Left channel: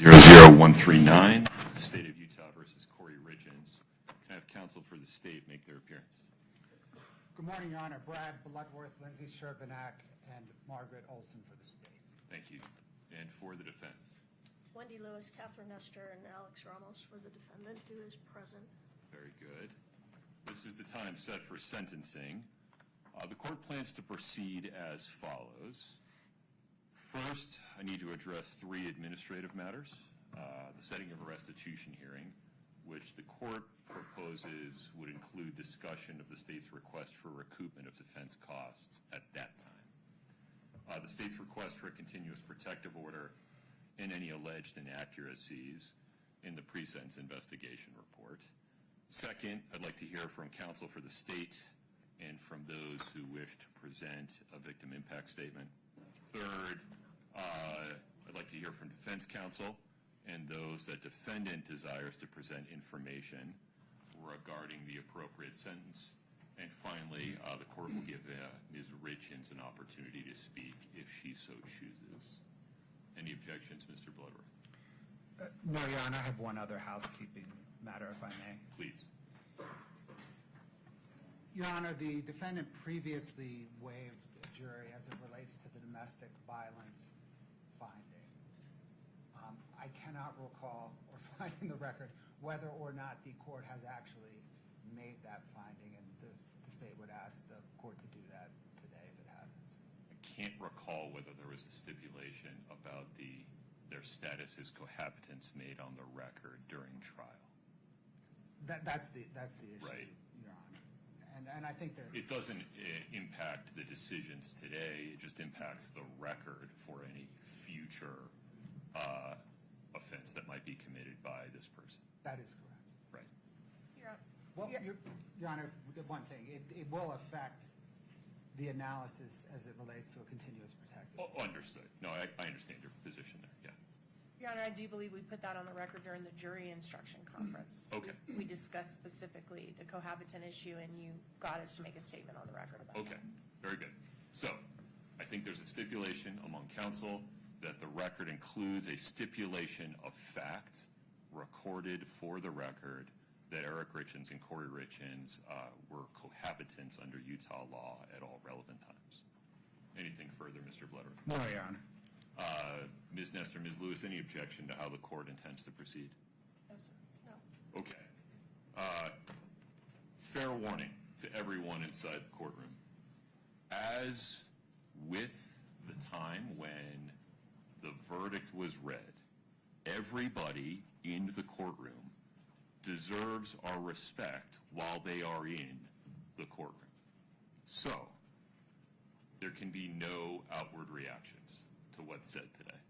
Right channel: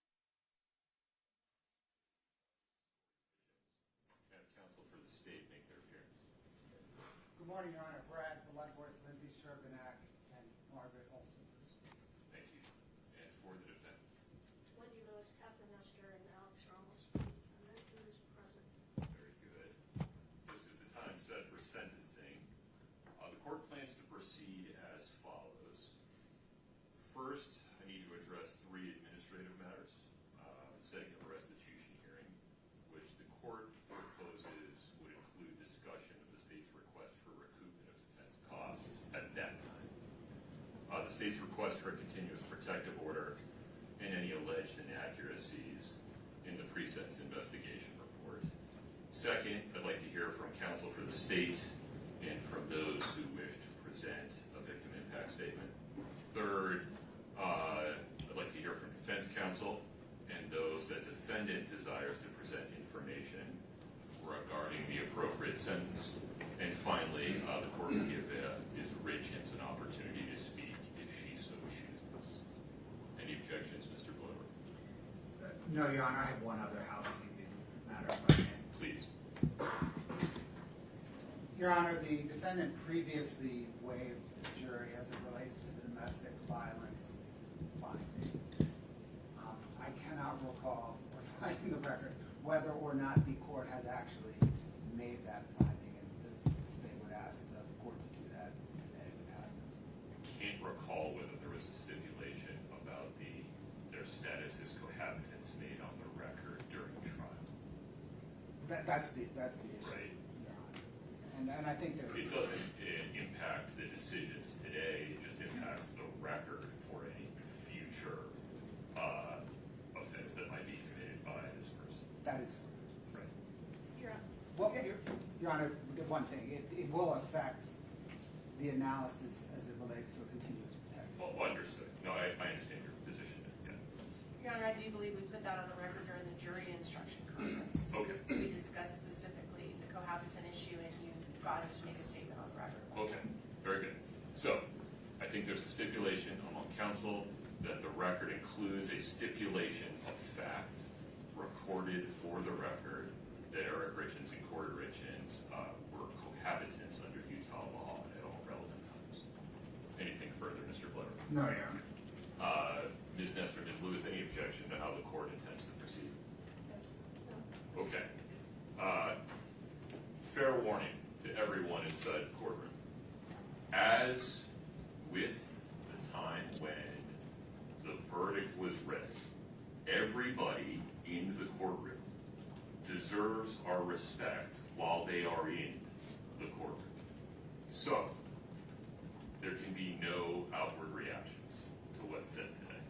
00139, State of Utah versus Kouri Richins. Can I have counsel for the state make their appearance? Good morning, Your Honor. Brad Bloodworth, Lindsay Sherbanak, and Margaret Olson for the state. Thank you. And for the defense? Wendy Lewis, Catherine Nestor, and Alex Ramos for the defendant, who is present. Very good. This is the time set for sentencing. The court plans to proceed as follows. First, I need to address three administrative matters. The setting of a restitution hearing, which the court proposes would include discussion of the state's request for recoupment of defense costs at that time. The state's request for a continuous protective order and any alleged inaccuracies in the pre-sentence investigation report. Second, I'd like to hear from counsel for the state and from those who wish to present a victim impact statement. Third, I'd like to hear from defense counsel and those that defendant desires to present information regarding the appropriate sentence. And finally, the court will give Ms. Richins an opportunity to speak if she so chooses. Any objections, Mr. Bloodworth? No, Your Honor. I have one other housekeeping matter, if I may. Please. Your Honor, the defendant previously waived the jury as it relates to the domestic violence finding. I cannot recall, or finding the record, whether or not the court has actually made that finding, and the state would ask the court to do that today if it hasn't. I can't recall whether there was a stipulation about their status as cohabitants made on the record during trial. That's the issue. Right. Your Honor. And I think that It doesn't impact the decisions today, it just impacts the record for any future offense that might be committed by this person. that is correct. Right. Well, Your Honor, the one thing, it will affect the analysis as it relates to a continuous protective. Oh, understood. No, I understand your position. Yeah. Your Honor, I do believe we put that on the record during the jury instruction conference. Okay. We discussed specifically the cohabitant issue, and you got us to make a statement on the record. Okay. Very good. So, I think there's a stipulation among counsel that the record includes a stipulation of fact recorded for the record that Eric Richins and Kouri Richins were cohabitants under Utah law at all relevant times. Anything further, Mr. Blair? No, Your Honor. Ms. Nestor, Ms. Lewis, any objection to how the court intends to proceed? Yes. No. Okay. Fair warning to everyone inside the courtroom. As with the time when the verdict was read, everybody in the courtroom deserves our respect while they are in the courtroom. So, there can be no outward reactions to what's said today.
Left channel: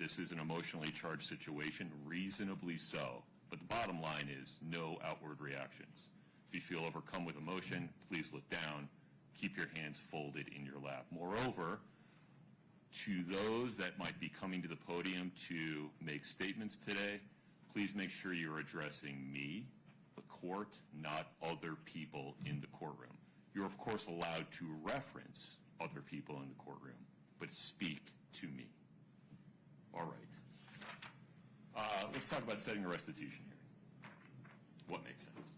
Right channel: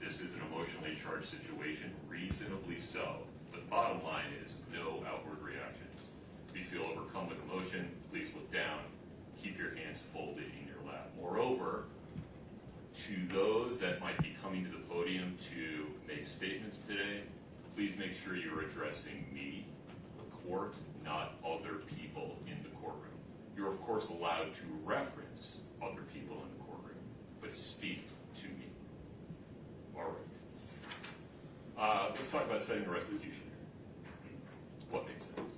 This is an emotionally charged situation, reasonably so, but the bottom line is no outward reactions. If you feel overcome with emotion, please look down, keep your hands folded in your lap. Moreover, to those that might be coming to the podium to make statements today, please make sure you're addressing me, the court, not other people in the courtroom. You're of course allowed to reference other people in the courtroom, but speak to me. All right. Let's talk about setting a restitution here. What makes sense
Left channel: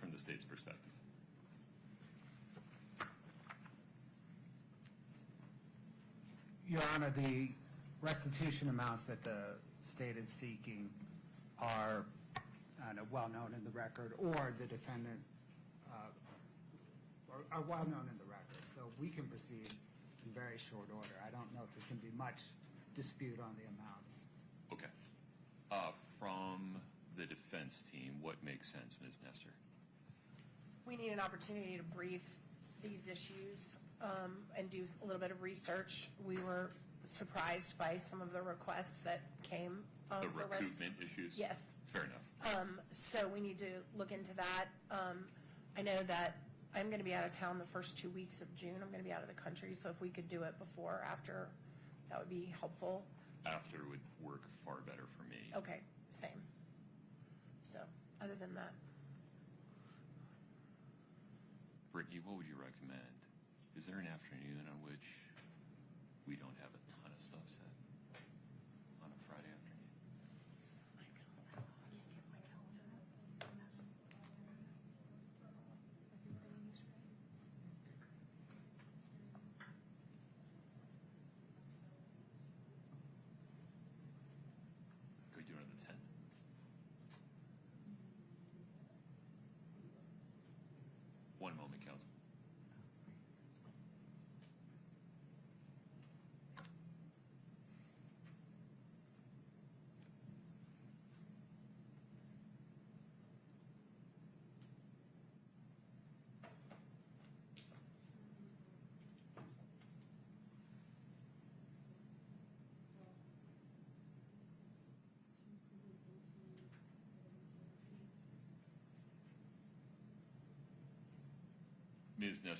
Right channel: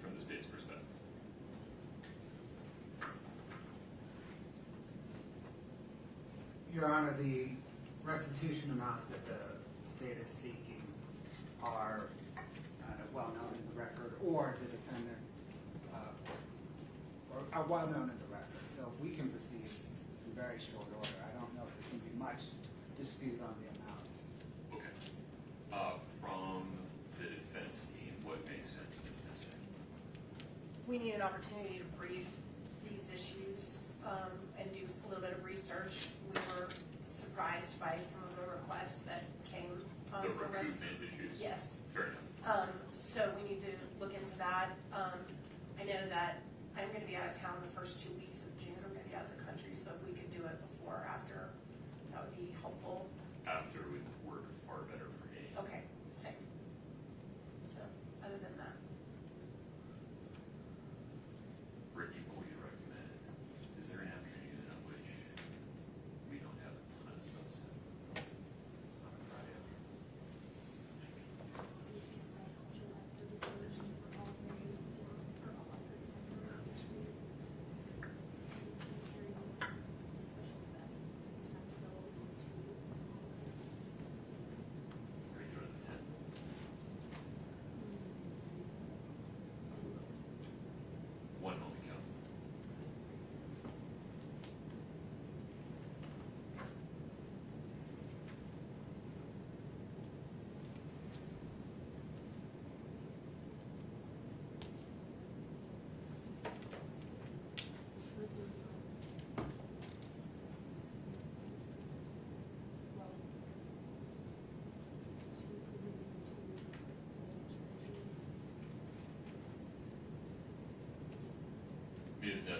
from the state's perspective? Your Honor, the restitution amounts that the state is seeking are well known in the record, or the defendant or are well known in the record. So we can proceed in very short order. I don't know if there's going to be much dispute on the amounts. Okay. From the defense team, what makes sense, Ms. Nestor? We need an opportunity to brief these issues and do a little bit of research. We were surprised by some of the requests that came The from us. recoupment issues? Yes. Fair enough. So we need to look into that. I know that I'm going to be out of town the first 2 weeks of June. I'm going to be out of the country, so if we could do it before or after, that would be helpful. After would work far better for me. Okay, same. So, other than that, Ricky, what would you recommend? Is there an afternoon on which we don't have a ton of stuff set? On a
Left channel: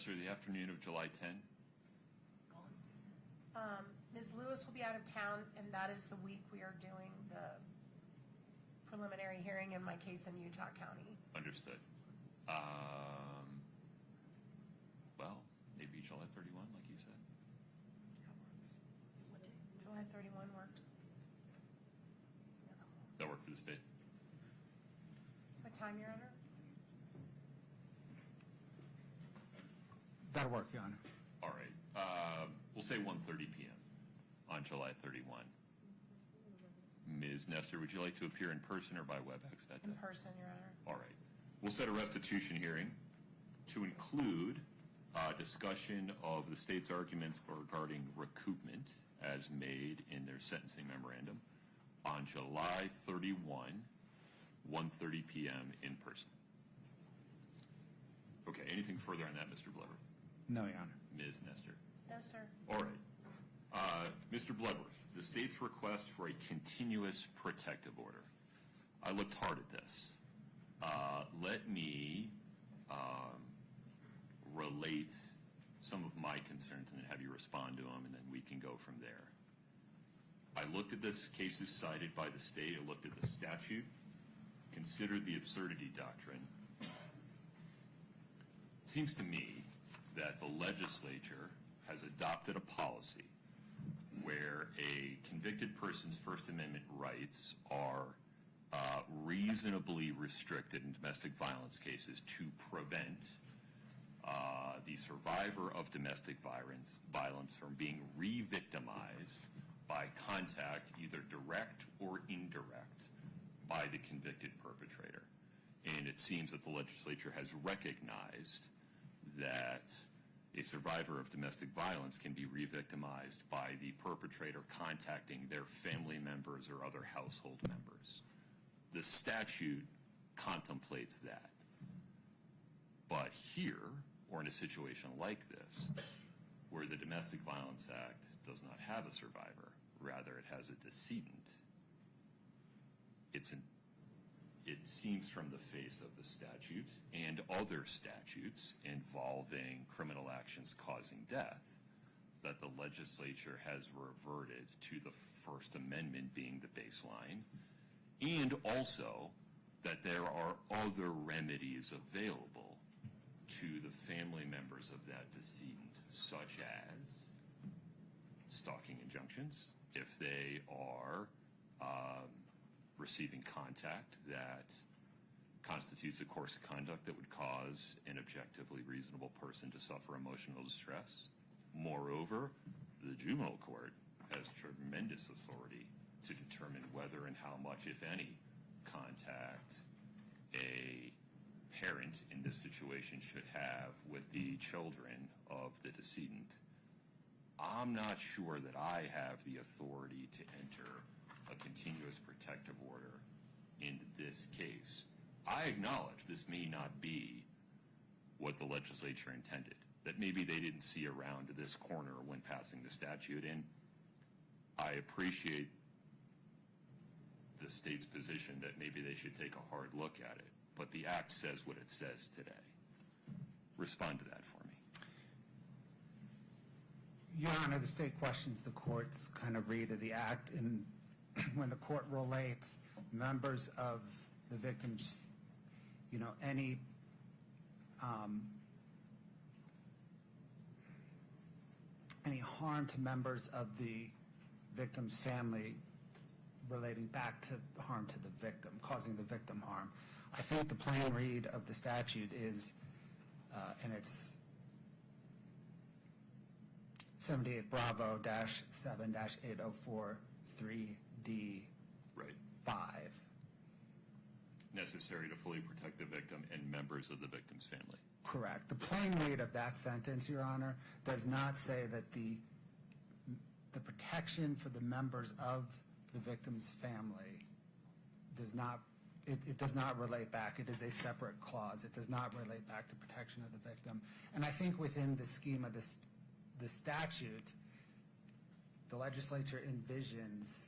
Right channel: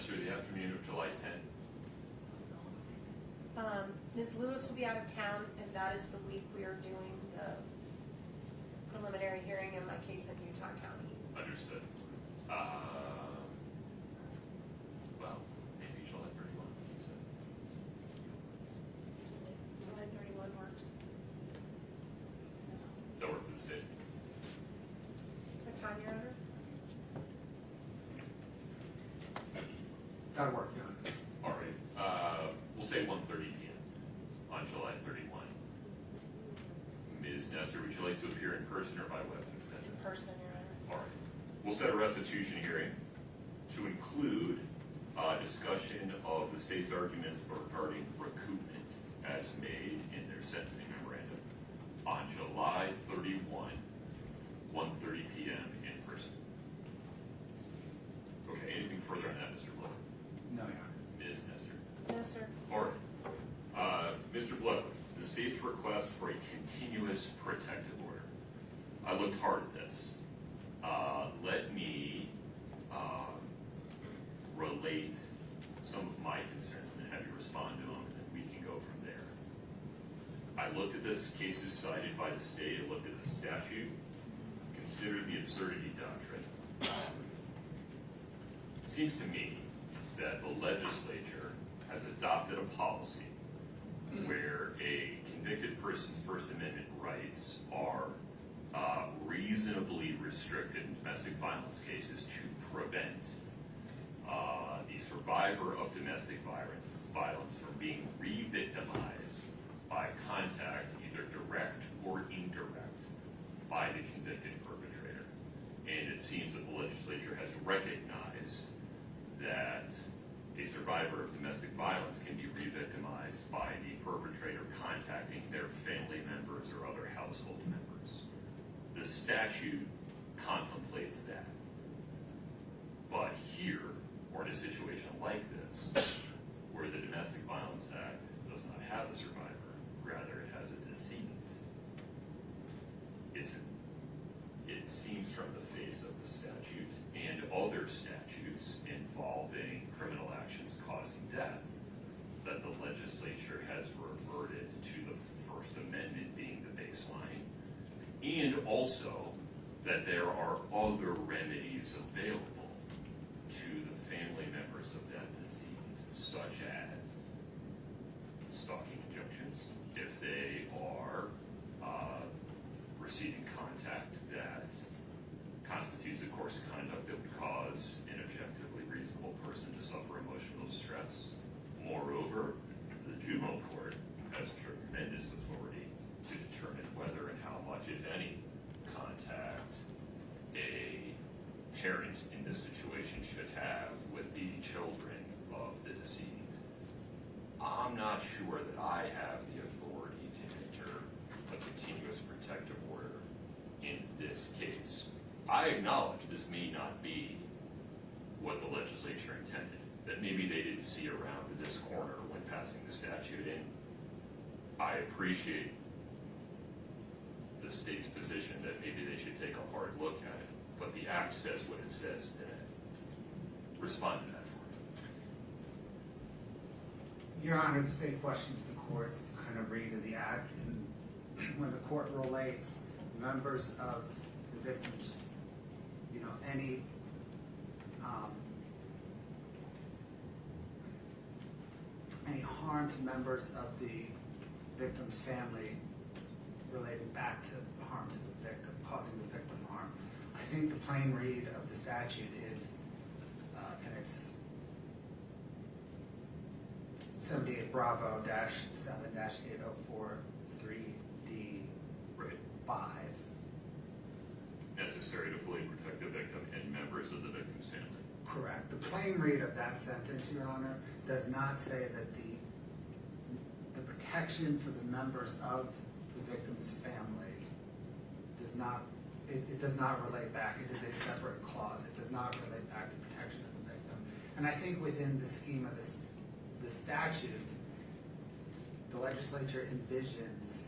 Nestor, the afternoon of July 10th? Ms. Lewis will be out of town, and that is the week we are doing the preliminary hearing in my case in Utah County. Understood. Well, maybe July 31, like you said. July 31 works. That work for the state? What time, Your Honor? That'll work, Your Honor. All right. We'll say 1:30 p.m. on July 31. Ms. Nestor, would you like to appear in person or by web extension? In person, Your Honor. All right. We'll set a restitution hearing to include discussion of the state's arguments regarding recoupment as made in their sentencing memorandum on July 31, 1:30 p.m. in person. Okay, anything further on that, Mr. Blood? No, Your Honor. Ms. Nestor? No, sir. All right. Mr. Bloodworth, the state's request for a continuous protective order. I looked hard at this. Let me relate some of my concerns and then have you respond to them, and then we can go from there. I looked at this cases cited by the state. I looked at the statute, considered the absurdity doctrine. It seems to me that the legislature has adopted a policy where a convicted person's First Amendment rights are reasonably restricted in domestic violence cases to prevent the survivor of domestic violence from being re-victimized by contact, either direct or indirect, by the convicted perpetrator. And it seems that the legislature has recognized that a survivor of domestic violence can be re-victimized by the perpetrator contacting their family members or other household members. The statute contemplates that. But here, or in a situation like this, where the Domestic Violence Act does not have a survivor, rather it has a decedent, it seems from the face of the statute and other statutes involving criminal actions causing death that the legislature has reverted to the First Amendment being the baseline, and also that there are other remedies available to the family members of that decedent, such as stalking injunctions if they are receiving contact that constitutes a course of conduct that would cause an objectively reasonable person to suffer emotional distress. Moreover, the juvenile court has tremendous authority to determine whether and how much, if any, contact a parent in this situation should have with the children of the decedent. I'm not sure that I have the authority to enter a continuous protective order in this case. I acknowledge this may not be what the legislature intended, that maybe they didn't see around this corner when passing the statute, and I appreciate the state's position that maybe they should take a hard look at it, but the act says what it says today. Respond to that for me. Your Honor, the state questions the court's kind of read of the act, and when the court relates members of the victims, any harm to members of the victim's family relating back to the harm to the victim, causing the victim harm. I think the plain read of the statute is, and it's 78 Bravo -7 -804 3D Right. 5. Necessary to fully protect the victim and members of the victim's family. Correct. The plain read of that sentence, Your Honor, does not say that the protection for the members of the victim's family does not, it does not relate back. It is a separate clause. It does not relate back to protection of the victim. And I think within the scheme of the statute, the legislature envisions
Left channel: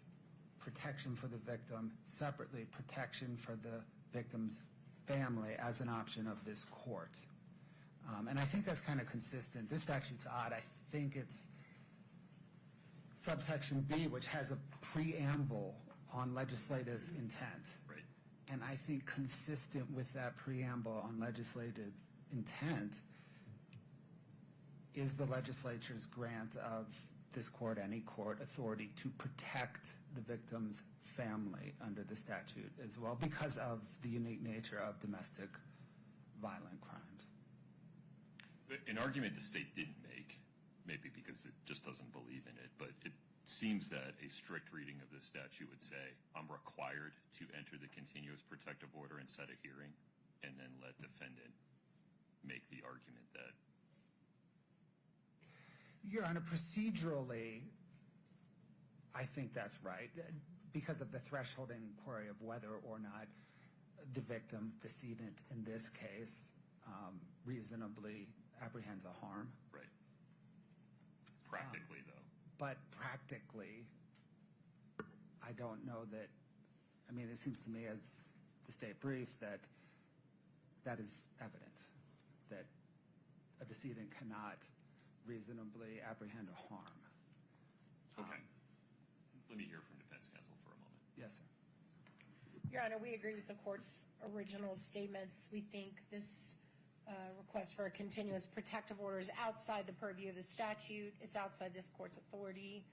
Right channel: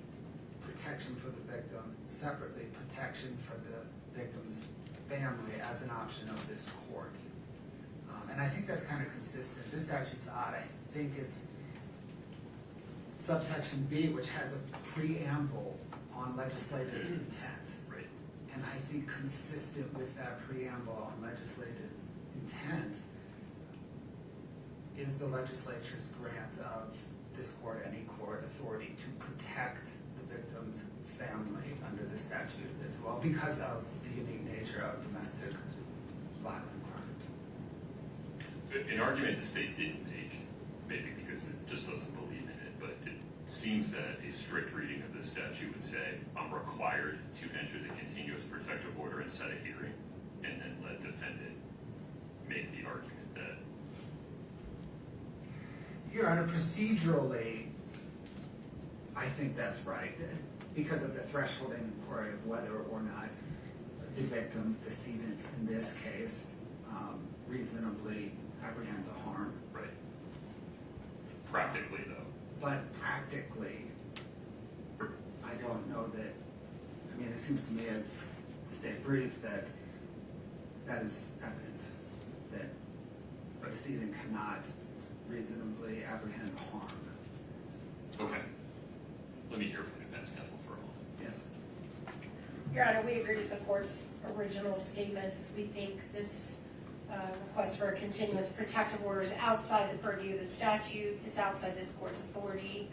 protection for the victim, separately protection for the victim's family as an option of this court. And I think that's kind of consistent. This statute's odd. I think it's subsection B, which has a preamble on legislative intent. Right. And I think consistent with that preamble on legislative intent is the legislature's grant of this court, any court, authority to protect the victim's family under the statute as well because of the unique nature of domestic violent crimes. An argument the state didn't make, maybe because it just doesn't believe in it, but it seems that a strict reading of this statute would say, I'm required to enter the continuous protective order and set a hearing, and then let defendant make the argument that. Your Honor, procedurally, I think that's right, because of the threshold inquiry of whether or not the victim, decedent in this case, reasonably apprehends a harm. Right. Practically, though. But practically, I don't know that, I mean, it seems to me as the state brief that that is evident, that a decedent cannot reasonably apprehend harm. Okay. Let me hear from defense counsel for a moment. Yes. Your Honor, we agree with the court's original statements. We think this request for a continuous protective order is outside the purview of the statute. It's outside this court's authority.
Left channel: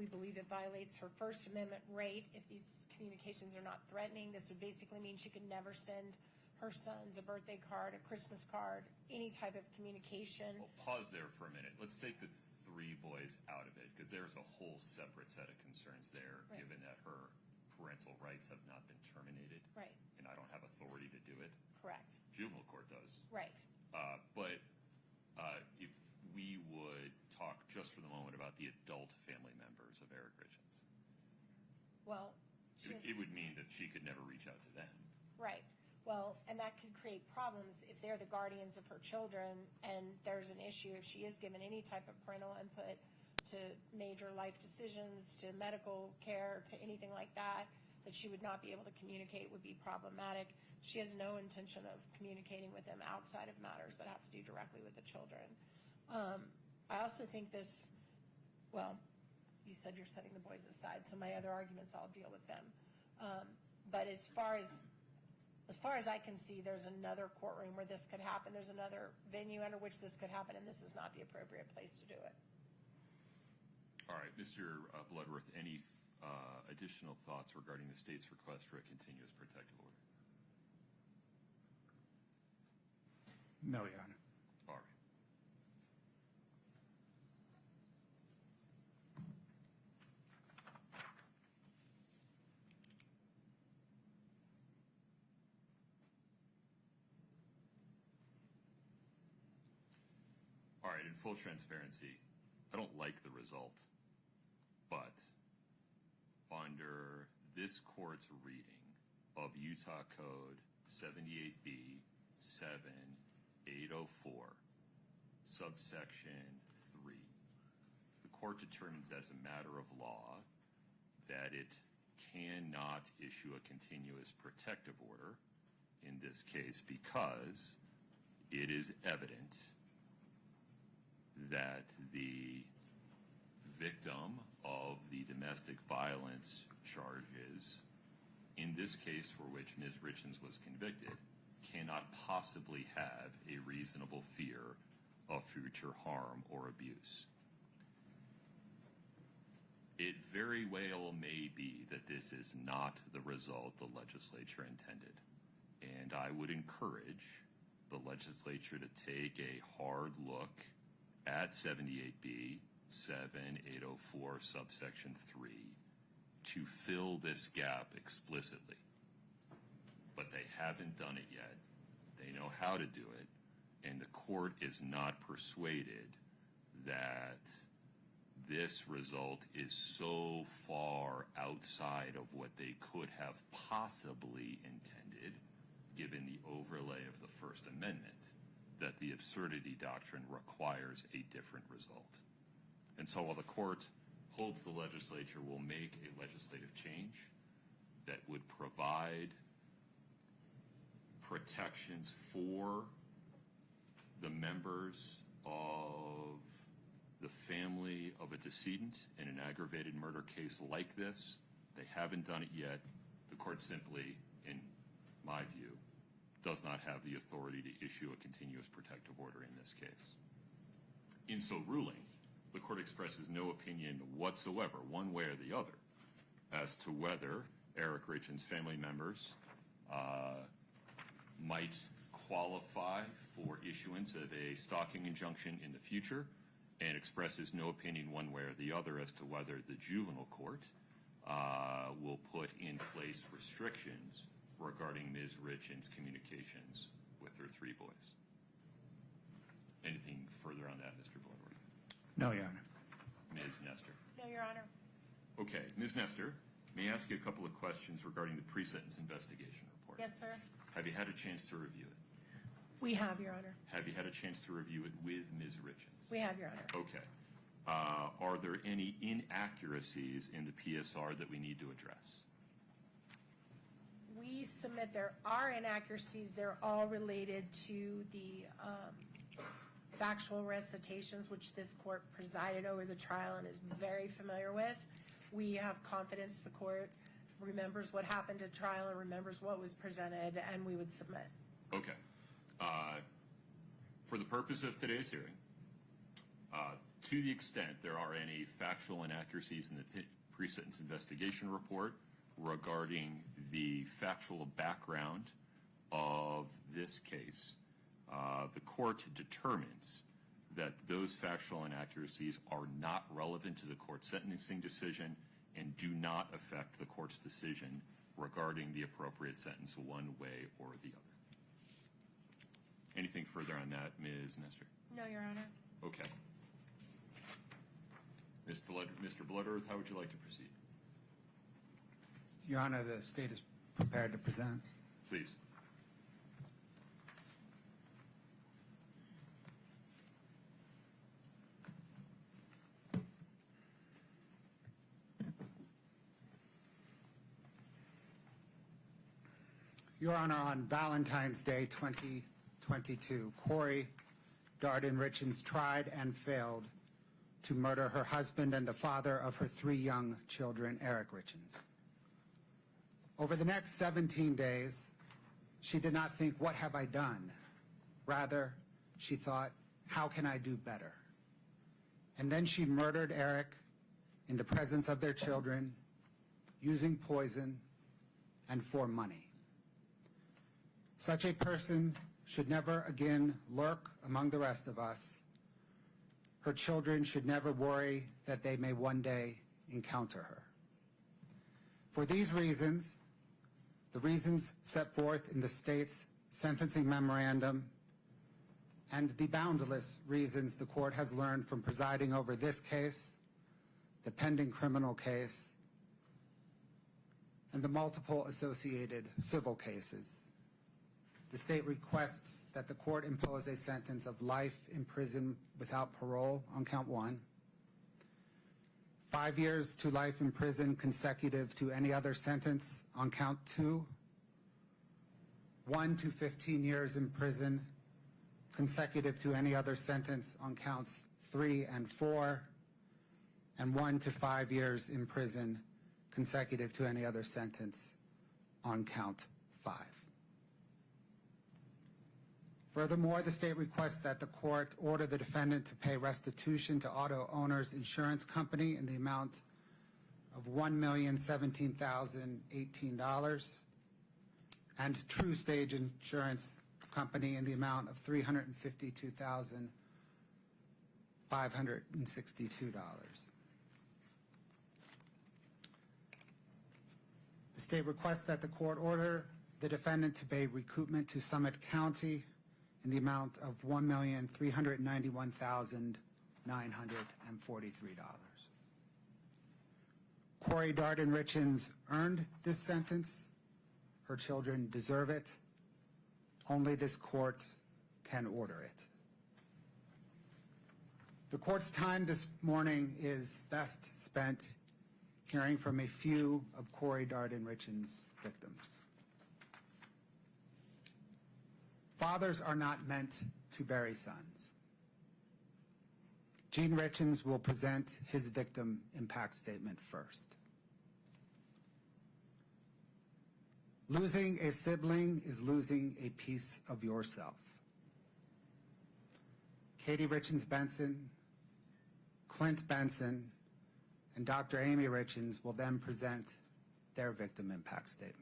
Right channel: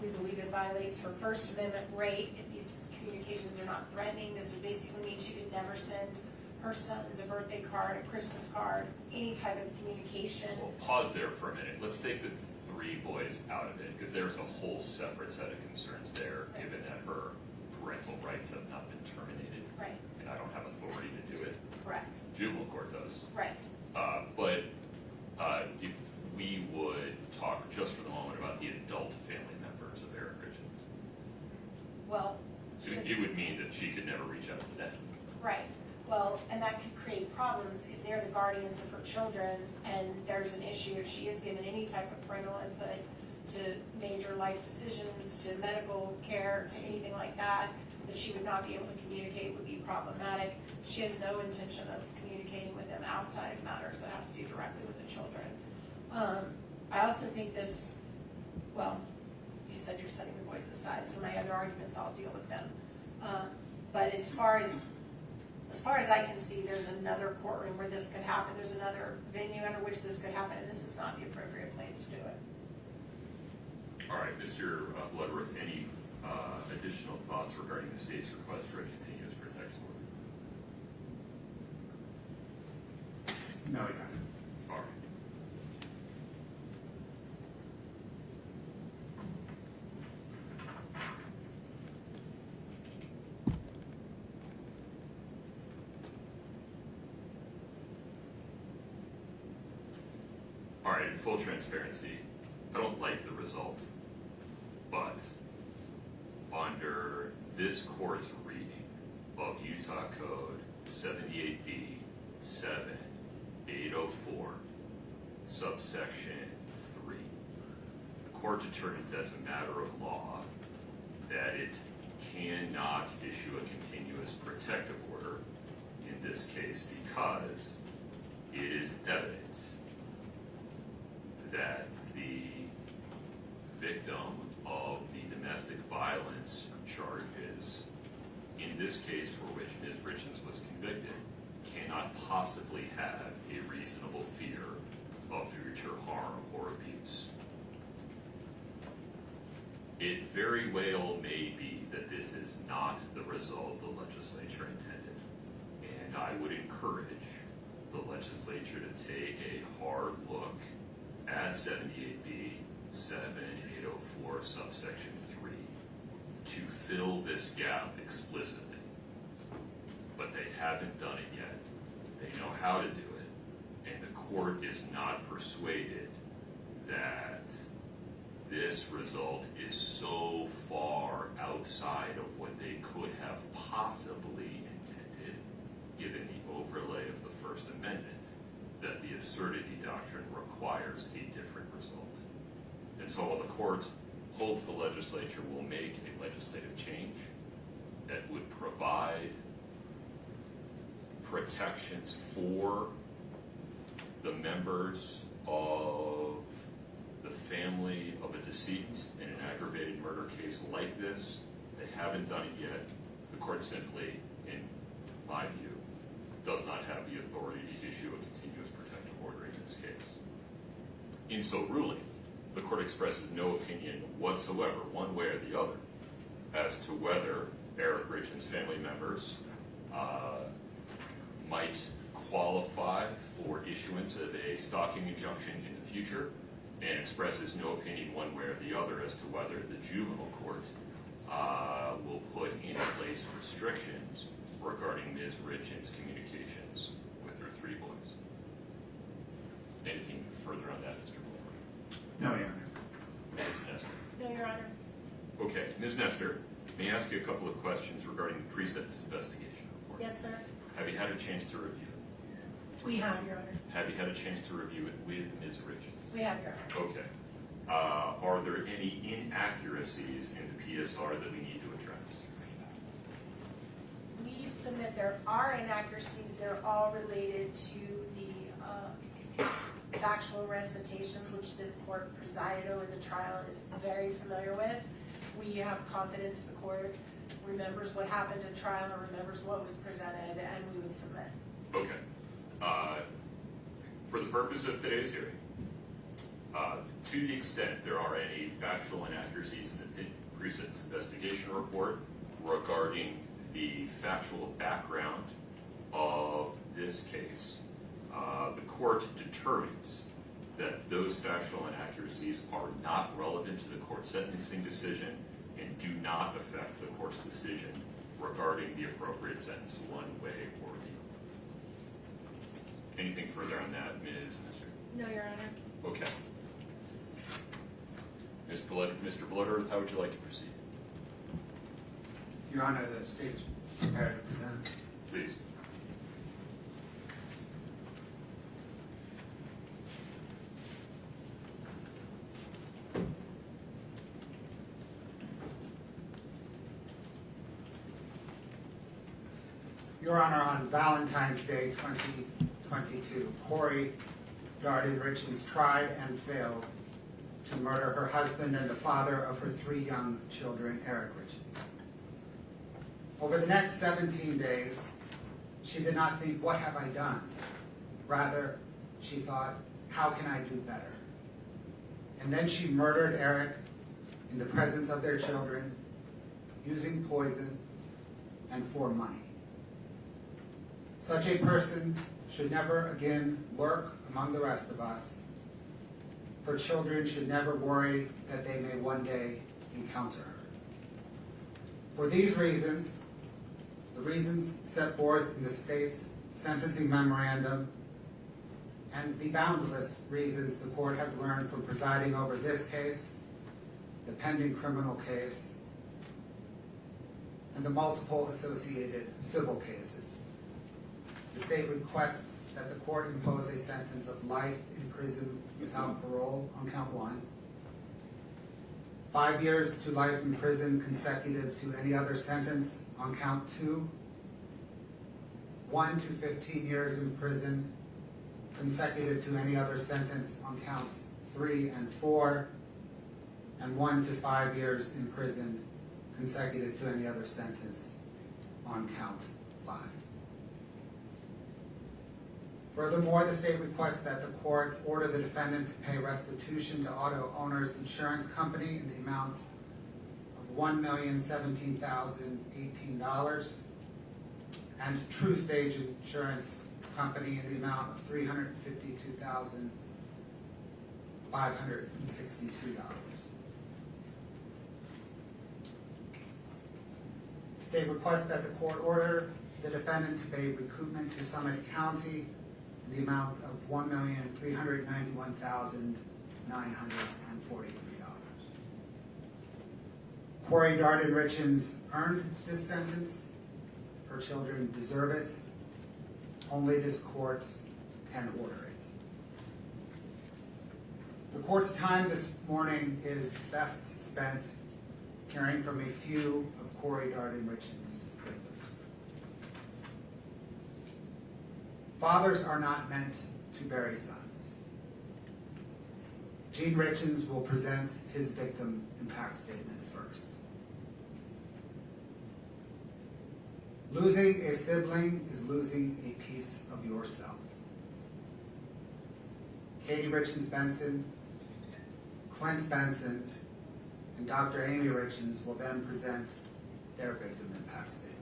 We believe it violates her First Amendment right. If these communications are not threatening, this would basically mean she could never send her sons a birthday card, a Christmas card, any type of communication. Well, pause there for a minute. Let's take the 3 boys out of it, because there's a whole separate set of concerns there, Right. given that her parental rights have not been terminated. Right. And I don't have authority to do it. Correct. Juvenile court does. Right. But if we would talk just for the moment about the adult family members of Eric Richins, Well, it would mean that she could never reach out to them. right. Well, and that could create problems if they're the guardians of her children and there's an issue if she is given any type of parental input to major life decisions, to medical care, to anything like that she would not be able to communicate would be problematic. She has no intention of communicating with them outside of matters that have to do directly with the children. I also think this, well, you said you're setting the boys aside, so my other arguments, I'll deal with them. But as far as I can see, there's another courtroom where this could happen. There's another venue under which this could happen, and this is not the appropriate place to do it. All right, Mr. Bloodworth, any additional thoughts regarding the state's request for a continuous protective order? No, Your Honor. All right. All right, in full transparency, I don't like the result, but under this court's reading of Utah Code 78B 7804, subsection 3, the court determines as a matter of law that it cannot issue a continuous protective order in this case because it is evident that the victim of the domestic violence charges, in this case for which Ms. Richens was convicted, cannot possibly have a reasonable fear of future harm or abuse. It very well may be that this is not the result the legislature intended, and I would encourage the legislature to take a hard look at 78B 7804 subsection 3 to fill this gap explicitly. But they haven't done it yet. They know how to do it, and the court is not persuaded that this result is so far outside of what they could have possibly intended, given the overlay of the First Amendment, that the absurdity doctrine requires a different result. And so while the court hopes the legislature will make a legislative change that would provide protections for the members of the family of a decedent in an aggravated murder case like this. They haven't done it yet. The court simply, in my view, does not have the authority to issue a continuous protective order in this case. In so ruling, the court expresses no opinion whatsoever, one way or the other, as to whether Eric Richin's family members might qualify for issuance of a stalking injunction in the future, and expresses no opinion one way or the other as to whether the juvenile court will put in place restrictions regarding Ms. Richins' communications with her 3 boys. Anything further on that, Mr. Blower? No, Your Honor. Ms. Nestor? No, Your Honor. Okay, Ms. Nestor, may I ask you a couple of questions regarding the pre-sentence investigation report? Yes, sir. Have you had a chance to review it? We have, Your Honor. Have you had a chance to review it with Ms. Richins? We have, Your Honor. Okay. Are there any inaccuracies in the PSR that we need to address? We submit there are inaccuracies. They're all related to the factual recitations, which this court presided over the trial and is very familiar with. We have confidence the court remembers what happened at trial and remembers what was presented, and we would submit. Okay. For the purpose of today's hearing, to the extent there are any factual inaccuracies in the pre-sentence investigation report regarding the factual background of this case, the court determines that those factual inaccuracies are not relevant to the court's sentencing decision and do not affect the court's decision regarding the appropriate sentence one way or the other. Anything further on that, Ms. Nestor? No, Your Honor. Okay. Mr. Bloodworth, how would you like to proceed? Your Honor, the state is prepared to present. Please. Your Honor, on Valentine's Day 2022, Kouri Richins tried and failed to murder her husband and the father of her 3 young children, Eric Richins. Over the next 17 days, she did not think, what have I done? Rather, she thought, how can I do better? And then she murdered Eric in the presence of their children, using poison and for money. Such a person should never again lurk among the rest of us. Her children should never worry that they may one day encounter her. For these reasons, the reasons set forth in the state's sentencing memorandum, and the boundless reasons the court has learned from presiding over this case, the pending criminal case, and the multiple associated civil cases, the state requests that the court impose a sentence of life in prison without parole on count 1, 5 years to life in prison consecutive to any other sentence on count 2, 1 to 15 years in prison consecutive to any other sentence on counts 3 and 4, and 1 to 5 years in prison consecutive to any other sentence on count 5. Furthermore, the state requests that the court order the defendant to pay restitution to Auto Owners Insurance Company in the amount of $1,017,018 and True Stage Insurance Company in the amount of $352,562. The state requests that the court order the defendant to pay recoupment to Summit County in the amount of $1,391,943. Kouri Richins earned this sentence. Her children deserve it. Only this court can order it. The court's time this morning is best spent hearing from a few of Kouri Richins' victims. Fathers are not meant to bury sons. Gene Richins will present his victim impact statement first. Losing a sibling is losing a piece of yourself. Kouri Richins Benson, Clint Benson, and Dr. Amy Richins will then present their victim impact statements.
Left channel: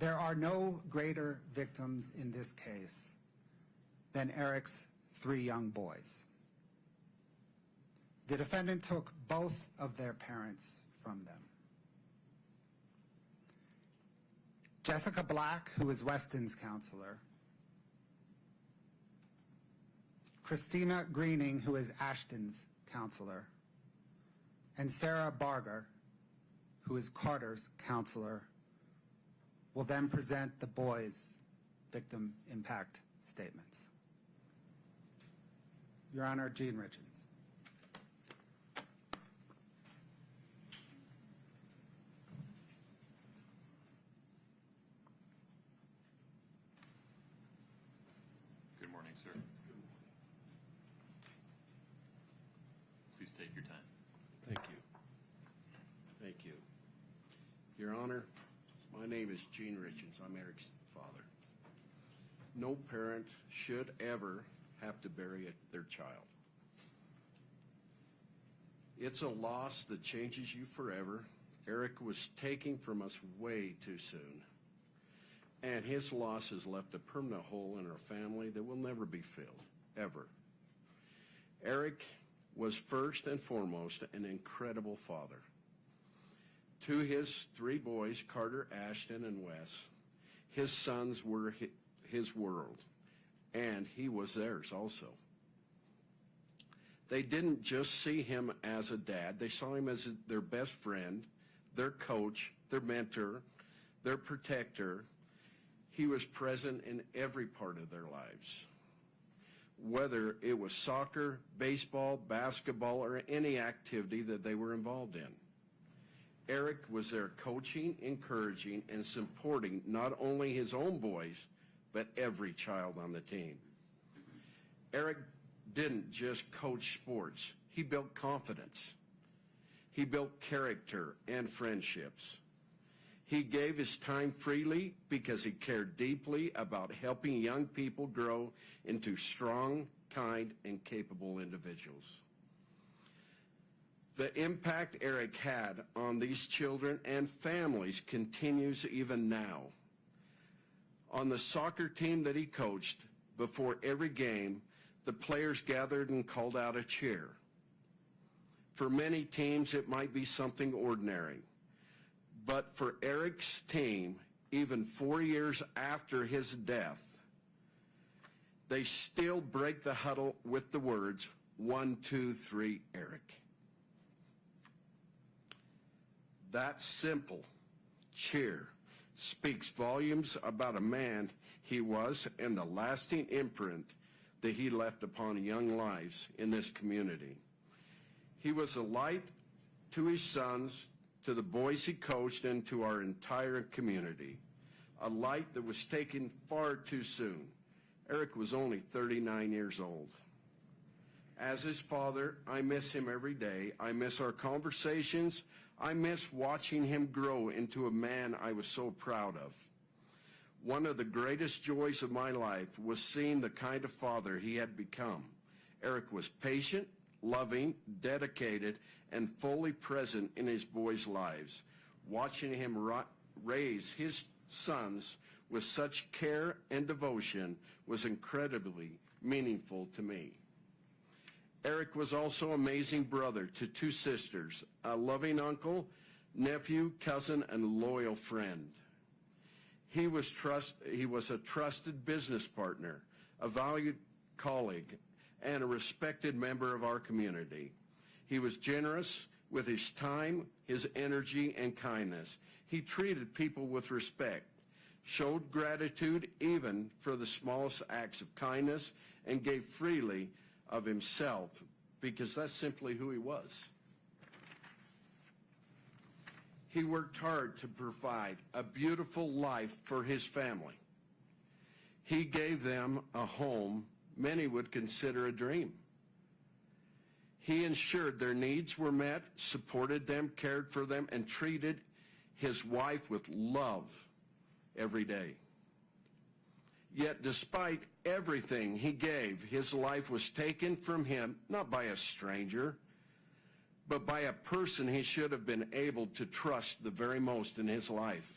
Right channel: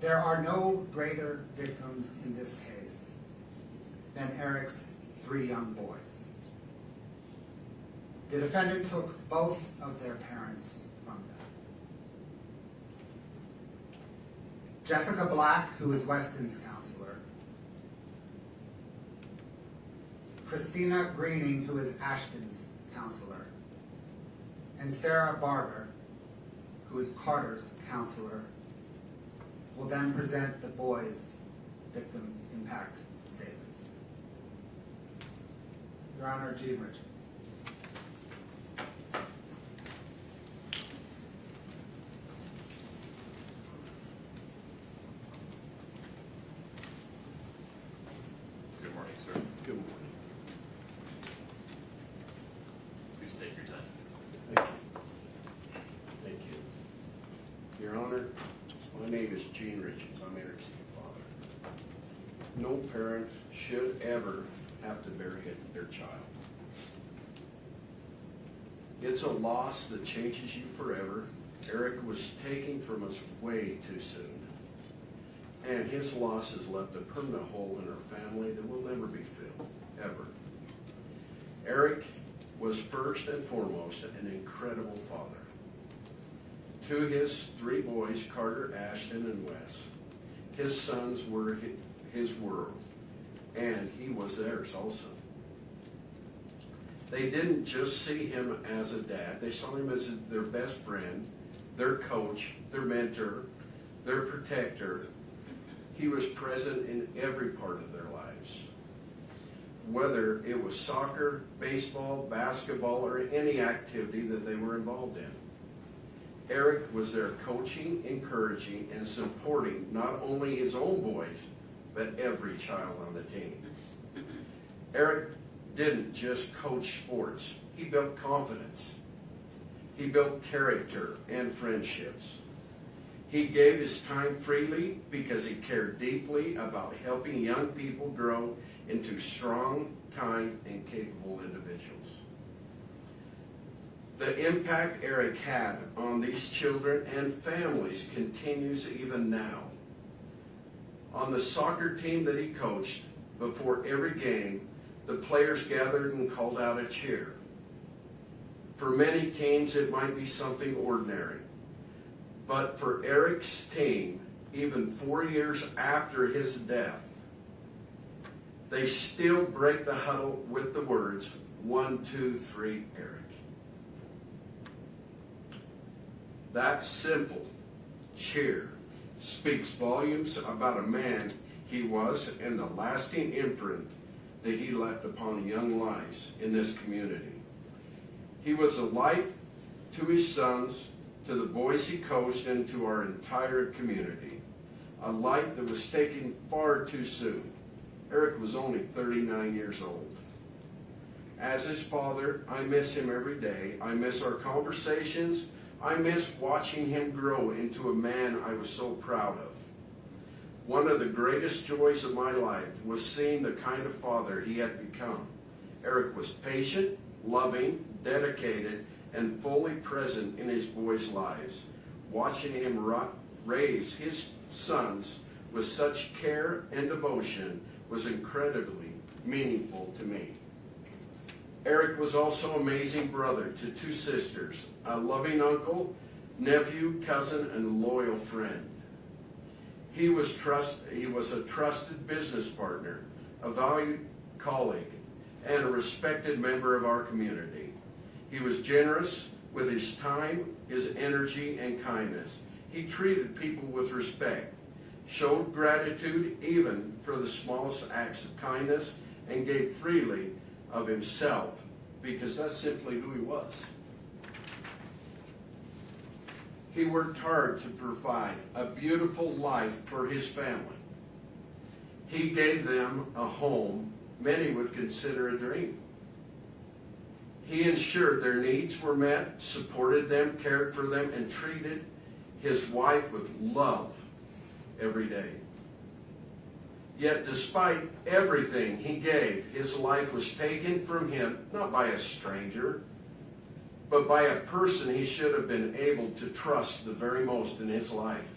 There are no greater victims in this case than Eric's 3 young boys. The defendant took both of their parents from them. Jessica Black, who is Weston's counselor, Christina Greening, who is Ashton's counselor, and Sarah Barber, who is Carter's counselor, will then present the boys' victim impact statements. Your Honor, Gene Richins. Good morning, sir. Good morning. Please take your time. Thank you. Thank you. Your Honor, my name is Gene Richins. I'm Eric's father. No parent should ever have to bury their child. It's a loss that changes you forever. Eric was taken from us way too soon. And his loss has left a permanent hole in our family that will never be filled, ever. Eric was first and foremost an incredible father. To his 3 boys, Carter, Ashton, and Wes, his sons were his world, and he was theirs also. They didn't just see him as a dad, they saw him as their best friend, their coach, their mentor, their protector. He was present in every part of their lives. Whether it was soccer, baseball, basketball, or any activity that they were involved in. Eric was there coaching, encouraging, and supporting not only his own boys, but every child on the team. Eric didn't just coach sports. He built confidence. He built character and friendships. He gave his time freely because he cared deeply about helping young people grow into strong, kind, and capable individuals. The impact Eric had on these children and families continues even now. On the soccer team that he coached, before every game, the players gathered and called out a cheer. For many teams, it might be something ordinary. But for Eric's team, even 4 years after his death, they still break the huddle with the words, 1, 2, 3, Eric. That simple cheer speaks volumes about a man he was and the lasting imprint that he left upon young lives in this community. He was a light to his sons, to the boys he coached, and to our entire community. A light that was taken far too soon. Eric was only 39 years old. As his father, I miss him every day. I miss our conversations. I miss watching him grow into a man I was so proud of. One of the greatest joys of my life was seeing the kind of father he had become. Eric was patient, loving, dedicated, and fully present in his boys' lives. Watching him raise his sons with such care and devotion was incredibly meaningful to me. Eric was also an amazing brother to 2 sisters, a loving uncle, nephew, cousin, and loyal friend. He was a trusted business partner, a valued colleague, and a respected member of our community. He was generous with his time, his energy, and kindness. He treated people with respect, showed gratitude even for the smallest acts of kindness, and gave freely of himself because that's simply who he was. He worked hard to provide a beautiful life for his family. He gave them a home many would consider a dream. He ensured their needs were met, supported them, cared for them, and treated his wife with love every day. Yet despite everything he gave, his life was taken from him, not by a stranger, but by a person he should have been able to trust the very most in his life.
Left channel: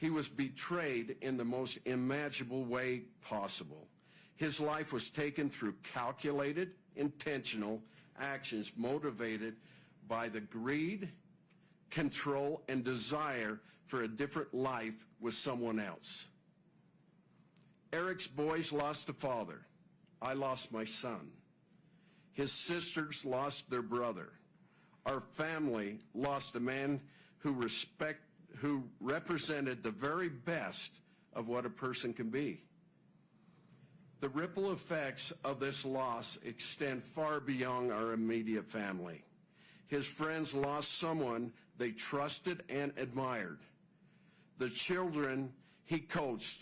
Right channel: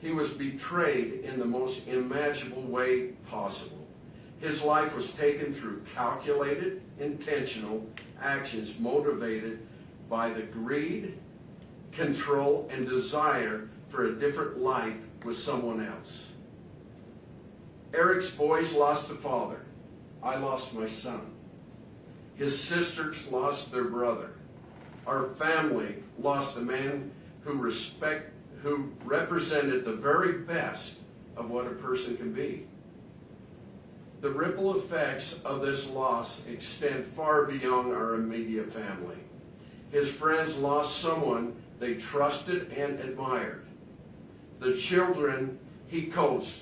He was betrayed in the most imaginable way possible. His life was taken through calculated, intentional actions motivated by the greed, control, and desire for a different life with someone else. Eric's boys lost a father. I lost my son. His sisters lost their brother. Our family lost a man who represented the very best of what a person can be. The ripple effects of this loss extend far beyond our immediate family. His friends lost someone they trusted and admired. The children he coached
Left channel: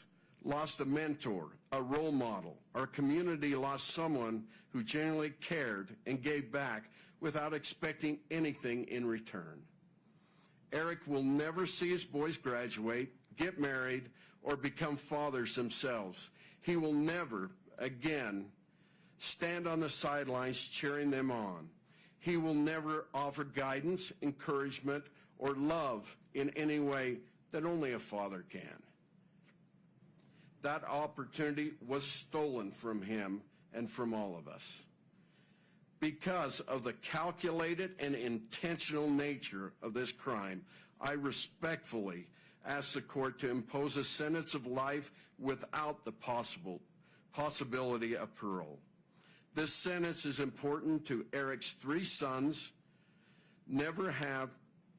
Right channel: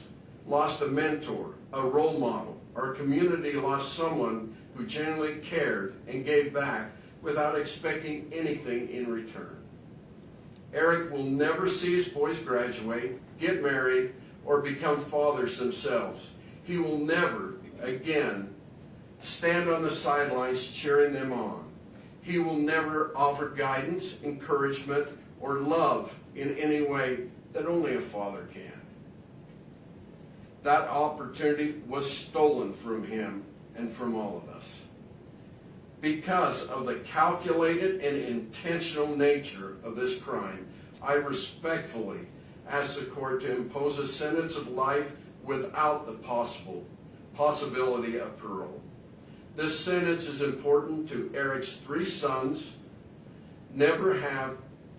lost a mentor, a role model. Our community lost someone who genuinely cared and gave back without expecting anything in return. Eric will never see his boys graduate, get married, or become fathers themselves. He will never again stand on the sidelines cheering them on. He will never offer guidance, encouragement, or love in any way that only a father can. That opportunity was stolen from him and from all of us. Because of the calculated and intentional nature of this crime, I respectfully ask the court to impose a sentence of life without the possibility of parole. This sentence is important to Eric's 3 sons never have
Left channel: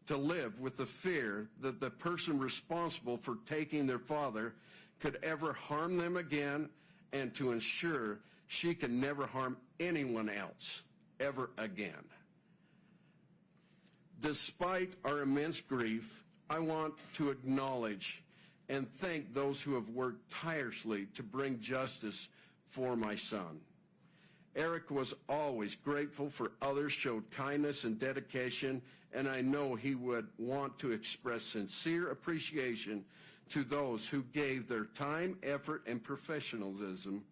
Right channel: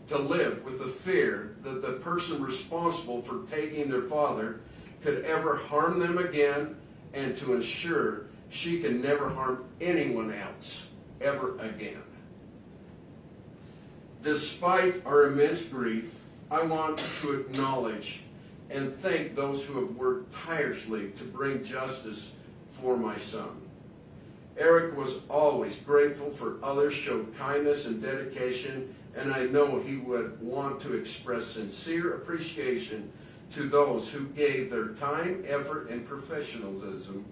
to live with the fear that the person responsible for taking their father could ever harm them again, and to ensure she can never harm anyone else ever again. Despite our immense grief, I want to acknowledge and thank those who have worked tirelessly to bring justice for my son. Eric was always grateful for others, showed kindness and dedication, and I know he would want to express sincere appreciation to those who gave their time, effort, and professionalism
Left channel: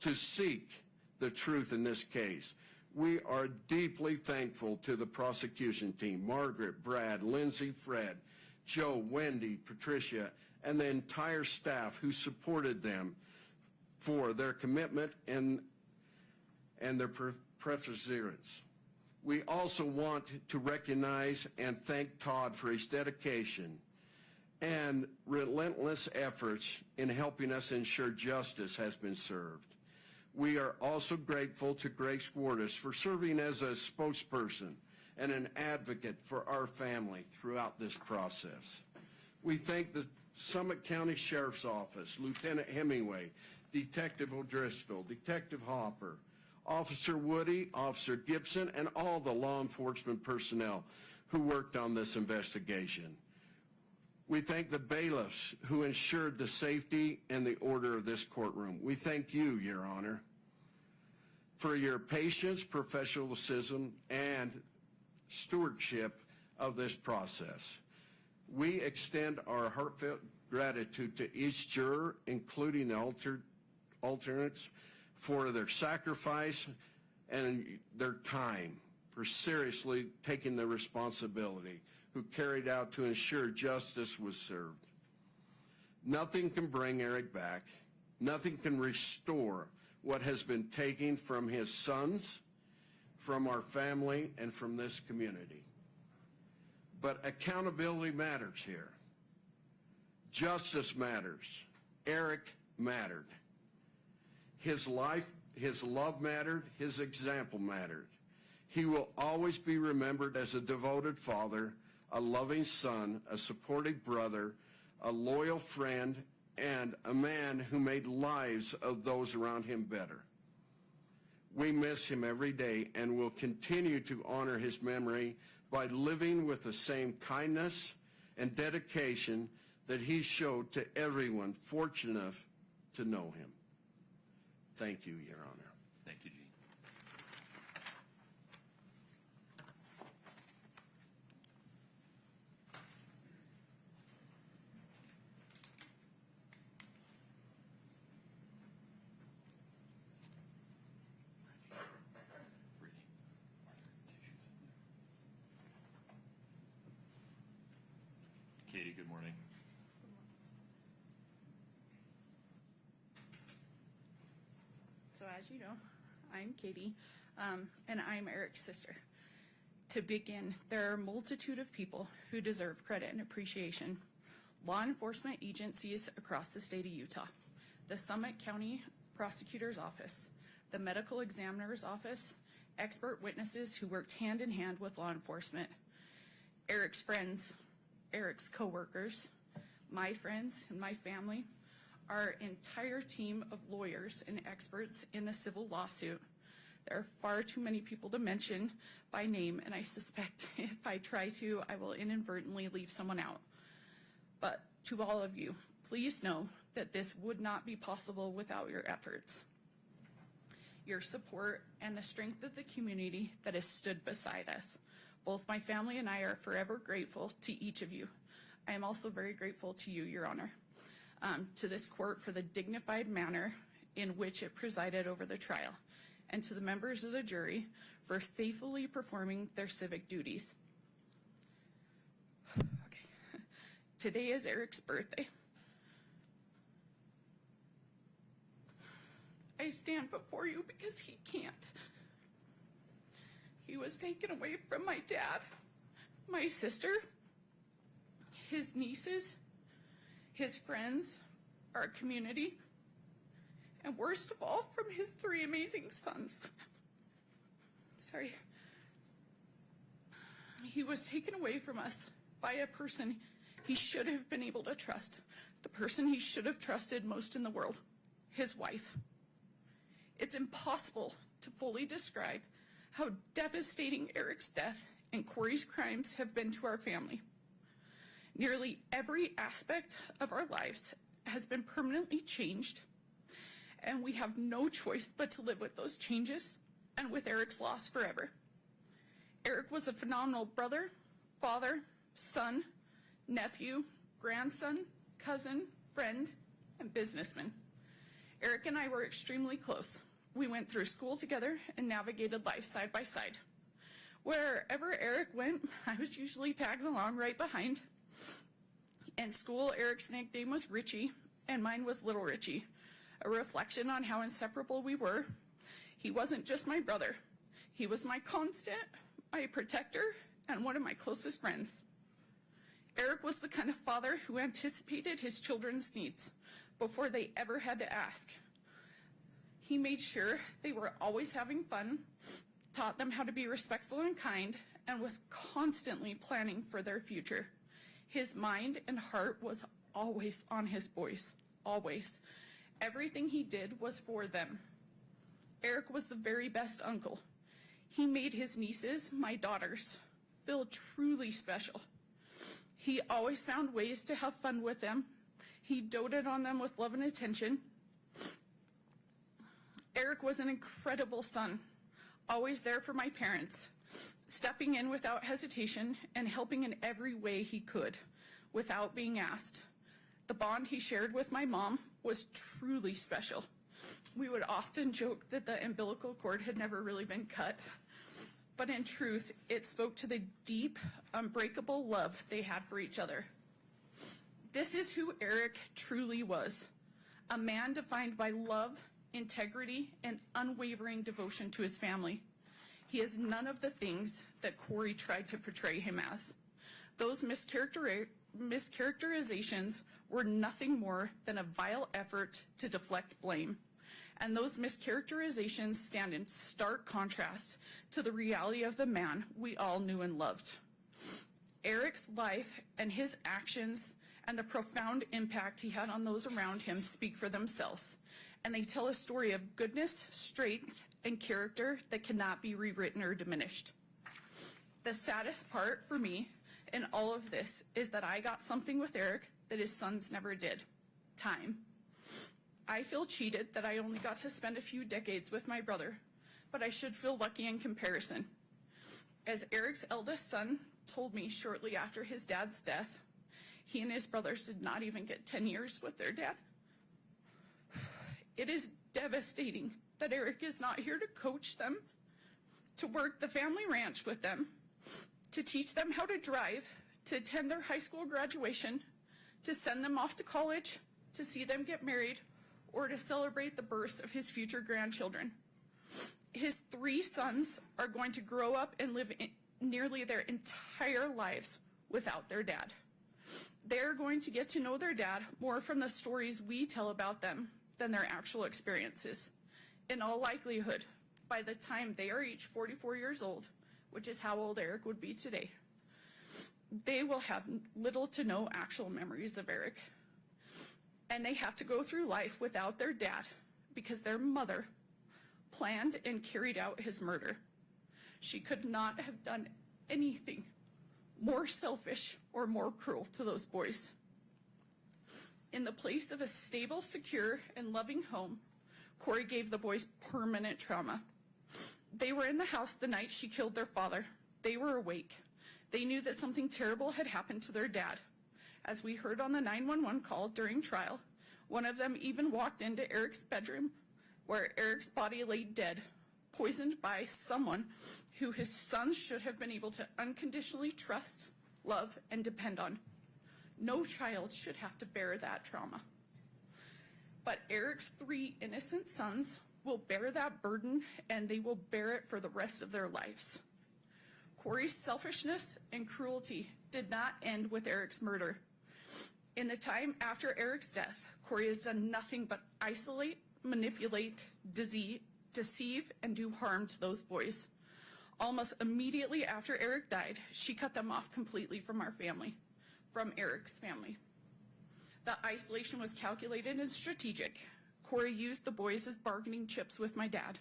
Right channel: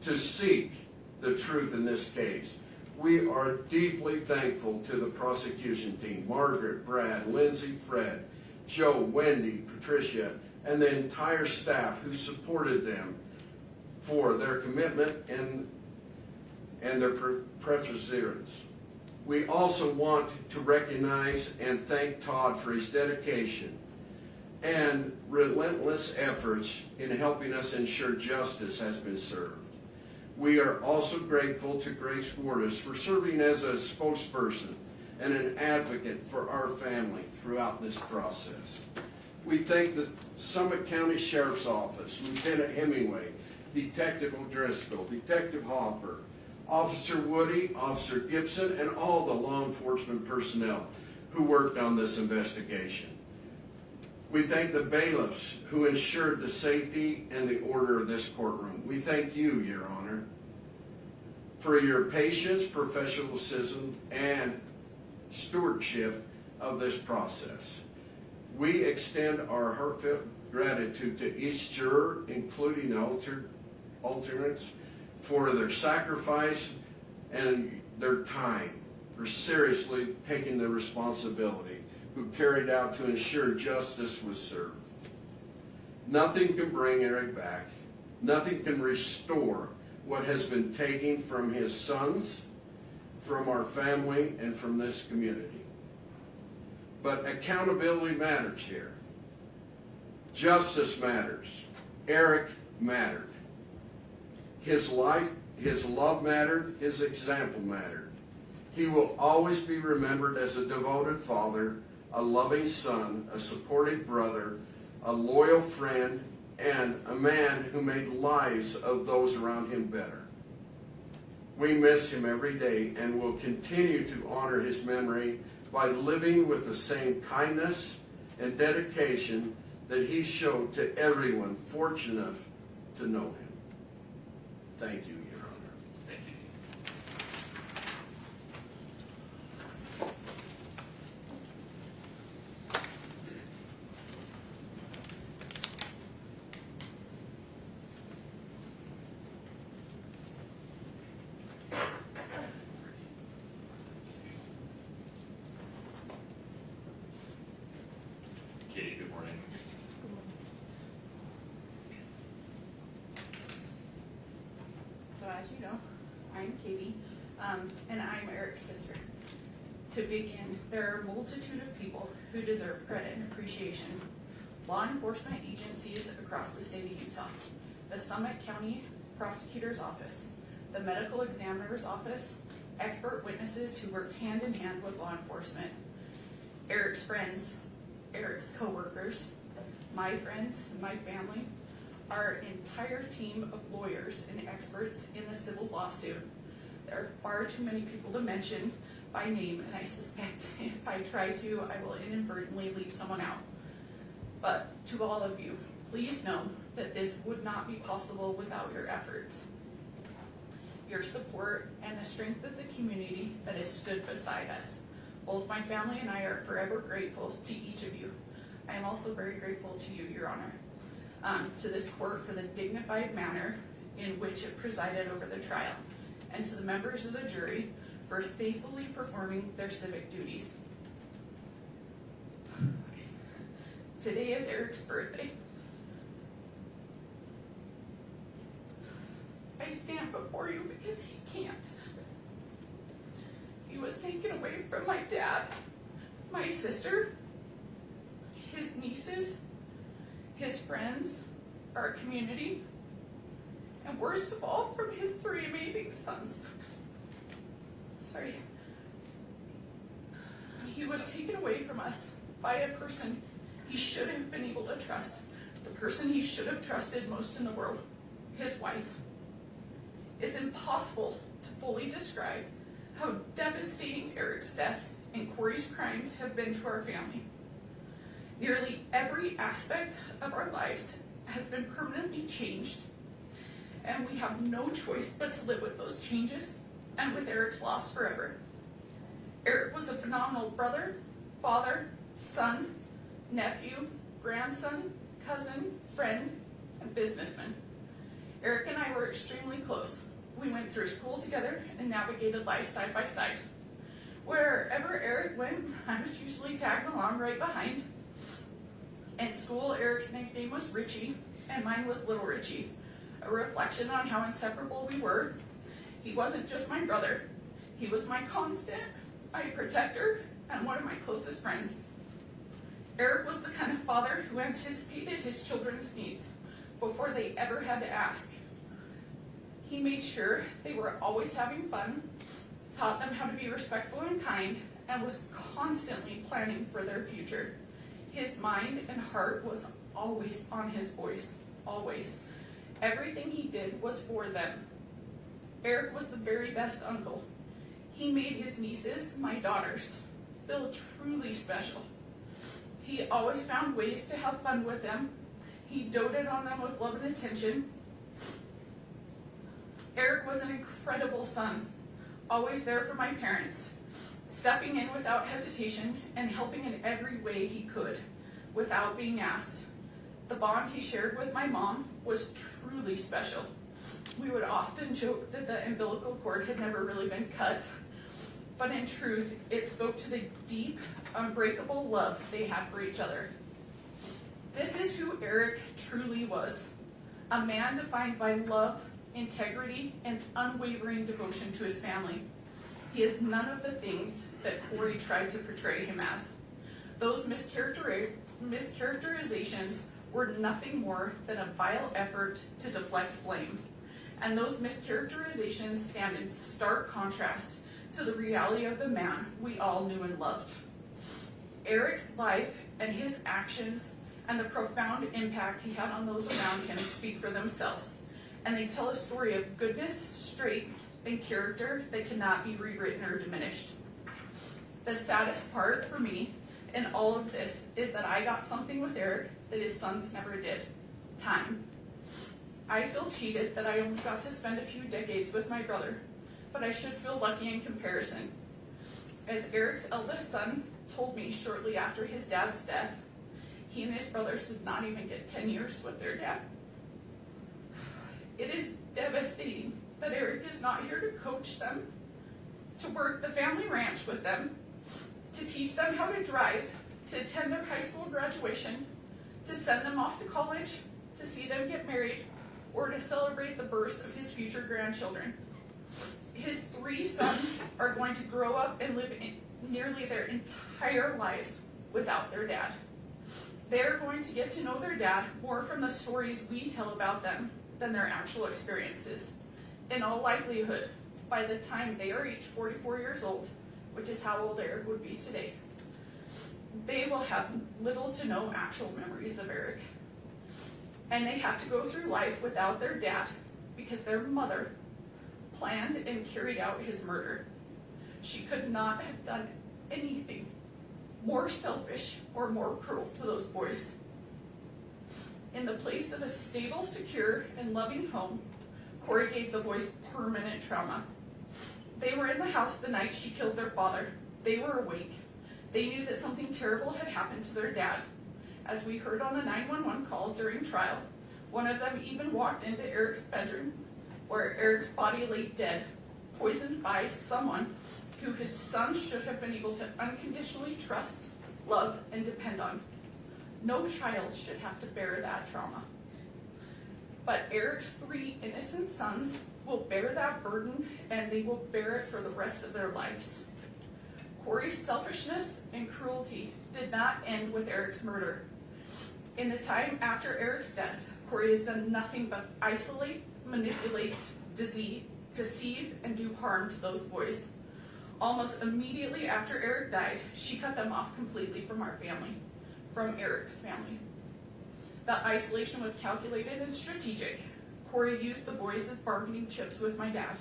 to seek the truth in this case. We are deeply thankful to the prosecution team, Margaret, Brad, Lindsay, Fred, Joe, Wendy, Patricia, and the entire staff who supported them for their commitment and their perseverance. We also want to recognize and thank Todd for his dedication and relentless efforts in helping us ensure justice has been served. We are also grateful to Grace Wardis for serving as a spokesperson and an advocate for our family throughout this process. We thank the Summit County Sheriff's Office, Lieutenant Hemingway, Detective O'Driscoll, Detective Hopper, Officer Woody, Officer Gibson, and all the law enforcement personnel who worked on this investigation. We thank the bailiffs who ensured the safety and the order of this courtroom. We thank you, Your Honor, for your patience, professionalism, and stewardship of this process. We extend our heartfelt gratitude to each juror, including the alternates, for their sacrifice and their time, for seriously taking the responsibility, who carried out to ensure justice was served. Nothing can bring Eric back. Nothing can restore what has been taken from his sons, from our family, and from this community. But accountability matters here. Justice matters. Eric mattered. His life, his love mattered, his example mattered. He will always be remembered as a devoted father, a loving son, a supportive brother, a loyal friend, and a man who made lives of those around him better. We miss him every day and will continue to honor his memory by living with the same kindness and dedication that he showed to everyone fortunate to know him. Thank you, Your Honor. Thank you. Katie, good morning. So as you know, I'm Katie, and I'm Eric's sister. To begin, there are a multitude of people who deserve credit and appreciation. Law enforcement agencies across the state of Utah, the Summit County Prosecutor's Office, the Medical Examiner's Office, expert witnesses who worked hand in hand with law enforcement, Eric's friends, Eric's co-workers, my friends and my family, our entire team of lawyers and experts in the civil lawsuit. There are far too many people to mention by name, and I suspect if I try to, I will inadvertently leave someone out. But to all of you, please know that this would not be possible without your efforts, your support, and the strength of the community that has stood beside us. Both my family and I are forever grateful to each of you. I am also very grateful to you, Your Honor, to this court for the dignified manner in which it presided over the trial, and to the members of the jury for faithfully performing their civic duties. Today is Eric's birthday. I stand before you because he can't. He was taken away from my dad, my sister, his nieces, his friends, our community, and worst of all, from his 3 amazing sons. Sorry. He was taken away from us by a person he should have been able to trust, the person he should have trusted most in the world, his wife. It's impossible to fully describe how devastating Eric's death and Kouri's crimes have been to our family. Nearly every aspect of our lives has been permanently changed, and we have no choice but to live with those changes and with Eric's loss forever. Eric was a phenomenal brother, father, son, nephew, grandson, cousin, friend, and businessman. Eric and I were extremely close. We went through school together and navigated life side by side. Wherever Eric went, I was usually tagging along right behind. In school, Eric's nickname was Richie, and mine was Little Richie, a reflection on how inseparable we were. He wasn't just my brother. He was my constant, my protector, and one of my closest friends. Eric was the kind of father who anticipated his children's needs before they ever had to ask. He made sure they were always having fun, taught them how to be respectful and kind, and was constantly planning for their future. His mind and heart was always on his boys, always. Everything he did was for them. Eric was the very best uncle. He made his nieces, my daughters, feel truly special. He always found ways to have fun with them. He doted on them with love and attention. Eric was an incredible son, always there for my parents, stepping in without hesitation and helping in every way he could, without being asked. The bond he shared with my mom was truly special. We would often joke that the umbilical cord had never really been cut, but in truth, it spoke to the deep, unbreakable love they had for each other. This is who Eric truly was, a man defined by love, integrity, and unwavering devotion to his family. He is none of the things that Kouri tried to portray him as. Those mischaracterizations were nothing more than a vile effort to deflect blame. And those mischaracterizations stand in stark contrast to the reality of the man we all knew and loved. Eric's life and his actions and the profound impact he had on those around him speak for themselves, and they tell a story of goodness, strength, and character that cannot be rewritten or diminished. The saddest part for me in all of this is that I got something with Eric that his sons never did: time. I feel cheated that I only got to spend a few decades with my brother, but I should feel lucky in comparison. As Eric's eldest son told me shortly after his dad's death, he and his brothers did not even get 10 years with their dad. It is devastating that Eric is not here to coach them, to work the family ranch with them, to teach them how to drive, to attend their high school graduation, to send them off to college, to see them get married, or to celebrate the birth of his future grandchildren. His 3 sons are going to grow up and live nearly their entire lives without their dad. They are going to get to know their dad more from the stories we tell about them than their actual experiences. In all likelihood, by the time they are each 44 years old, which is how old Eric would be today, they will have little to no actual memories of Eric. And they have to go through life without their dad because their mother planned and carried out his murder. She could not have done anything more selfish or more cruel to those boys. In the place of a stable, secure, and loving home, Kouri gave the boys permanent trauma. They were in the house the night she killed their father. They were awake. They knew that something terrible had happened to their dad. As we heard on the 911 call during trial, one of them even walked into Eric's bedroom, where Eric's body lay dead, poisoned by someone who his son should have been able to unconditionally trust, love, and depend on. No child should have to bear that trauma. But Eric's 3 innocent sons will bear that burden, and they will bear it for the rest of their lives. Kouri's selfishness and cruelty did not end with Eric's murder. In the time after Eric's death, Kouri has done nothing but isolate, manipulate, deceive, and do harm to those boys. Almost immediately after Eric died, she cut them off completely from our family, from Eric's family. The isolation was calculated and strategic. Kouri used the boys as bargaining chips with my dad.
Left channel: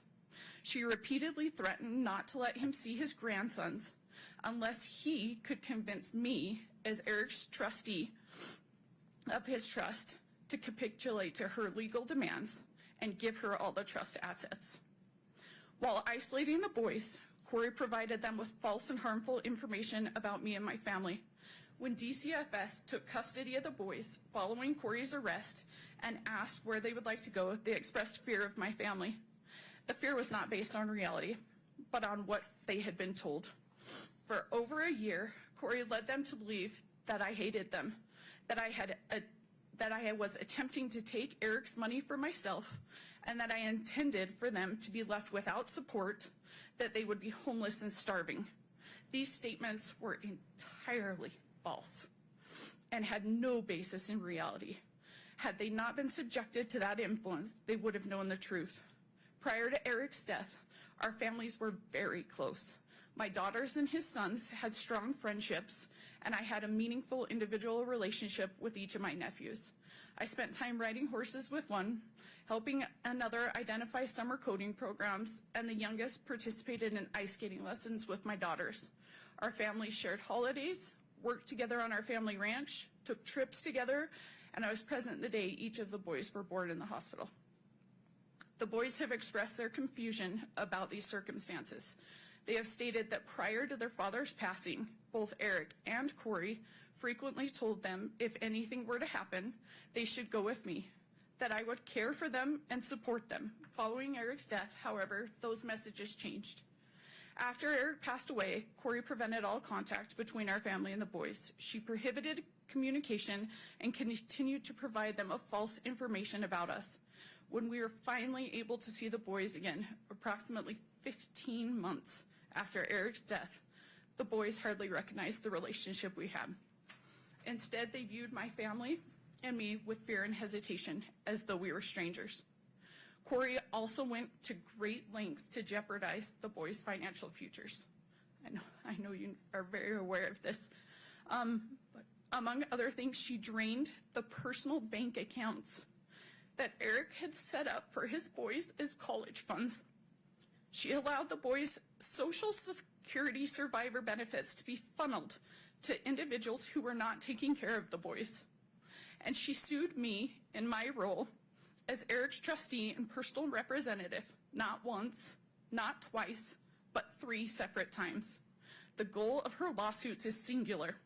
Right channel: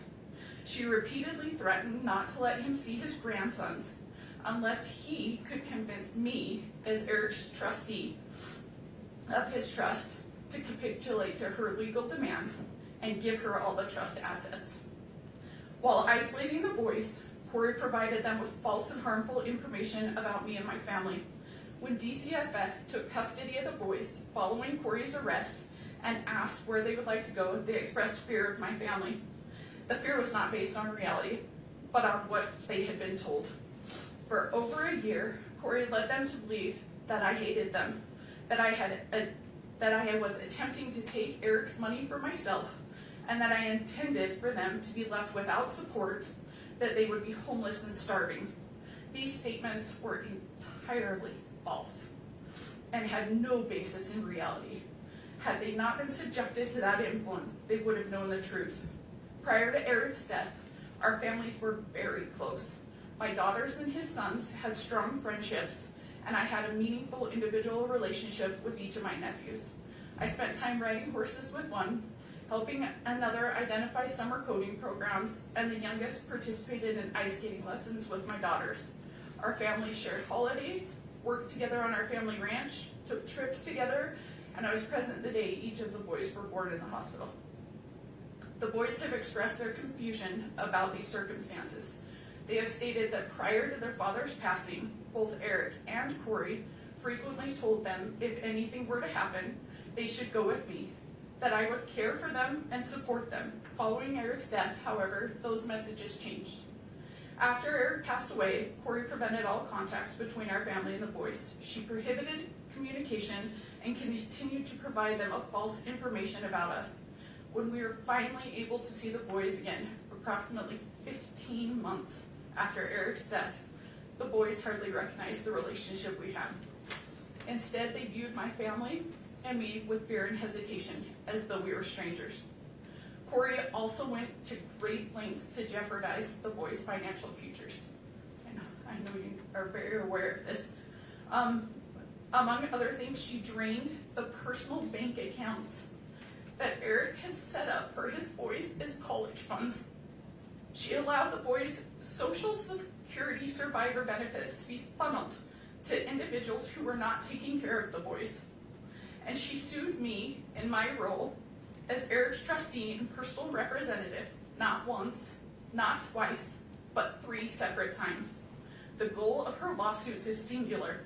She repeatedly threatened not to let him see his grandsons unless he could convince me, as Eric's trustee of his trust, to capitulate to her legal demands and give her all the trust assets. While isolating the boys, Kouri provided them with false and harmful information about me and my family. When DCFS took custody of the boys following Kouri's arrest and asked where they would like to go, they expressed fear of my family. The fear was not based on reality, but on what they had been told. For over a year, Kouri led them to believe that I hated them, that I was attempting to take Eric's money for myself, and that I intended for them to be left without support, that they would be homeless and starving. These statements were entirely false and had no basis in reality. Had they not been subjected to that influence, they would have known the truth. Prior to Eric's death, our families were very close. My daughters and his sons had strong friendships, and I had a meaningful individual relationship with each of my nephews. I spent time riding horses with one, helping another identify summer coding programs, and the youngest participated in ice skating lessons with my daughters. Our families shared holidays, worked together on our family ranch, took trips together, and I was present the day each of the boys were born in the hospital. The boys have expressed their confusion about these circumstances. They have stated that prior to their father's passing, both Eric and Kouri frequently told them if anything were to happen, they should go with me, that I would care for them and support them. Following Eric's death, however, those messages changed. After Eric passed away, Kouri prevented all contact between our family and the boys. She prohibited communication and continued to provide them of false information about us. When we were finally able to see the boys again, approximately 15 months after Eric's death, the boys hardly recognized the relationship we had. Instead, they viewed my family and me with fear and hesitation, as though we were strangers. Kouri also went to great lengths to jeopardize the boys' financial futures. I know you are very aware of this. Among other things, she drained the personal bank accounts that Eric had set up for his boys as college funds. She allowed the boys' Social Security survivor benefits to be funneled to individuals who were not taking care of the boys. And she sued me in my role as Eric's trustee and personal representative, not once, not twice, but 3 separate times. The goal of her lawsuits is singular.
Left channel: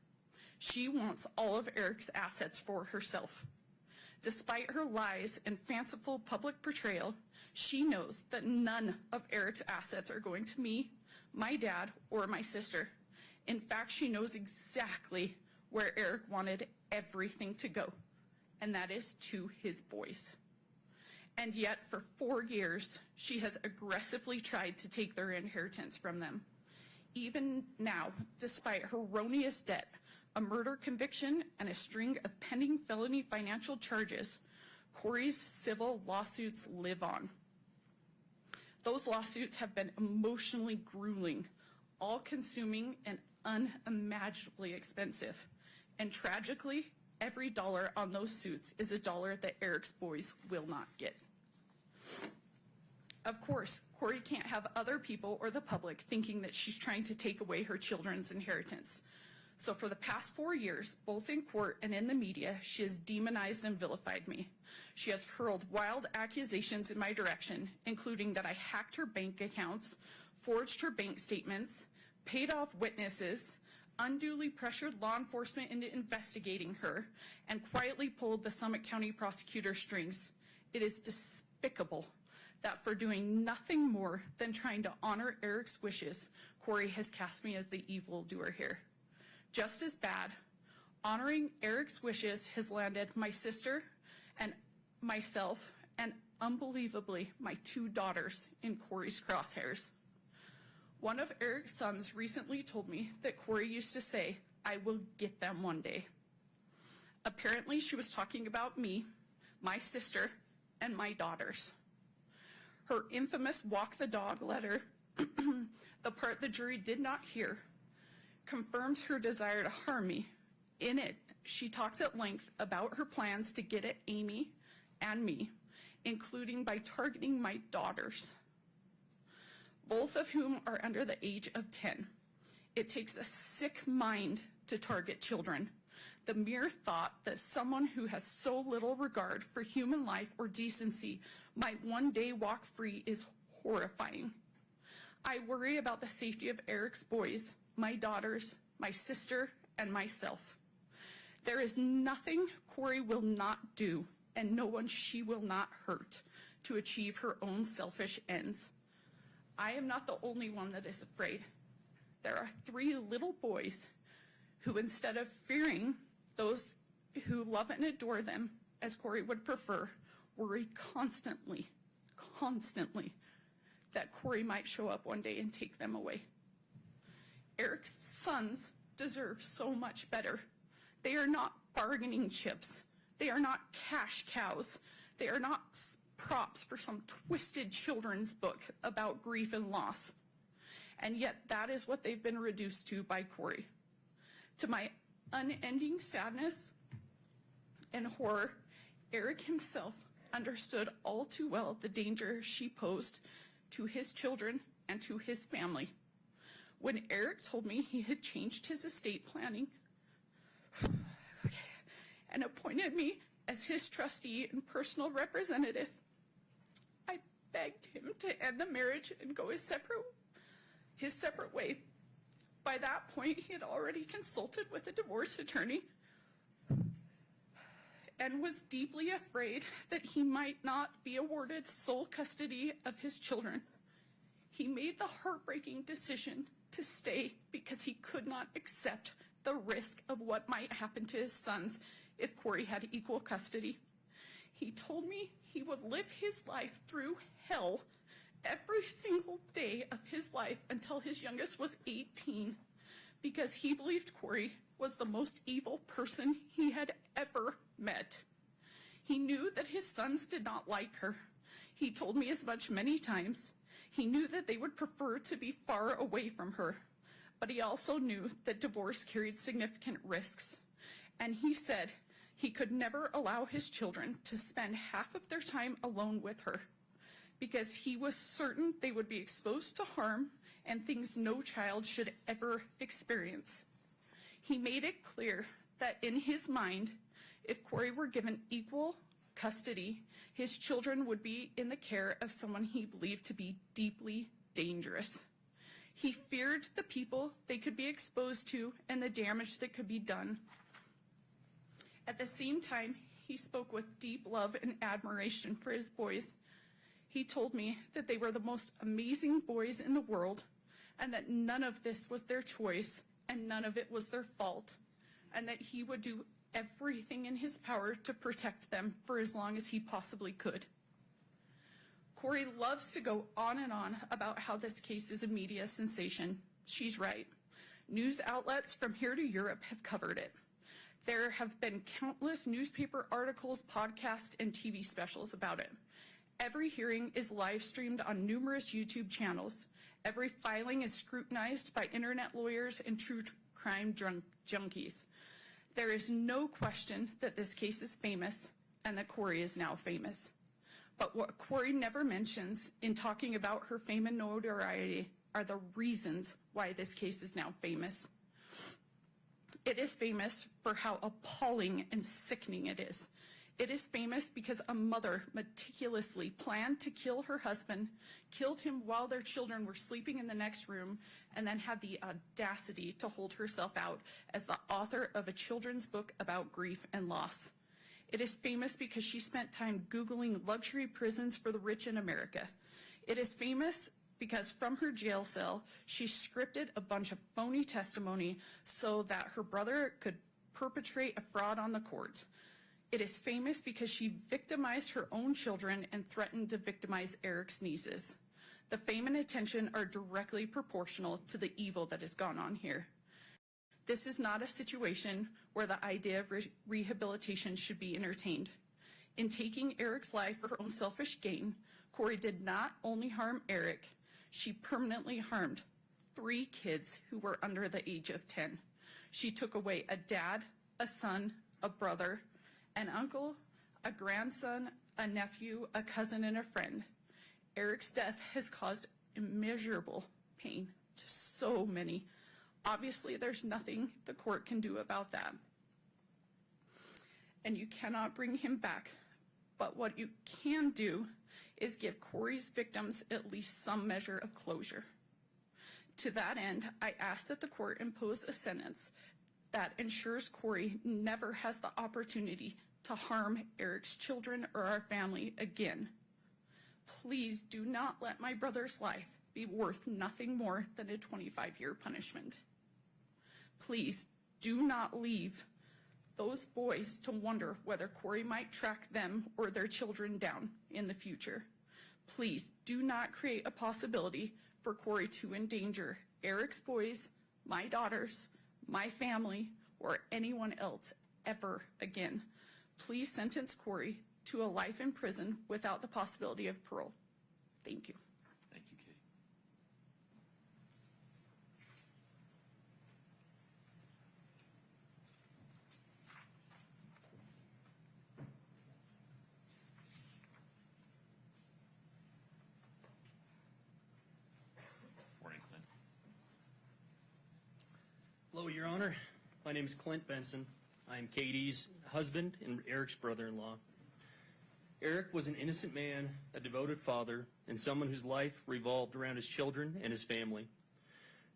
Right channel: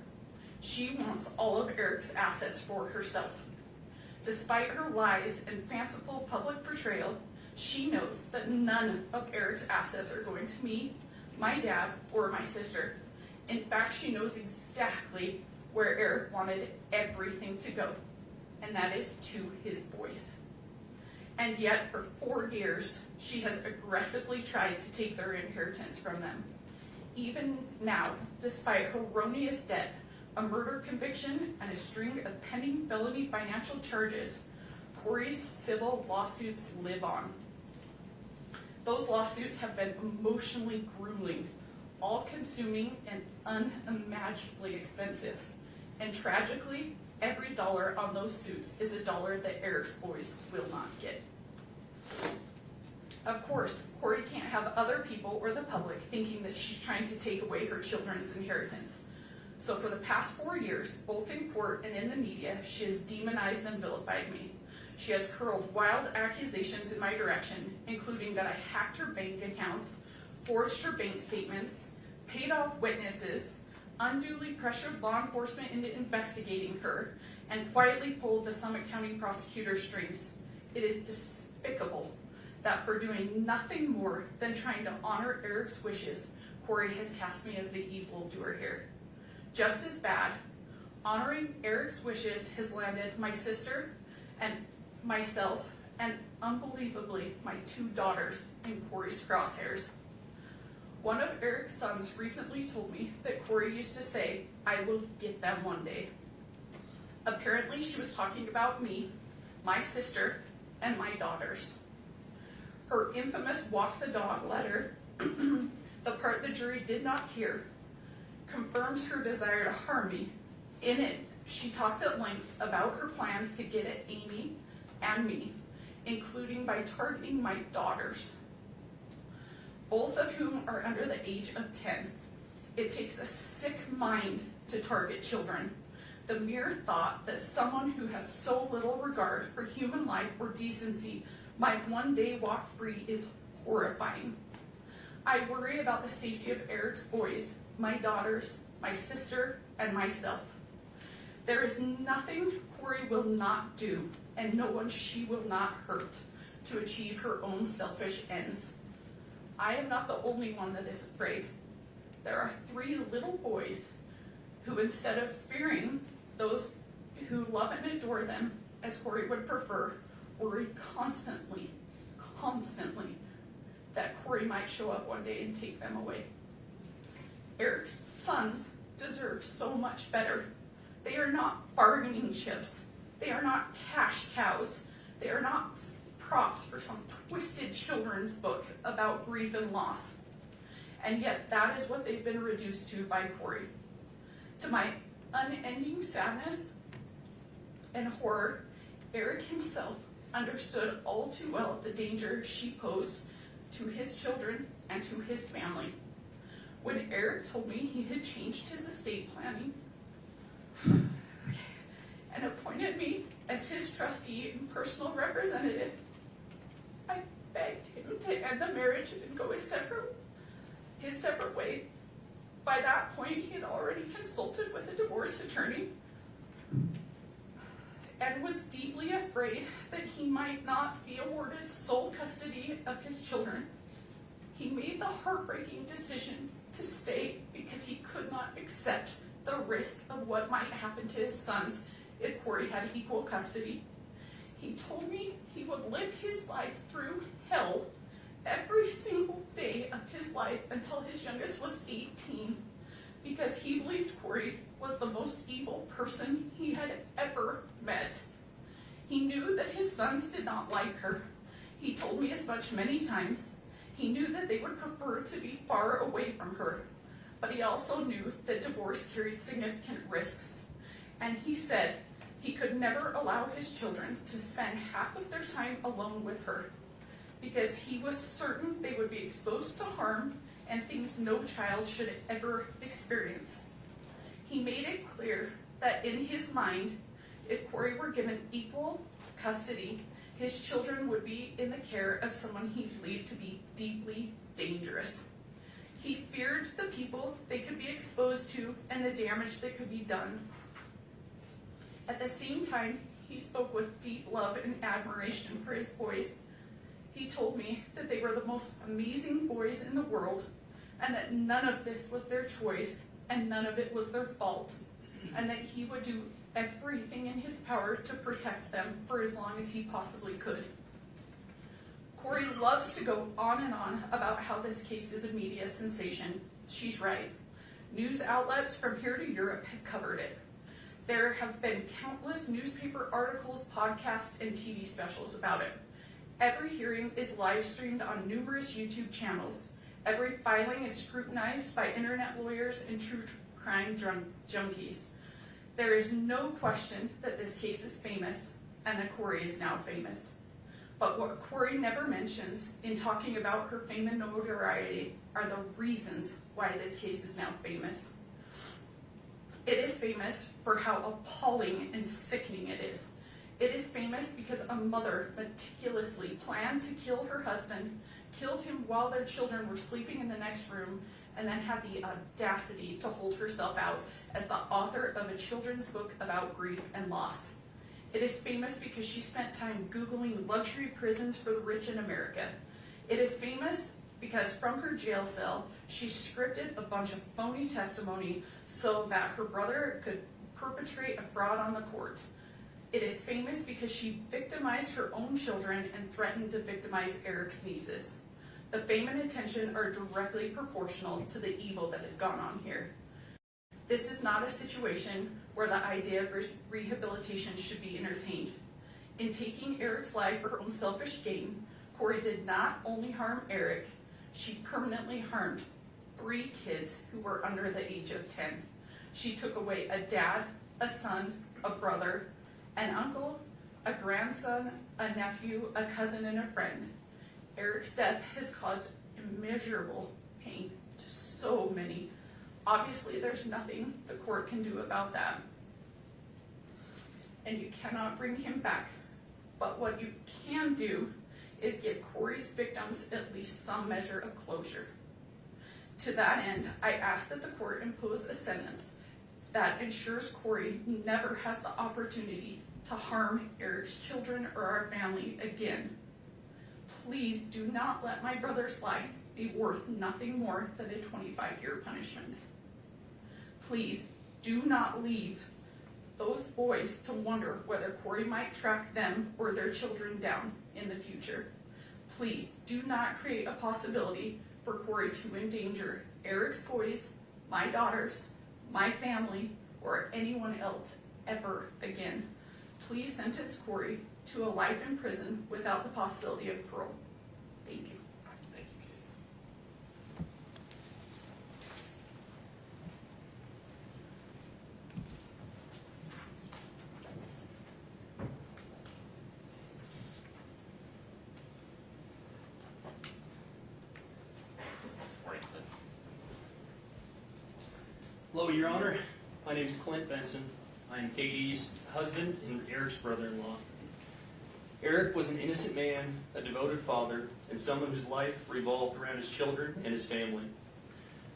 She wants all of Eric's assets for herself. Despite her lies and fanciful public portrayal, she knows that none of Eric's assets are going to me, my dad, or my sister. In fact, she knows exactly where Eric wanted everything to go, and that is to his boys. And yet, for 4 years, she has aggressively tried to take their inheritance from them. Even now, despite erroneous debt, a murder conviction, and a string of pending felony financial charges, Kouri's civil lawsuits live on. Those lawsuits have been emotionally grueling, all-consuming, and unimaginably expensive. And tragically, every dollar on those suits is a dollar that Eric's boys will not get. Of course, Kouri can't have other people or the public thinking that she's trying to take away her children's inheritance. So for the past 4 years, both in court and in the media, she has demonized and vilified me. She has hurled wild accusations in my direction, including that I hacked her bank accounts, forged her bank statements, paid off witnesses, unduly pressured law enforcement into investigating her, and quietly pulled the Summit County prosecutor's strings. It is despicable that for doing nothing more than trying to honor Eric's wishes, Kouri has cast me as the evildoer here. Just as bad, honoring Eric's wishes has landed my sister and myself, and unbelievably, my 2 daughters in Kouri's crosshairs. One of Eric's sons recently told me that Kouri used to say, "I will get them one day." Apparently, she was talking about me, my sister, and my daughters. Her infamous walk the dog letter, the part the jury did not hear, confirms her desire to harm me. In it, she talks at length about her plans to get at Amy and me, including by targeting my daughters, both of whom are under the age of 10. It takes a sick mind to target children. The mere thought that someone who has so little regard for human life or decency might one day walk free is horrifying. I worry about the safety of Eric's boys, my daughters, my sister, and myself. There is nothing Kouri will not do, and no one she will not hurt, to achieve her own selfish ends. I am not the only one that is afraid. There are 3 little boys who, instead of fearing those who love and adore them, as Kouri would prefer, worry constantly that Kouri might show up one day and take them away. Eric's sons deserve so much better. They are not bargaining chips. They are not cash cows. They are not props for some twisted children's book about grief and loss. And yet that is what they've been reduced to by Kouri. To my unending sadness and horror, Eric himself understood all too well the danger she posed to his children and to his family. When Eric told me he had changed his estate planning and appointed me as his trustee and personal representative, I begged him to end the marriage and go his separate way. By that point, he had already consulted with a divorce attorney and was deeply afraid that he might not be awarded sole custody of his children. He made the heartbreaking decision to stay because he could not accept the risk of what might happen to his sons if Kouri had equal custody. He told me he would live his life through hell every single day of his life until his youngest was 18, because he believed Kouri was the most evil person he had ever met. He knew that his sons did not like her. He told me as much many times. He knew that they would prefer to be far away from her, but he also knew that divorce carried significant risks. And he said he could never allow his children to spend half of their time alone with her, because he was certain they would be exposed to harm and things no child should ever experience. He made it clear that in his mind, if Kouri were given equal custody, his children would be in the care of someone he believed to be deeply dangerous. He feared the people they could be exposed to and the damage that could be done. At the same time, he spoke with deep love and admiration for his boys. He told me that they were the most amazing boys in the world, and that none of this was their choice and none of it was their fault, and that he would do everything in his power to protect them for as long as he possibly could. Kouri loves to go on and on about how this case is a media sensation. She's right. News outlets from here to Europe have covered it. There have been countless newspaper articles, podcasts, and TV specials about it. Every hearing is live streamed on numerous YouTube channels. Every filing is scrutinized by internet lawyers and true crime junkies. There is no question that this case is famous and that Kouri is now famous. But what Kouri never mentions in talking about her fame and notoriety are the reasons why this case is now famous. It is famous for how appalling and sickening it is. It is famous because a mother meticulously planned to kill her husband, killed him while their children were sleeping in the next room, and then had the audacity to hold herself out as the author of a children's book about grief and loss. It is famous because she spent time Googling luxury prisons for the rich in America. It is famous because from her jail cell, she scripted a bunch of phony testimony so that her brother could perpetrate a fraud on the court. It is famous because she victimized her own children and threatened to victimize Eric's nieces. The fame and attention are directly proportional to the evil that has gone on here. This is not a situation where the idea of rehabilitation should be entertained. In taking Eric's life for her own selfish gain, Kouri did not only harm Eric, she permanently harmed 3 kids who were under the age of 10. She took away a dad, a son, a brother, an uncle, a grandson, a nephew, a cousin, and a friend. Eric's death has caused immeasurable pain to so many. Obviously, there's nothing the court can do about that. And you cannot bring him back. But what you can do is give Kouri's victims at least some measure of closure. To that end, I ask that the court impose a sentence that ensures Kouri never has the opportunity to harm Eric's children or our family again. Please do not let my brother's life be worth nothing more than a 25-year punishment. Please do not leave those boys to wonder whether Kouri might track them or their children down in the future. Please do not create a possibility for Kouri to endanger Eric's boys, my daughters, my family, or anyone else ever again. Please sentence Kouri to a life in prison without the possibility of parole. Thank you. Thank you, Kate. Morning, Clint. Hello, Your Honor. My name is Clint Benson. I'm Katie's husband and Eric's brother-in-law. Eric was an innocent man, a devoted father, and someone whose life revolved around his children and his family.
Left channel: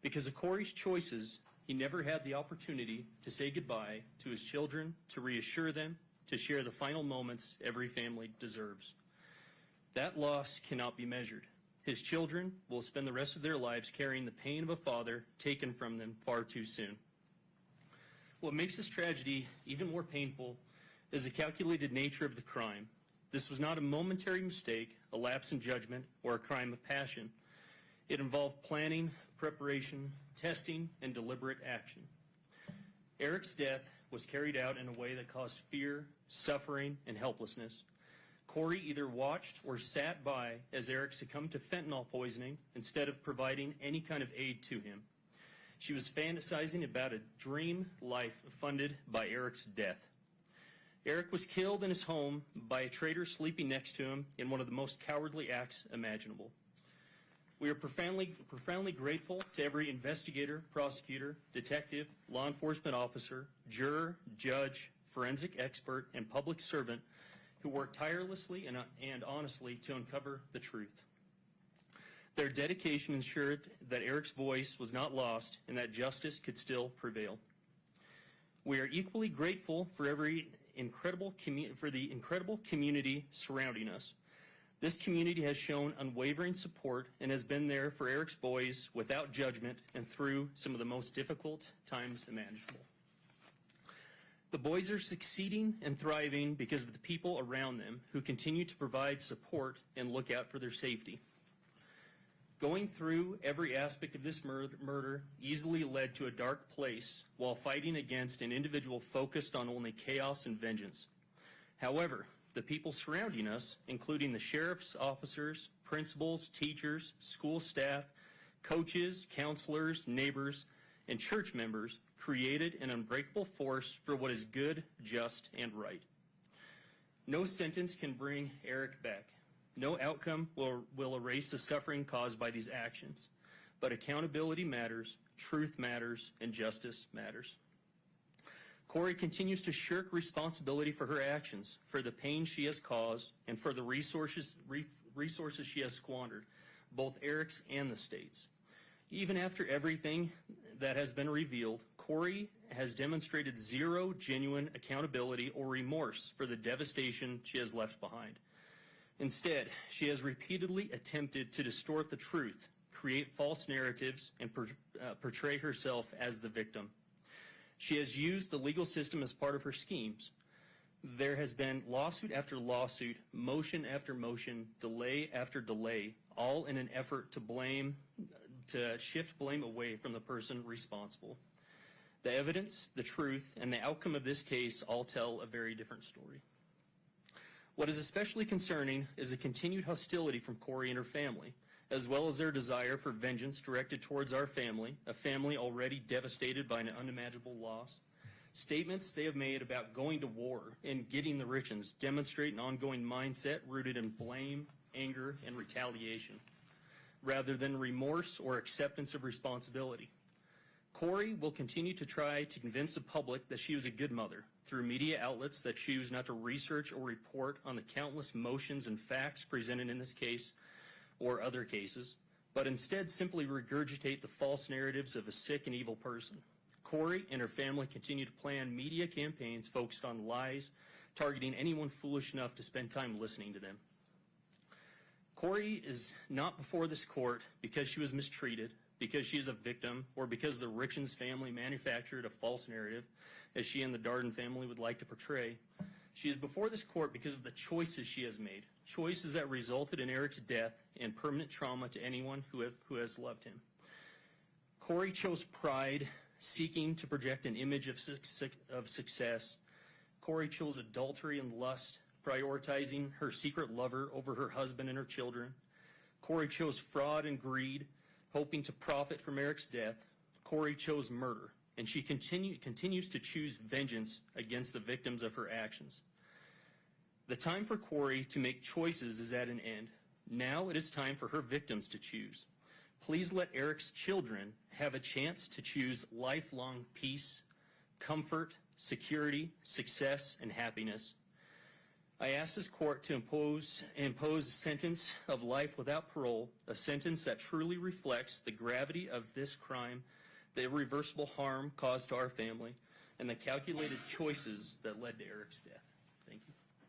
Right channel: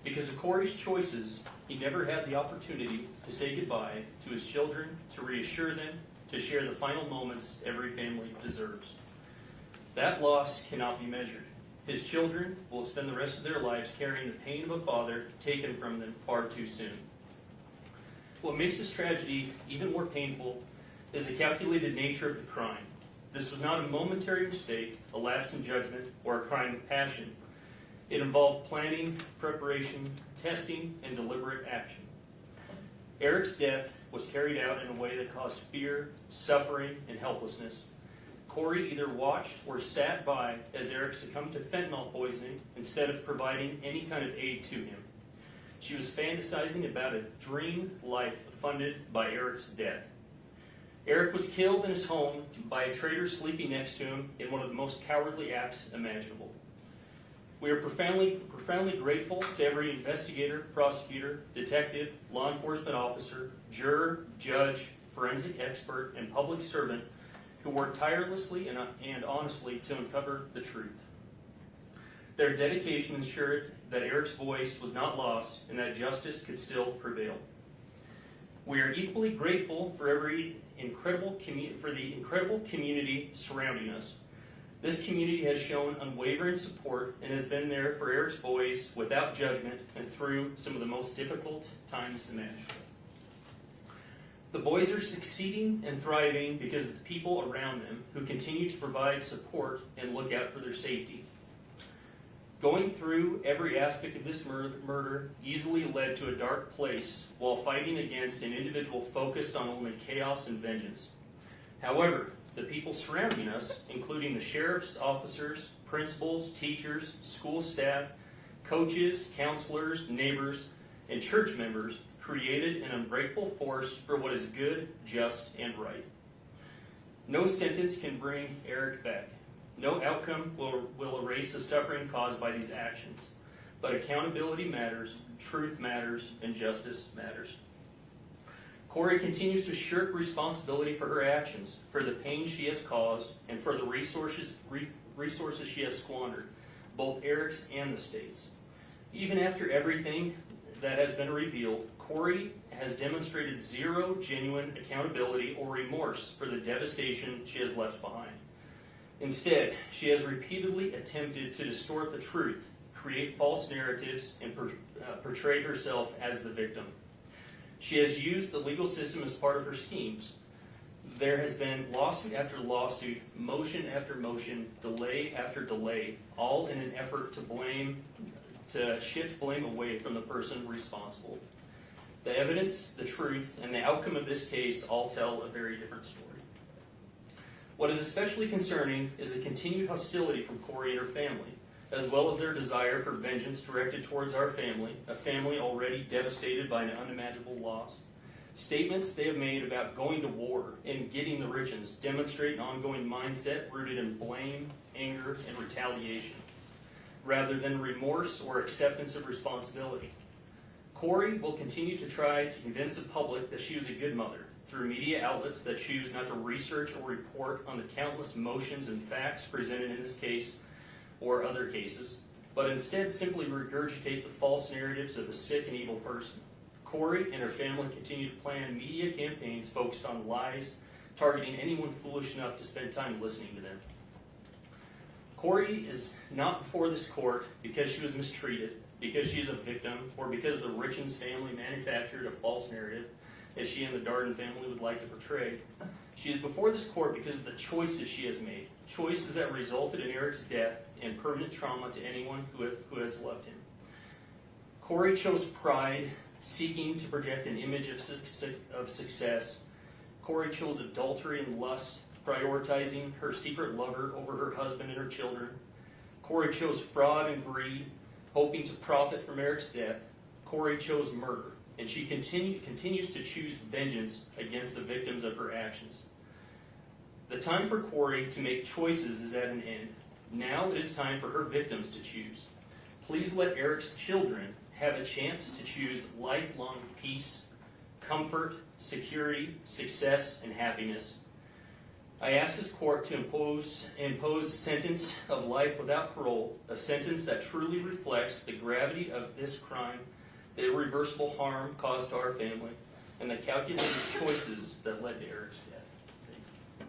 Because of Kouri's choices, he never had the opportunity to say goodbye to his children, to reassure them, to share the final moments every family deserves. That loss cannot be measured. His children will spend the rest of their lives carrying the pain of a father taken from them far too soon. What makes this tragedy even more painful is the calculated nature of the crime. This was not a momentary mistake, a lapse in judgment, or a crime of passion. It involved planning, preparation, testing, and deliberate action. Eric's death was carried out in a way that caused fear, suffering, and helplessness. Kouri either watched or sat by as Eric succumbed to fentanyl poisoning instead of providing any kind of aid to him. She was fantasizing about a dream life funded by Eric's death. Eric was killed in his home by a traitor sleeping next to him in one of the most cowardly acts imaginable. We are profoundly grateful to every investigator, prosecutor, detective, law enforcement officer, juror, judge, forensic expert, and public servant who worked tirelessly and honestly to uncover the truth. Their dedication ensured that Eric's voice was not lost and that justice could still prevail. We are equally grateful for the incredible community surrounding us. This community has shown unwavering support and has been there for Eric's boys without judgment and through some of the most difficult times imaginable. The boys are succeeding and thriving because of the people around them who continue to provide support and look out for their safety. Going through every aspect of this murder easily led to a dark place while fighting against an individual focused on only chaos and vengeance. However, the people surrounding us, including the sheriff's officers, principals, teachers, school staff, coaches, counselors, neighbors, and church members, created an unbreakable force for what is good, just, and right. No sentence can bring Eric back. No outcome will erase the suffering caused by these actions. But accountability matters, truth matters, and justice matters. Kouri continues to shirk responsibility for her actions, for the pain she has caused, and for the resources she has squandered, both Eric's and the state's. Even after everything that has been revealed, Kouri has demonstrated zero genuine accountability or remorse for the devastation she has left behind. Instead, she has repeatedly attempted to distort the truth, create false narratives, and portray herself as the victim. She has used the legal system as part of her schemes. There has been lawsuit after lawsuit, motion after motion, delay after delay, all in an effort to shift blame away from the person responsible. The evidence, the truth, and the outcome of this case all tell a very different story. What is especially concerning is the continued hostility from Kouri and her family, as well as their desire for vengeance directed towards our family, a family already devastated by an unimaginable loss. Statements they have made about going to war and getting the Richins demonstrate an ongoing mindset rooted in blame, anger, and retaliation, rather than remorse or acceptance of responsibility. Kouri will continue to try to convince the public that she was a good mother through media outlets that choose not to research or report on the countless motions and facts presented in this case or other cases, but instead simply regurgitate the false narratives of a sick and evil person. Kouri and her family continue to plan media campaigns focused on lies, targeting anyone foolish enough to spend time listening to them. Kouri is not before this court because she was mistreated, because she is a victim, or because the Richins family manufactured a false narrative as she and the Darden family would like to portray. She is before this court because of the choices she has made, choices that resulted in Eric's death and permanent trauma to anyone who has loved him. Kouri chose pride, seeking to project an image of success. Kouri chose adultery and lust, prioritizing her secret lover over her husband and her children. Kouri chose fraud and greed, hoping to profit from Eric's death. Kouri chose murder, and she continues to choose vengeance against the victims of her actions. The time for Kouri to make choices is at an end. Now it is time for her victims to choose. Please let Eric's children have a chance to choose lifelong peace, comfort, security, success, and happiness. I ask this court to impose a sentence of life without parole, a sentence that truly reflects the gravity of this crime, the irreversible harm caused to our family, and the calculated choices that led to Eric's death.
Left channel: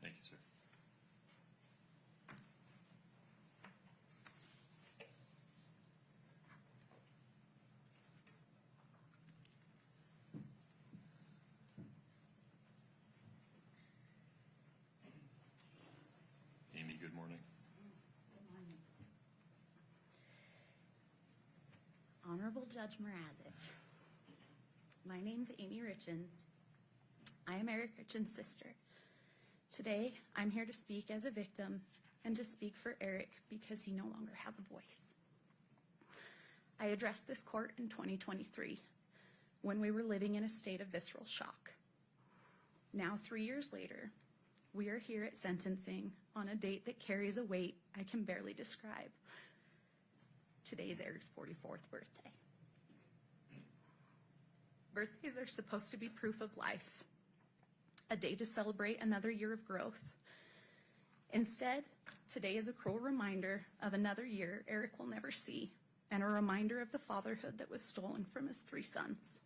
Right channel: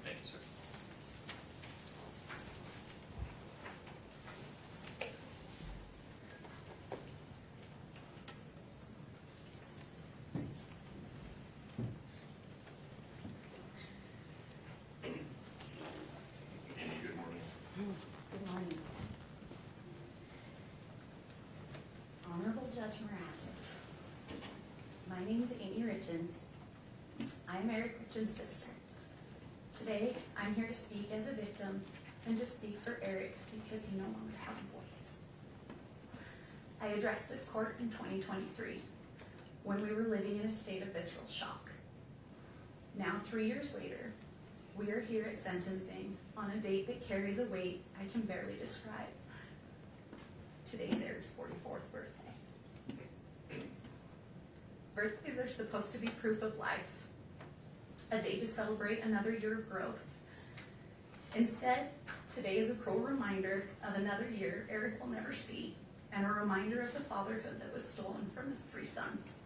Thank you, sir. Amy, good morning. Good morning. Honorable Judge Mrazek, my name's Amy Richins. I'm Eric Richins' sister. Today, I'm here to speak as a victim and to speak for Eric because he no longer has a voice. I addressed this court in 2023 when we were living in a state of visceral shock. Now, 3 years later, we are here at sentencing on a date that carries a weight I can barely describe. Today's Eric's 44th birthday. Birthdays are supposed to be proof of life, a day to celebrate another year of growth, Instead, today is a cruel reminder of another year Eric will never see, and a reminder of the fatherhood that was stolen from his 3 sons.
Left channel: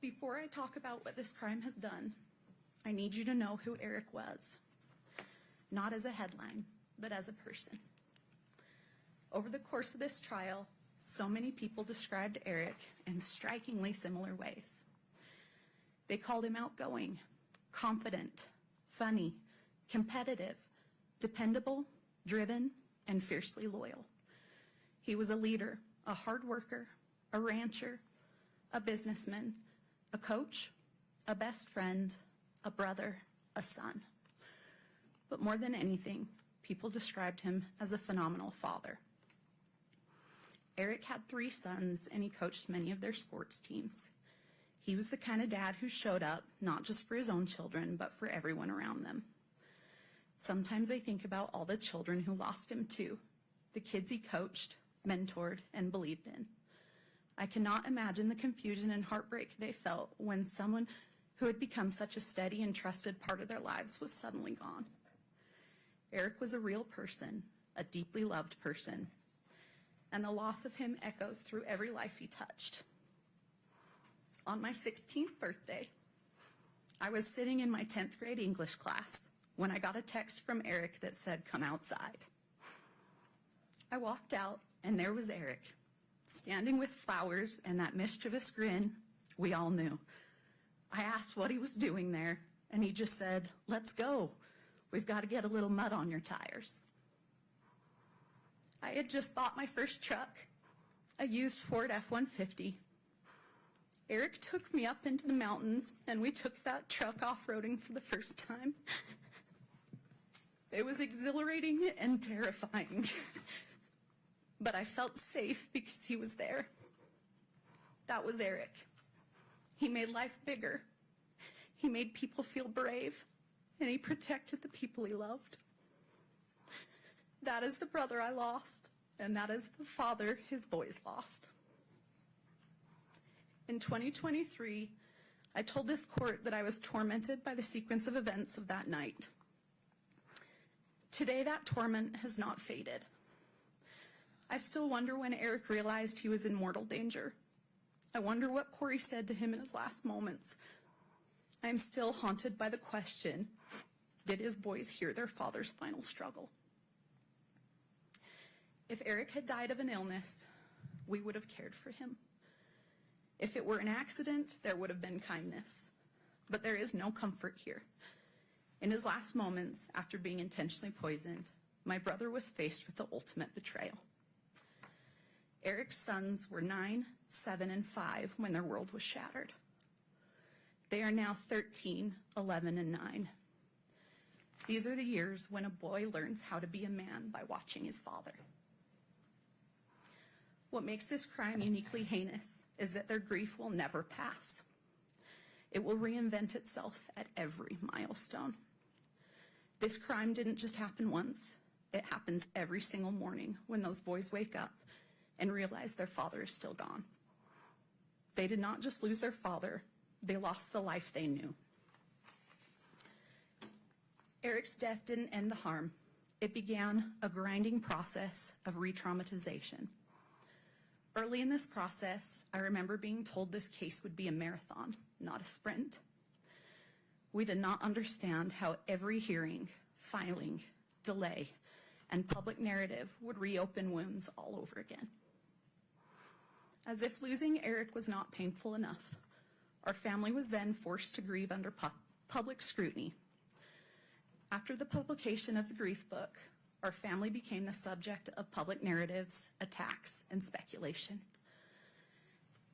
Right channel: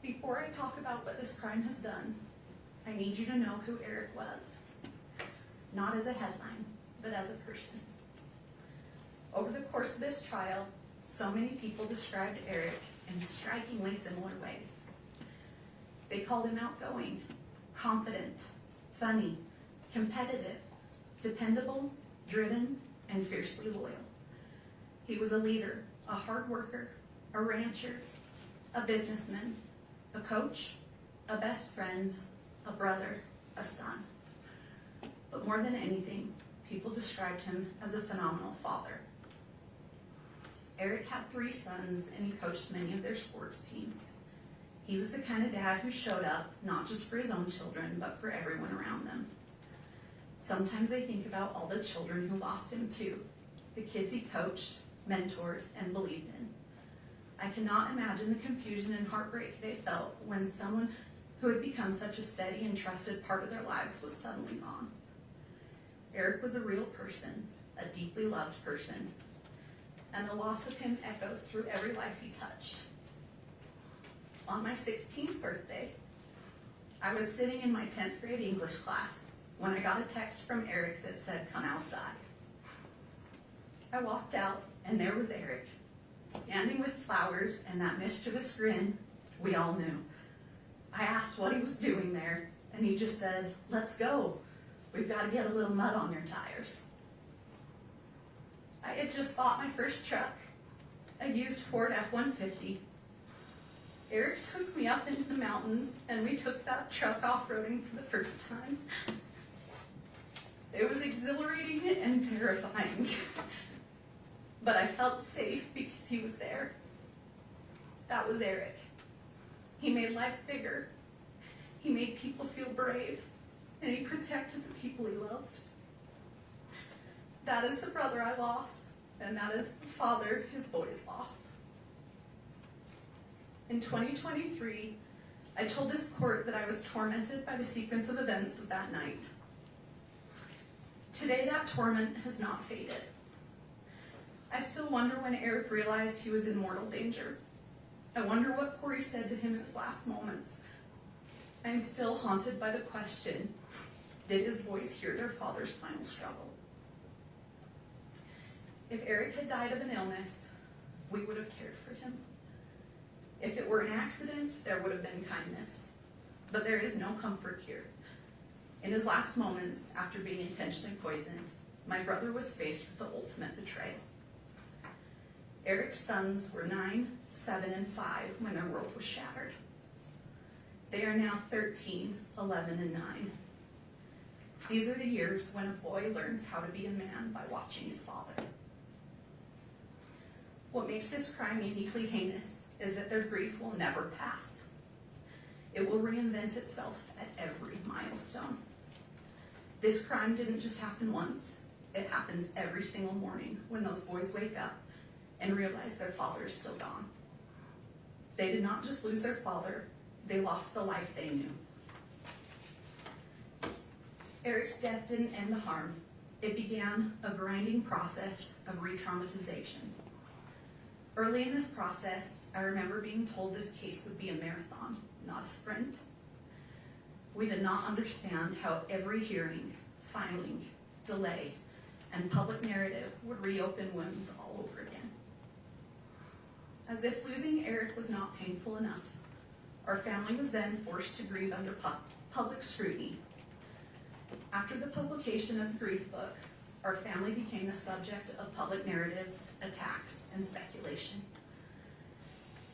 Before I talk about what this crime has done, I need you to know who Eric was. Not as a headline, but as a person. Over the course of this trial, so many people described Eric in strikingly similar ways. They called him outgoing, confident, funny, competitive, dependable, driven, and fiercely loyal. He was a leader, a hard worker, a rancher, a businessman, a coach, a best friend, a brother, a son. But more than anything, people described him as a phenomenal father. Eric had 3 sons, and he coached many of their sports teams. He was the kind of dad who showed up not just for his own children, but for everyone around them. Sometimes I think about all the children who lost him too, the kids he coached, mentored, and believed in. I cannot imagine the confusion and heartbreak they felt when someone who had become such a steady and trusted part of their lives was suddenly gone. Eric was a real person, a deeply loved person, and the loss of him echoes through every life he touched. On my 16th birthday, I was sitting in my 10th grade English class when I got a text from Eric that said, "Come outside." I walked out, and there was Eric, standing with flowers and that mischievous grin we all knew. I asked what he was doing there, and he just said, "Let's go. We've got to get a little mud on your tires." I had just bought my first truck, a used Ford F-150. Eric took me up into the mountains, and we took that truck off-roading for the first time. It was exhilarating and terrifying, but I felt safe because he was there. That was Eric. He made life bigger. He made people feel brave, and he protected the people he loved. That is the brother I lost, and that is the father his boys lost. In 2023, I told this court that I was tormented by the sequence of events of that night. Today, that torment has not faded. I still wonder when Eric realized he was in mortal danger. I wonder what Kouri said to him in his last moments. I'm still haunted by the question, did his boys hear their father's final struggle? If Eric had died of an illness, we would have cared for him. If it were an accident, there would have been kindness. But there is no comfort here. In his last moments, after being intentionally poisoned, my brother was faced with the ultimate betrayal. Eric's sons were 9, 7, and 5 when their world was shattered. They are now 13, 11, and 9. These are the years when a boy learns how to be a man by watching his father. What makes this crime uniquely heinous is that their grief will never pass. It will reinvent itself at every milestone. This crime didn't just happen once. It happens every single morning when those boys wake up and realize their father is still gone. They did not just lose their father, they lost the life they knew. Eric's death didn't end the harm. It began a grinding process of re-traumatization. Early in this process, I remember being told this case would be a marathon, not a sprint. We did not understand how every hearing, filing, delay, and public narrative would reopen wounds all over again. As if losing Eric was not painful enough, our family was then forced to grieve under public scrutiny. After the publication of the grief book, our family became the subject of public narratives, attacks, and speculation.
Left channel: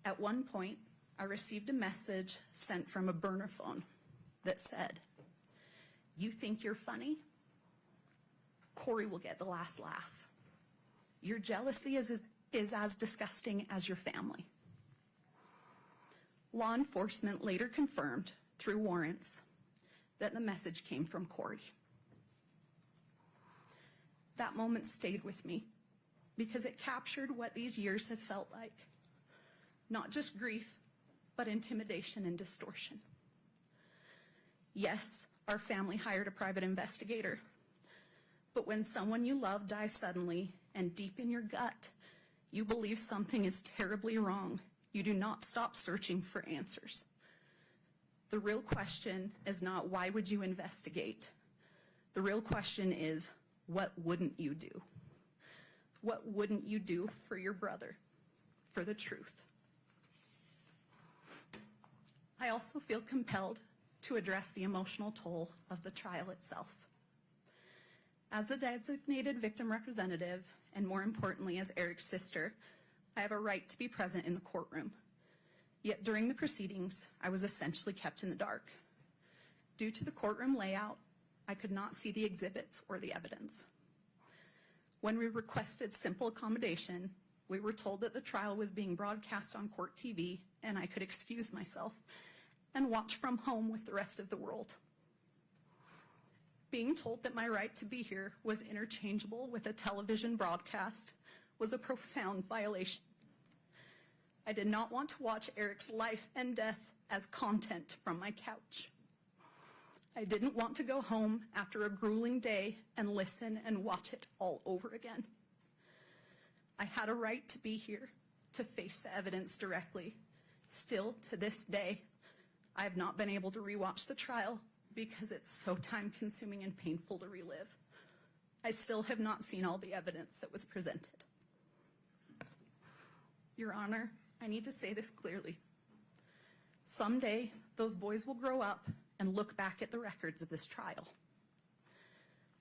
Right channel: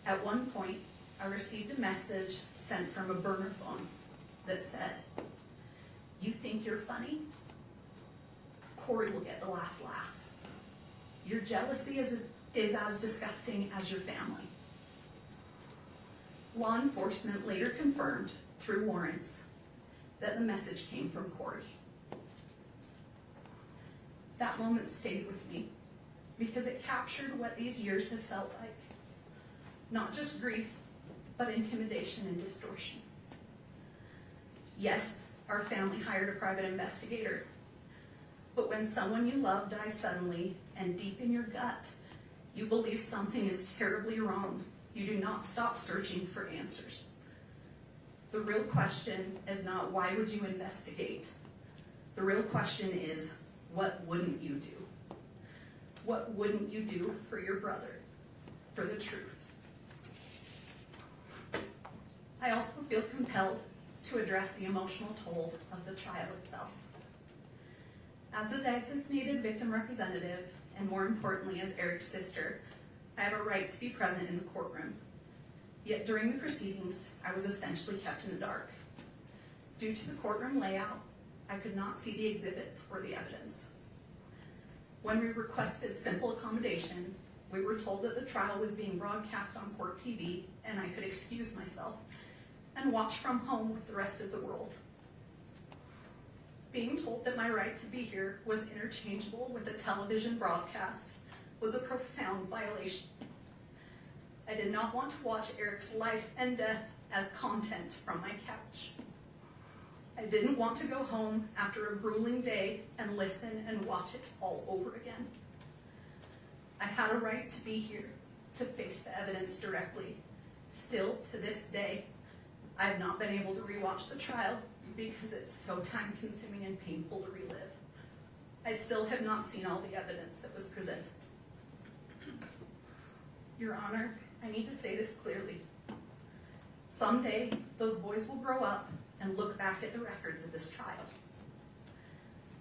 At one point, I received a message sent from a burner phone that said, "You think you're funny? Kouri will get the last laugh. Your jealousy is as disgusting as your family." Law enforcement later confirmed, through warrants, that the message came from Kouri. That moment stayed with me because it captured what these years have felt like. Not just grief, but intimidation and distortion. Yes, our family hired a private investigator. But when someone you love dies suddenly and deep in your gut, you believe something is terribly wrong, you do not stop searching for answers. The real question is not why would you investigate? The real question is, what wouldn't you do? What wouldn't you do for your brother, for the truth? I also feel compelled to address the emotional toll of the trial itself. As the designated victim representative, and more importantly as Eric's sister, I have a right to be present in the courtroom. Yet during the proceedings, I was essentially kept in the dark. Due to the courtroom layout, I could not see the exhibits or the evidence. When we requested simple accommodation, we were told that the trial was being broadcast on court TV and I could excuse myself and watch from home with the rest of the world. Being told that my right to be here was interchangeable with a television broadcast was a profound violation. I did not want to watch Eric's life and death as content from my couch. I didn't want to go home after a grueling day and listen and watch it all over again. I had a right to be here, to face the evidence directly. Still, to this day, I have not been able to rewatch the trial because it's so time-consuming and painful to relive. I still have not seen all the evidence that was presented. Your Honor, I need to say this clearly. Someday, those boys will grow up and look back at the records of this trial.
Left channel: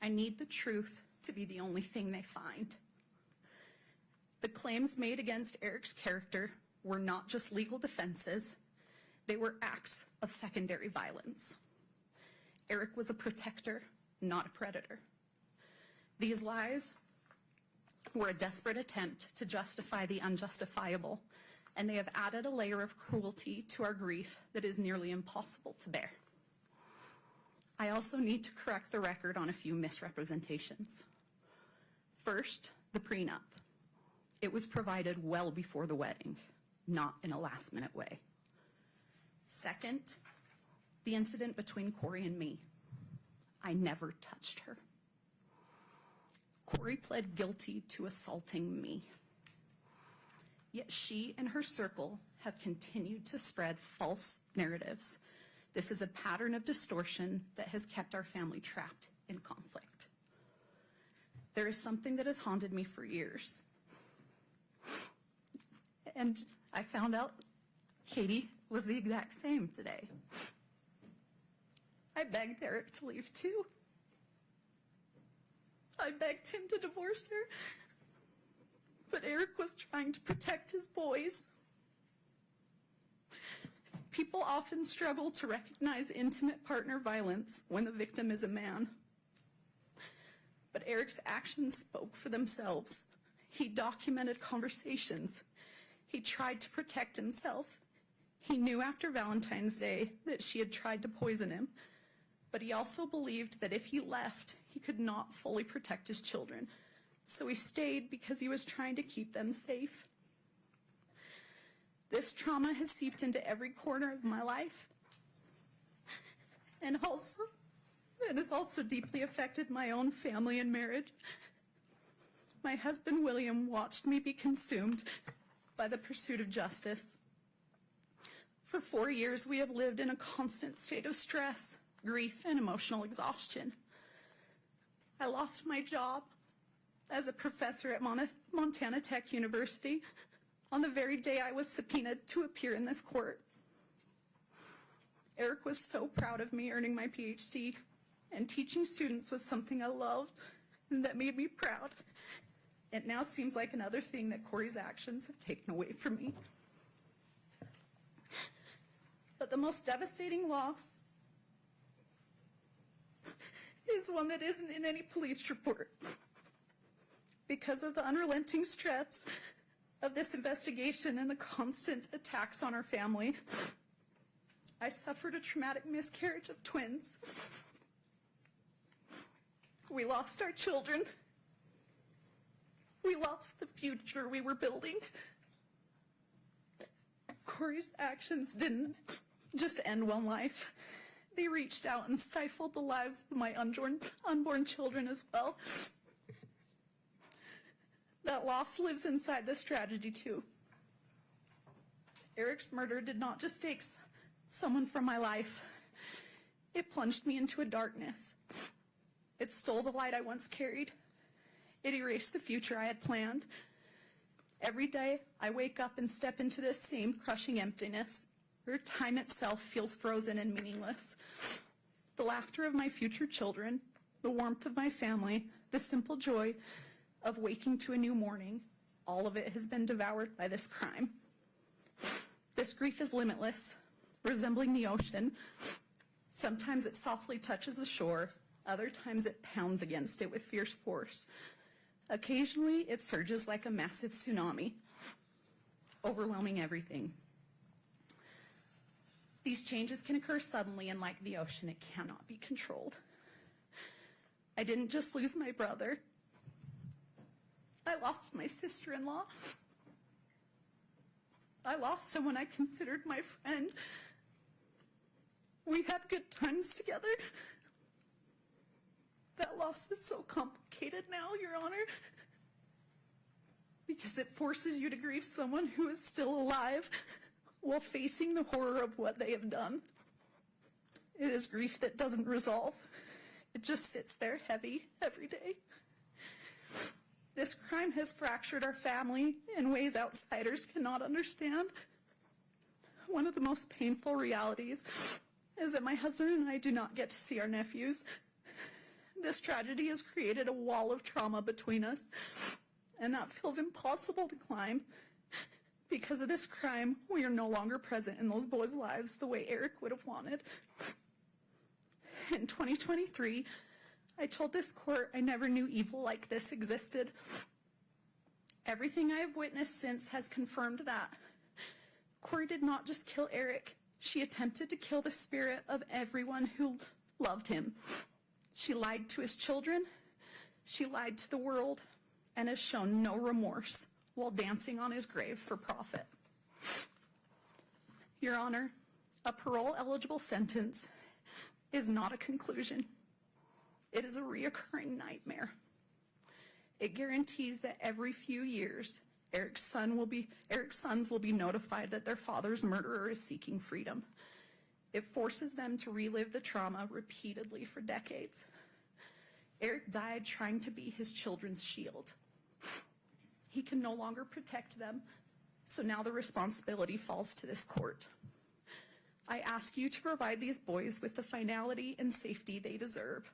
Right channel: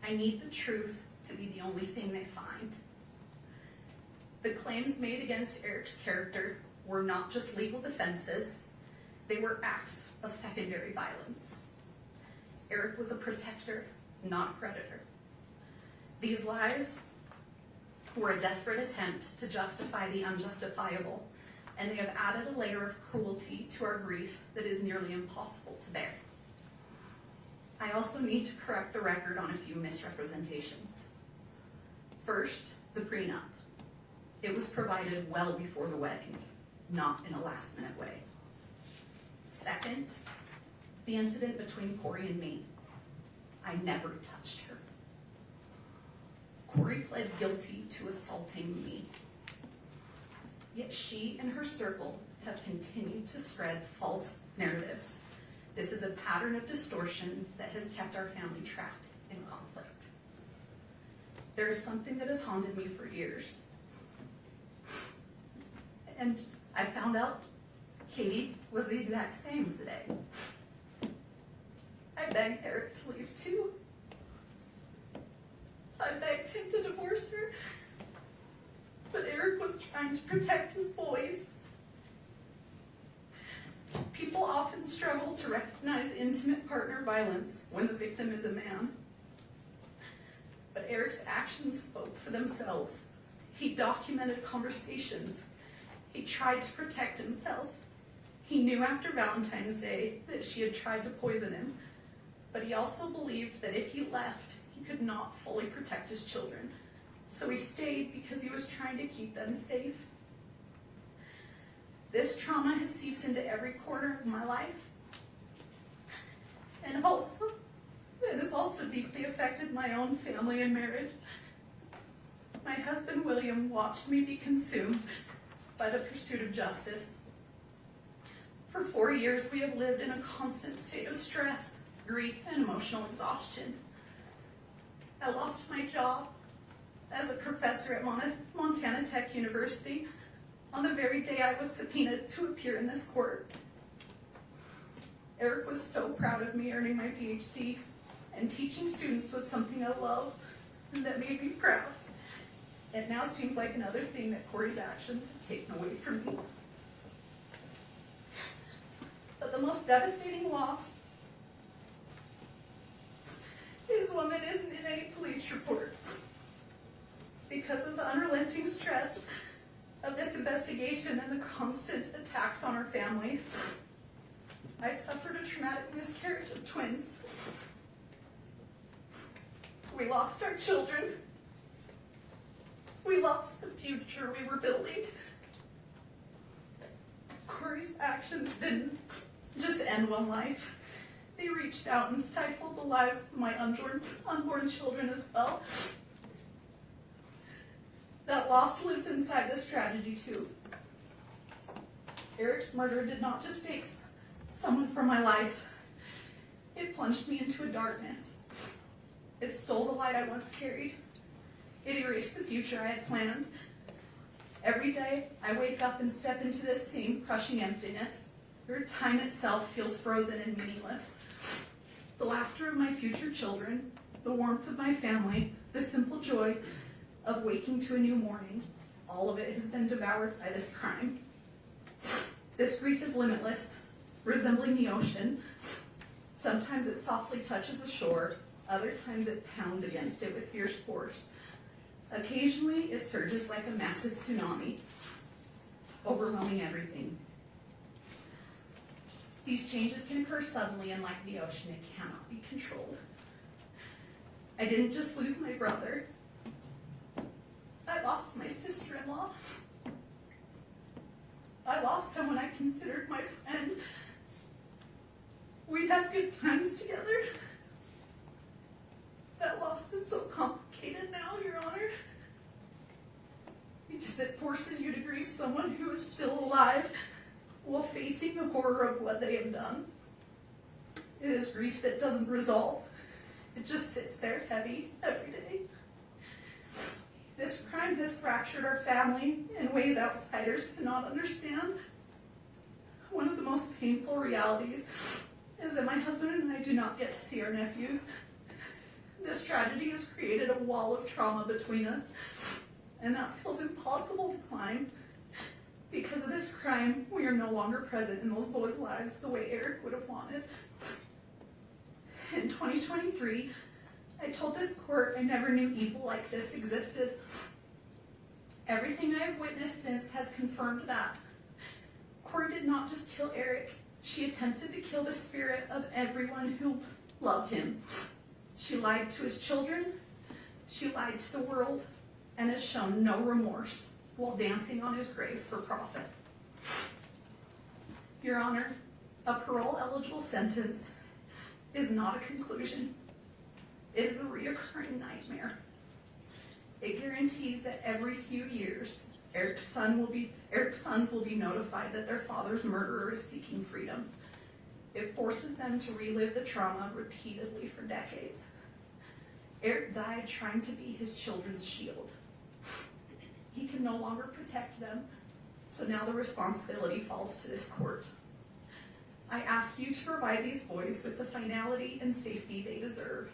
I need the truth to be the only thing they find. The claims made against Eric's character were not just legal defenses, they were acts of secondary violence. Eric was a protector, not a predator. These lies were a desperate attempt to justify the unjustifiable, and they have added a layer of cruelty to our grief that is nearly impossible to bear. I also need to correct the record on a few misrepresentations. First, the prenup. It was provided well before the wedding, not in a last-minute way. Second, the incident between Kouri and me. I never touched her. Kouri pled guilty to assaulting me. Yet she and her circle have continued to spread false narratives. This is a pattern of distortion that has kept our family trapped in conflict. There is something that has haunted me for years. And I found out Katie was the exact same today. I begged Eric to leave too. I begged him to divorce her. But Eric was trying to protect his boys. People often struggle to recognize intimate partner violence when the victim is a man. But Eric's actions spoke for themselves. He documented conversations. He tried to protect himself. He knew after Valentine's Day that she had tried to poison him, but he also believed that if he left, he could not fully protect his children. So he stayed because he was trying to keep them safe. This trauma has seeped into every corner of my life. And also, it has also deeply affected my own family and marriage. My husband, William, watched me be consumed by the pursuit of justice. For 4 years, we have lived in a constant state of stress, grief, and emotional exhaustion. I lost my job as a professor at Montana Tech University on the very day I was subpoenaed to appear in this court. Eric was so proud of me earning my PhD, and teaching students was something I loved and that made me proud. It now seems like another thing that Kouri's actions have taken away from me. But the most devastating loss is one that isn't in any police report. Because of the unrelenting stress of this investigation and the constant attacks on our family, I suffered a traumatic miscarriage of twins. We lost our children. We lost the future we were building. Kouri's actions didn't just end one life. They reached out and stifled the lives of my unborn children as well. That loss lives inside this tragedy too. Eric's murder did not just take someone from my life. It plunged me into a darkness. It stole the light I once carried. It erased the future I had planned. Every day, I wake up and step into this same crushing emptiness, where time itself feels frozen and meaningless. The laughter of my future children, the warmth of my family, the simple joy of waking to a new morning, all of it has been devoured by this crime. This grief is limitless, resembling the ocean. Sometimes it softly touches the shore, other times it pounds against it with fierce force. Occasionally, it surges like a massive tsunami, overwhelming everything. These changes can occur suddenly, and like the ocean, it cannot be controlled. I didn't just lose my brother. I lost my sister-in-law. I lost someone I considered my friend. We'd had good times together. That loss is so complicated now, Your Honor, because it forces you to grieve someone who is still alive while facing the horror of what they have done. It is grief that doesn't resolve. It just sits there heavy every day. This crime has fractured our family in ways outsiders cannot understand. One of the most painful realities is that my husband and I do not get to see our nephews. This tragedy has created a wall of trauma between us, and that feels impossible to climb. Because of this crime, we are no longer present in those boys' lives the way Eric would have wanted. In 2023, I told this court I never knew evil like this existed. Everything I have witnessed since has confirmed that. Kouri did not just kill Eric, she attempted to kill the spirit of everyone who loved him. She lied to his children, she lied to the world, and has shown no remorse while dancing on his grave for profit. Your Honor, a parole-eligible sentence is not a conclusion. It is a reoccurring nightmare. It guarantees that every few years, Eric's sons will be notified that their father's murderer is seeking freedom. It forces them to relive the trauma repeatedly for decades. Eric died trying to be his children's shield. He can no longer protect them, so now the responsibility falls to this court. I ask you to provide these boys with the finality and safety they deserve.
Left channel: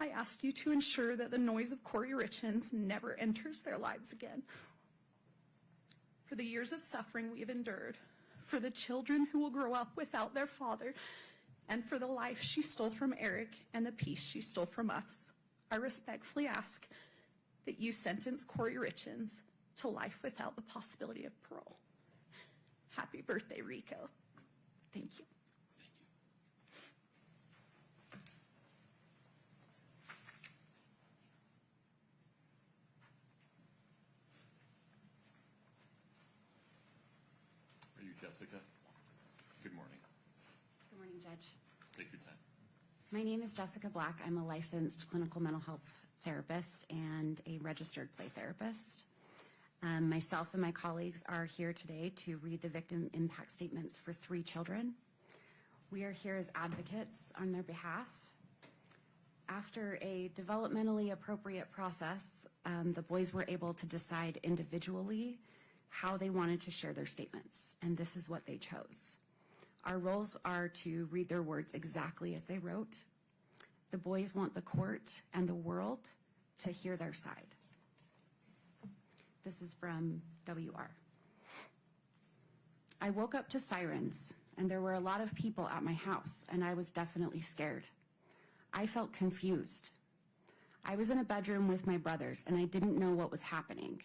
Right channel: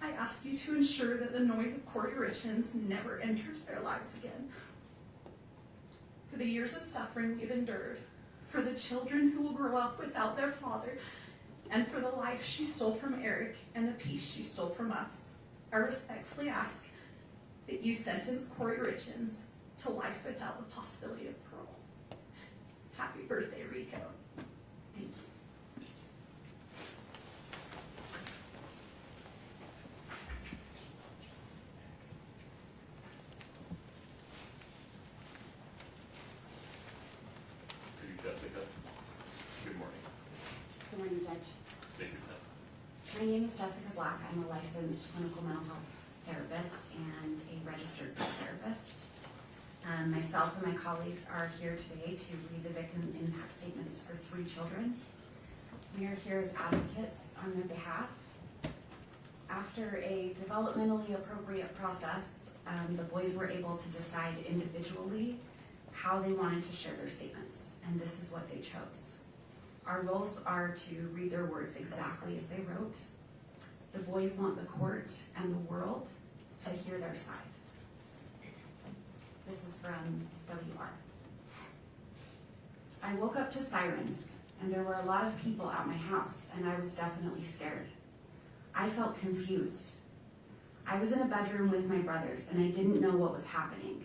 I ask you to ensure that the noise of Kouri Richins never enters their lives again. For the years of suffering we have endured, for the children who will grow up without their father, and for the life she stole from Eric and the peace she stole from us, I respectfully ask that you sentence Kouri Richins to life without the possibility of parole. Happy birthday, Rico. Thank you. Are you Jessica? Good morning. Good morning, Judge. Take your time. My name is Jessica Black. I'm a licensed clinical mental health therapist and a registered therapist. Myself and my colleagues are here today to read the victim impact statements for 3 children. We are here as advocates on their behalf. After a developmentally appropriate process, the boys were able to decide individually how they wanted to share their statements, and this is what they chose. Our roles are to read their words exactly as they wrote. The boys want the court and the world to hear their side. This is from WR. I woke up to sirens, and there were a lot of people at my house, and I was definitely scared. I felt confused. I was in a bedroom with my brothers, and I didn't know what was happening.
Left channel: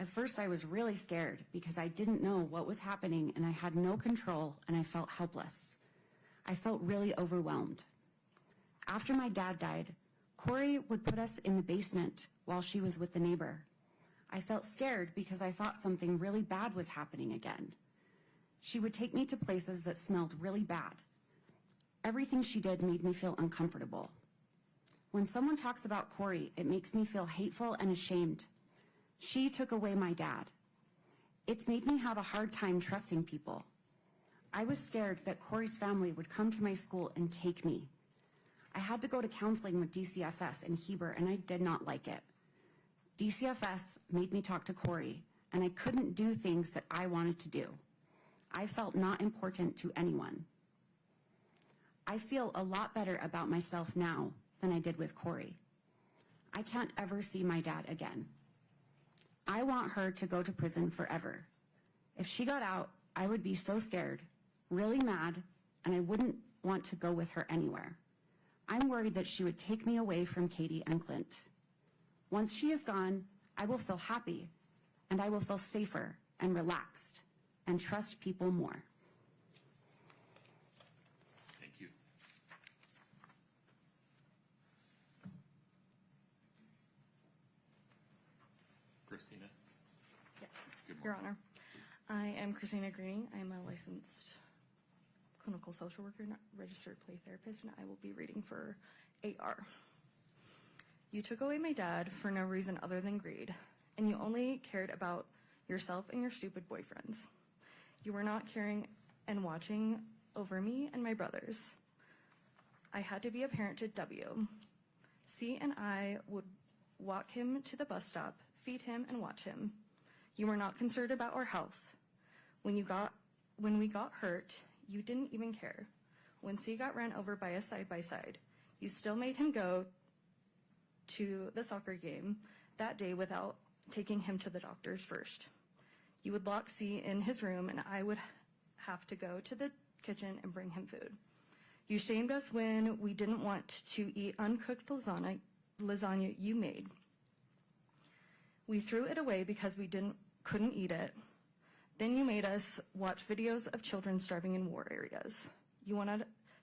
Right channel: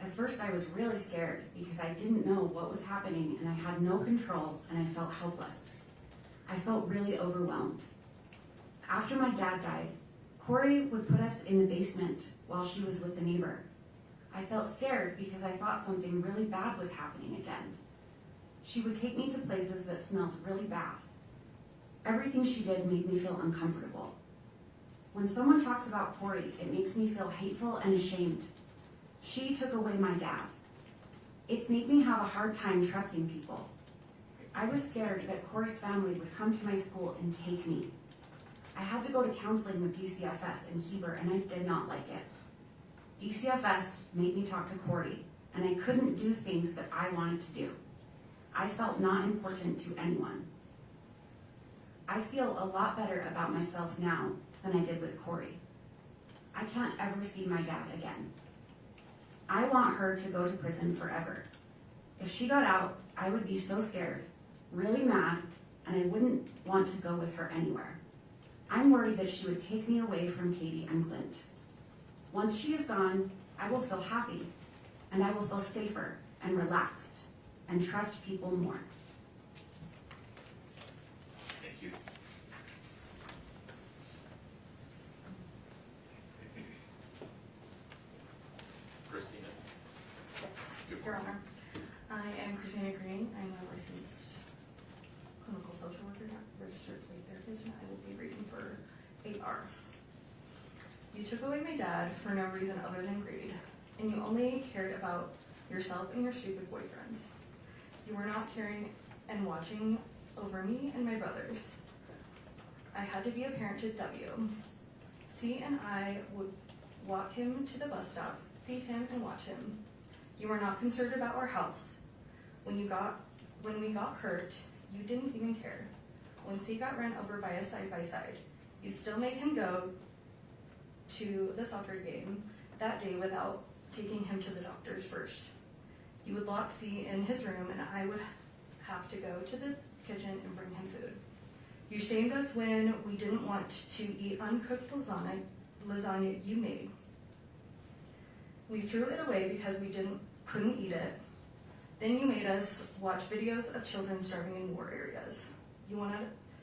At first, I was really scared because I didn't know what was happening, and I had no control, and I felt helpless. I felt really overwhelmed. After my dad died, Kouri would put us in the basement while she was with the neighbor. I felt scared because I thought something really bad was happening again. She would take me to places that smelled really bad. Everything she did made me feel uncomfortable. When someone talks about Kouri, it makes me feel hateful and ashamed. She took away my dad. It's made me have a hard time trusting people. I was scared that Kouri's family would come to my school and take me. I had to go to counseling with DCFS in Heber, and I did not like it. DCFS made me talk to Kouri, and I couldn't do things that I wanted to do. I felt not important to anyone. I feel a lot better about myself now than I did with Kouri. I can't ever see my dad again. I want her to go to prison forever. If she got out, I would be so scared, really mad, and I wouldn't want to go with her anywhere. I'm worried that she would take me away from Katie and Clint. Once she is gone, I will feel happy, and I will feel safer and relaxed, and trust people more. Thank you. Christina? Yes, Your Honor. I am Christina Green. I'm a licensed clinical social worker, not registered plea therapist, and I will be reading for 8R. You took away my dad for no reason other than greed, and you only cared about yourself and your stupid boyfriends. You were not caring and watching over me and my brothers. I had to be a parent to W. C and I would walk him to the bus stop, feed him, and watch him. You were not concerned about our health. When we got hurt, you didn't even care. When C got ran over by a side-by-side, you still made him go to the soccer game that day without taking him to the doctors first. You would lock C in his room, and I would have to go to the kitchen and bring him food. You shamed us when we didn't want to eat uncooked lasagna you made. We threw it away because we couldn't eat it. Then you made us watch videos of children starving in war areas. You wanted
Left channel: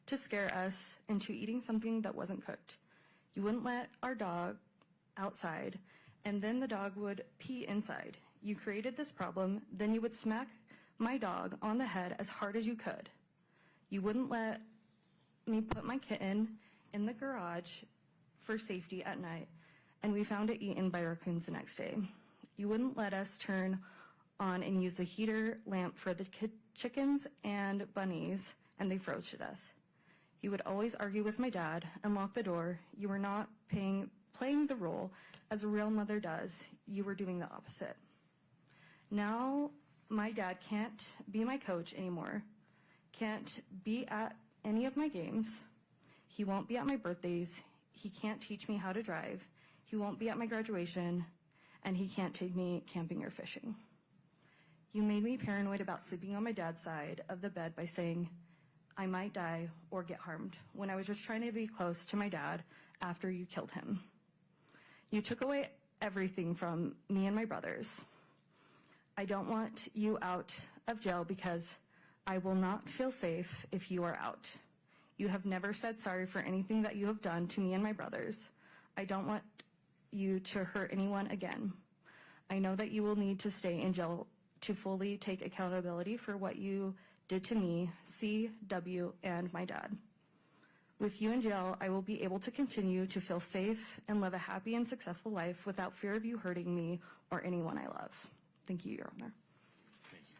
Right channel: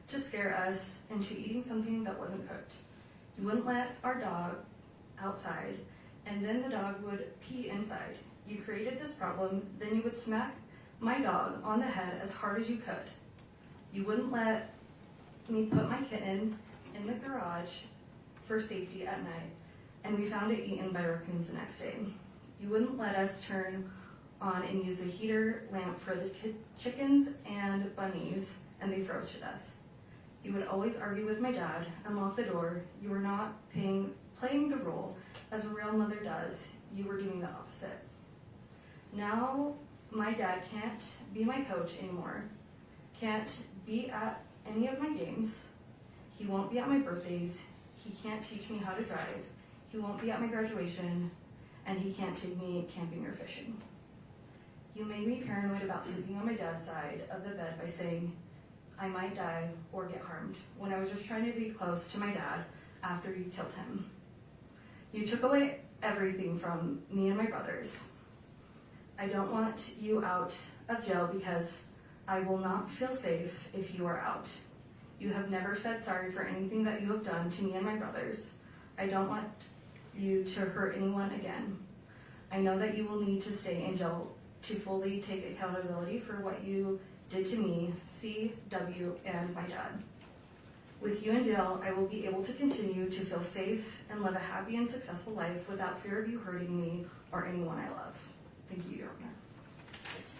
to scare us into eating something that wasn't cooked. You wouldn't let our dog outside, and then the dog would pee inside. You created this problem, then you would smack my dog on the head as hard as you could. You wouldn't let me put my kitten in the garage for safety at night, and we found it eaten by raccoons the next day. You wouldn't let us turn on and use the heater lamp for the chickens and bunnies, and they froze to death. You would always argue with my dad and lock the door. You were not playing the role as a real mother does. You were doing the opposite. Now my dad can't be my coach anymore, can't be at any of my games. He won't be at my birthdays. He can't teach me how to drive. He won't be at my graduation, and he can't take me camping or fishing. You made me paranoid about sleeping on my dad's side of the bed by saying I might die or get harmed when I was just trying to be close to my dad after you killed him. You took away everything from me and my brothers. I don't want you out of jail because I will not feel safe if you are out. You have never said sorry for anything that you have done to me and my brothers. I don't want you to hurt anyone again. I know that you will need to stay in jail to fully take accountability for what you did to me, C, W, and my dad. With you in jail, I will be able to continue to feel safe and live a happy and successful life without fear of you hurting me or anyone I love. Thank you, Your Honor. Thank you.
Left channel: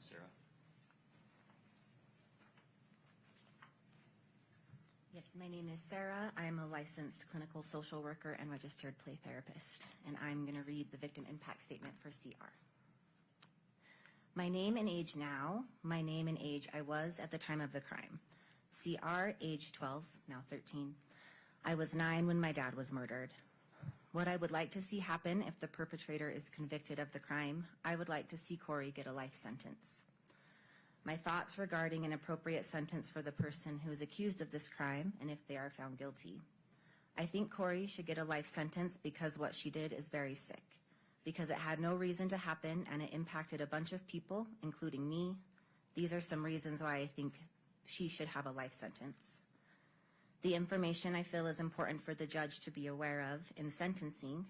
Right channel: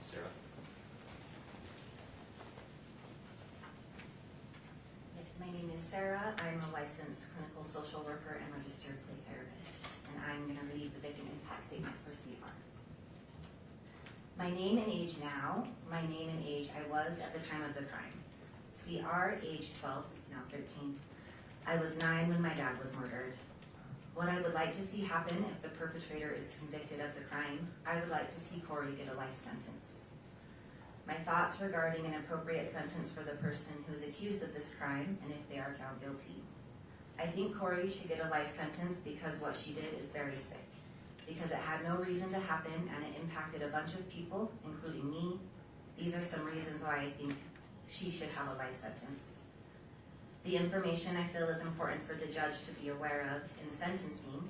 Sarah? Yes, my name is Sarah. I'm a licensed clinical social worker and registered plea therapist, and I'm going to read the victim impact statement for CR. My name and age now, my name and age I was at the time of the crime. CR, age 12, now 13. I was 9 when my dad was murdered. What I would like to see happen if the perpetrator is convicted of the crime, I would like to see Kouri get a life sentence. My thoughts regarding an appropriate sentence for the person who is accused of this crime and if they are found guilty. I think Kouri should get a life sentence because what she did is very sick, because it had no reason to happen and it impacted a bunch of people, including me. These are some reasons why I think she should have a life sentence. The information I feel is important for the judge to be aware of in sentencing.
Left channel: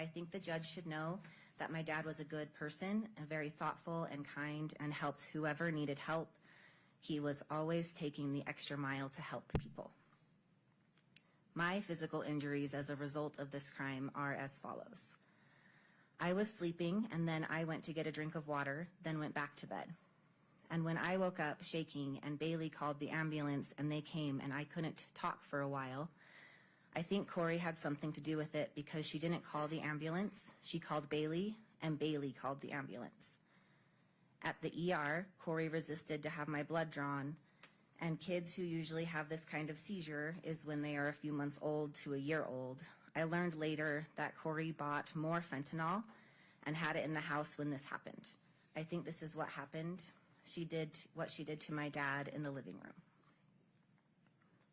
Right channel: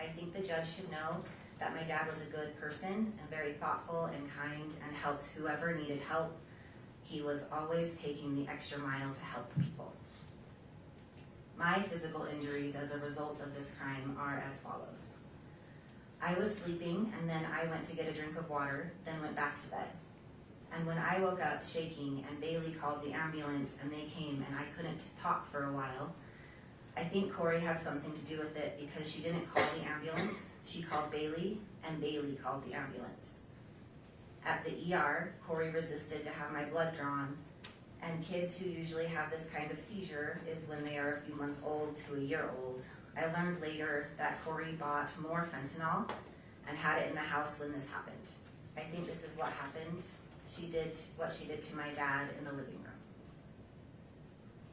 I think the judge should know that my dad was a good person and very thoughtful and kind and helped whoever needed help. He was always taking the extra mile to help people. My physical injuries as a result of this crime are as follows. I was sleeping and then I went to get a drink of water, then went back to bed. And when I woke up shaking and Bailey called the ambulance and they came and I couldn't talk for a while, I think Kouri had something to do with it because she didn't call the ambulance, she called Bailey and Bailey called the ambulance. At the ER, Kouri resisted to have my blood drawn, and kids who usually have this kind of seizure is when they are a few months old to a year old. I learned later that Kouri bought more fentanyl and had it in the house when this happened. I think this is what happened. She did what she did to my dad in the living room.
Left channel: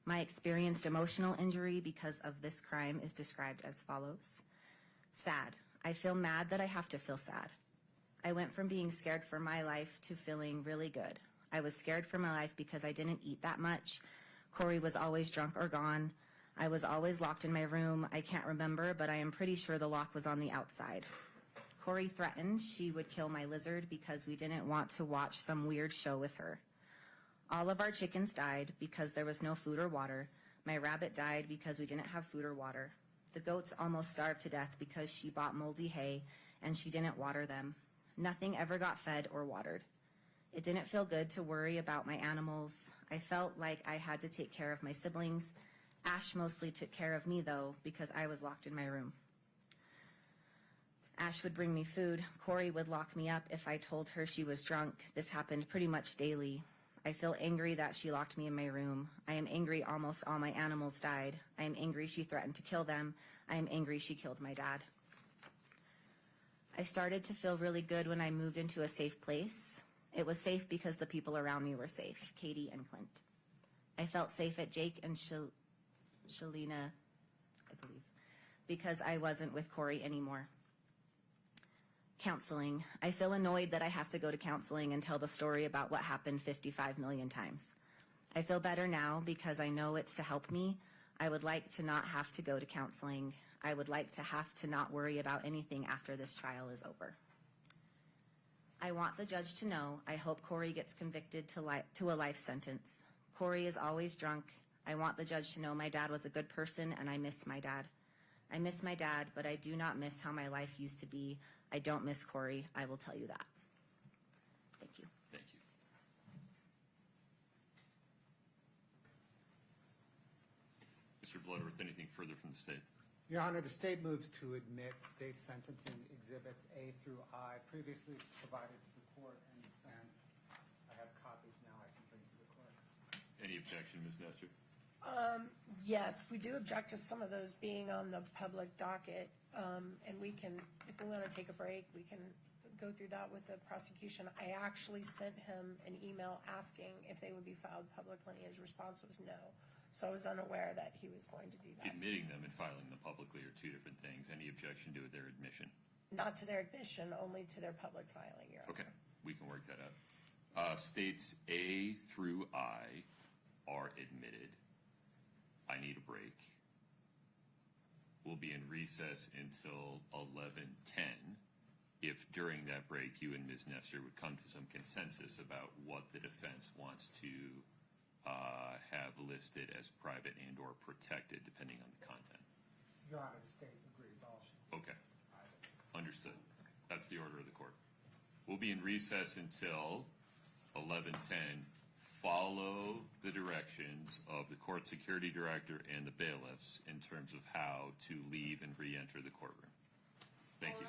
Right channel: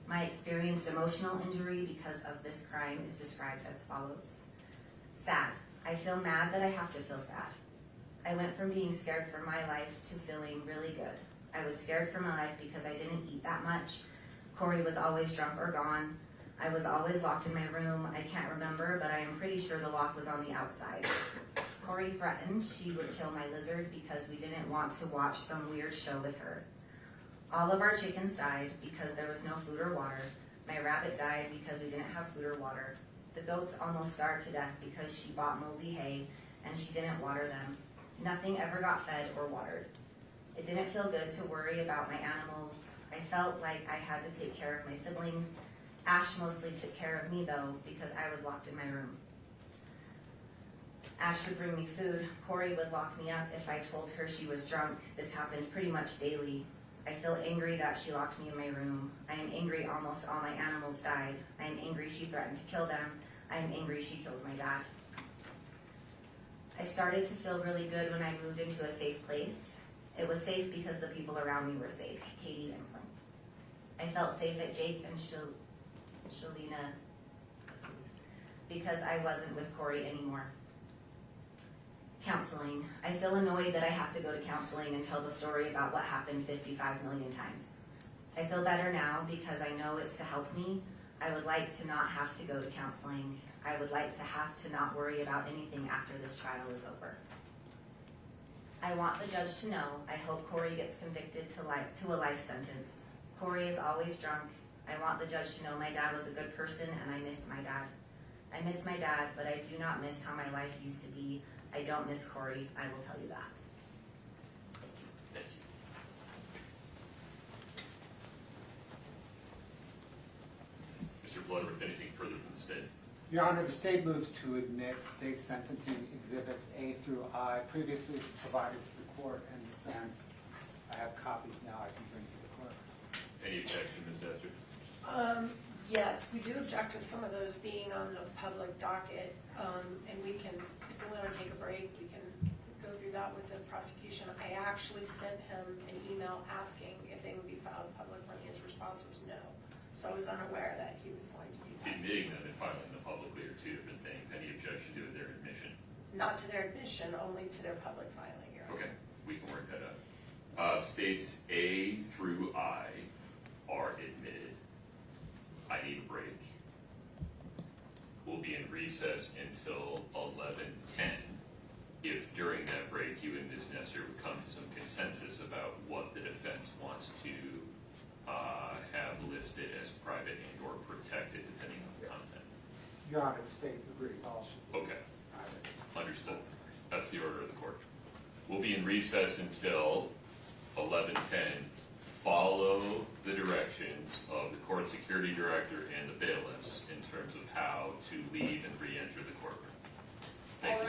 My experienced emotional injury because of this crime is described as follows. Sad. I feel mad that I have to feel sad. I went from being scared for my life to feeling really good. I was scared for my life because I didn't eat that much. Kouri was always drunk or gone. I was always locked in my room. I can't remember, but I am pretty sure the lock was on the outside. Kouri threatened she would kill my lizard because we didn't want to watch some weird show with her. All of our chickens died because there was no food or water. My rabbit died because we didn't have food or water. The goats almost starved to death because she bought moldy hay and she didn't water them. Nothing ever got fed or watered. It didn't feel good to worry about my animals. I felt like I had to take care of my siblings. Ash mostly took care of me though because I was locked in my room. Ash would bring me food. Kouri would lock me up if I told her she was drunk. This happened pretty much daily. I feel angry that she locked me in my room. I am angry almost all my animals died. I am angry she threatened to kill them. I am angry she killed my dad. I started to feel really good when I moved into a safe place. It was safe because the people around me were safe, Katie and Clint. I felt safe at Jake and Shalina because I wasn't with Kouri anymore. Counseling. I feel annoyed that I have to go to counseling and tell the story about what happened 55 million times. I feel better now because I know it's to help me. I would like to not have to go to counseling. I would like to have to not worry about anything after this trial is over. I want the judge to know I hope Kouri gets convicted to a life sentence. Kouri is always drunk. I want the judge to know my dad was a good person and I miss my dad. I miss my dad, but I do not miss how my life used to be. I don't miss Kouri, I will tell you that. Thank you. Mr. Bloodworth, anything further from the state? Your Honor, the state moves to admit state sentencing exhibits A through I previously provided to the court and defense. I have copies now I can bring to the clerk. Any objection, Ms. Dester? Yes, we do object to some of those being on the public docket, and we can, if we want to take a break, we can go through that with the prosecution. I actually sent him an email asking if they would be filed publicly. His response was no, so I was unaware that he was going to do that. Admitting them and filing them publicly are two different things. Any objection to their admission? Not to their admission, only to their public filing, Your Honor. Okay, we can work that out. States A through I are admitted. I need a break. We'll be in recess until 11:10. If during that break you and Ms. Nestor would come to some consensus about what the defense wants to have listed as private and or protected depending on the content. Your Honor, the state agrees all should be Okay, private. understood. That's the order of the court. We'll be in recess until 11:10. Follow the directions of the court security director and the bailiffs in terms of how to leave and re-enter the courtroom. Thank you.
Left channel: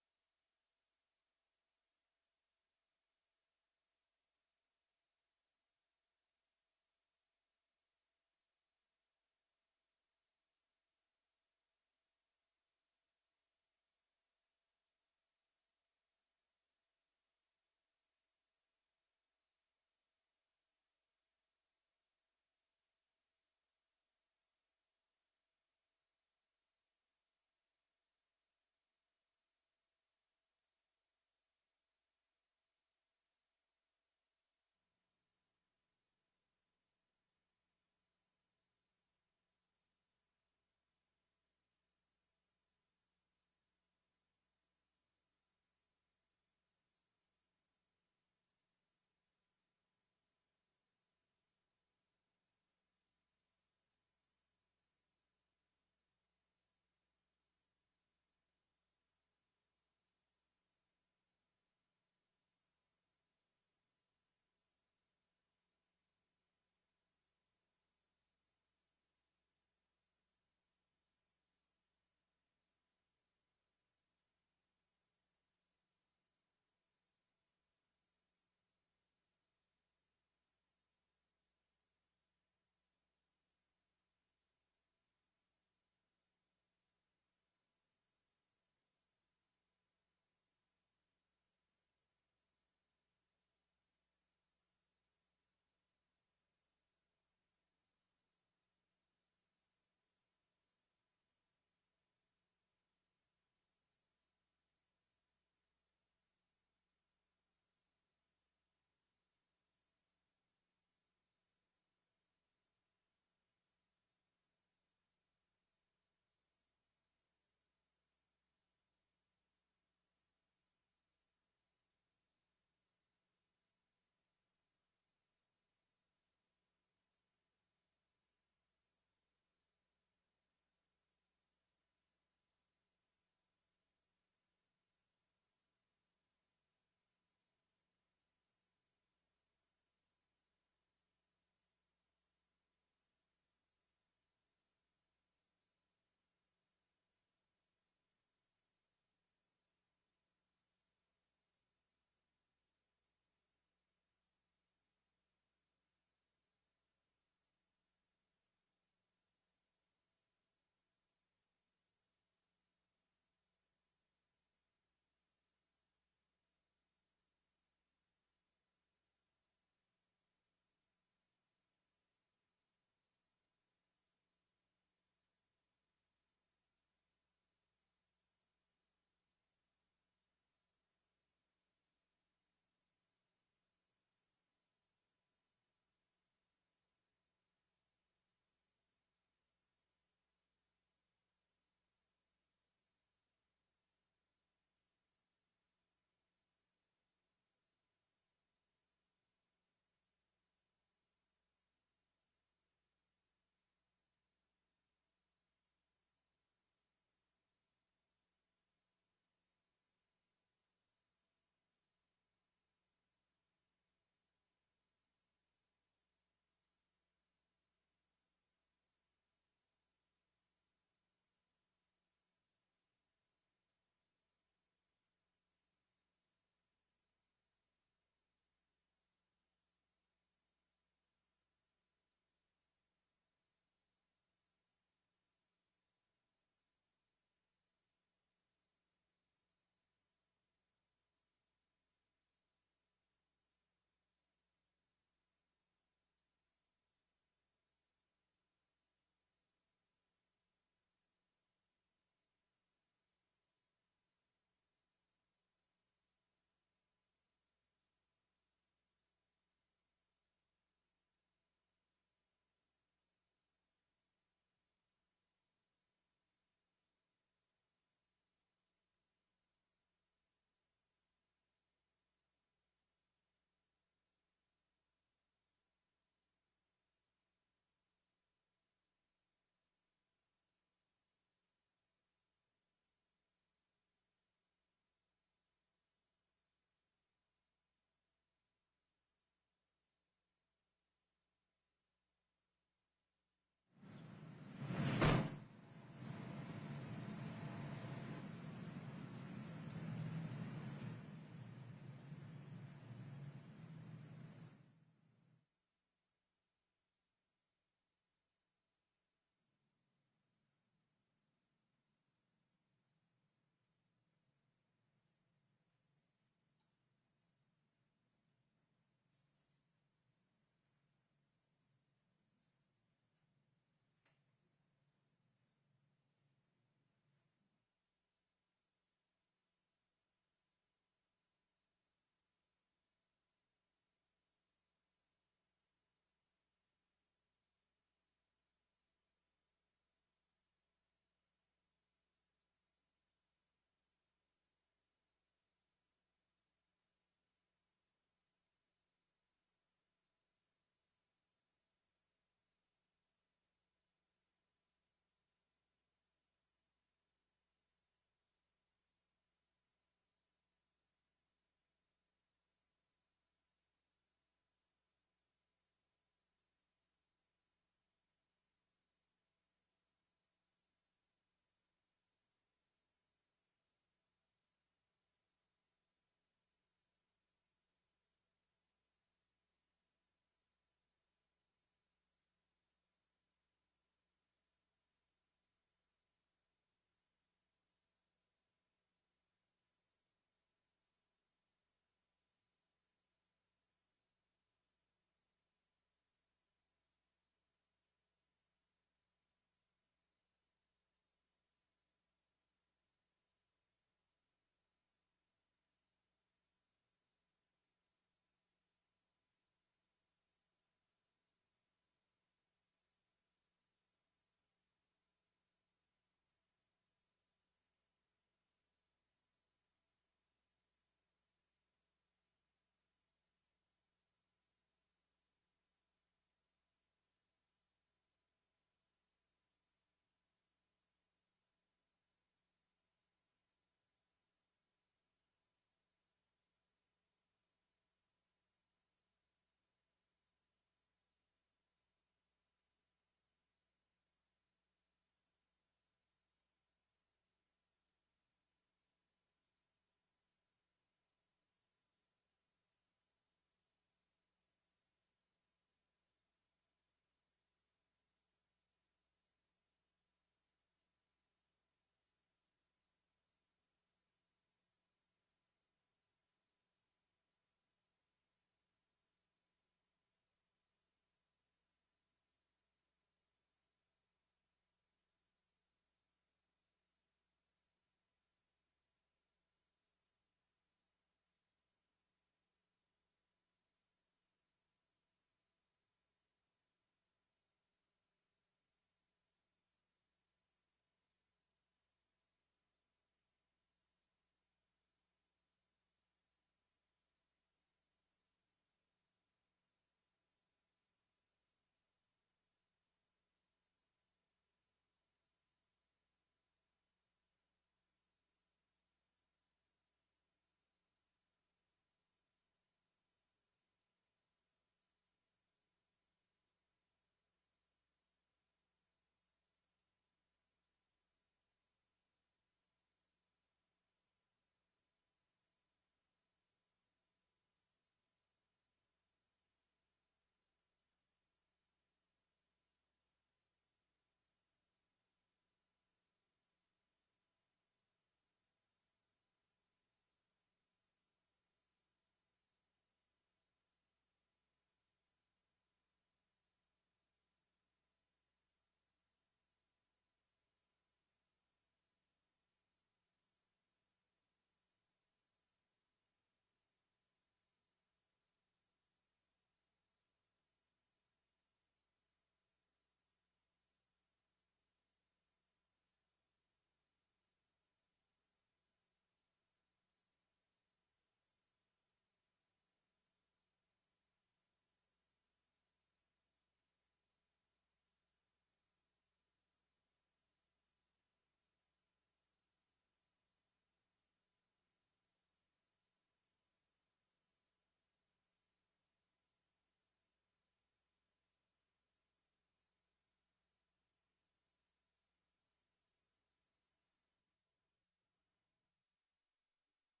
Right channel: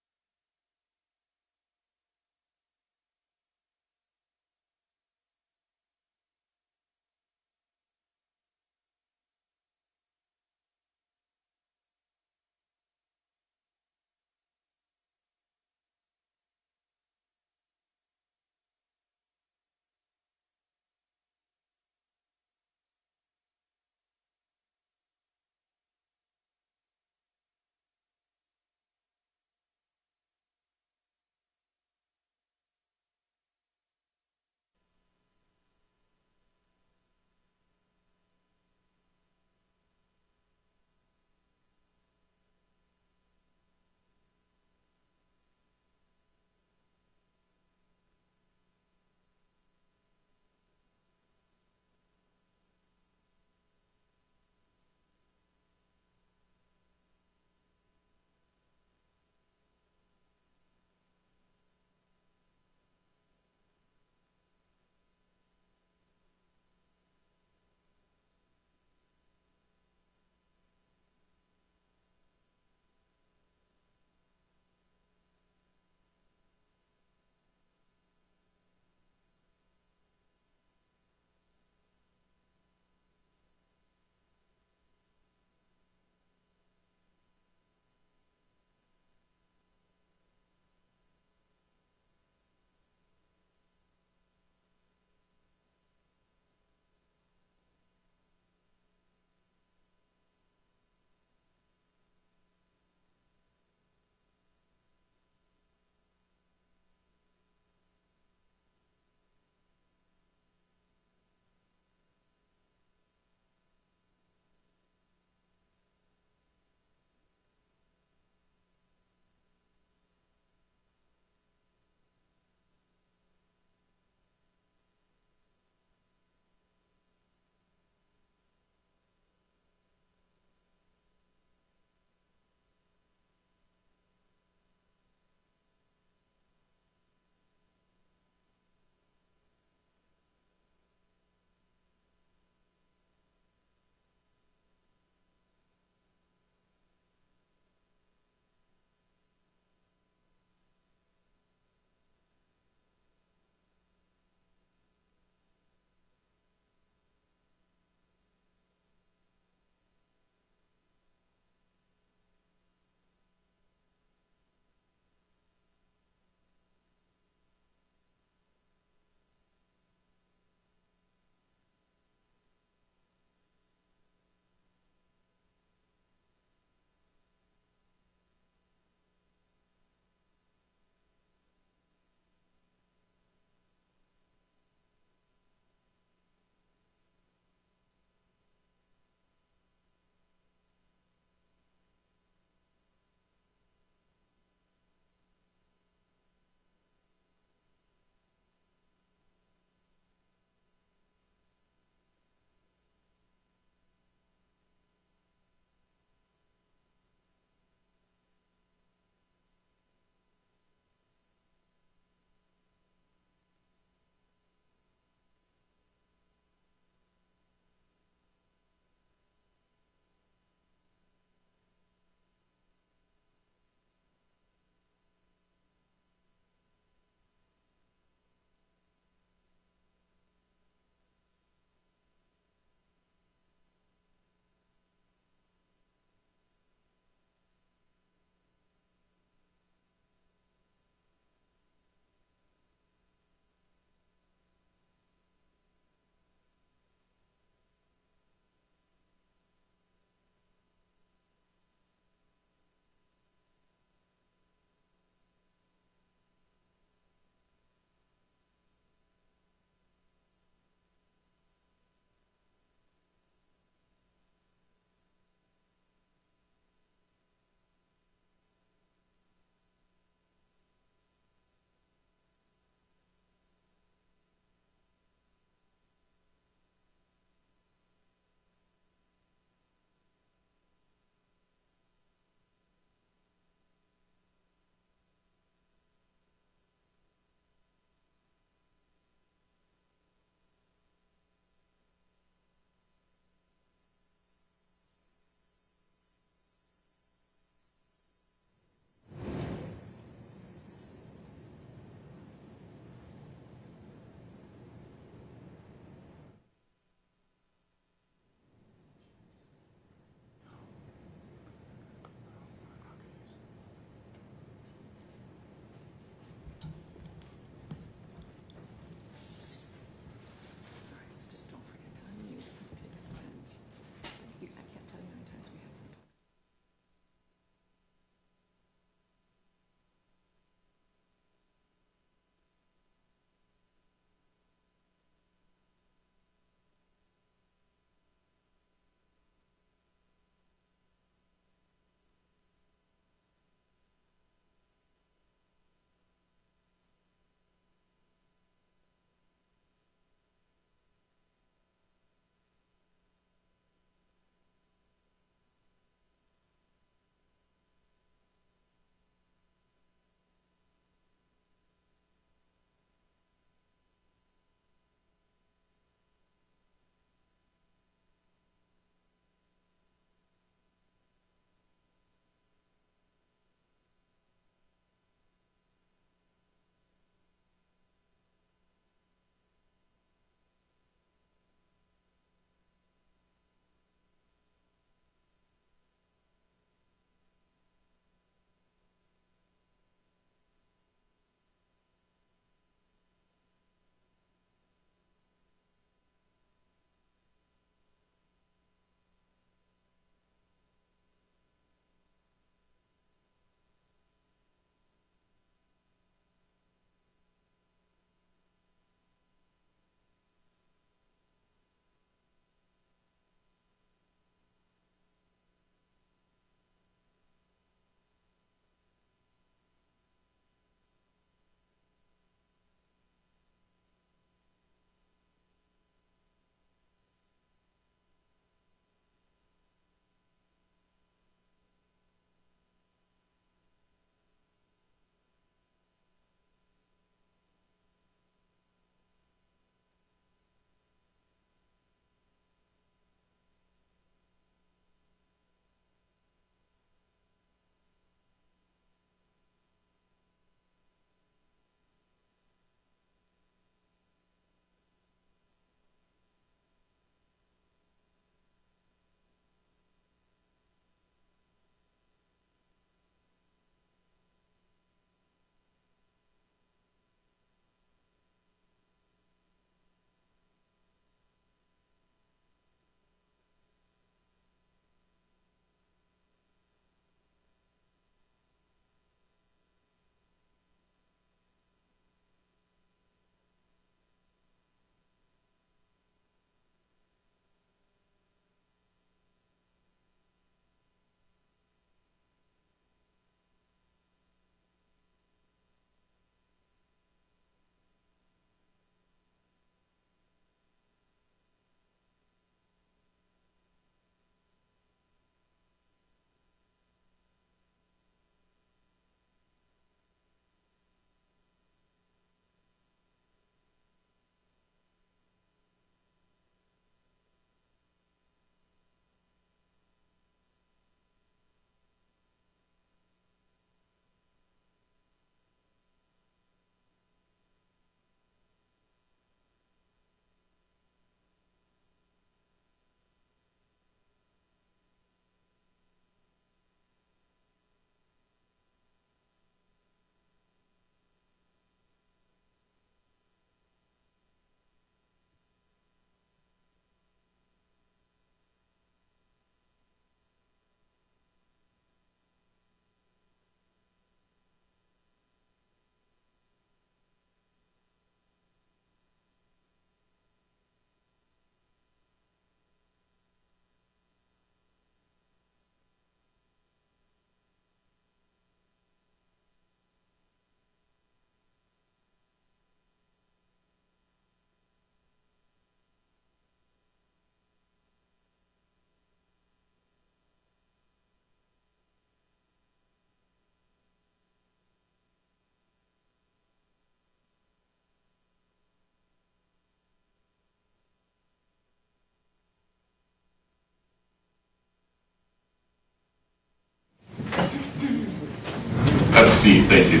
Have a seat, thank you.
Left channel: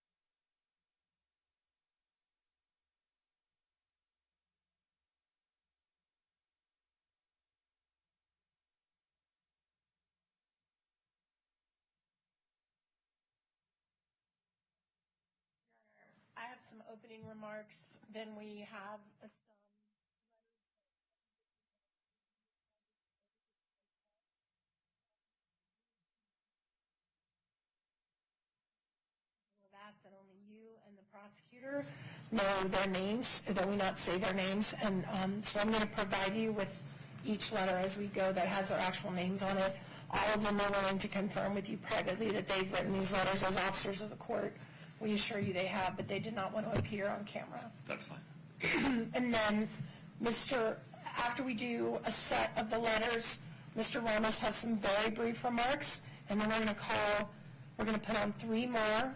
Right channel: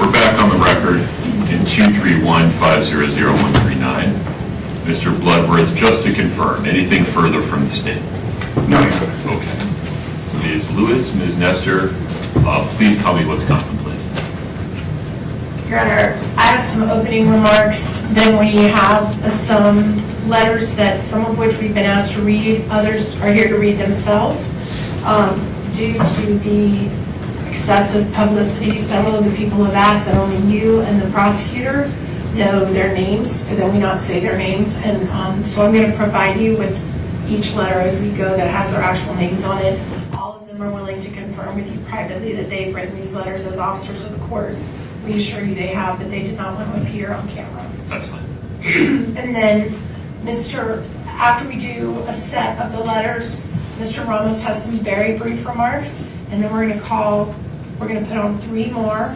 We're back on the record in 231-500-139. Mr. Bloodworth, just to confirm, anything further from the state? No, Your Honor. Okay. Ms. Lewis, Ms. Nestor, please tell me what's contemplated. Your Honor, I have some opening remarks, then we have some letters that some of which we've been asked to read, others are here to read themselves. Due to the excessive publicity, several of the people have asked that only you and the prosecutor know their names, and that we not say their names, and so I'm going to provide you with each letter as we go that has their actual names on it. All of them are willing to confirm with you privately that they've written these letters as officers of the court. We assure you they have, but they did not want to appear on camera. That's fine. And then, after we do a set of the letters, Mr. Ramos has some very brief remarks, and then we're going to put on 3 more.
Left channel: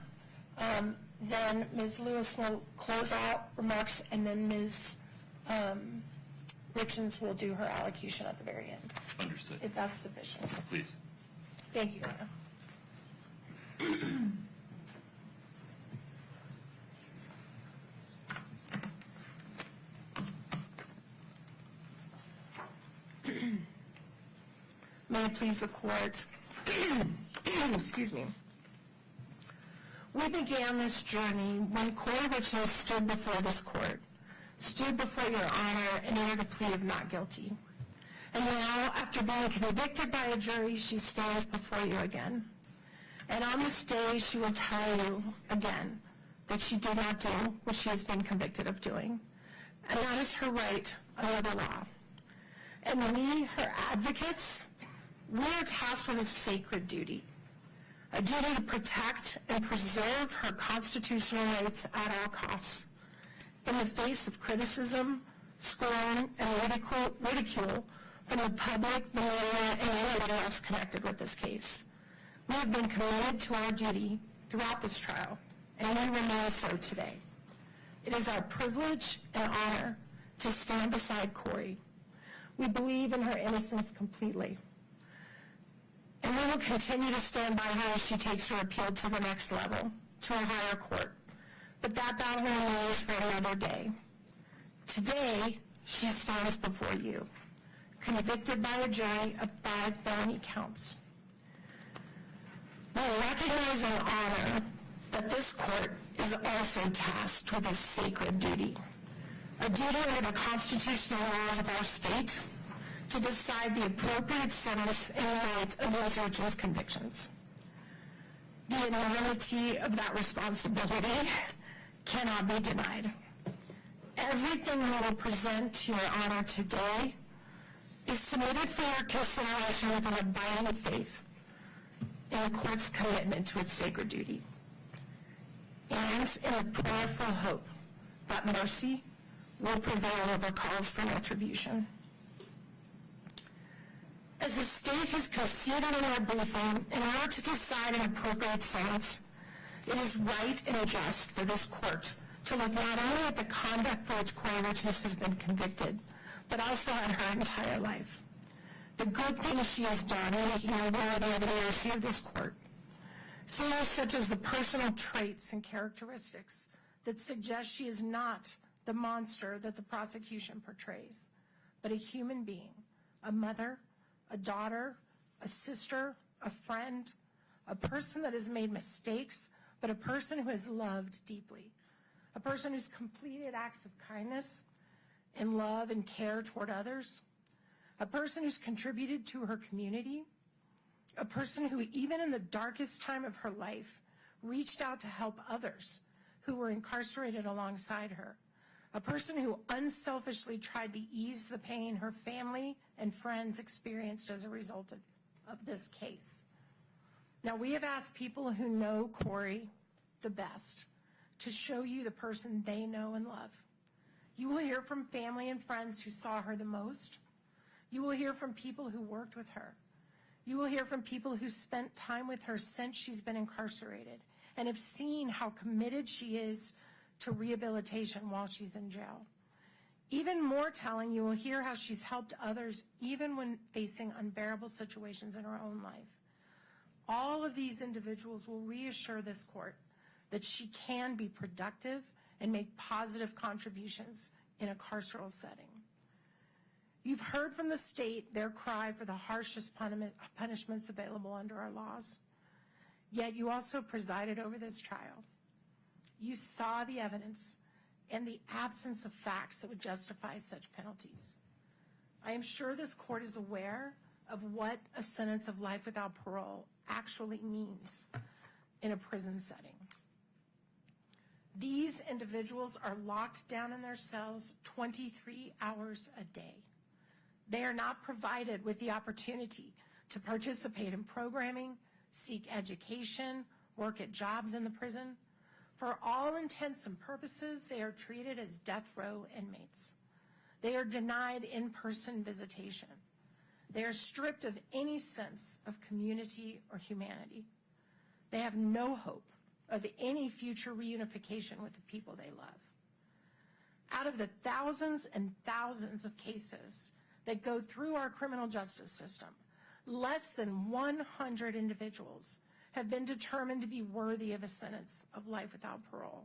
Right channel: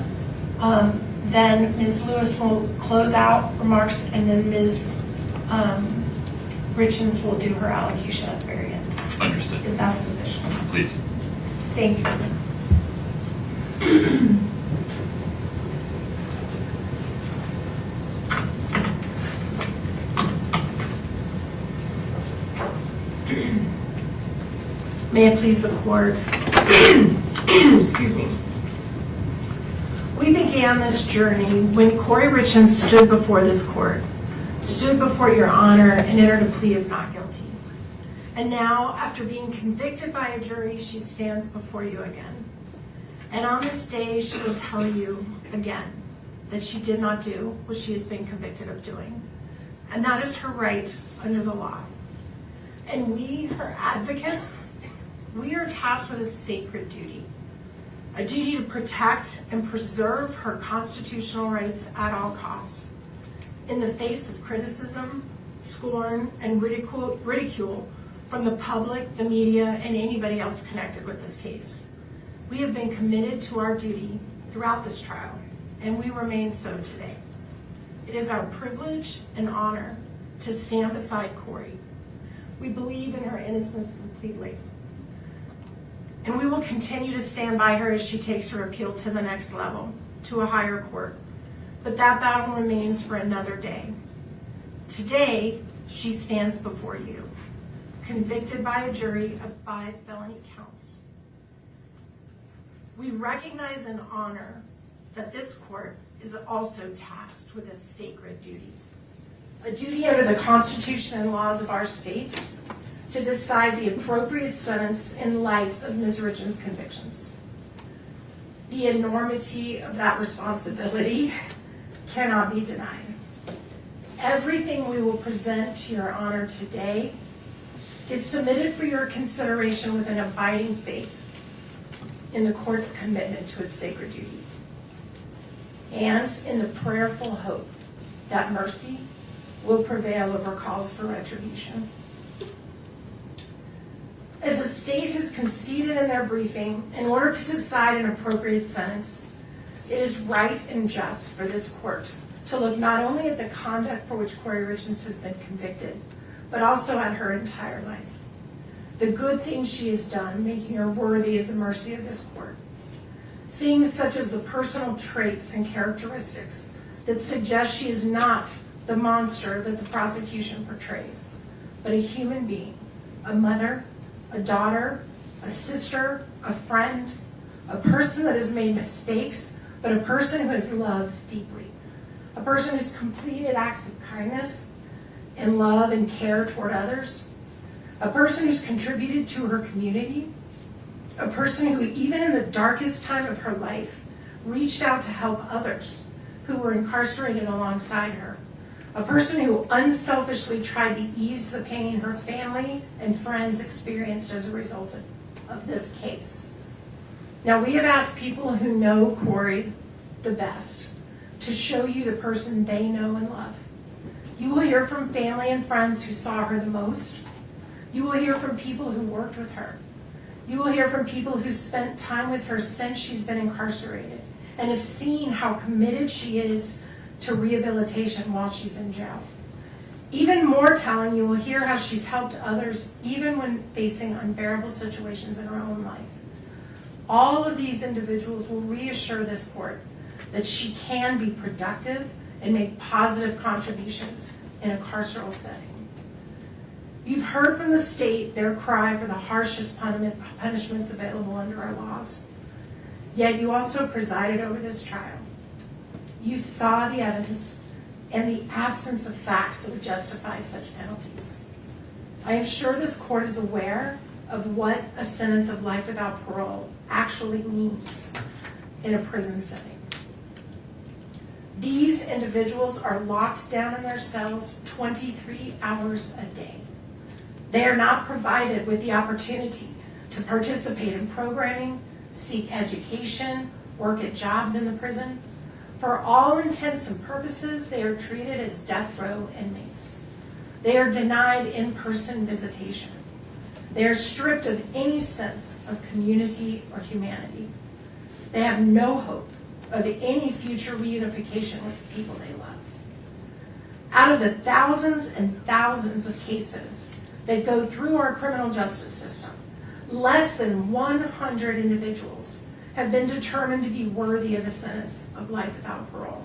Then Ms. Lewis will close out remarks, and then Ms. Richens will do her allocution at the very end. Understood. If that's sufficient. Please. Thank you. May it please the court. Excuse me. We began this journey when Kouri Richins stood before this court, stood before your honor, and entered a plea of not guilty. And now, after being convicted by a jury, she stands before you again. And on this day, she will tell you again that she did not do what she has been convicted of doing. And that is her right under the law. And we, her advocates, we are tasked with a sacred duty. A duty to protect and preserve her constitutional rights at all costs. In the face of criticism, scorn, and ridicule from the public, the media, and anybody else connected with this case. We have been committed to our duty throughout this trial, and we remain so today. It is our privilege and honor to stand beside Kouri. We believe in her innocence completely. And we will continue to stand by her as she takes her appeal to the next level, to a higher court. But that battle remains for another day. Today, she stands before you, convicted by a jury of 5 felony counts. We recognize and honor that this court is also tasked with a sacred duty. A duty under the Constitution and laws of our state to decide the appropriate sentence in light of Ms. Richins' convictions. The enormity of that responsibility cannot be denied. Everything we will present to your honor today is submitted for your consideration with an abiding faith in the court's commitment to its sacred duty, and in the prayerful hope that mercy will prevail over calls for retribution. As the state has conceded in their briefing, in order to decide an appropriate sentence, it is right and just for this court to look not only at the conduct for which Kouri Richins has been convicted, but also at her entire life. The good things she has done making her worthy of the mercy of this court. Things such as the personal traits and characteristics that suggest she is not the monster that the prosecution portrays, but a human being, a mother, a daughter, a sister, a friend, a person that has made mistakes, but a person who has loved deeply, a person who's completed acts of kindness and love and care toward others, a person who's contributed to her community, a person who, even in the darkest time of her life, reached out to help others who were incarcerated alongside her, a person who unselfishly tried to ease the pain her family and friends experienced as a result of this case. Now, we have asked people who know Kouri the best to show you the person they know and love. You will hear from family and friends who saw her the most. You will hear from people who worked with her. You will hear from people who spent time with her since she's been incarcerated and have seen how committed she is to rehabilitation while she's in jail. Even more telling, you will hear how she's helped others even when facing unbearable situations in her own life. All of these individuals will reassure this court that she can be productive and make positive contributions in a carceral setting. You've heard from the state their cry for the harshest punishments available under our laws. Yet you also presided over this trial. You saw the evidence and the absence of facts that would justify such penalties. I am sure this court is aware of what a sentence of life without parole actually means in a prison setting. These individuals are locked down in their cells 23 hours a day. They are not provided with the opportunity to participate in programming, seek education, work at jobs in the prison. For all intents and purposes, they are treated as death row inmates. They are denied in-person visitation. They are stripped of any sense of community or humanity. They have no hope of any future reunification with the people they love. Out of the thousands and thousands of cases that go through our criminal justice system, less than 100 individuals have been determined to be worthy of a sentence of life without parole.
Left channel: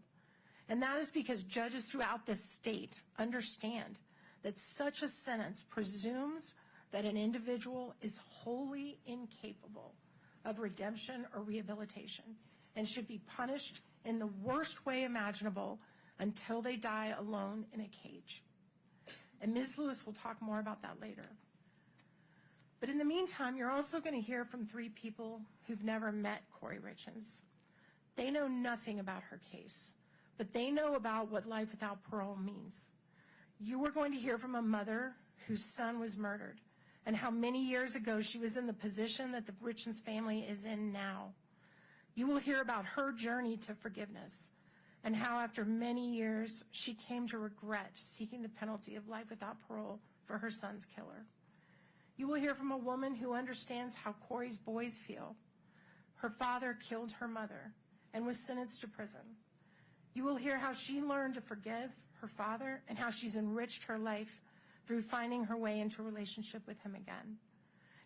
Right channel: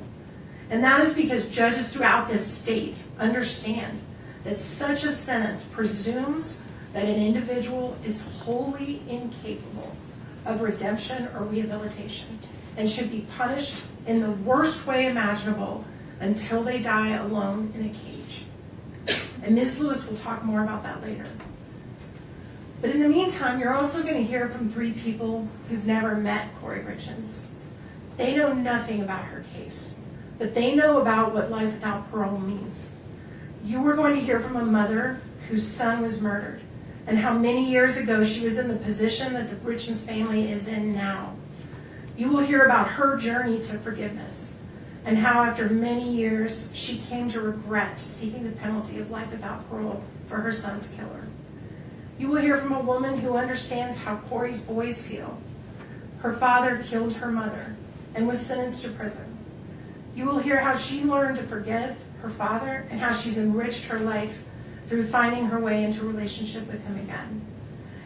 And that is because judges throughout this state understand that such a sentence presumes that an individual is wholly incapable of redemption or rehabilitation and should be punished in the worst way imaginable until they die alone in a cage. And Ms. Lewis will talk more about that later. But in the meantime, you're also going to hear from 3 people who've never met Kouri Richins. They know nothing about her case, but they know about what life without parole means. You are going to hear from a mother whose son was murdered, and how many years ago she was in the position that the Richins family is in now. You will hear about her journey to forgiveness, and how after many years she came to regret seeking the penalty of life without parole for her son's killer. You will hear from a woman who understands how Kouri's boys feel. Her father killed her mother and was sentenced to prison. You will hear how she learned to forgive her father and how she's enriched her life through finding her way into a relationship with him again.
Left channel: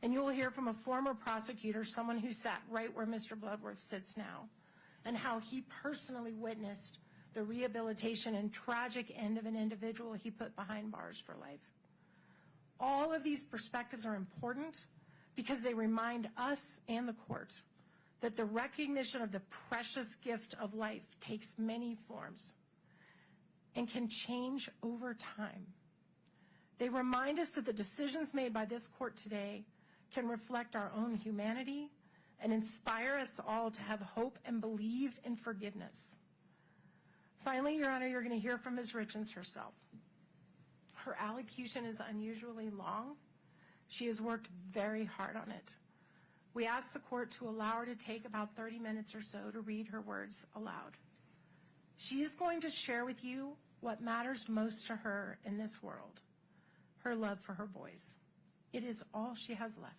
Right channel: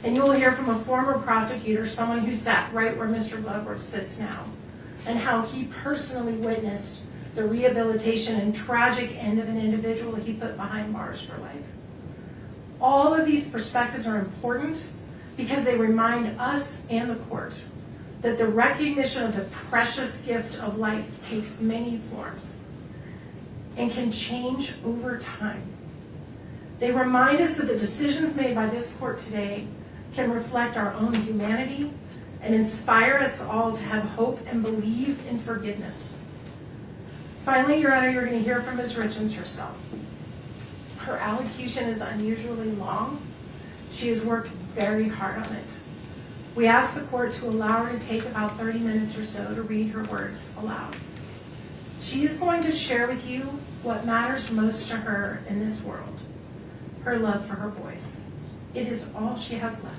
And you will hear from a former prosecutor, someone who sat right where Mr. Glover sits now, and how he personally witnessed the rehabilitation and tragic end of an individual he put behind bars for life. All of these perspectives are important because they remind us and the court that the recognition of the precious gift of life takes many forms and can change over time. They remind us that the decisions made by this court today can reflect our own humanity and inspire us all to have hope and believe in forgiveness. Finally, Your Honor, you're going to hear from Ms. Richins herself. Her allocution is unusually long. She has worked very hard on it. We ask the court to allow her to take about 30 minutes or so to read her words aloud. She is going to share with you what matters most to her in this world, her love for her boys. It is all she has left.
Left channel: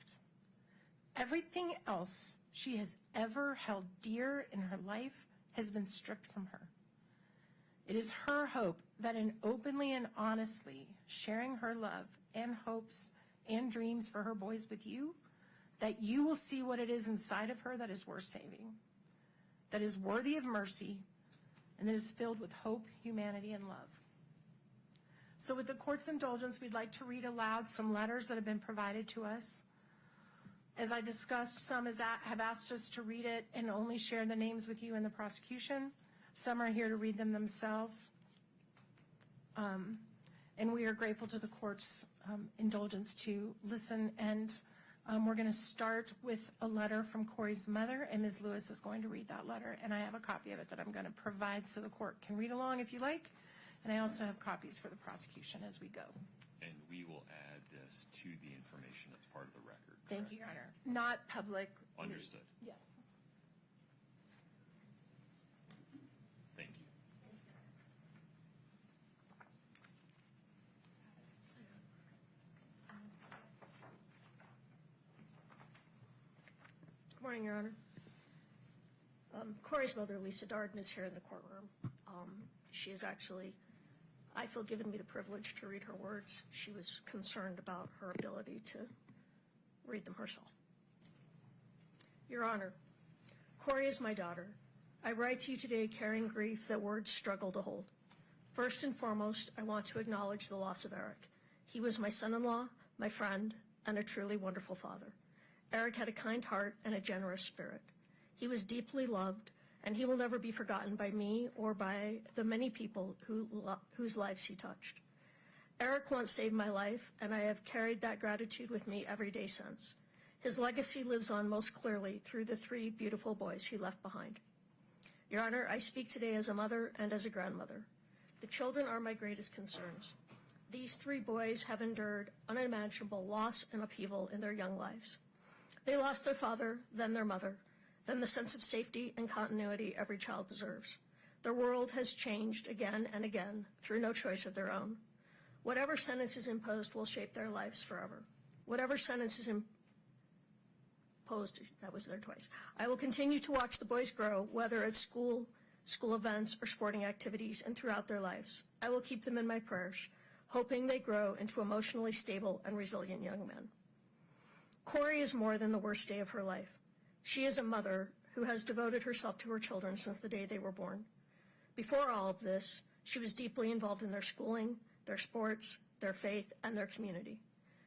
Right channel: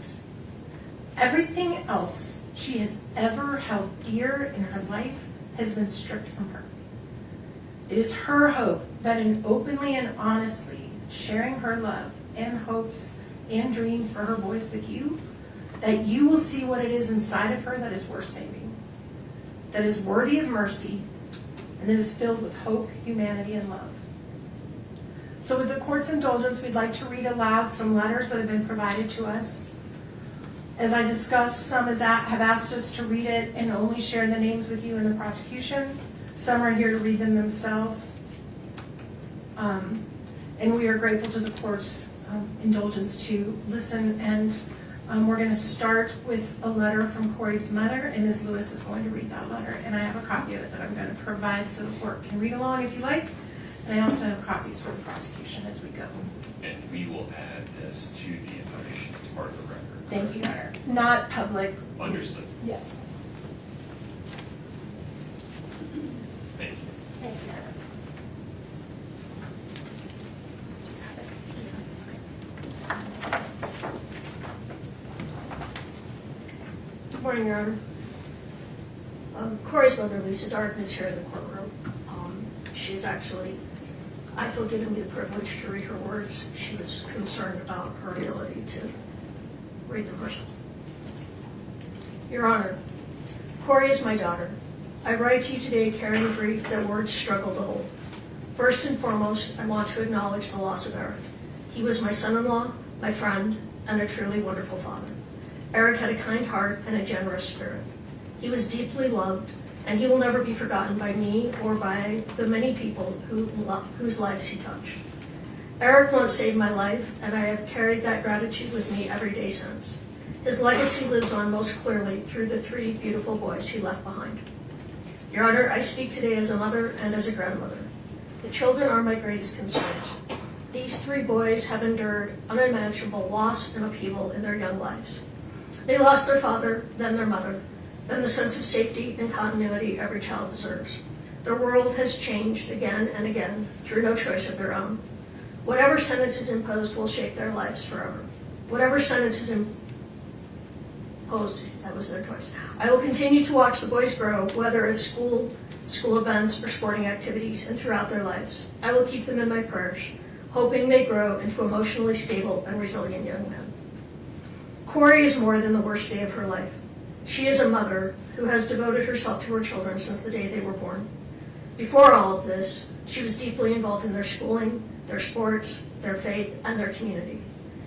Everything else she has ever held dear in her life has been stripped from her. It is her hope that in openly and honestly sharing her love and hopes and dreams for her boys with you, that you will see what it is inside of her that is worth saving, that is worthy of mercy, and that is filled with hope, humanity, and love. So with the court's indulgence, we'd like to read aloud some letters that have been provided to us. As I discussed, some have asked us to read it and only share the names with you in the prosecution. Some are here to read them themselves. And we are grateful to the court's indulgence to listen. And we're going to start with a letter from Kouri's mother, and Ms. Lewis is going to read that letter. And I have a copy of it that I'm going to provide so the court can read along if you like. And I also have copies for the prosecution as we go. And we will add this to the information as part of the record. Thank you, Your Honor. Not public. Understood. Yes. Thank you. Thank you, Madam. Good morning, Your Honor. Kouri's mother, Lisa Darden, is here in the courtroom. She's actually, I feel, given me the privilege to read her words. She was concerned about her ability to read them herself. Your Honor, Kouri is my daughter. I write to you today carrying grief that words struggle to hold. First and foremost, I want to acknowledge the loss of Eric. He was my son-in-law, my friend, and a truly wonderful father. Eric had a kind heart and a generous spirit. He was deeply loved, and he will never be forgotten by me or by the many people whose lives he touched. Eric once saved my life, and I have carried that gratitude with me every day since. His legacy lives on most clearly through the 3 beautiful boys he left behind. Your Honor, I speak today as a mother and as a grandmother. The children are my greatest concerns. These 3 boys have endured unimaginable loss and upheaval in their young lives. They lost their father, then their mother, then the sense of safety and continuity every child deserves. Their world has changed again and again through no choice of their own. Whatever sentence is imposed will shape their lives forever. Whatever sentence is imposed, that was their choice. I will continue to watch the boys grow, whether at school events, or sporting activities, and throughout their lives. I will keep them in my prayers, hoping they grow into emotionally stable and resilient young men. Kouri is more than the worst day of her life. She is a mother who has devoted herself to her children since the day they were born. Before all of this, she was deeply involved in their schooling, their sports, their faith, and their community.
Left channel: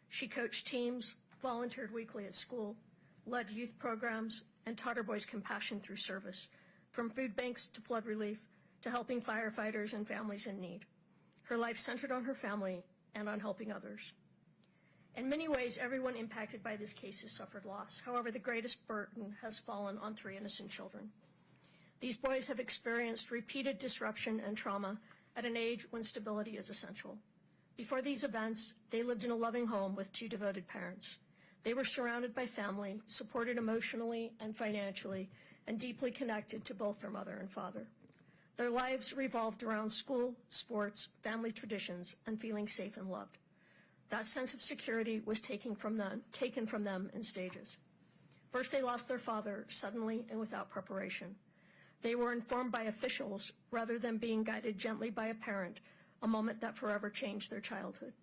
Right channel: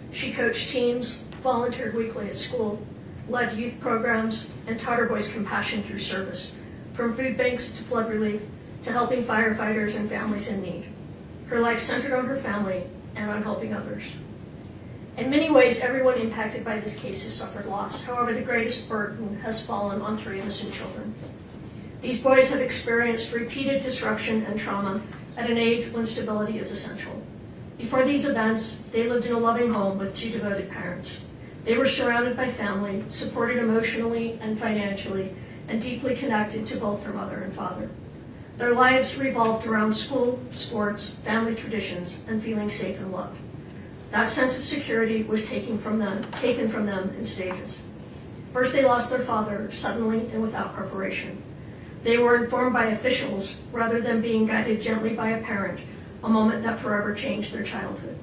She coached teams, volunteered weekly at school, led youth programs, and taught her boys compassion through service, from food banks to flood relief to helping firefighters and families in need. Her life centered on her family and on helping others. In many ways, everyone impacted by this case has suffered loss. However, the greatest burden has fallen on 3 innocent children. These boys have experienced repeated disruption and trauma at an age when stability is essential. Before these events, they lived in a loving home with 2 devoted parents. They were surrounded by family, supported emotionally and financially, and deeply connected to both their mother and father. Their lives revolved around school, sports, family traditions, and feeling safe and loved. That sense of security was taken from them in stages. First, they lost their father suddenly and without preparation. They were informed by officials rather than being guided gently by a parent, a moment that forever changed their childhood.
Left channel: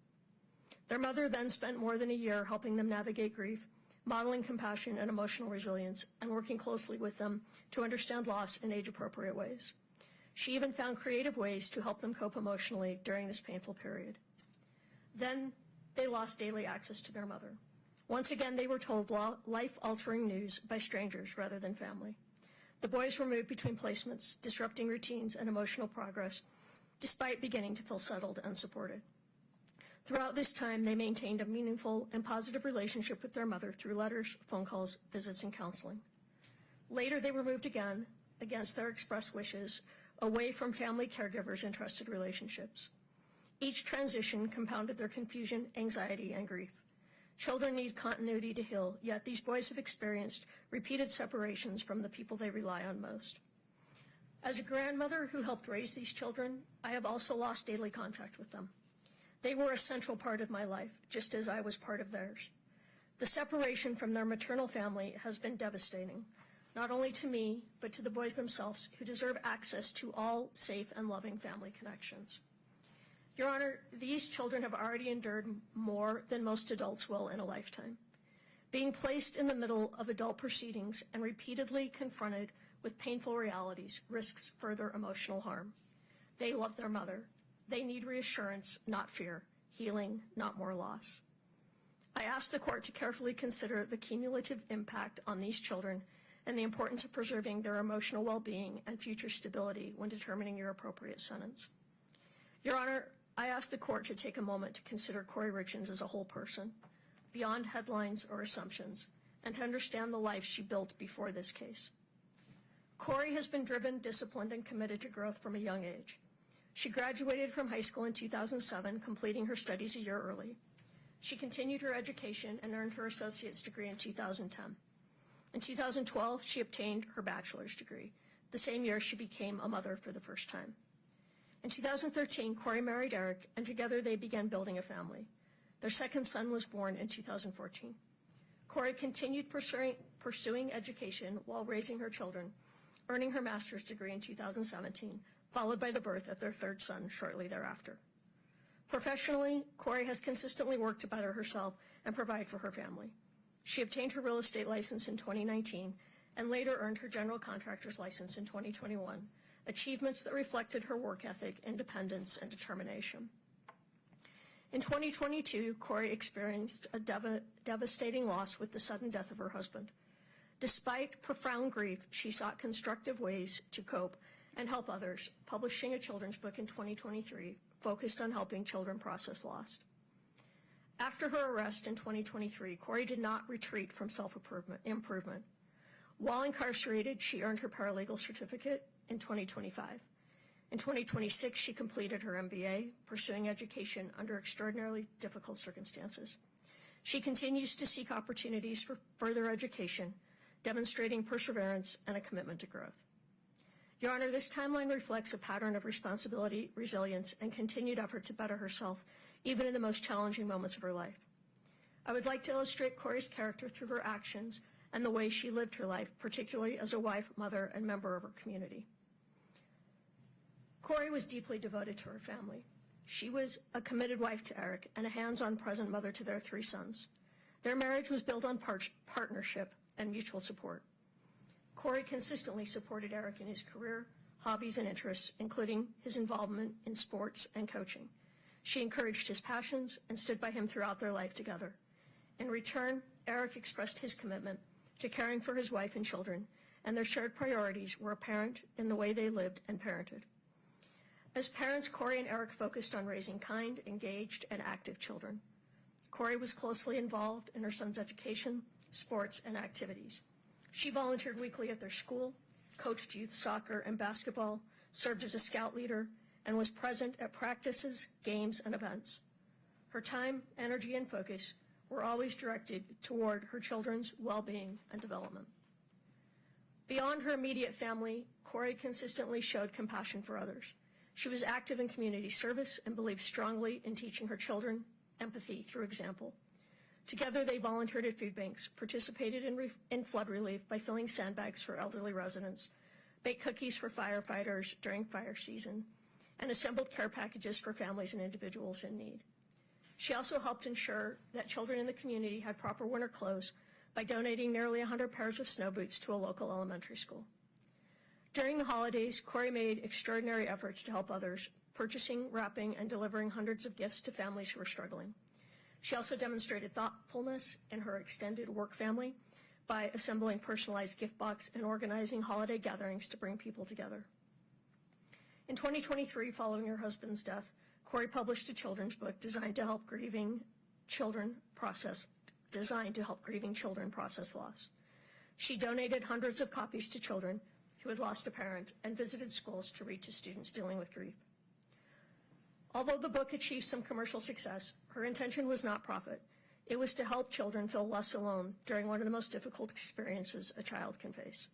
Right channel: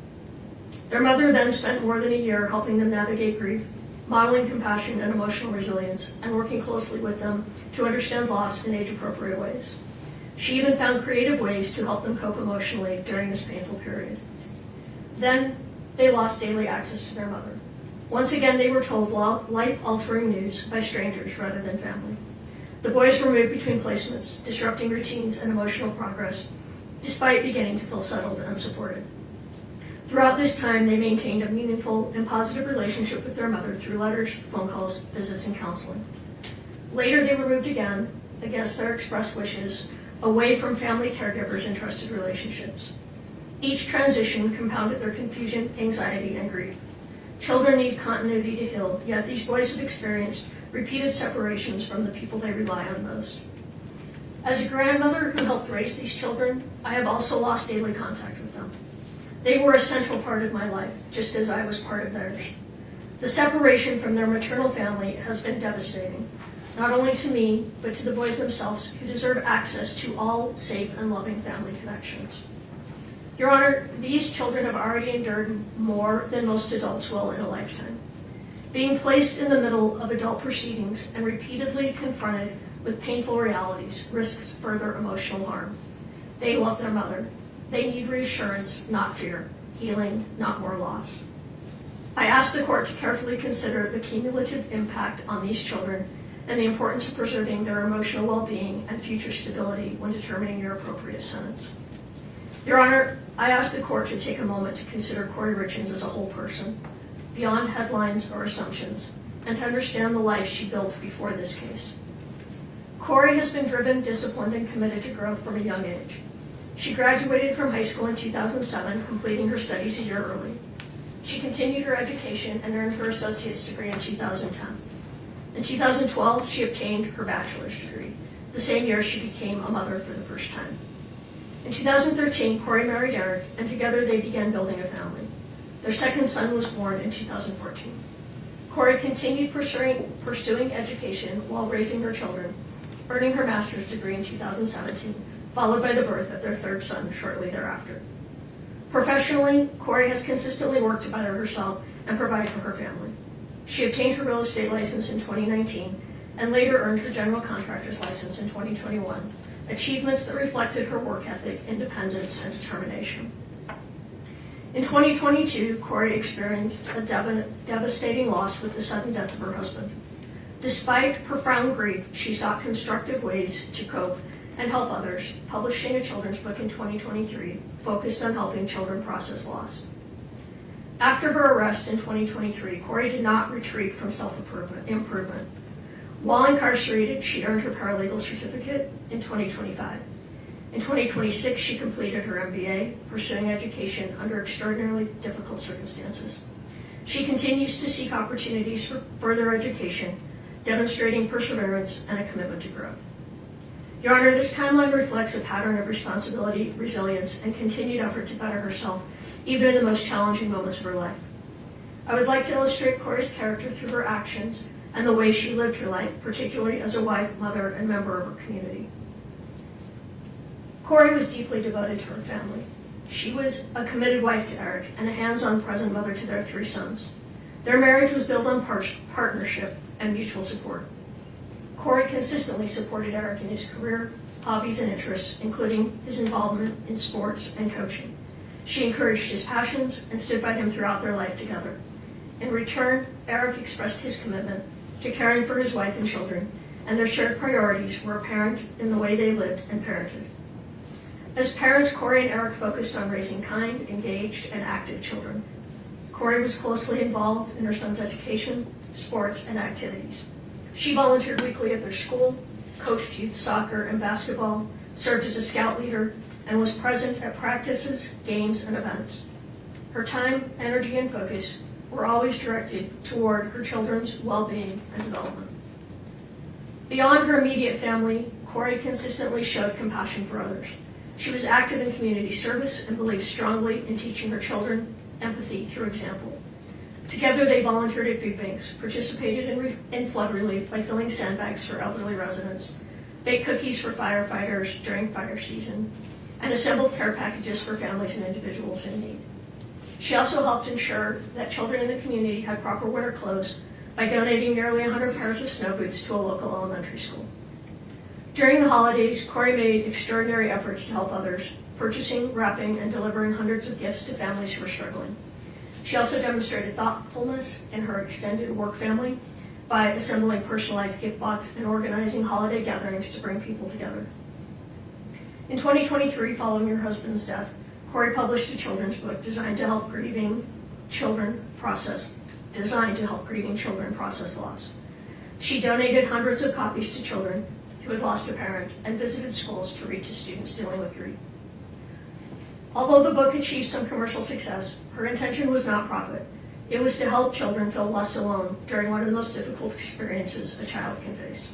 Their mother then spent more than a year helping them navigate grief, modeling compassion and emotional resilience, and working closely with them to understand loss in age-appropriate ways. She even found creative ways to help them cope emotionally during this painful period. Then, they lost daily access to their mother. Once again, they were told life-altering news by strangers rather than family. The boys were moved between placements, disrupting routines and emotional progress, despite beginning to feel settled and supported. Throughout this time, they maintained a meaningful and positive relationship with their mother through letters, phone calls, visits, and counseling. Later, they were moved again, against their expressed wishes, away from family caregivers and trusted relationships. Each transition compounded their confusion, anxiety, and grief. Children need continuity to heal, yet these boys have experienced repeated separations from the people they rely on most. As a grandmother who helped raise these children, I have also lost daily contact with them. They were a central part of my life, just as I was part of theirs. The separation from their maternal family has been devastating, not only to me, but to the boys themselves, who deserve access to all safe and loving family connections. Your Honor, these children have already endured more than most adults will in a lifetime. Being placed in the middle of adult proceedings and repeatedly confronted with painful realities risks further emotional harm. They love their mother. They need reassurance, not fear, healing, not more loss. I ask the court to carefully consider the cumulative impact on these children and the importance of preserving their emotional well-being and future stability when determining your appropriate sentence. Your Honor, I ask the court to take a moment to consider Kouri Richins as a whole person, beyond headlines or assumptions, and to understand the life she built before this case. Kouri has been driven, disciplined, and committed to growth from a young age. She graduated from high school in 2007, completing her studies a year early. She continued her education and earned her associate's degree in 2010. In 2012, she obtained her bachelor's degree, the same year she became a mother for the first time. In 2013, Kouri married Eric, and together they began building a family. Their second son was born in 2014. Kouri continued pursuing education while raising her children, earning her master's degree in 2017, followed by the birth of their third son shortly thereafter. Professionally, Kouri has consistently worked to better herself and provide for her family. She obtained her real estate license in 2019 and later earned her general contractor's license in 2021, achievements that reflected her work ethic, independence, and determination. In 2022, Kouri experienced a devastating loss with the sudden death of her husband. Despite profound grief, she sought constructive ways to cope and help others, publishing a children's book in 2023 focused on helping children process loss. After her arrest in 2023, Kouri did not retreat from self-improvement. While incarcerated, she earned her paralegal certificate in 2025. In 2026, she completed her MBA, pursuing education under extraordinarily difficult circumstances. She continues to seek opportunities for further education, demonstrating perseverance and a commitment to growth. Your Honor, this timeline reflects a pattern of responsibility, resilience, and continued effort to better herself, even in the most challenging moments of her life. I would like to illustrate Kouri's character through her actions and the way she lived her life, particularly as a wife, mother, and member of her community. Kouri was deeply devoted to her family. She was a committed wife to Eric and a hands-on present mother to their 3 sons. Their marriage was built on partnership and mutual support. Kouri consistently supported Eric in his career, hobbies, and interests, including his involvement in sports and coaching. She encouraged his passions and stood by him throughout their life together. In return, Eric expressed his commitment to caring for his wife and children, and their shared priorities were apparent in the way they lived and parented. As parents, Kouri and Eric focused on raising kind, engaged, and active children. Kouri was closely involved in her son's education, sports, and activities. She volunteered weekly at their school, coached youth soccer and basketball, served as a scout leader, and was present at practices, games, and events. Her time, energy, and focus were always directed toward her children's well-being and development. Beyond her immediate family, Kouri consistently showed compassion for others. She was active in community service and believed strongly in teaching her children empathy through example. Together, they volunteered at food banks, participated in flood relief by filling sandbags for elderly residents, baked cookies for firefighters during fire season, and assembled care packages for families and individuals in need. She also helped ensure that children in the community had proper winter clothes by donating nearly 100 pairs of snow boots to a local elementary school. During the holidays, Kouri made extraordinary efforts to help others, purchasing, wrapping, and delivering hundreds of gifts to families who were struggling. She also demonstrated thoughtfulness in her extended work family by assembling personalized gift boxes and organizing holiday gatherings to bring people together. In 2023, following her husband's death, Kouri published a children's book designed to help grieving children process loss. She donated hundreds of copies to children who had lost a parent and visited schools to read to students dealing with grief. Although the book achieved some commercial success, her intention was not profit. It was to help children feel less alone during one of the most difficult experiences a child can face.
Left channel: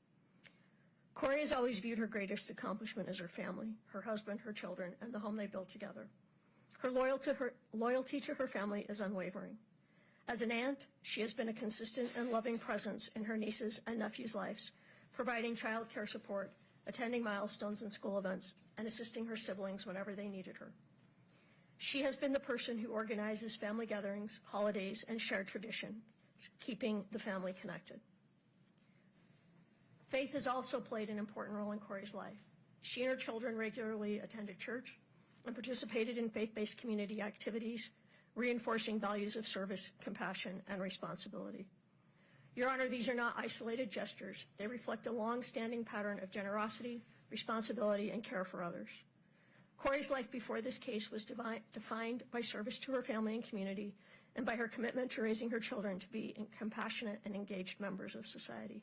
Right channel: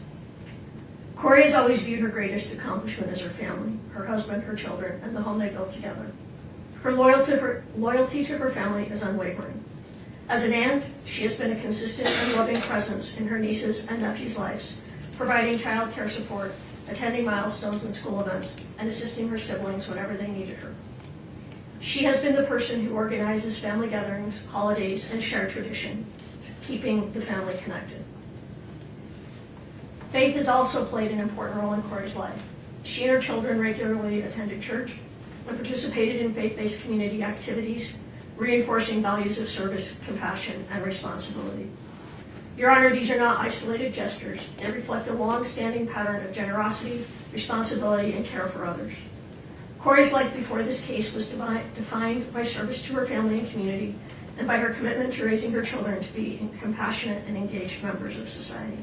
Kouri has always viewed her greatest accomplishment as her family, her husband, her children, and the home they built together. Her loyalty to her family is unwavering. As an aunt, she has been a consistent and loving presence in her nieces and nephews' lives, providing child care support, attending milestones and school events, and assisting her siblings whenever they needed her. She has been the person who organizes family gatherings, holidays, and shared tradition, keeping the family connected. Faith has also played an important role in Kouri's life. She and her children regularly attended church and participated in faith-based community activities, reinforcing values of service, compassion, and responsibility. Your Honor, these are not isolated gestures. They reflect a long-standing pattern of generosity, responsibility, and care for others. Kouri's life before this case was defined by service to her family and community, and by her commitment to raising her children to be compassionate and engaged members of society.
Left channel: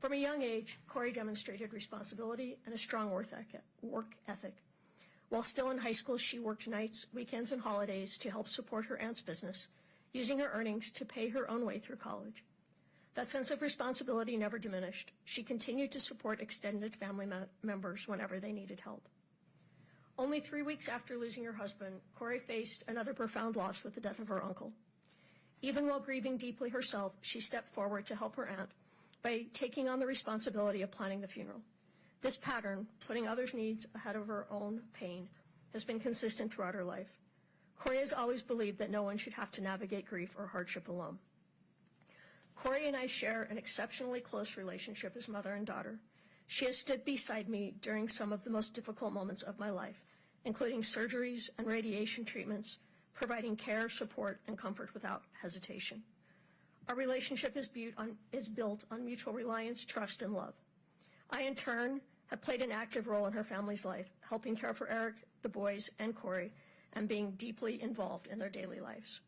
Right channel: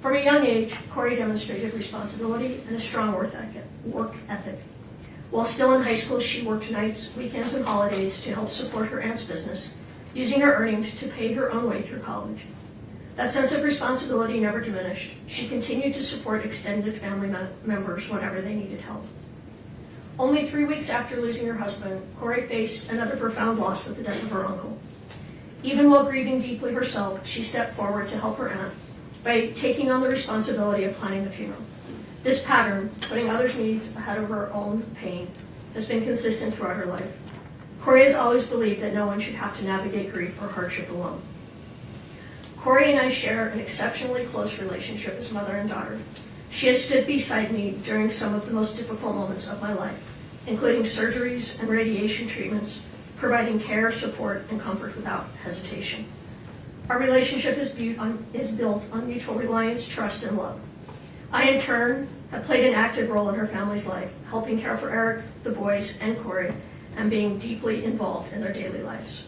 From a young age, Kouri demonstrated responsibility and a strong work ethic. While still in high school, she worked nights, weekends, and holidays to help support her aunt's business, using her earnings to pay her own way through college. That sense of responsibility never diminished. She continued to support extended family members whenever they needed help. Only 3 weeks after losing her husband, Kouri faced another profound loss with the death of her uncle. Even while grieving deeply herself, she stepped forward to help her aunt by taking on the responsibility of planning the funeral. This pattern, putting others' needs ahead of her own pain, has been consistent throughout her life. Kouri has always believed that no one should have to navigate grief or hardship alone. Kouri and I share an exceptionally close relationship as mother and daughter. She has stood beside me during some of the most difficult moments of my life, including surgeries and radiation treatments, providing care, support, and comfort without hesitation. Our relationship is built on mutual reliance, trust, and love. I, in turn, have played an active role in her family's life, helping care for Eric, the boys, and Kouri, and being deeply involved in their daily lives.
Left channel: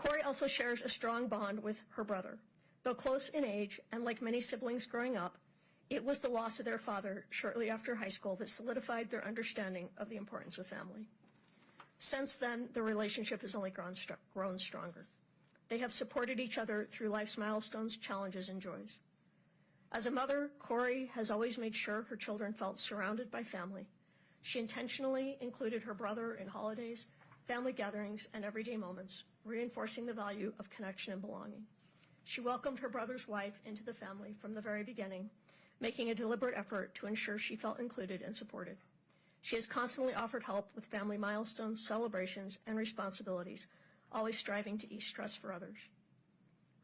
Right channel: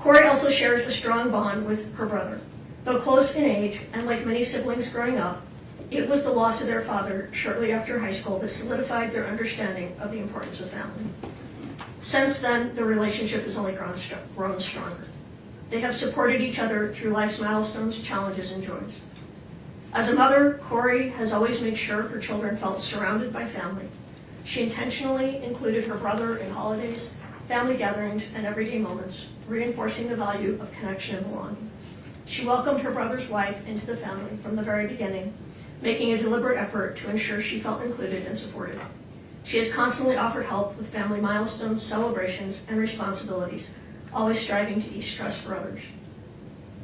Kouri also shares a strong bond with her brother. Though close in age, and like many siblings growing up, it was the loss of their father shortly after high school that solidified their understanding of the importance of family. Since then, the relationship has only grown stronger. They have supported each other through life's milestones, challenges, and joys. As a mother, Kouri has always made sure her children felt surrounded by family. She intentionally included her brother in holidays, family gatherings, and everyday moments, reinforcing the value of connection and belonging. She welcomed her brother's wife into the family from the very beginning, making a deliberate effort to ensure she felt included and supported. She has constantly offered help with family milestones, celebrations, and responsibilities, always striving to ease stress for others.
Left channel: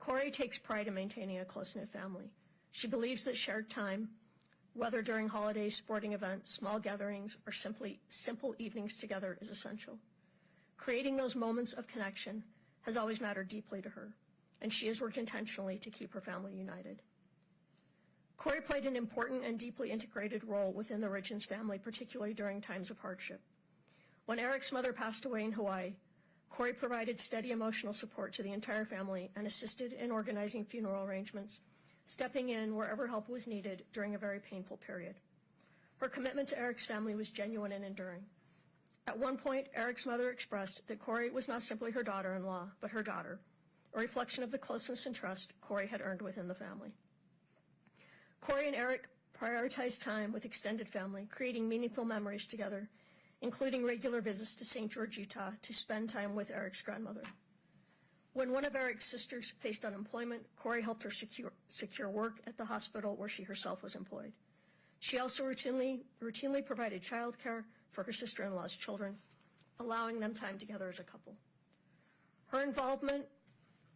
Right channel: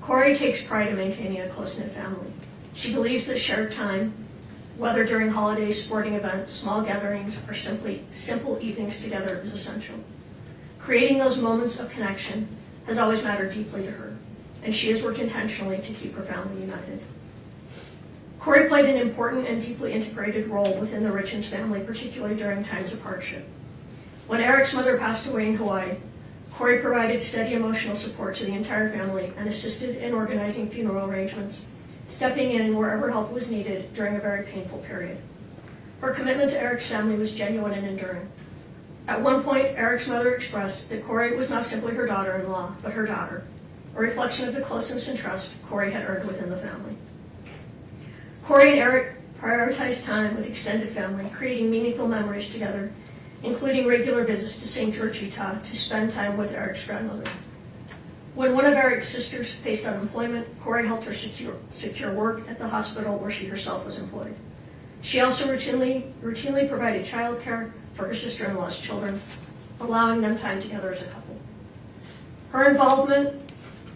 Kouri takes pride in maintaining a close-knit family. She believes that shared time, whether during holidays, sporting events, small gatherings, or simply simple evenings together, is essential. Creating those moments of connection has always mattered deeply to her, and she has worked intentionally to keep her family united. Kouri played an important and deeply integrated role within the Richins family, particularly during times of hardship. When Eric's mother passed away in Hawaii, Kouri provided steady emotional support to the entire family and assisted in organizing funeral arrangements, stepping in wherever help was needed during a very painful period. Her commitment to Eric's family was genuine and enduring. At one point, Eric's mother expressed that Kouri was not simply her daughter-in-law, but her daughter, a reflection of the closeness and trust Kouri had earned within the family. Kouri and Eric prioritized time with extended family, creating meaningful memories together, including regular visits to St. George, Utah, to spend time with Eric's grandmother. When one of Eric's sisters faced unemployment, Kouri helped her secure work at the hospital where she herself was employed. She also routinely provided childcare for her sister-in-law's children, allowing them time together as a couple. Her involvement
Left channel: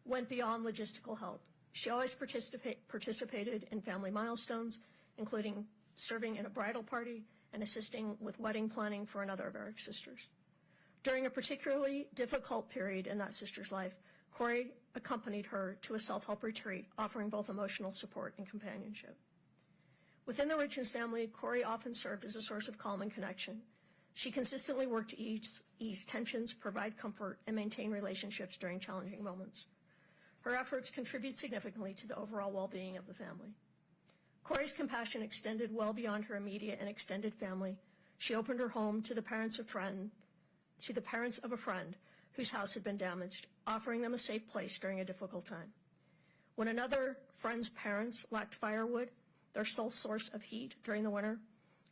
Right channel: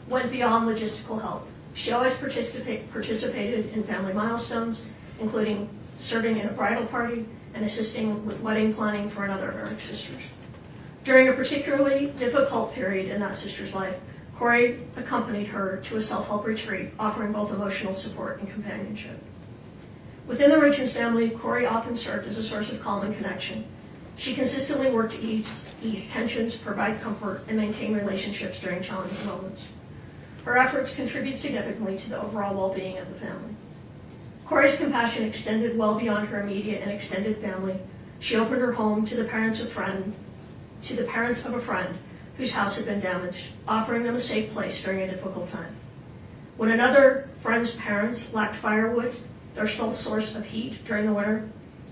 went beyond logistical help. She always participated in family milestones, including serving in a bridal party and assisting with wedding planning for another of Eric's sisters. During a particularly difficult period in that sister's life, Kouri accompanied her to a self-help retreat, offering both emotional support and companionship. Within the Richins family, Kouri often served as a source of calm and connection. She consistently worked to ease tensions, provide comfort, and maintain relationships during challenging moments. Her efforts contribute significantly to the overall well-being of the family. Kouri's compassion extended well beyond her immediate and extended family. She opened her home to the parents of a friend whose house had been damaged, offering them a safe place during a difficult time. When another friend's parents lacked firewood, their sole source of heat during the winter,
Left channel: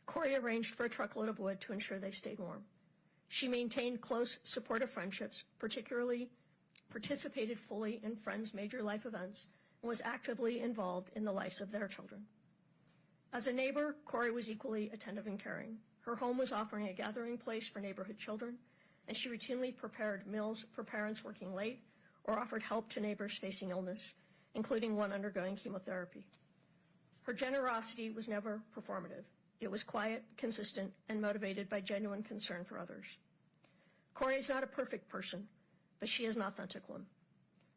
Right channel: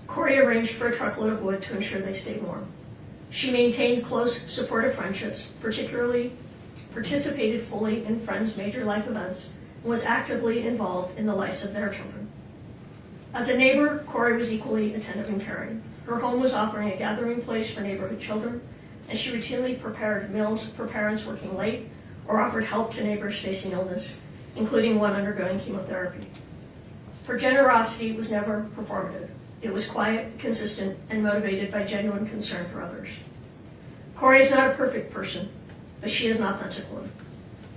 Kouri arranged for a truckload of wood to ensure they stayed warm. She maintained close, supportive friendships, participated fully in friends' major life events, and was actively involved in the lives of their children. As a neighbor, Kouri was equally attentive and caring. Her home was offering a gathering place for neighborhood children, and she routinely prepared meals for parents working late or offered help to neighbors facing illness, including one undergoing chemotherapy. Her generosity was never performative. It was quiet, consistent, and motivated by genuine concern for others. Kouri is not a perfect person, but she is an authentic one.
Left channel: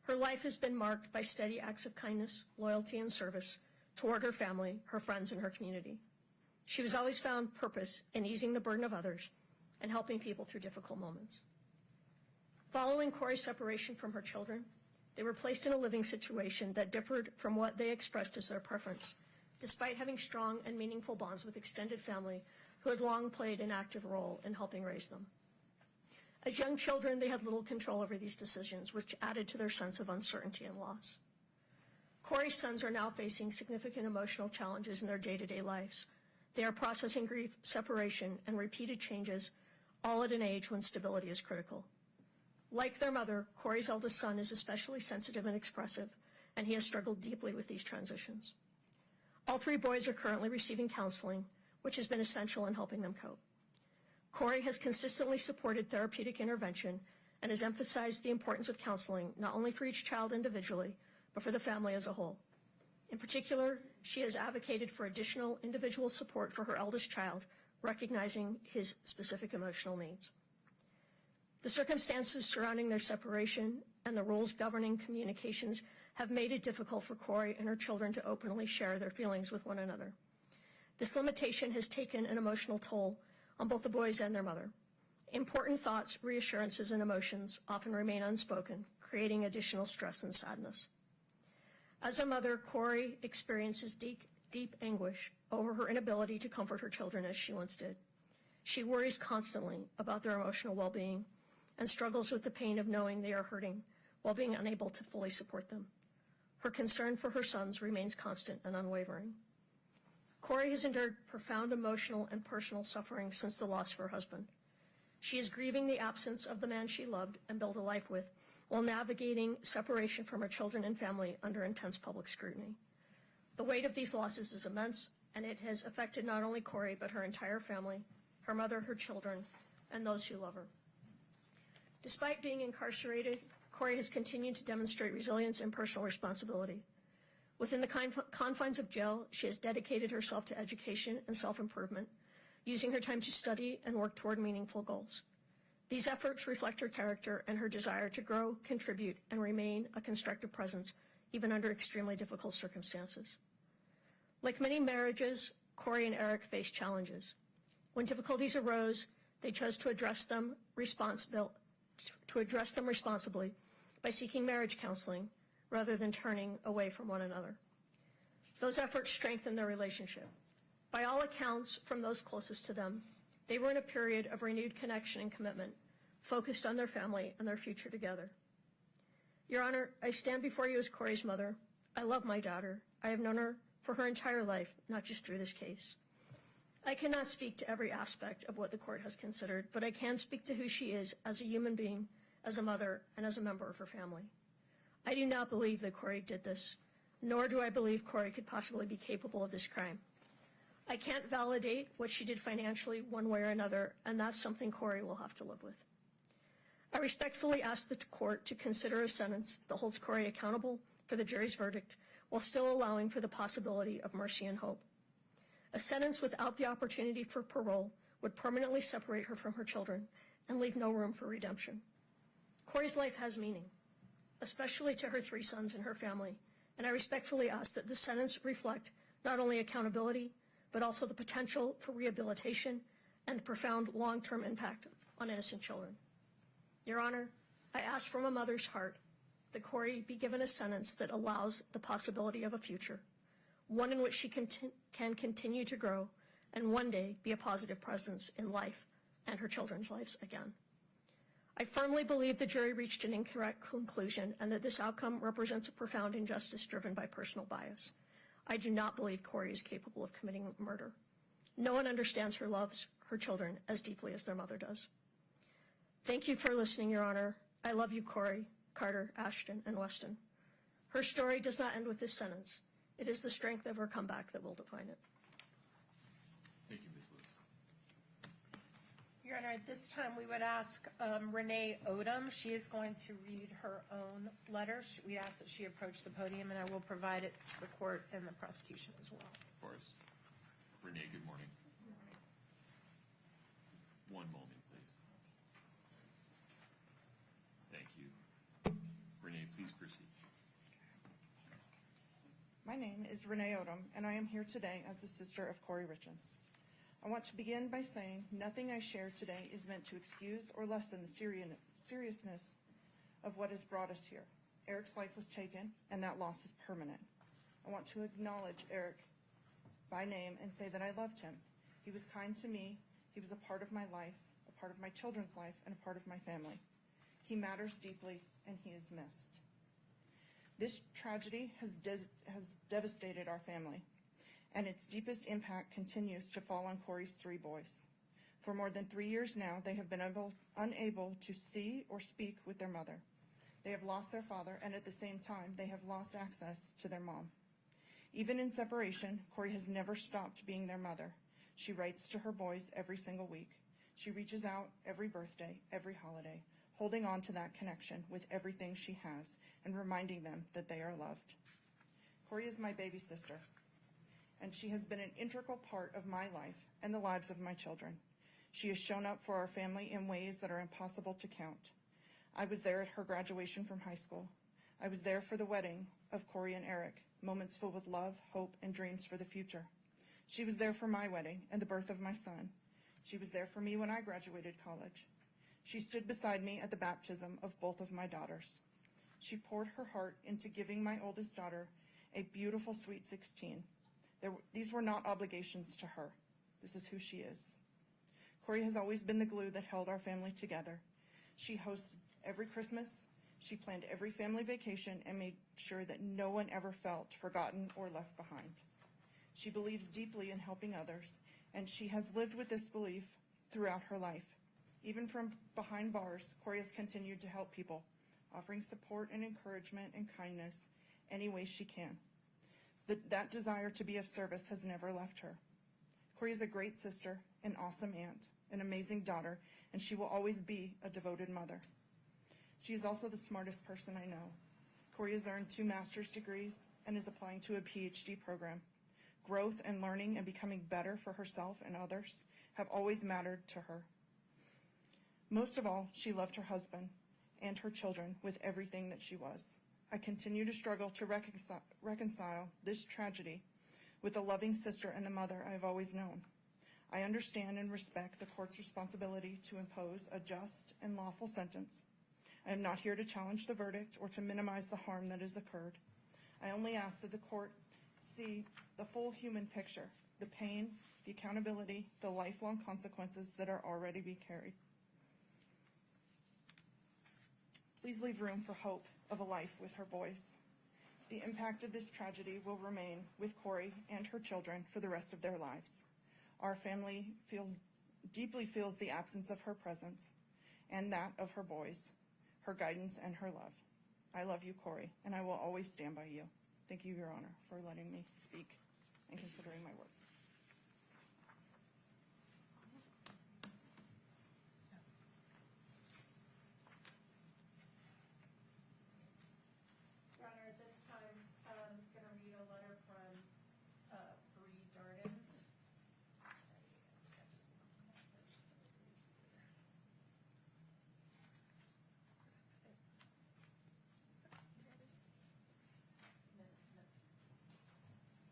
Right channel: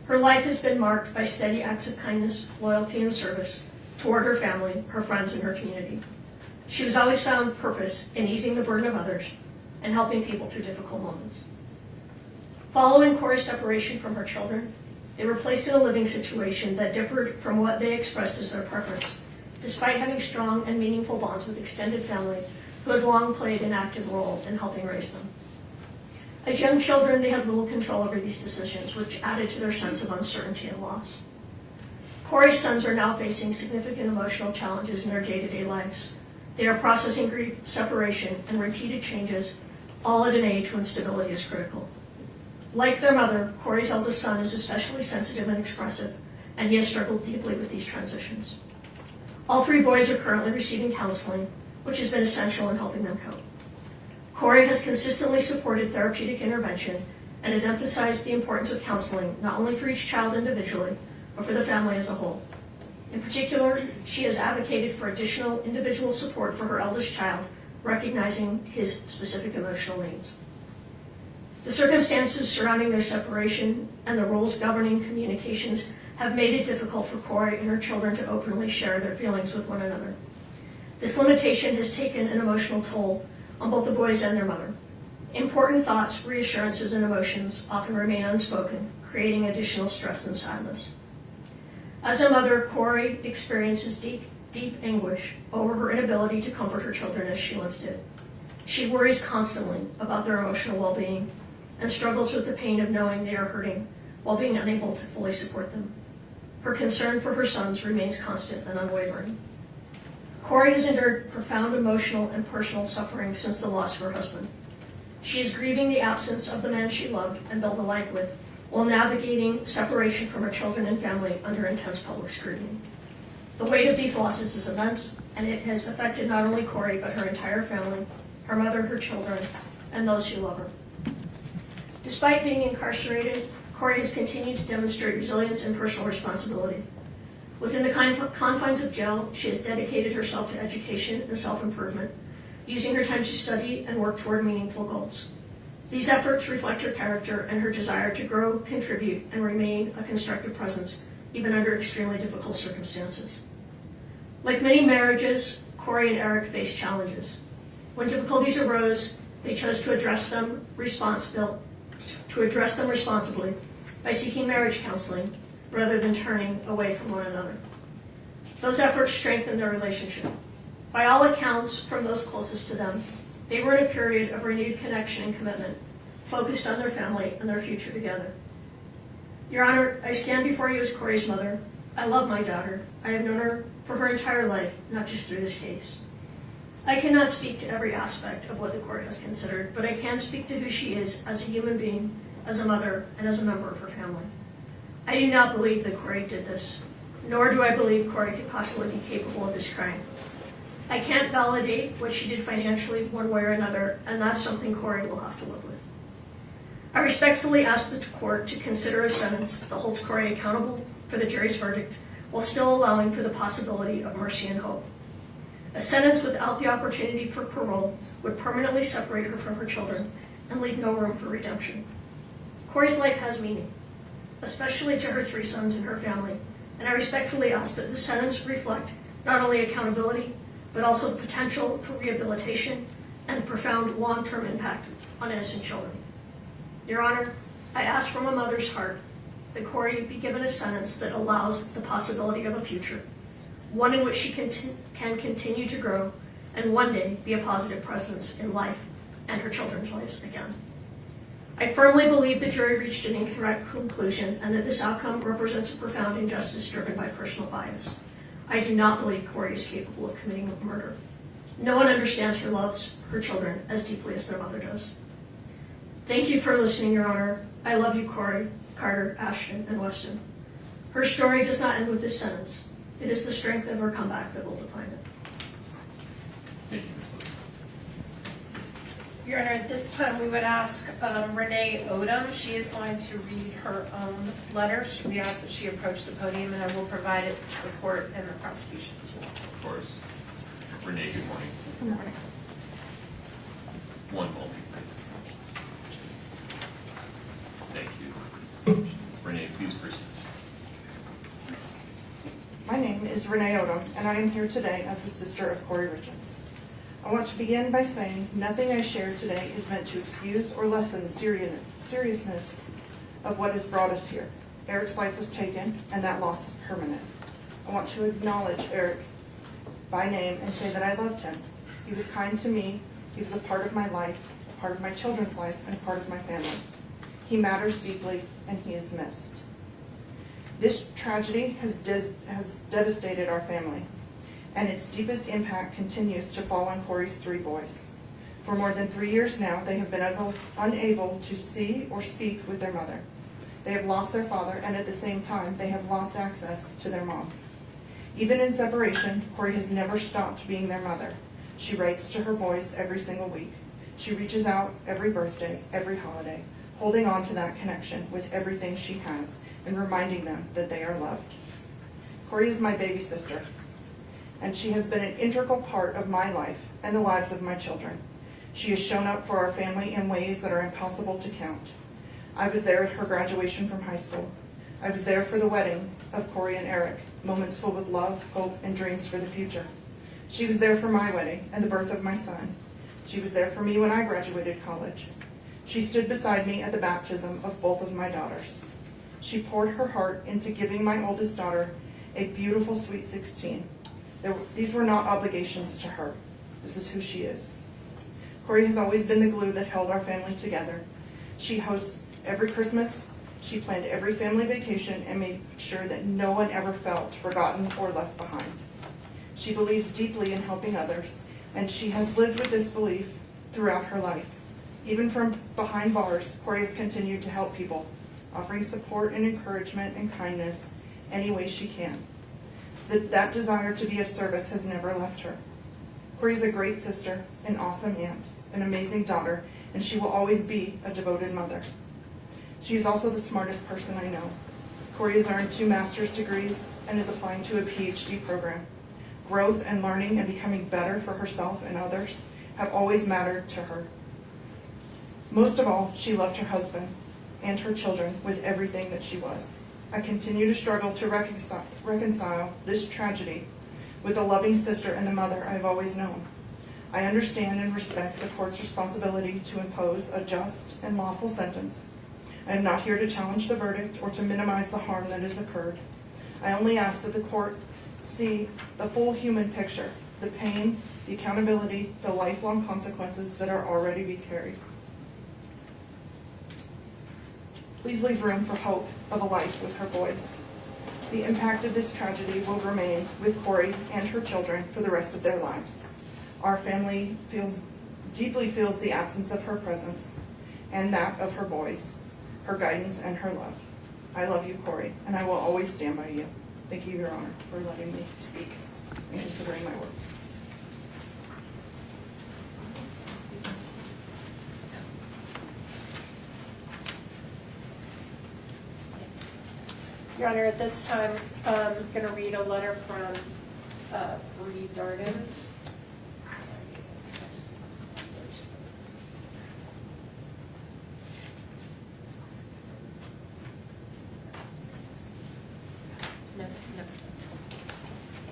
Her life has been marked by steady acts of kindness, loyalty, and service toward her family, her friends, and her community. She has always found purpose in easing the burden of others and helping people through difficult moments. Following Kouri's separation from her children, they were placed in a living situation that differed from what they expressed as their preference, despite having strong and meaningful bonds with extended family who had long played an active role in helping raise them. As young children, they had little control over these decisions, which added to their sense of uncertainty and loss. Kouri's sons are now facing significant emotional challenges in their day-to-day lives. They are processing grief, separation, and repeated changes, all at an age when stability is critical. Like their mother, Kouri's eldest son is especially sensitive and expressive, and he has struggled deeply with these transitions. All three boys are currently receiving counseling, which has been essential in helping them cope. Kouri has consistently supported therapeutic intervention and has emphasized the importance of counseling not only for each child individually, but for the family as a whole. In particular, she has advocated for additional individual support for her eldest child, recognizing his specific emotional needs. The circumstances surrounding their separation and the rules governing communications have made it difficult for Kouri and her children to openly share their feelings with one another. This limitation has taken an emotional toll on both the boys and their mother. Important thoughts, reassurances, and emotions often remain unspoken, creating additional stress and sadness. As a mother, Kouri experiences deep anguish over her inability to comfort her children as she once did. She worries constantly about their emotional well-being and struggles with the pain of knowing they are hurting while being unable to fully support them. Her concern for her sons remains constant and unwavering. Kouri has endured profound emotional and personal suffering since the loss of her husband. She is grieving the absence of the man she loved and built a life with, while navigating separation from her children and family under intense public scrutiny. The weight of these losses is immense, and it has affected not only Kouri, but her entire family, her mother, her children, and those who love her. Despite being incarcerated, Kouri has continued to demonstrate resilience and personal responsibility. Within the confines of jail, she has dedicated herself to education and self-improvement, using her time to study and work toward meaningful goals. These efforts reflect her character and her desire to grow, contribute, and remain a constructive presence, even under extremely difficult circumstances. Like many marriages, Kouri and Eric faced challenges. When difficulties arose, they chose to address them responsibly by seeking marriage counseling rather than turning away from one another. Those efforts strengthened their relationship. By all accounts from those closest to them, they were in a period of renewed connection and commitment, focused on their family and their future together. Your Honor, I stand before you as Kouri's mother. I love my daughter. I have known her for her entire life, not just through this case. I cannot speak to every aspect of what the court has considered, but I can speak to who she is as a human being, as a mother, and as a member of her family. I do not believe that Kouri did this, nor do I believe Kouri could possibly be capable of this crime. I can't validate what she did financially one way or another, and that's something Kouri will have to live with. I respectfully ask the court to consider a sentence that holds Kouri accountable for the jury's verdict while still allowing for the possibility of mercy and hope. A sentence without the opportunity for parole would permanently separate her from her children and leave no room for redemption. Kouri's life has meaning, especially to her 3 sons and her family, and I respectfully ask that the sentence reflect not only accountability, but also the potential for rehabilitation and profound long-term impact on innocent children. Your Honor, I ask from a mother's heart that Kouri be given a sentence that allows the possibility of a future, one in which she can continue to grow and one day be a positive presence in life and her children's lives again. I firmly believe the jury reached an incorrect conclusion and that this outcome represents a profound injustice driven by personal bias. I do not believe Kouri is capable of committing murder. No one understands or loves her children as deeply as their mother does. Thank you for listening, Your Honor. I love you, Kouri, Carter, Ashton, and Weston. Her story does not end with this sentence. It is the strength of her comeback that will define it. Thank you, Ms. Lewis. Your Honor, at this time, we would ask Renee Odom. She is going to read her own letter. We ask that she approach the podium, and I will provide it to the court and the prosecution as well. Of course. Renee, good morning. Good morning. One moment, please. Thank you. Renee, please proceed. My name is Renee Odom, and I am here today as the sister of Kouri Richins. I want to begin by saying nothing I share today is meant to excuse or lessen the seriousness of what has brought us here. Eric's life was taken, and that loss is permanent. I want to acknowledge Eric by name and say that I loved him. He was kind to me. He was a part of my life, a part of my children's life, and a part of my family. He matters deeply, and he is missed. This tragedy has devastated our family, and its deepest impact continues to fall on Kouri's 3 boys. For more than 3 years now, they have been unable to see or speak with their mother. They have lost their father, and at the same time, they have lost access to their mom. Even in separation, Kouri has never stopped being their mother. She writes to her boys every single week. She reaches out every birthday, every holiday, holding on to that connection with everything she has and reminding them that they are loved. Kouri is my baby sister, and she has been an integral part of my life and the lives of my children. She has shown up for our family in ways that are impossible to count. I was there at her graduation from high school. I was there for the wedding of Kouri and Eric, moments filled with love, hope, and dreams for the future. She was there for my wedding and the birth of my son. She was there for me when I graduated college. She stood beside me at the baptism of both of my daughters. She poured her heart into giving my oldest daughter a beautiful sweet 16. These were not obligations to her. This is who she is. Kouri has always been the glue that held our family together. She hosts every Christmas. She planned every family vacation and made sure that no one ever felt forgotten or left behind. She believes deeply in helping others, and she has lived with this belief throughout her life. Even from behind bars, Kouri has continued to help people, offering support and encouragement and kindness any way she can. That desire to be of service has never left her. Kouri is a great sister, an awesome aunt, an amazing daughter, and she will always be a devoted mother. She is also the smartest person I know. Kouri has earned 2 master's degrees and is applying to a PhD program. Growth and learning and becoming better for herself and others have always mattered to her. Most of all, she loved her husband and her children with everything that she was. I continue to struggle to reconcile this tragedy with the loving sister and the mother I've always known. I understand and respect the court's responsibility to impose a just and lawful sentence. I am not here to challenge the verdict or to minimize the harm that has occurred. I only ask that the court see the full human picture, the pain, the accountability, the lifelong consequences that are already being carried. Please leave room for hope of a life with her boys. The impact of this tragedy will remain with Kouri and her children for the rest of their lives. Our family deeply feels the absence of her presence and that of her boys, her guidance and her love. I love you, Kouri, and I will always stand by you. Thank you, Your Honor, for letting me speak and considering my words. Your Honor, at this time, I'm going to read a letter from Kouri Darden.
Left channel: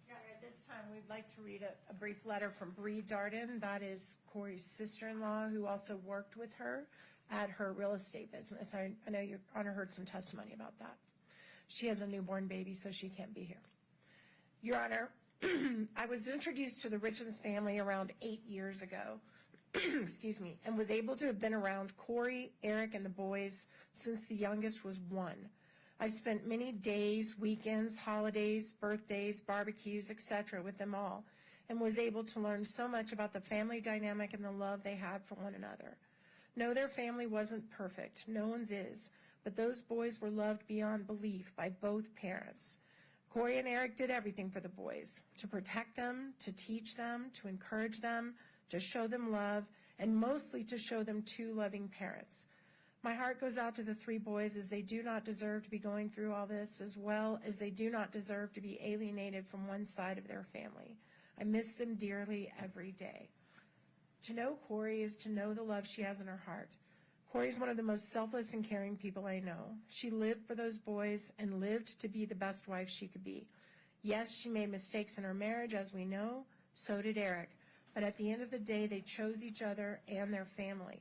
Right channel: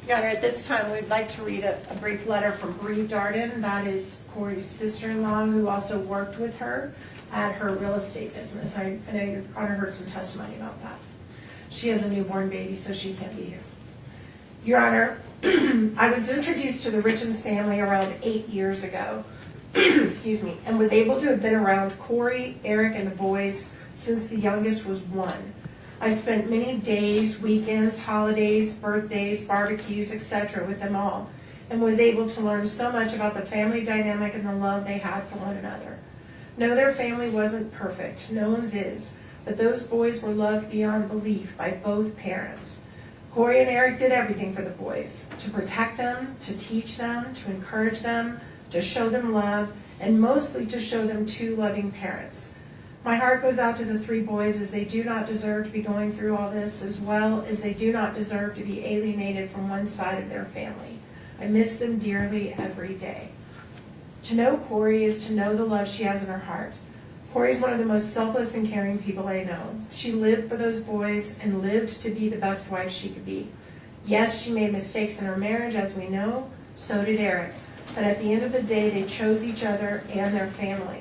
Your Honor, at this time, we'd like to read a brief letter from Kouri Darden. That is Kouri's sister-in-law, who also worked with her at her real estate business. I know Your Honor heard some testimony about that. She has a newborn baby, so she can't be here. Your Honor, I was introduced to the Richens family around 8 years ago, excuse me, and was able to have been around Kouri, Eric, and the boys since the youngest was 1. I spent many days, weekends, holidays, birthdays, barbecues, etc. with them all, and was able to learn so much about the family dynamic and the love they had for one another. No, their family wasn't perfect. No one's is. But those boys were loved beyond belief by both parents. Kouri and Eric did everything for the boys, to protect them, to teach them, to encourage them, to show them love, and mostly to show them 2 loving parents. My heart goes out to the 3 boys, as they do not deserve to be going through all this, as well as they do not deserve to be alienated from one side of their family. I miss them dearly every day. To know Kouri is to know the love she has in her heart. Kouri is one of the most selfless and caring people I know. She lived for those boys and lived to be the best wife she could be. Yes, she made mistakes in her marriage, as we know. So did Eric. But at the end of the day, they chose each other and their family.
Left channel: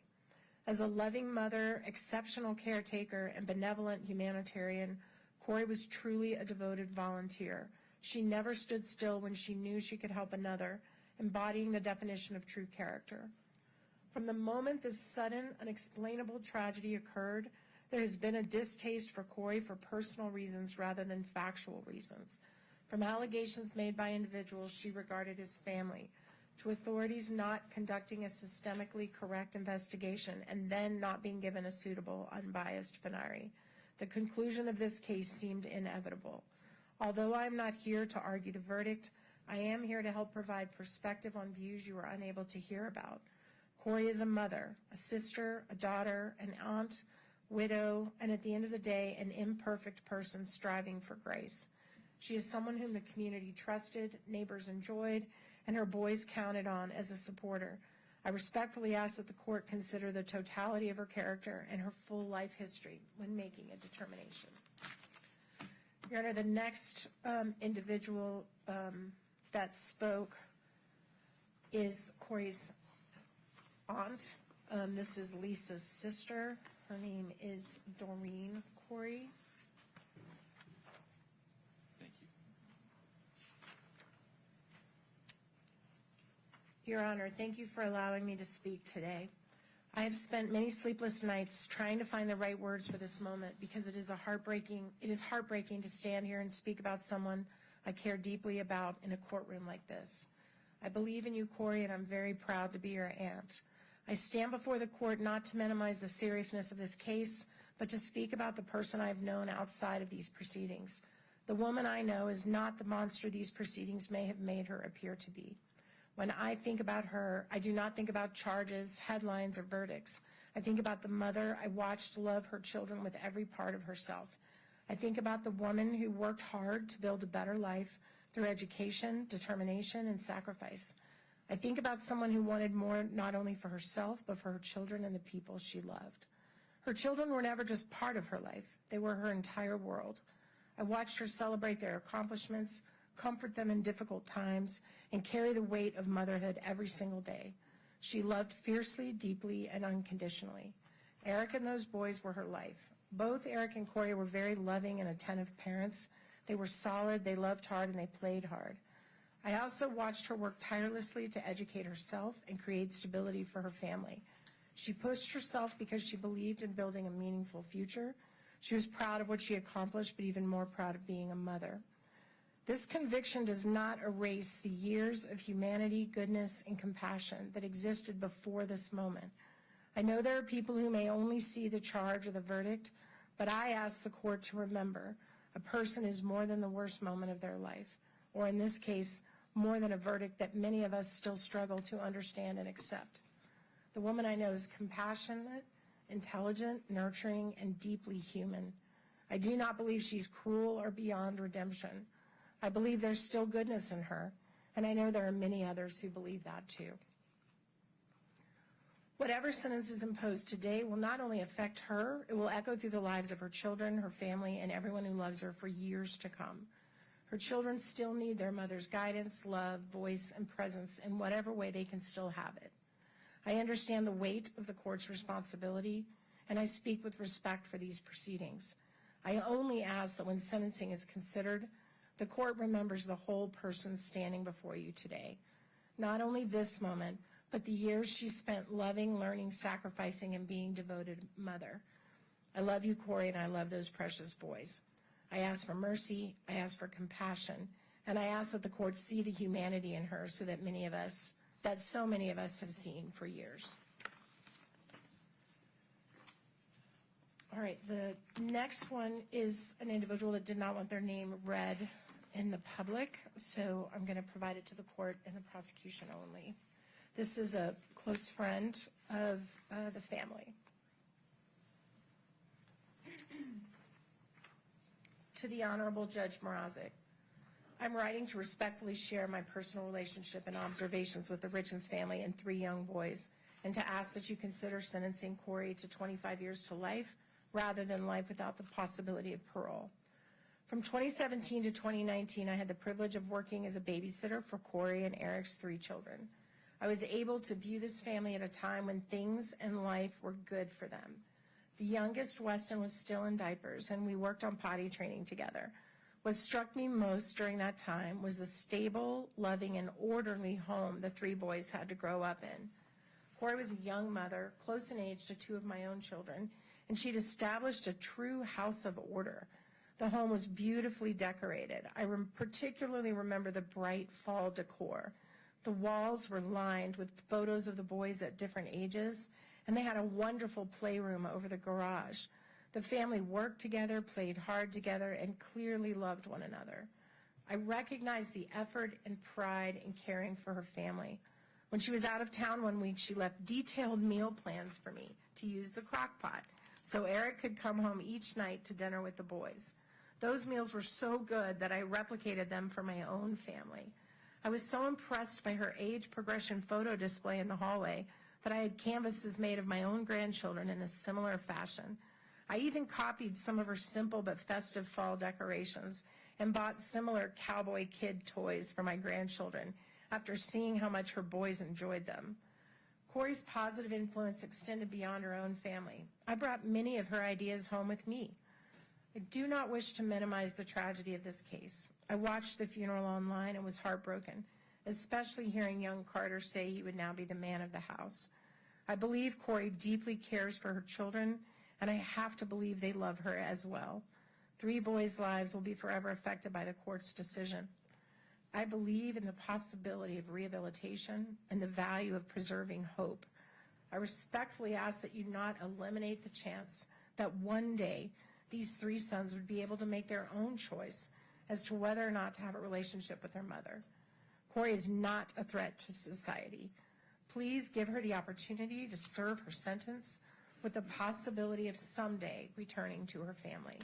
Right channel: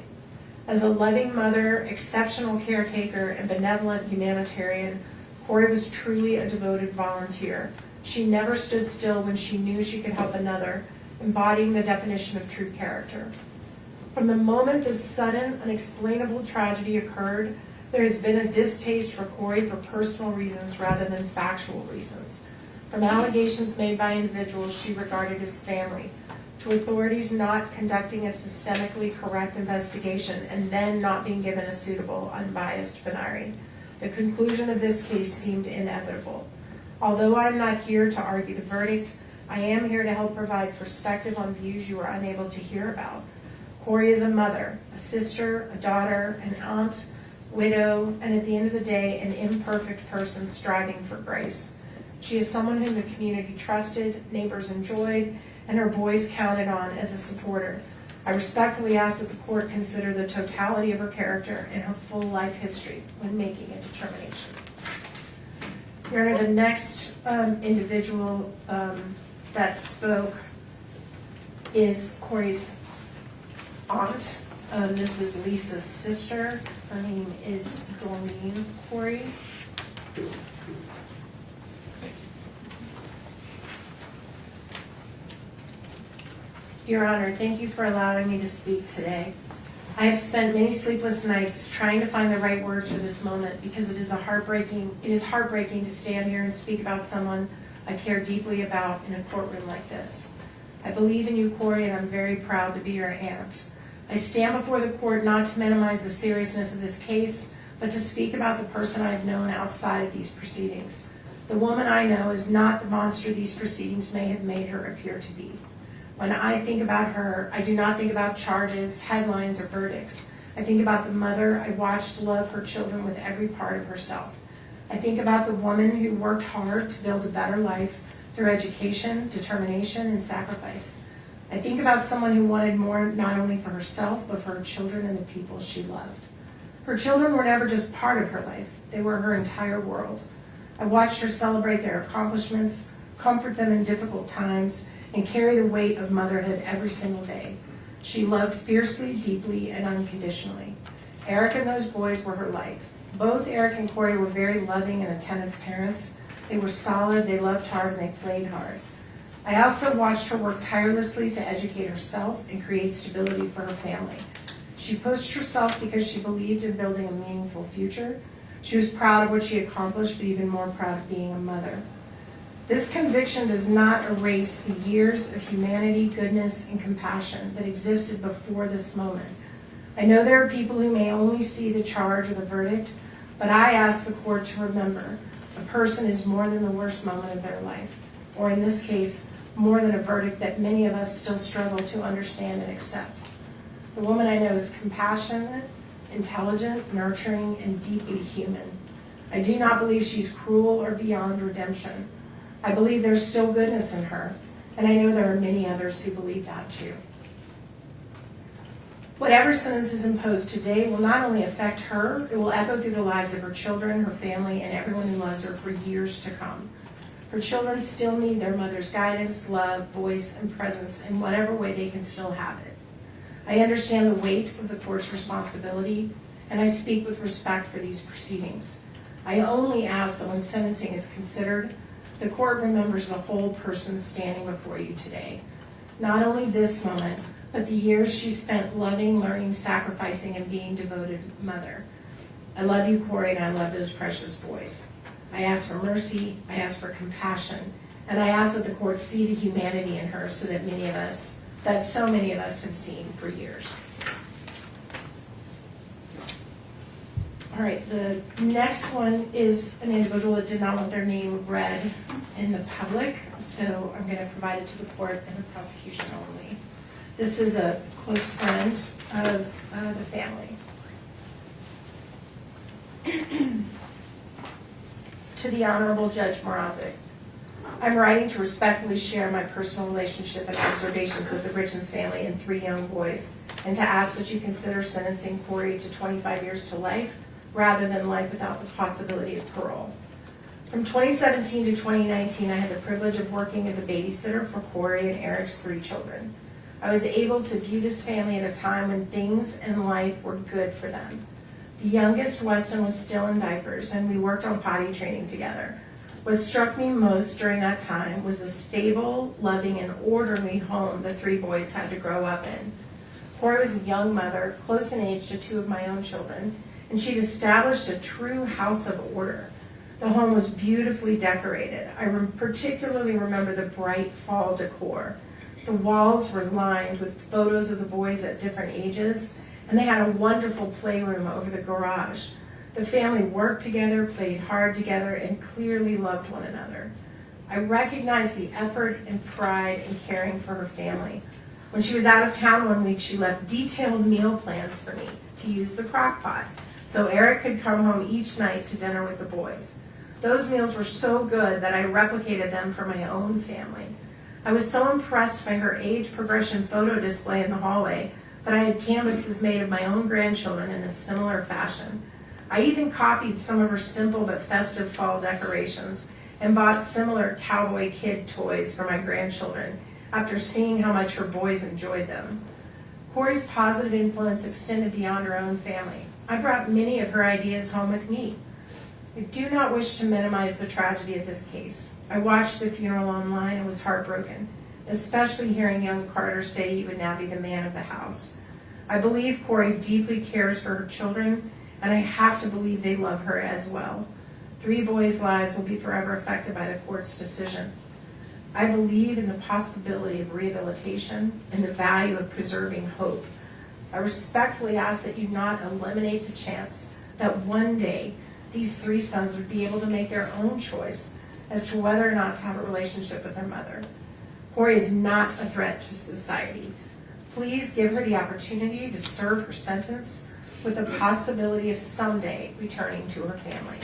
As a loving mother, exceptional caretaker, and benevolent humanitarian, Kouri was truly a devoted volunteer. She never stood still when she knew she could help another, embodying the definition of true character. From the moment this sudden, unexplainable tragedy occurred, there has been a distaste for Kouri for personal reasons rather than factual reasons. From allegations made by individuals she regarded as family, to authorities not conducting a systemically correct investigation and then not being given a suitable, unbiased venire. The conclusion of this case seemed inevitable. Although I am not here to argue the verdict, I am here to help provide perspective on views you were unable to hear about. Kouri is a mother, a sister, a daughter, an aunt, widow, and at the end of the day, an imperfect person striving for grace. She is someone whom the community trusted, neighbors enjoyed, and her boys counted on as a supporter. I respectfully ask that the court consider the totality of her character and her full life history when making a determination. Your Honor, the next individual that spoke is Kouri's aunt. This is Lisa's sister. Her name is Doreen Kouri. Your Honor, thank you for allowing me to speak today. I have spent many sleepless nights trying to find the right words for this moment because it is heartbreaking to stand here and speak about someone I care deeply about in a courtroom like this. I believe in you, Kouri, and I'm very proud to be your aunt. I stand before the court not to minimize the seriousness of this case, but to speak about the person I have known outside of these proceedings. The woman I know is not the monster these proceedings may have made her appear to be. When I think about her, I do not think about charges, headlines, or verdicts. I think about the mother I watched love her children with every part of herself. I think about the woman who worked hard to build a better life through education, determination, and sacrifice. I think about someone who wanted more not only for herself, but for her children and the people she loved. Her children were never just part of her life. They were her entire world. I watched her celebrate their accomplishments, comfort them in difficult times, and carry the weight of motherhood every single day. She loved fiercely, deeply, and unconditionally. Eric and those boys were her life. Both Eric and Kouri were very loving and attentive parents. They were solid, they loved hard, and they played hard. I also watched her work tirelessly to educate herself and create stability for her family. She pushed herself because she believed in building a meaningful future. She was proud of what she accomplished, but even more proud of being a mother. This conviction does not erase the years of humanity, goodness, and compassion that existed before this moment. I know there are people who may only see the charge or the verdict, but I ask the court to remember a person is more than the worst moment of their life, or in this case, more than a verdict that many of us still struggle to understand and accept. The woman I know is compassionate, intelligent, nurturing, and deeply human. I do not believe she's cruel or beyond redemption. I believe there's still goodness in her, and I know there are many others who believe that too. Whatever sentence is imposed today will not only affect her, it will echo through the lives of her children, her family, and everyone who loves her for years to come. Her children still need their mother's guidance, love, voice, and presence in whatever way they can still have it. I understand the weight of the court's responsibility, and I speak with respect for these proceedings. I only ask that when sentencing is considered, the court remembers the whole person standing before you today. Not only this moment, but the years she spent loving, learning, sacrificing, and being devoted mother. I love you, Kouri, and I love those precious boys. I ask for mercy, I ask for compassion, and I ask that the court see the humanity in her so that so many of us have seen for years. All right, the next one is an individual that did not want their name read in the public, so I'm going to provide it to the court and the prosecution only. This is a close friend of the family. To the Honorable Judge Mrazek, I'm writing to respectfully share my personal relationship and observations with the Richens family and 3 young boys, and to ask that you consider sentencing Kouri to 25 years to life rather than life without the possibility of parole. From 2017 to 2019, I had the privilege of working as a babysitter for Kouri and Eric's 3 children. I was able to view this family at a time when things in life were good for them. The youngest, Weston, was still in diapers, and we worked on potty training together. What struck me most during that time was the stable, loving, and orderly home the 3 boys had to grow up in. Kouri was a young mother, close in age to 2 of my own children, and she'd established a true house of order. The home was beautifully decorated. I particularly remember the bright fall decor. The walls were lined with photos of the boys at different ages, and they had a wonderful playroom over the garage. The family worked together, played hard together, and clearly loved one another. I recognized the effort and pride in caring for her family. When she was out of town one week, she left detailed meal plans for me to use the crock pot so Eric could come home each night to dinner with the boys. Those meals were so good that I replicated them for my own family. I was so impressed by her age progression photo display in the hallway that I had canvases made of my own grandchildren in a similar fashion. I even copied some of her simple but festive fall decorations and bought similar cowboy kid toys for my grandchildren after seeing how much her boys enjoyed them. Kouri's positive influence extended beyond her own family. I brought many of her ideas home with me. I do not wish to minimize the tragedy of this case. I watched the funeral online and was heartbroken, especially hearing young Carter say he would now be the man of the house. I believe Kouri deeply cares for her children, and I have to believe they love her as well. 3 boys' lives will be forever affected by the court's decision. I believe in the possibility of rehabilitation and the value of preserving hope. I respectfully ask that you not eliminate the chance that one day these 3 sons would be able to make their own choice as to whether or not to have a relationship with their mother. Kouri is not a threat to society. Please give her the opportunity to serve her sentence with the possibility of someday returning to her family.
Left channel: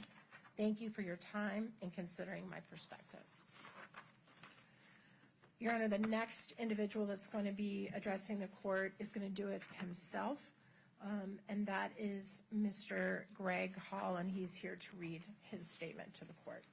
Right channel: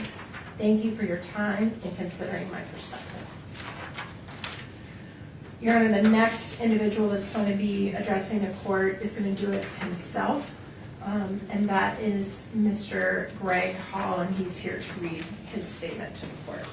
Thank you for your time and considering my perspective. Your Honor, the next individual that's going to be addressing the court is going to do it himself, and that is Mr. Greg Hall, and he's here to read his statement to the court.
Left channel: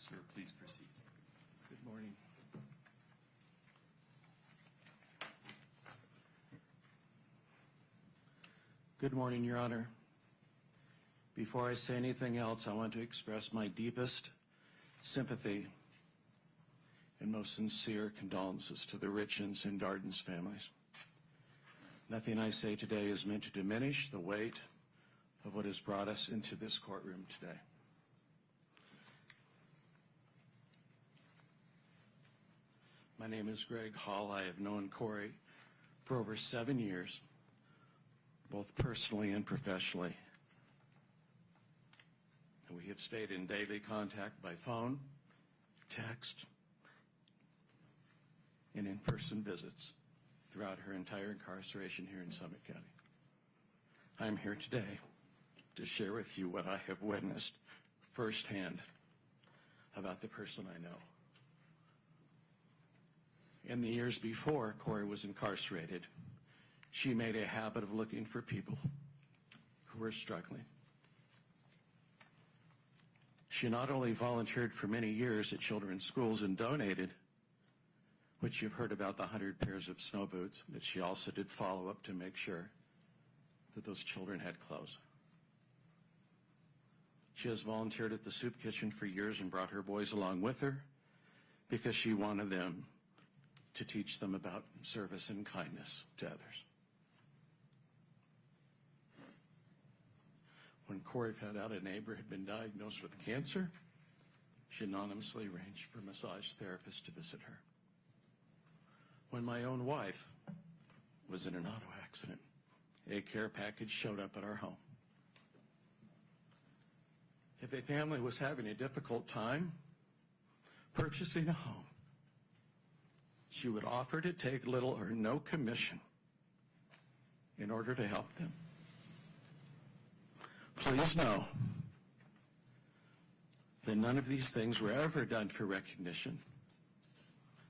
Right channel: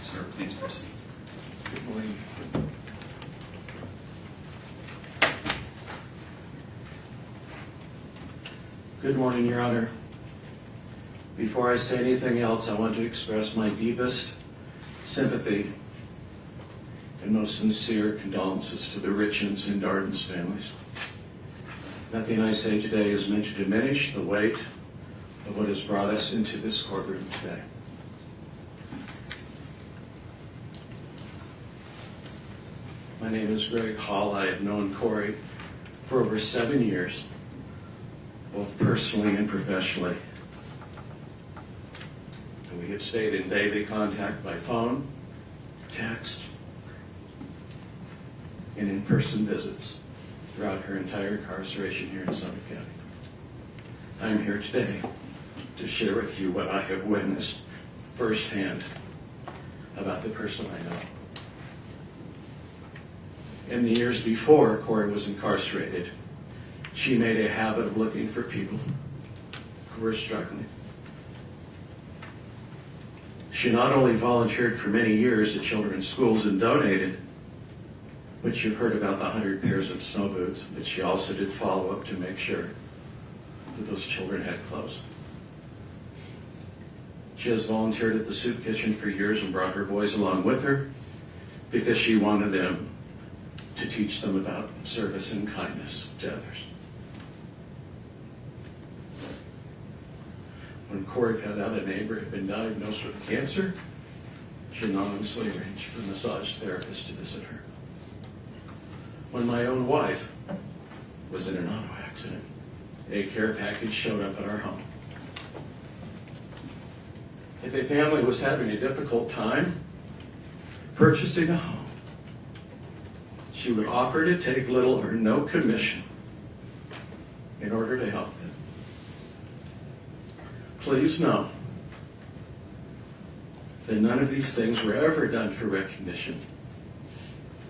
Sir, please proceed. Good morning. Good morning, Your Honor. Before I say anything else, I want to express my deepest sympathy and most sincere condolences to the Richins and Darden's families. Nothing I say today is meant to diminish the weight of what has brought us into this courtroom today. My name is Greg Hall. I have known Kouri for over 7 years, both personally and professionally. And we have stayed in daily contact by phone, text, and in-person visits throughout her entire incarceration here in Summit County. I'm here today to share with you what I have witnessed firsthand about the person I know. In the years before Kouri was incarcerated, she made a habit of looking for people who were struggling. She not only volunteered for many years at children's schools and donated, but you've heard about the 100 pairs of snow boots, but she also did follow up to make sure that those children had clothes. She has volunteered at the soup kitchen for years and brought her boys along with her because she wanted them to teach them about service and kindness to others. When Kouri found out a neighbor had been diagnosed with cancer, she anonymously arranged for a massage therapist to visit her. When my own wife was in an auto accident, a care package showed up at our home. If a family was having a difficult time purchasing a home, she would offer to take little or no commission in order to help them. Please know that none of these things were ever done for recognition.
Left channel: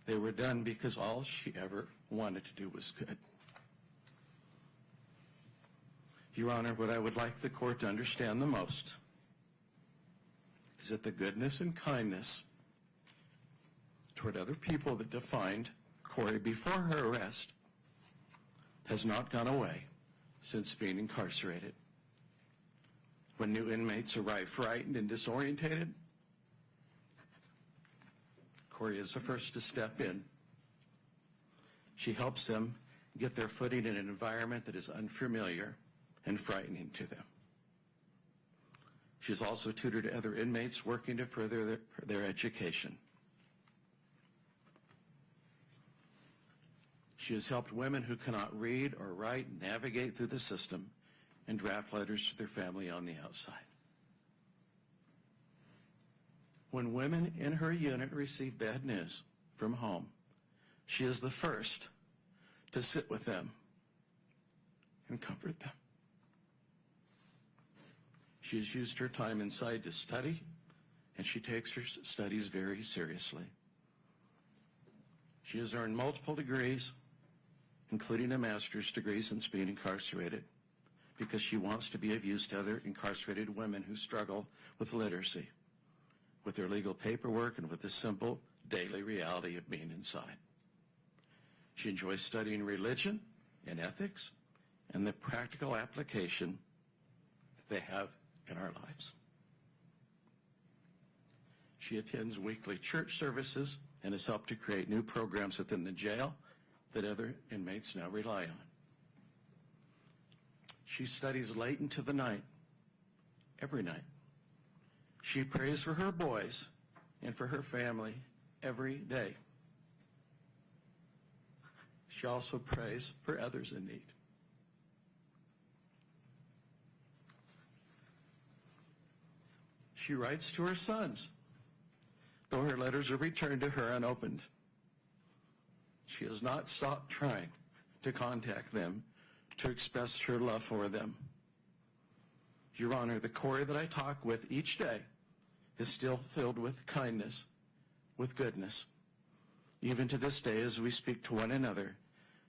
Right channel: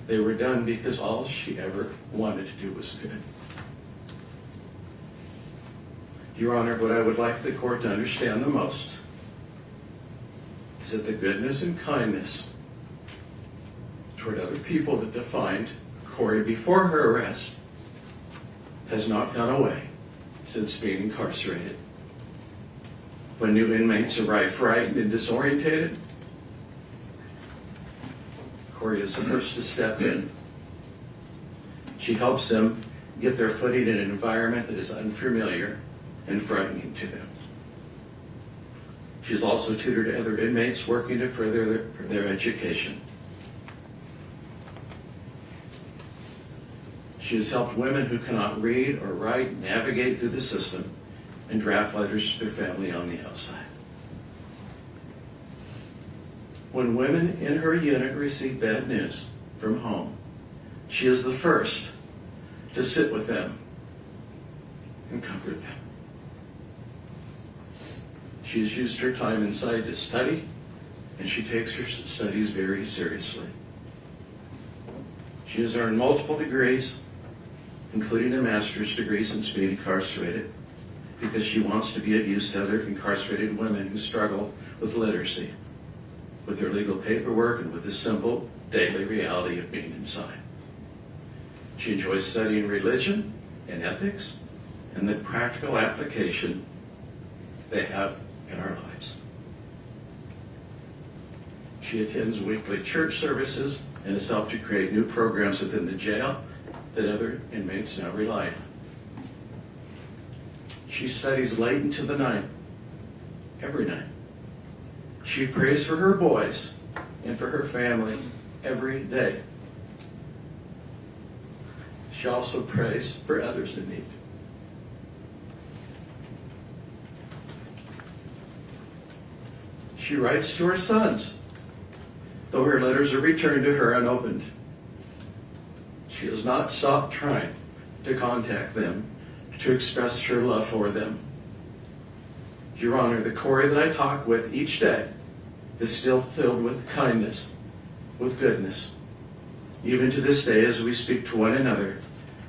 They were done because all she ever wanted to do was good. Your Honor, what I would like the court to understand the most is that the goodness and kindness toward other people that defined Kouri before her arrest has not gone away since being incarcerated. When new inmates arrive frightened and disorientated, Kouri is the first to step in. She helps them get their footing in an environment that is unfamiliar and frightening to them. She's also tutored other inmates working to further their education. She has helped women who cannot read or write navigate through the system and draft letters to their family on the outside. When women in her unit receive bad news from home, she is the first to sit with them and comfort them. She has used her time inside to study, and she takes her studies very seriously. She has earned multiple degrees, including a master's degree since being incarcerated, because she wants to be of use to other incarcerated women who struggle with literacy, with their legal paperwork, and with the simple daily reality of being inside. She enjoys studying religion and ethics and the practical application they have in our lives. She attends weekly church services and has helped to create new programs within the jail that other inmates now rely on. She studies late into the night, every night. She prays for her boys and for her family every day. She also prays for others in need. She writes to her sons, though her letters are returned to her unopened. She has not stopped trying to contact them, to express her love for them. Your Honor, the Kouri that I talk with each day is still filled with kindness, with goodness. Even to this day, as we speak to one another,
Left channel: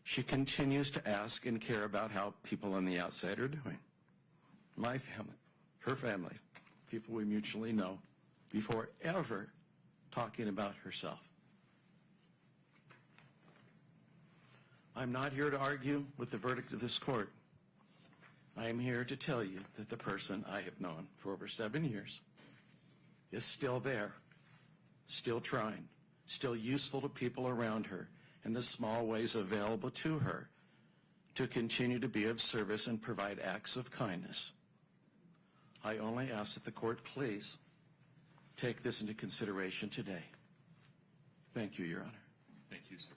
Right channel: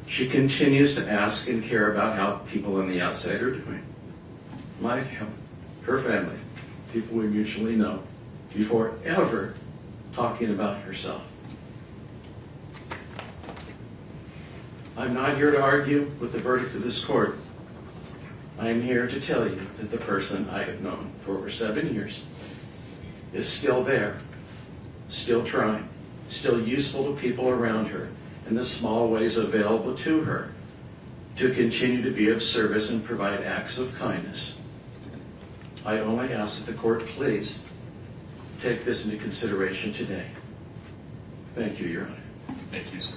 she continues to ask and care about how people on the outside are doing. My family, her family, people we mutually know, before ever talking about herself. I'm not here to argue with the verdict of this court. I am here to tell you that the person I have known for over 7 years is still there, still trying, still useful to people around her in the small ways available to her to continue to be of service and provide acts of kindness. I only ask that the court please take this into consideration today. Thank you, Your Honor. Thank you, sir.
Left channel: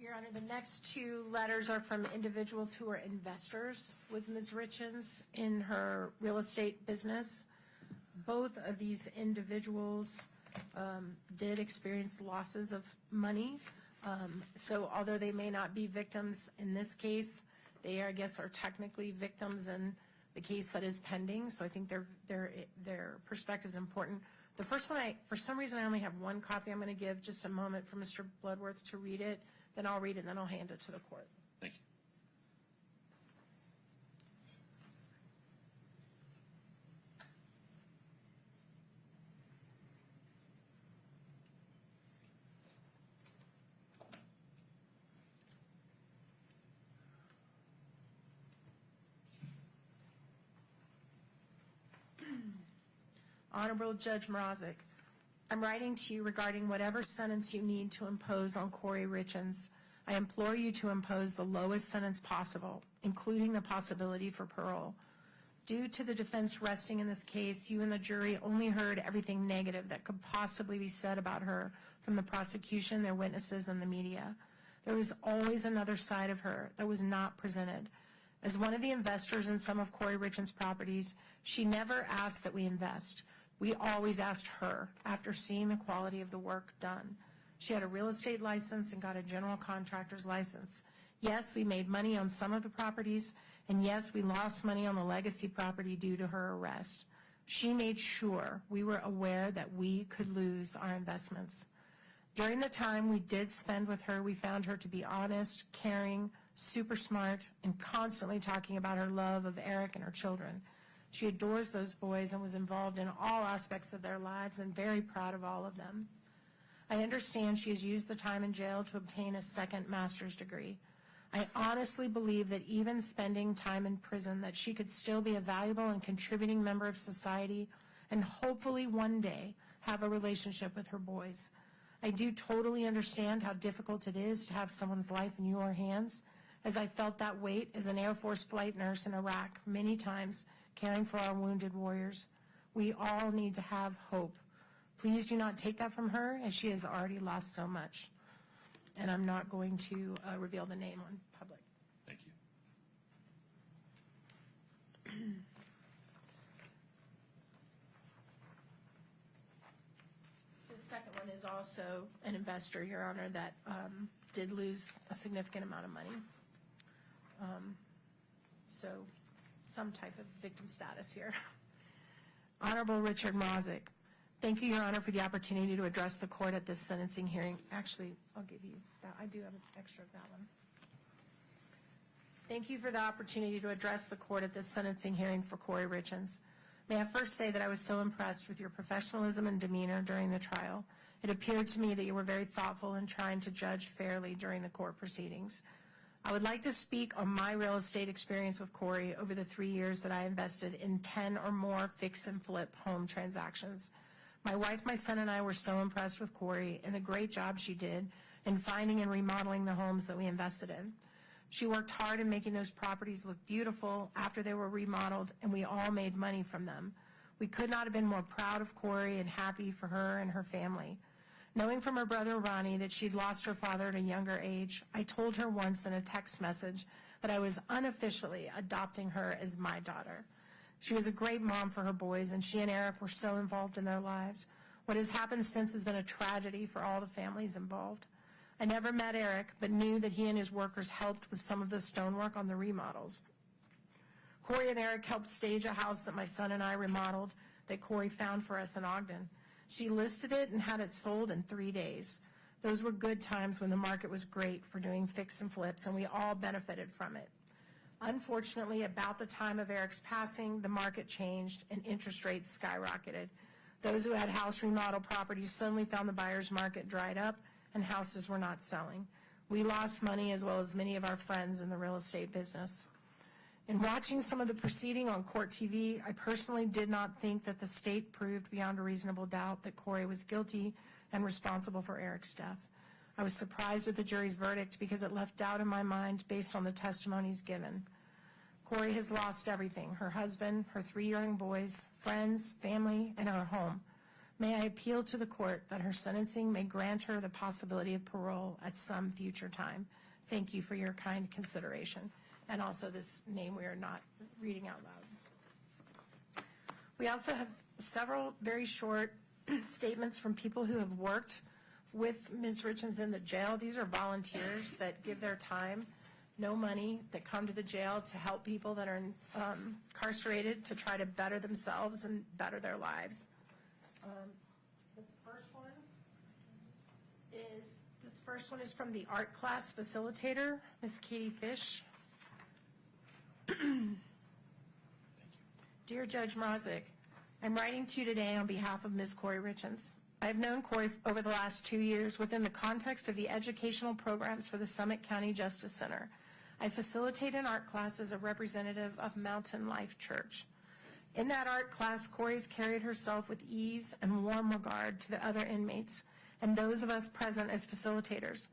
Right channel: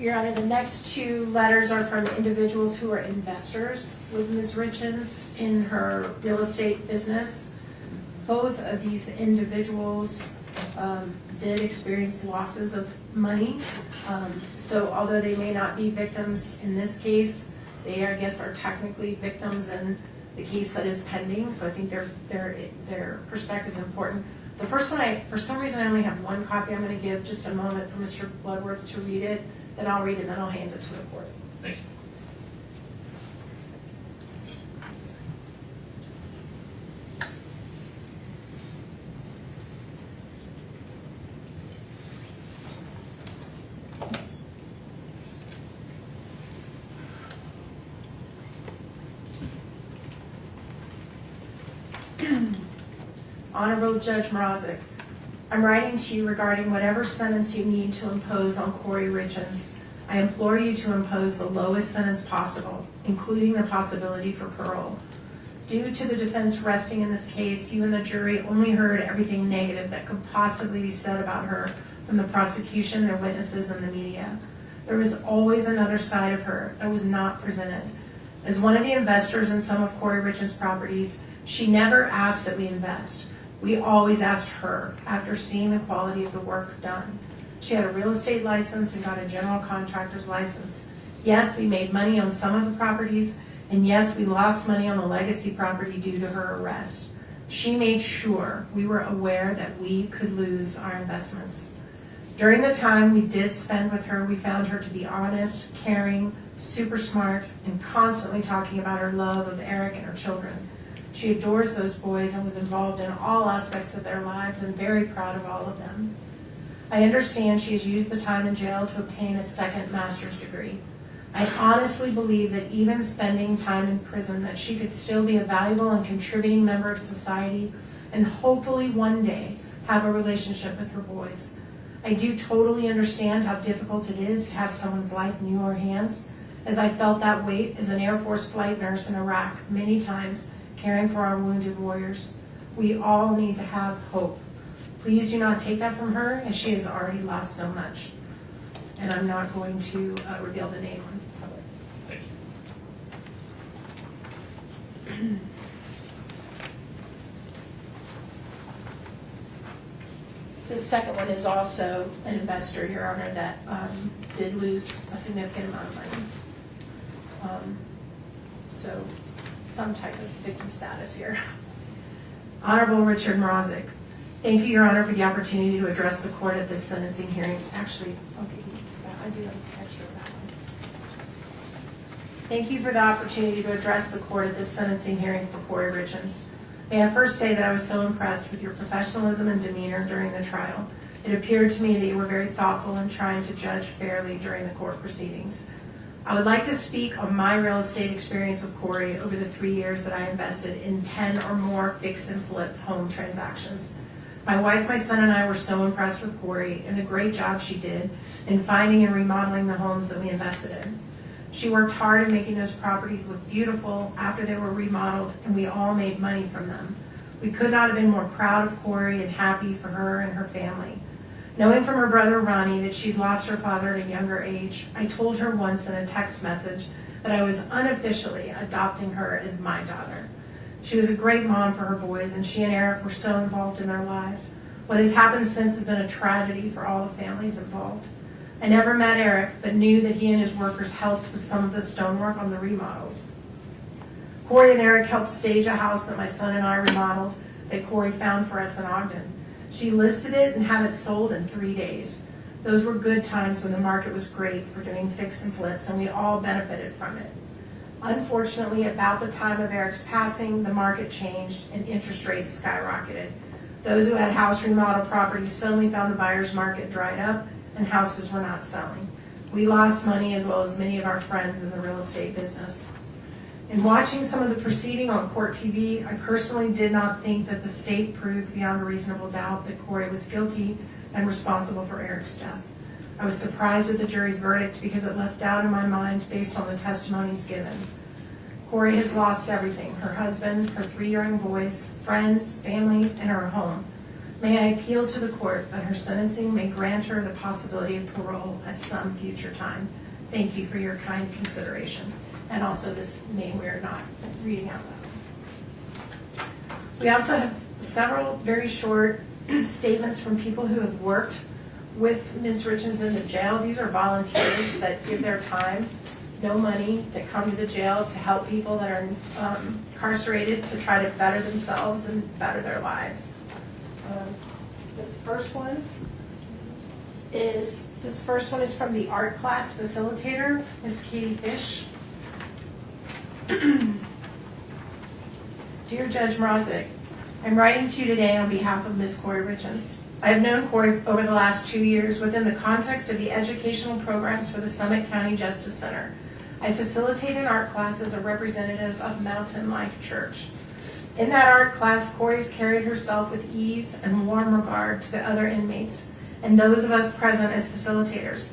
Your Honor, the next two letters are from individuals who are investors with Ms. Richins in her real estate business. Both of these individuals did experience losses of money. So although they may not be victims in this case, they, I guess, are technically victims in the case that is pending. So I think their perspective is important. The first one, for some reason, I only have one copy. I'm going to give just a moment for Mr. Bloodworth to read it. Then I'll read it, and then I'll hand it to the court. Thank you. Honorable Judge Mrazek, I'm writing to you regarding whatever sentence you need to impose on Kouri Richins. I implore you to impose the lowest sentence possible, including the possibility for parole. Due to the defense resting in this case, you and the jury only heard everything negative that could possibly be said about her from the prosecution, their witnesses, and the media. There was always another side of her that was not presented. As one of the investors in some of Kouri Richins' properties, she never asked that we invest. We always asked her after seeing the quality of the work done. She had a real estate license and got a general contractor's license. Yes, we made money on some of the properties, and yes, we lost money on the legacy property due to her arrest. She made sure we were aware that we could lose our investments. During the time we did spend with her, we found her to be honest, caring, super smart, and constantly talking about her love of Eric and her children. She adores those boys and was involved in all aspects of their lives and very proud of all of them. I understand she has used the time in jail to obtain a second master's degree. I honestly believe that even spending time in prison, that she could still be a valuable and contributing member of society and hopefully one day have a relationship with her boys. I do totally understand how difficult it is to have someone's life in your hands, as I felt that weight as an Air Force flight nurse in Iraq many times, caring for our wounded warriors. We all need to have hope. Please do not take that from her, as she has already lost so much. And I'm not going to reveal the name in public. Thank you. The second one is also an investor, Your Honor, that did lose a significant amount of money. So some type of victim status here. Honorable Richard Mrozik, thank you, Your Honor, for the opportunity to address the court at this sentencing hearing. Actually, okay, I do have extra of that one. Thank you for the opportunity to address the court at this sentencing hearing for Kouri Richins. May I first say that I was so impressed with your professionalism and demeanor during the trial. It appeared to me that you were very thoughtful in trying to judge fairly during the court proceedings. I would like to speak on my real estate experience with Kouri over the 3 years that I invested in 10 or more fix and flip home transactions. My wife, my son, and I were so impressed with Kouri and the great job she did in finding and remodeling the homes that we invested in. She worked hard in making those properties look beautiful after they were remodeled, and we all made money from them. We could not have been more proud of Kouri and happy for her and her family. Knowing from her brother Ronnie that she'd lost her father at a younger age, I told her once in a text message that I was unofficially adopting her as my daughter. She was a great mom for her boys, and she and Eric were so involved in their lives. What has happened since has been a tragedy for all the families involved. I never met Eric, but knew that he and his workers helped with some of the stonework on the remodels. Kouri and Eric helped stage a house that my son and I remodeled that Kouri found for us in Ogden. She listed it and had it sold in 3 days. Those were good times when the market was great for doing fix and flips, and we all benefited from it. Unfortunately, about the time of Eric's passing, the market changed and interest rates skyrocketed. Those who had house remodel properties suddenly found the buyer's market dried up and houses were not selling. We lost money as well as many of our friends in the real estate business. In watching some of the proceeding on court TV, I personally did not think that the state proved beyond a reasonable doubt that Kouri was guilty and responsible for Eric's death. I was surprised at the jury's verdict because it left doubt in my mind based on the testimonies given. Kouri has lost everything: her husband, her 3 young boys, friends, family, and her home. May I appeal to the court that her sentencing may grant her the possibility of parole at some future time. Thank you for your kind consideration. And also this name we are not reading out loud. We also have several very short statements from people who have worked with Ms. Richins in the jail. These are volunteers that give their time, no money, that come to the jail to help people that are incarcerated to try to better themselves and better their lives. This first one is from the art class facilitator, Ms. Katie Fish. Dear Judge Mrozik, I'm writing to you today on behalf of Ms. Kouri Richins. I have known Kouri over the last 2 years within the context of the educational programs for the Summit County Justice Center. I facilitate an art class as a representative of Mountain Life Church. In that art class, Kouri's carried herself with ease and warm regard to the other inmates and those of us present as facilitators.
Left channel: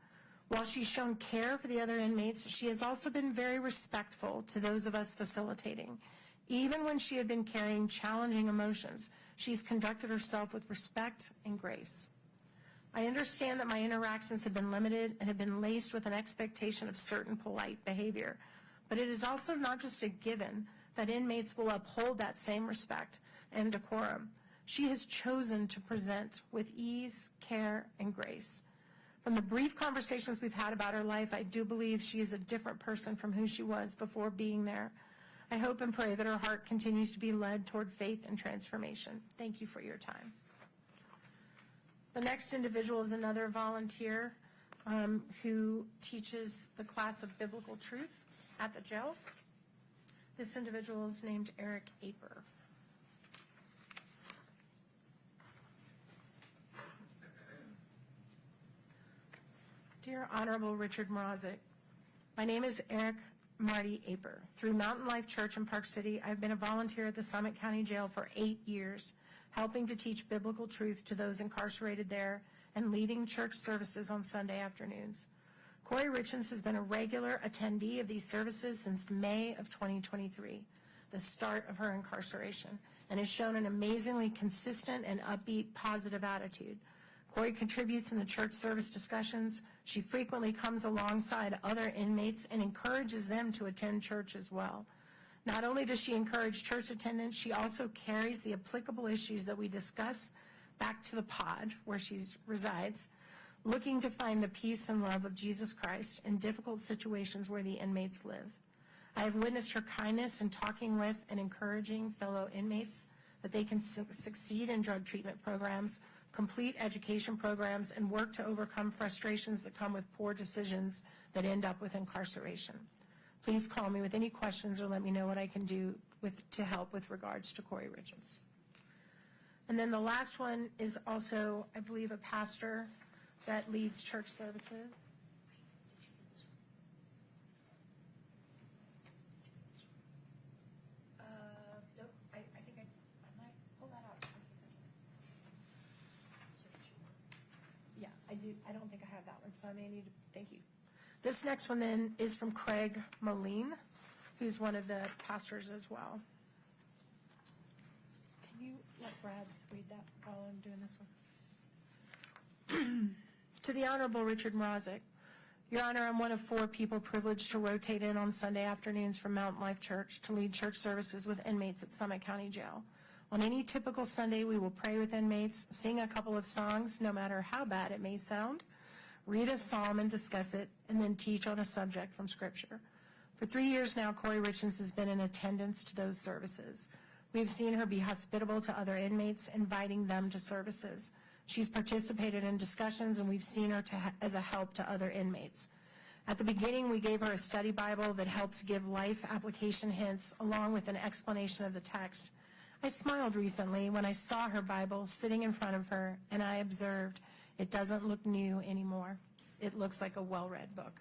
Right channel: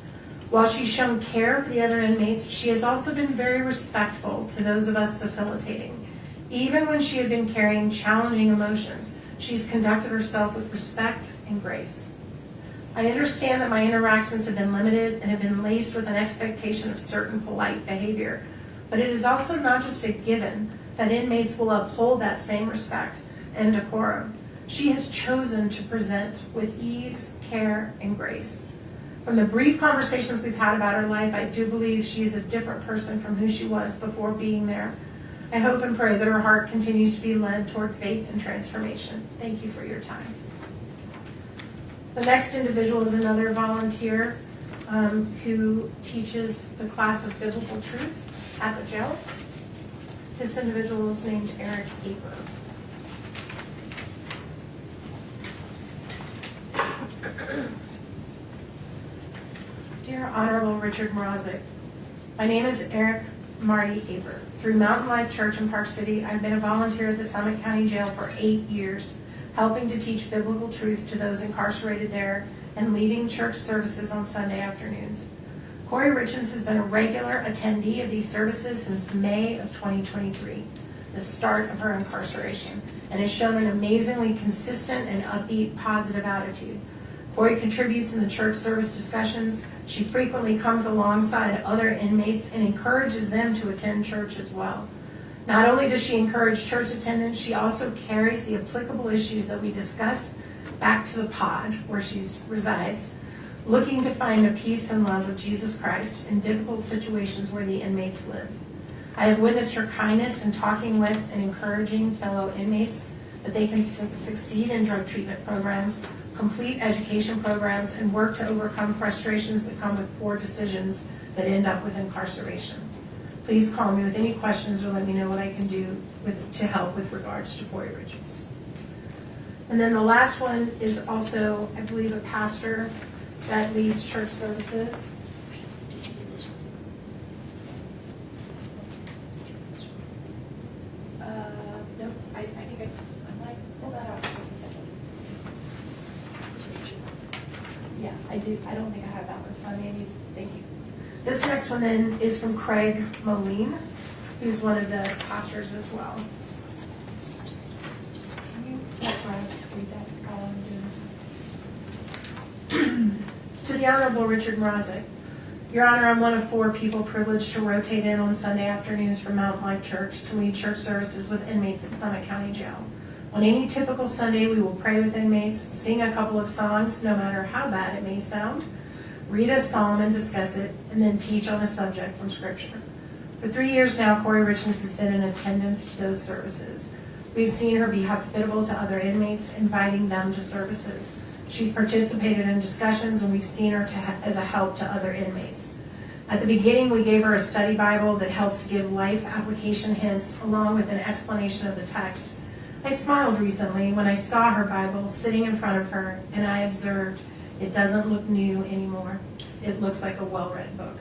While she's shown care for the other inmates, she has also been very respectful to those of us facilitating. Even when she had been carrying challenging emotions, she's conducted herself with respect and grace. I understand that my interactions have been limited and have been laced with an expectation of certain polite behavior, but it is also not just a given that inmates will uphold that same respect and decorum. She has chosen to present with ease, care, and grace. From the brief conversations we've had about her life, I do believe she is a different person from who she was before being there. I hope and pray that her heart continues to be led toward faith and transformation. Thank you for your time. The next individual is another volunteer who teaches the class of biblical truth at the jail. This individual is named Eric Aper. Dear Honorable Richard Mrozik, my name is Eric Marty Aper. Through Mountain Life Church in Park City, I've been a volunteer at the Summit County Jail for 8 years, helping to teach biblical truth to those incarcerated there and leading church services on Sunday afternoons. Kouri Richins has been a regular attendee of these services since May of 2023, the start of her incarceration, and has shown an amazingly consistent and upbeat, positive attitude. Kouri contributes in the church service discussions. She frequently comes alongside other inmates and encourages them to attend church as well. Not only does she encourage church attendance, she also carries the applicable issues that we discuss back to the pod where she resides, looking to find the peace and love of Jesus Christ in difficult situations where the inmates live. I have witnessed her kindness in talking with and encouraging fellow inmates that they can succeed in drug treatment programs, complete education programs, and work to overcome frustrations that come with poor decisions that end up with incarceration. Please call me with any questions or let me know what I can do to help with regards to Kouri Richins. And then the last one is also, I believe, a pastor that leads church services. Nope, I think I might pull that out. Yeah, I do. I don't think I have that one, so I may need, thank you. This next one then is from Craig Moline, who's one of the pastors as well. Can you read that while I'm doing this? To the Honorable Richard Mrazek, Your Honor, I'm one of 4 people privileged to rotate in on Sunday afternoons from Mount Life Church to lead church services with inmates at Summit County Jail. On any typical Sunday, we will pray with inmates, sing a couple of songs, no matter how bad it may sound, read a psalm and discuss it, and then teach on a subject from Scripture. For 3 years now, Kouri Richins has been in attendance to those services. We've seen her be hospitable to other inmates, inviting them to services. She's participated in discussions, and we've seen her as a help to other inmates. At the beginning, we gave her a study Bible that helps give life application hints along with an explanation of the text. I smiled recently when I saw her Bible sitting in front of her, and I observed it doesn't look new anymore. It looks like a well-read book.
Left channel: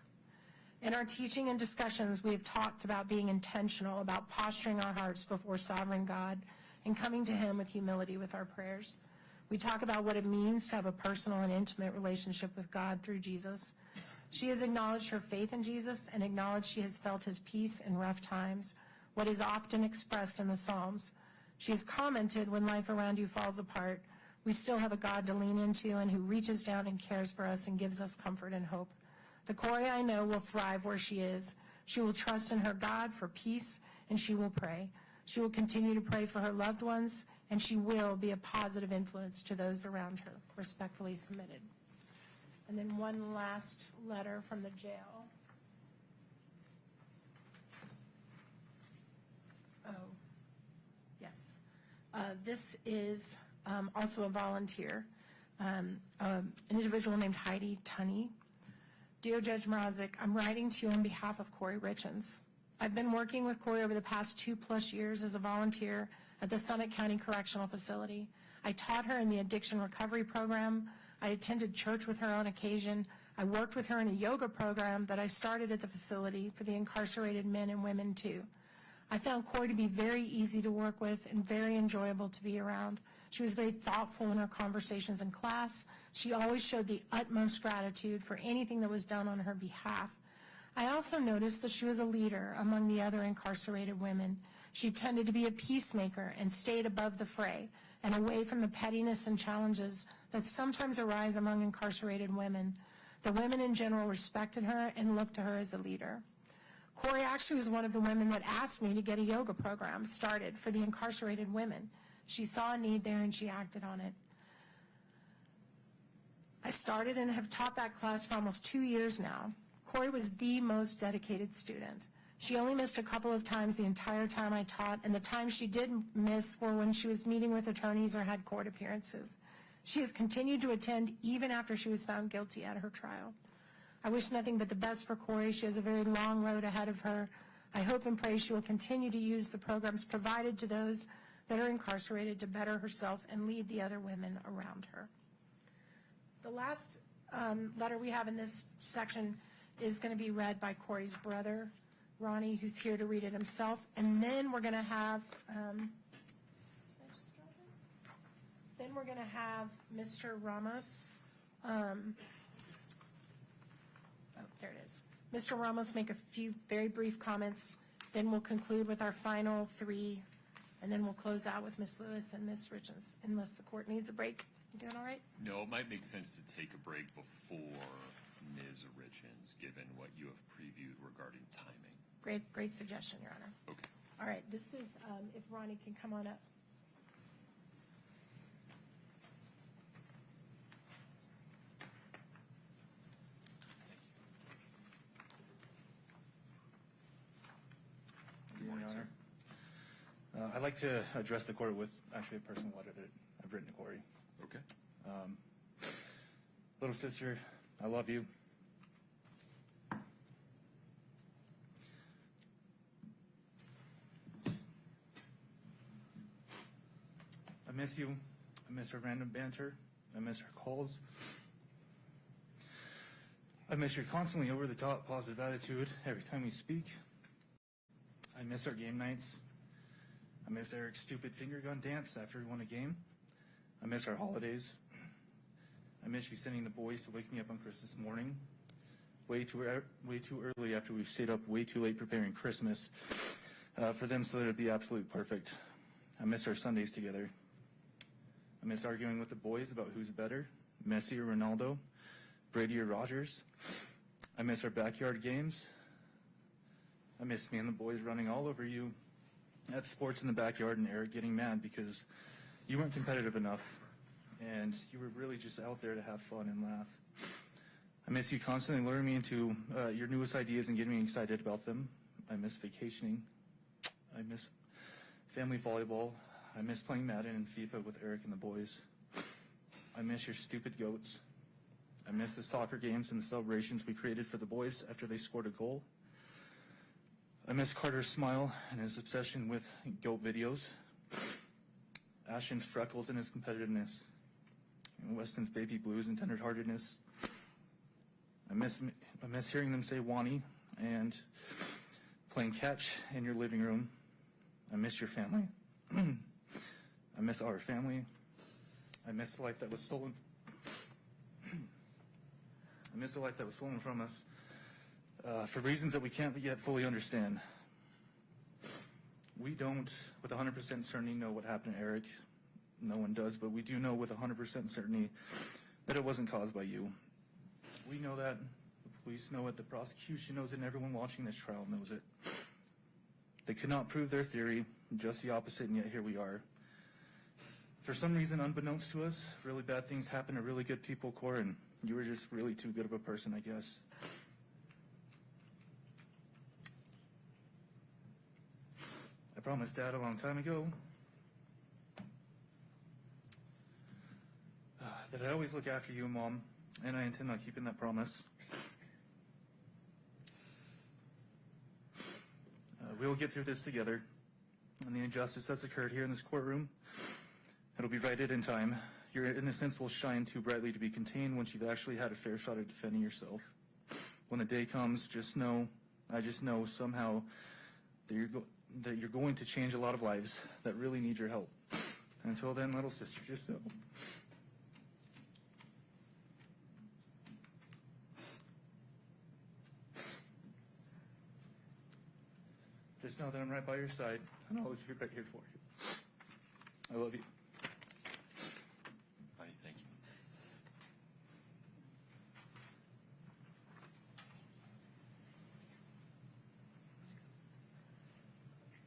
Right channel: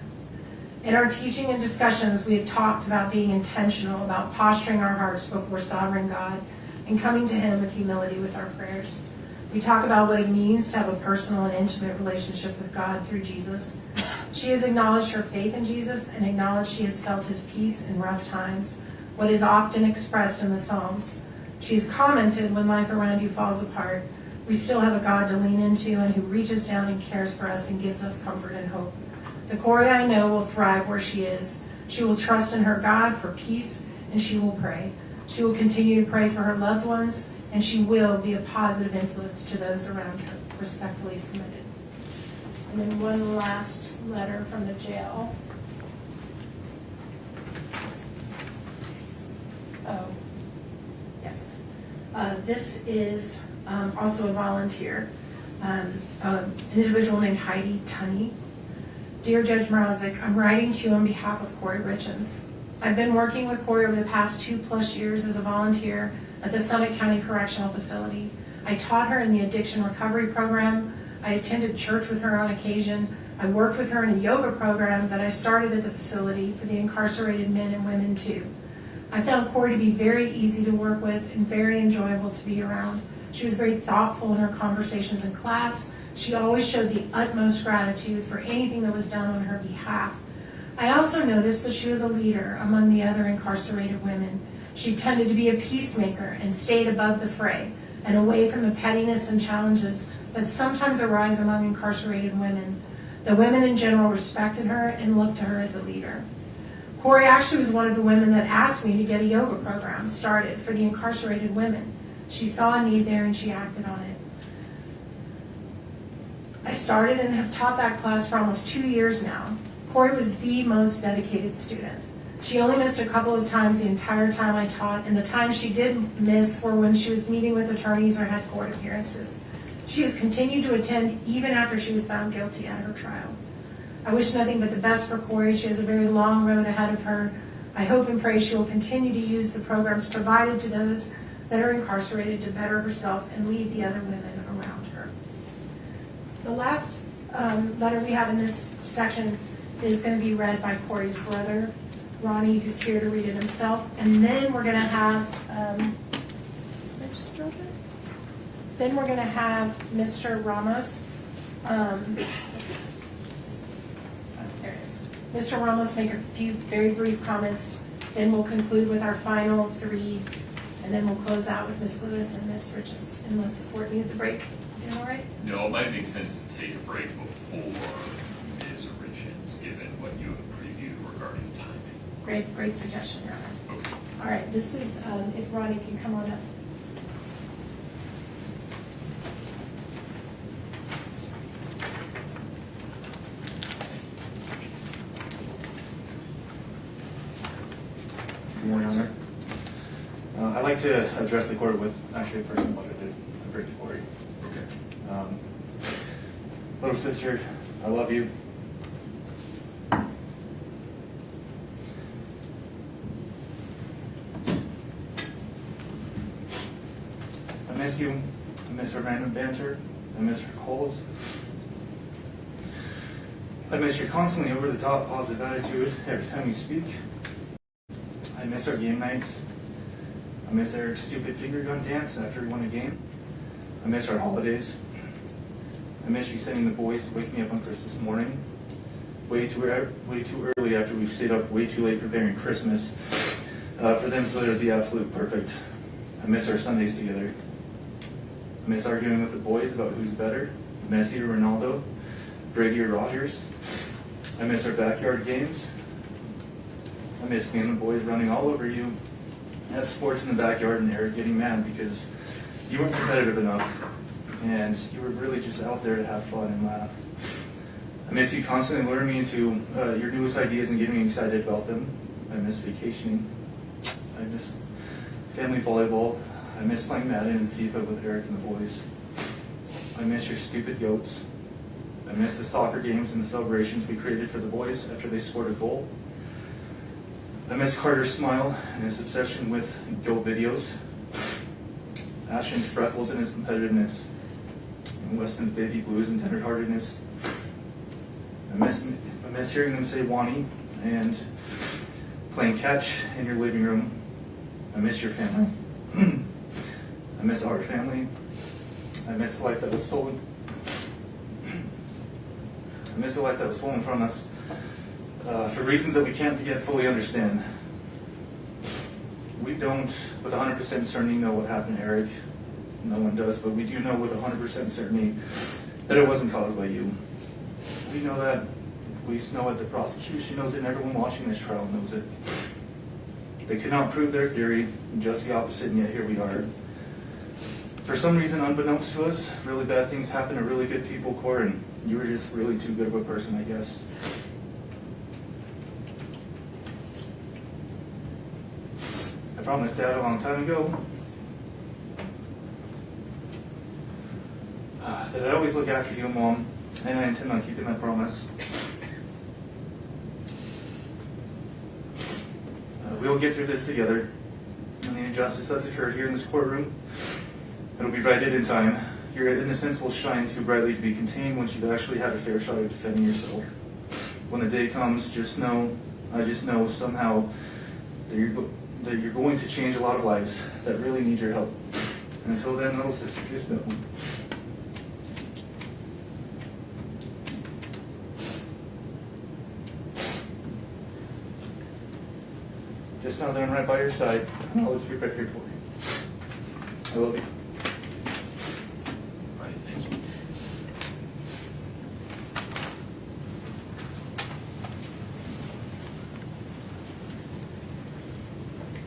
In our teaching and discussions, we have talked about being intentional about posturing our hearts before sovereign God and coming to Him with humility with our prayers. We talk about what it means to have a personal and intimate relationship with God through Jesus. She has acknowledged her faith in Jesus and acknowledged she has felt His peace in rough times, what is often expressed in the Psalms. She has commented, when life around you falls apart, we still have a God to lean into and who reaches down and cares for us and gives us comfort and hope. The Kouri I know will thrive where she is. She will trust in her God for peace, and she will pray. She will continue to pray for her loved ones, and she will be a positive influence to those around her. Respectfully submitted. And then one last letter from the jail. Oh, yes. This is also a volunteer, an individual named Heidi Tunney. Dear Judge Mrazek, I'm writing to you on behalf of Kouri Richins. I've been working with Kouri over the past 2+ years as a volunteer at the Summit County Correctional Facility. I taught her in the addiction recovery program. I attended church with her on occasion. I worked with her in a yoga program that I started at the facility for the incarcerated men and women too. I found Kouri to be very easy to work with and very enjoyable to be around. She was very thoughtful in her conversations in class. She always showed the utmost gratitude for anything that was done on her behalf. I also noticed that she was a leader among the other incarcerated women. She tended to be a peacemaker and stayed above the fray and away from the pettiness and challenges that sometimes arise among incarcerated women. The women in general respected her and looked to her as a leader. Kouri actually was one of the women that asked me to get a yoga program started for the incarcerated women. She saw a need there and she acted on it. I started and have taught that class for almost 2 years now. Kouri was the most dedicated student. She only missed a couple of times the entire time I taught, and the times she did miss were when she was meeting with attorneys or had court appearances. She has continued to attend even after she was found guilty at her trial. I wish nothing but the best for Kouri. She has a very long road ahead of her. I hope and pray she will continue to use the programs provided to those that are incarcerated to better herself and lead the other women around her. The last letter we have in this section is going to be read by Kouri's brother, Ronnie, who's here to read it himself. And then we're going to have, Mr. Ramos, there it is. Mr. Ramos make a few very brief comments. Then we'll conclude with our final 3 and then we'll close out with Ms. Lewis and Ms. Richins, unless the court needs a break. Doing all right? No, it might make sense to take a break before Ms. Richins, given what you have previewed regarding timing. Great suggestion, Your Honor. Okay. All right, this is, if Ronnie can come on up. Good morning, Honor. I'd like to address the court with actually a personal letter to bring to Kouri. Okay. Little sister, I love you. I miss you. I miss our random banter. I miss your calls. I miss your constantly over-the-top positive attitude every time we speak. I miss our game nights. I miss Eric's stupid finger gun dance after we won a game. I miss our holidays. I miss you sending the boys to wake me up on Christmas morning, way too early after we've stayed up way too late preparing Christmas for them so that it'd be absolute perfect. I miss our Sundays together. I miss arguing with the boys about who's better, Messi or Ronaldo, Brady or Rogers. I miss our backyard games. I miss me and the boys running all over you at sports in the backyard and Eric getting mad because you weren't competitive enough and you were really just out there to have fun and laugh. I miss you constantly luring me into your newest ideas and getting me excited about them. I miss vacationing. I miss family volleyball. I miss playing Madden and FIFA with Eric and the boys. I miss your stupid goats. I miss the soccer games and the celebrations we created for the boys after they scored a goal. I miss Carter's smile and his obsession with goat videos. Ashton's freckles and his competitiveness. And Weston's baby blues and tenderheartedness. I miss hearing them say Wani and playing catch in your living room. I miss your family. I miss our family. I miss the life that was stolen. I miss the life that was stolen from us for reasons that we can't yet fully understand. We don't, with 100% certainty, know what happened to Eric. No one does, but we do know with 100% certainty that it wasn't caused by you. We know that. The police know it. The prosecution knows it. And everyone watching this trial knows it. They could not prove their theory, just the opposite, and yet here we are. For some reason, unbeknownst to us, really bad things happen to really good people, Cor, and you were just really too good of a person, I guess. I promised Dad a long time ago that I'd always look after you, Mom, and I intend on keeping that promise. We'll get through this together, and the injustice that's occurred here in this courtroom, it'll be righted in time. Your innocence will shine too brightly to be contained once you've actually had a fair shot at defending yourself. When the day comes, I just know somehow that you're going to change a lot of lives that really need your help. And until then, little sister, just know. Just know that I'm right by your side, and I'll always be right here for you. I love you. All right, thank you.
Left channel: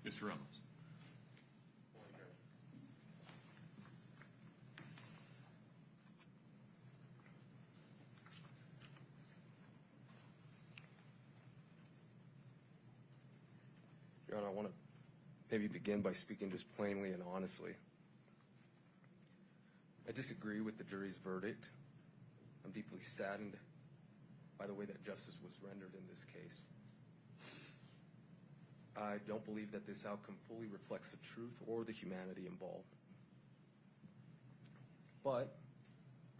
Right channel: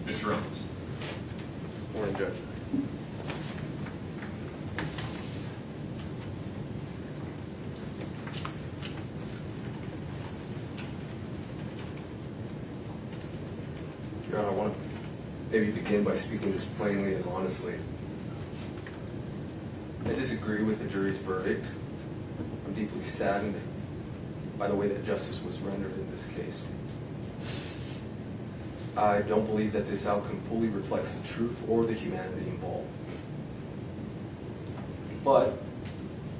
Mr. Reynolds. Morning, Judge. Your Honor, I want to maybe begin by speaking just plainly and honestly. I disagree with the jury's verdict. I'm deeply saddened by the way that justice was rendered in this case. I don't believe that this outcome fully reflects the truth or the humanity involved. But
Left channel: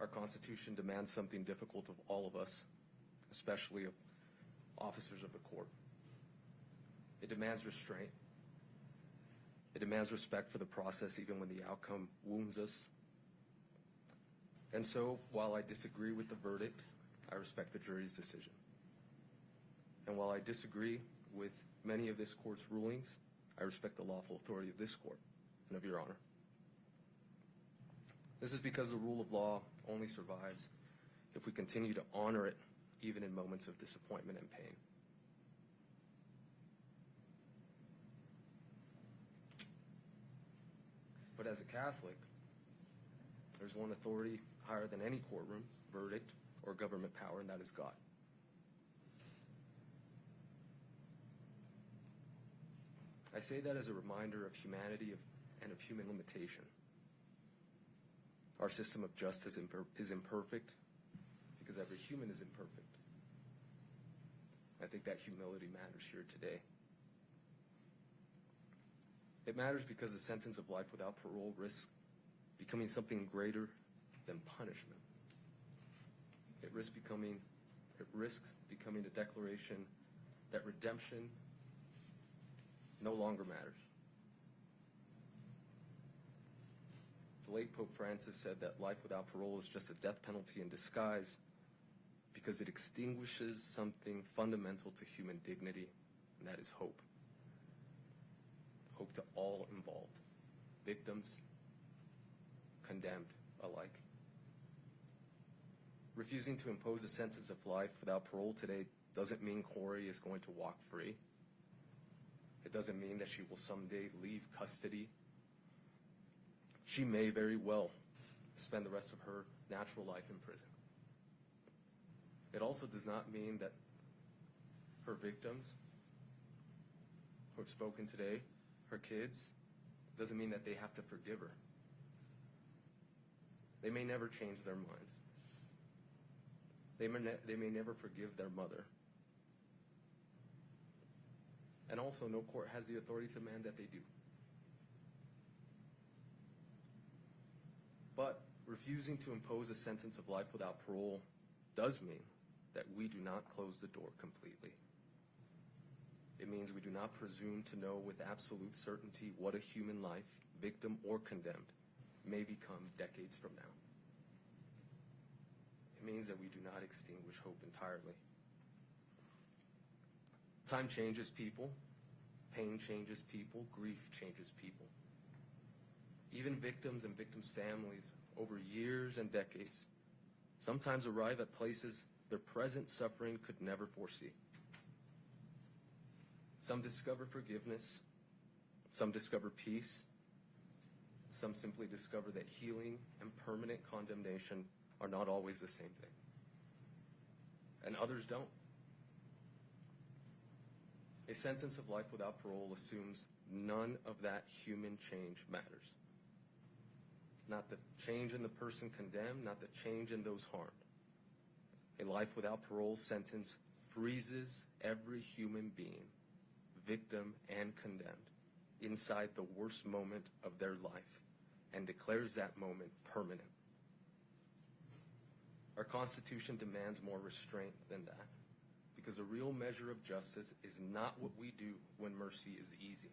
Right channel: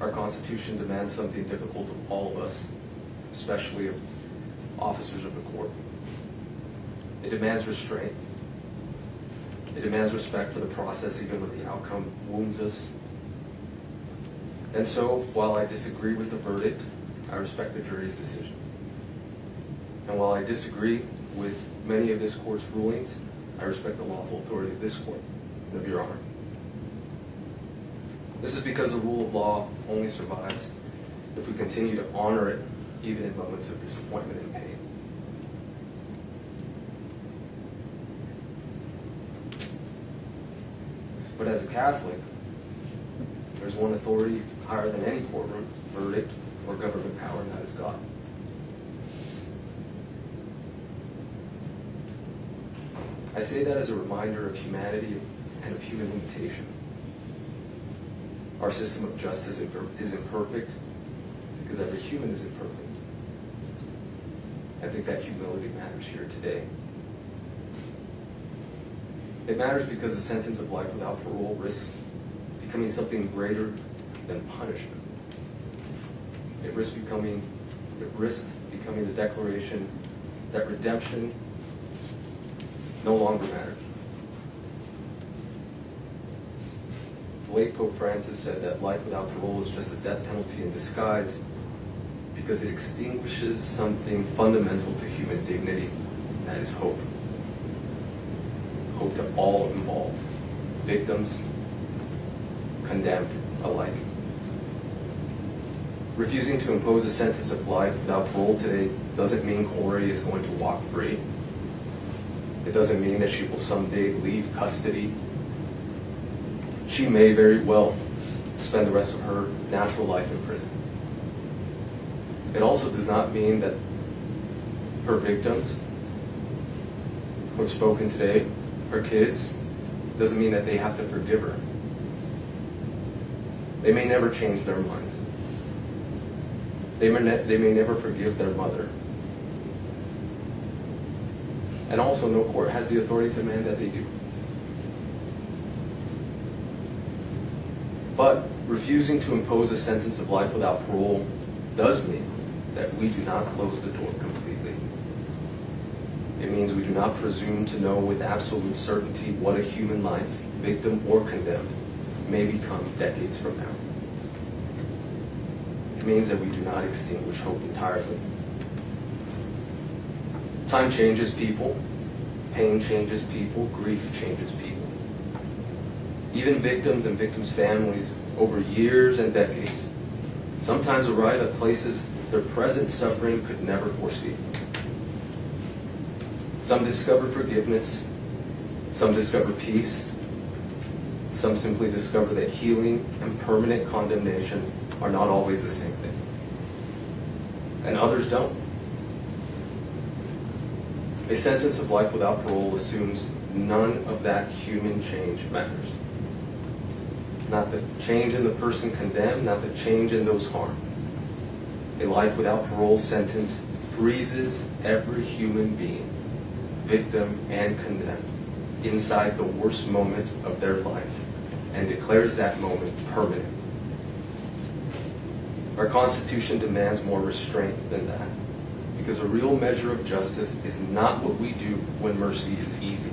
our Constitution demands something difficult of all of us, especially of officers of the court. It demands restraint. It demands respect for the process even when the outcome wounds us. And so, while I disagree with the verdict, I respect the jury's decision. And while I disagree with many of this court's rulings, I respect the lawful authority of this court. of Your Honor. This is because the rule of law only survives if we continue to honor it even in moments of disappointment and pain. But as a Catholic, there's one authority higher than any courtroom, verdict, or government power, and that is God. I say that as a reminder of humanity and of human limitation. Our system of justice is imperfect because every human is imperfect. I think that humility matters here today. It matters because the sentence of life without parole risks becoming something greater than punishment. It risks becoming the declaration that redemption no longer matters. The late Pope Francis said that life without parole is just a death penalty in disguise because it extinguishes something fundamental to human dignity, and that is hope. Hope to all involved, victims, condemned alike. Refusing to impose a sentence of life without parole today doesn't mean Kouri is going to walk free. It doesn't mean that she will someday leave custody. She may very well spend the rest of her natural life in prison. It also does not mean that her victims who have spoken today, her kids, doesn't mean that they have to forgive her. They may never change their minds. They may never forgive their mother. And also, no court has the authority to demand that they do. But refusing to impose a sentence of life without parole does mean that we do not close the door completely. It means we do not presume to know with absolute certainty what a human life, victim or condemned, may become decades from now. It means that we do not extinguish hope entirely. Time changes people, pain changes people, grief changes people. Even victims and victims' families over years and decades sometimes arrive at places their present suffering could never foresee. Some discover forgiveness, some discover peace, some simply discover that healing and permanent condemnation are not always the same thing. And others don't. A sentence of life without parole assumes none of that human change matters. Not the change in the person condemned, not the change in those harmed. A life without parole sentence freezes every human being, victim and condemned, inside the worst moment of their life and declares that moment permanent. Our Constitution demands more restraint than that, because a real measure of justice is not what we do when mercy is easy.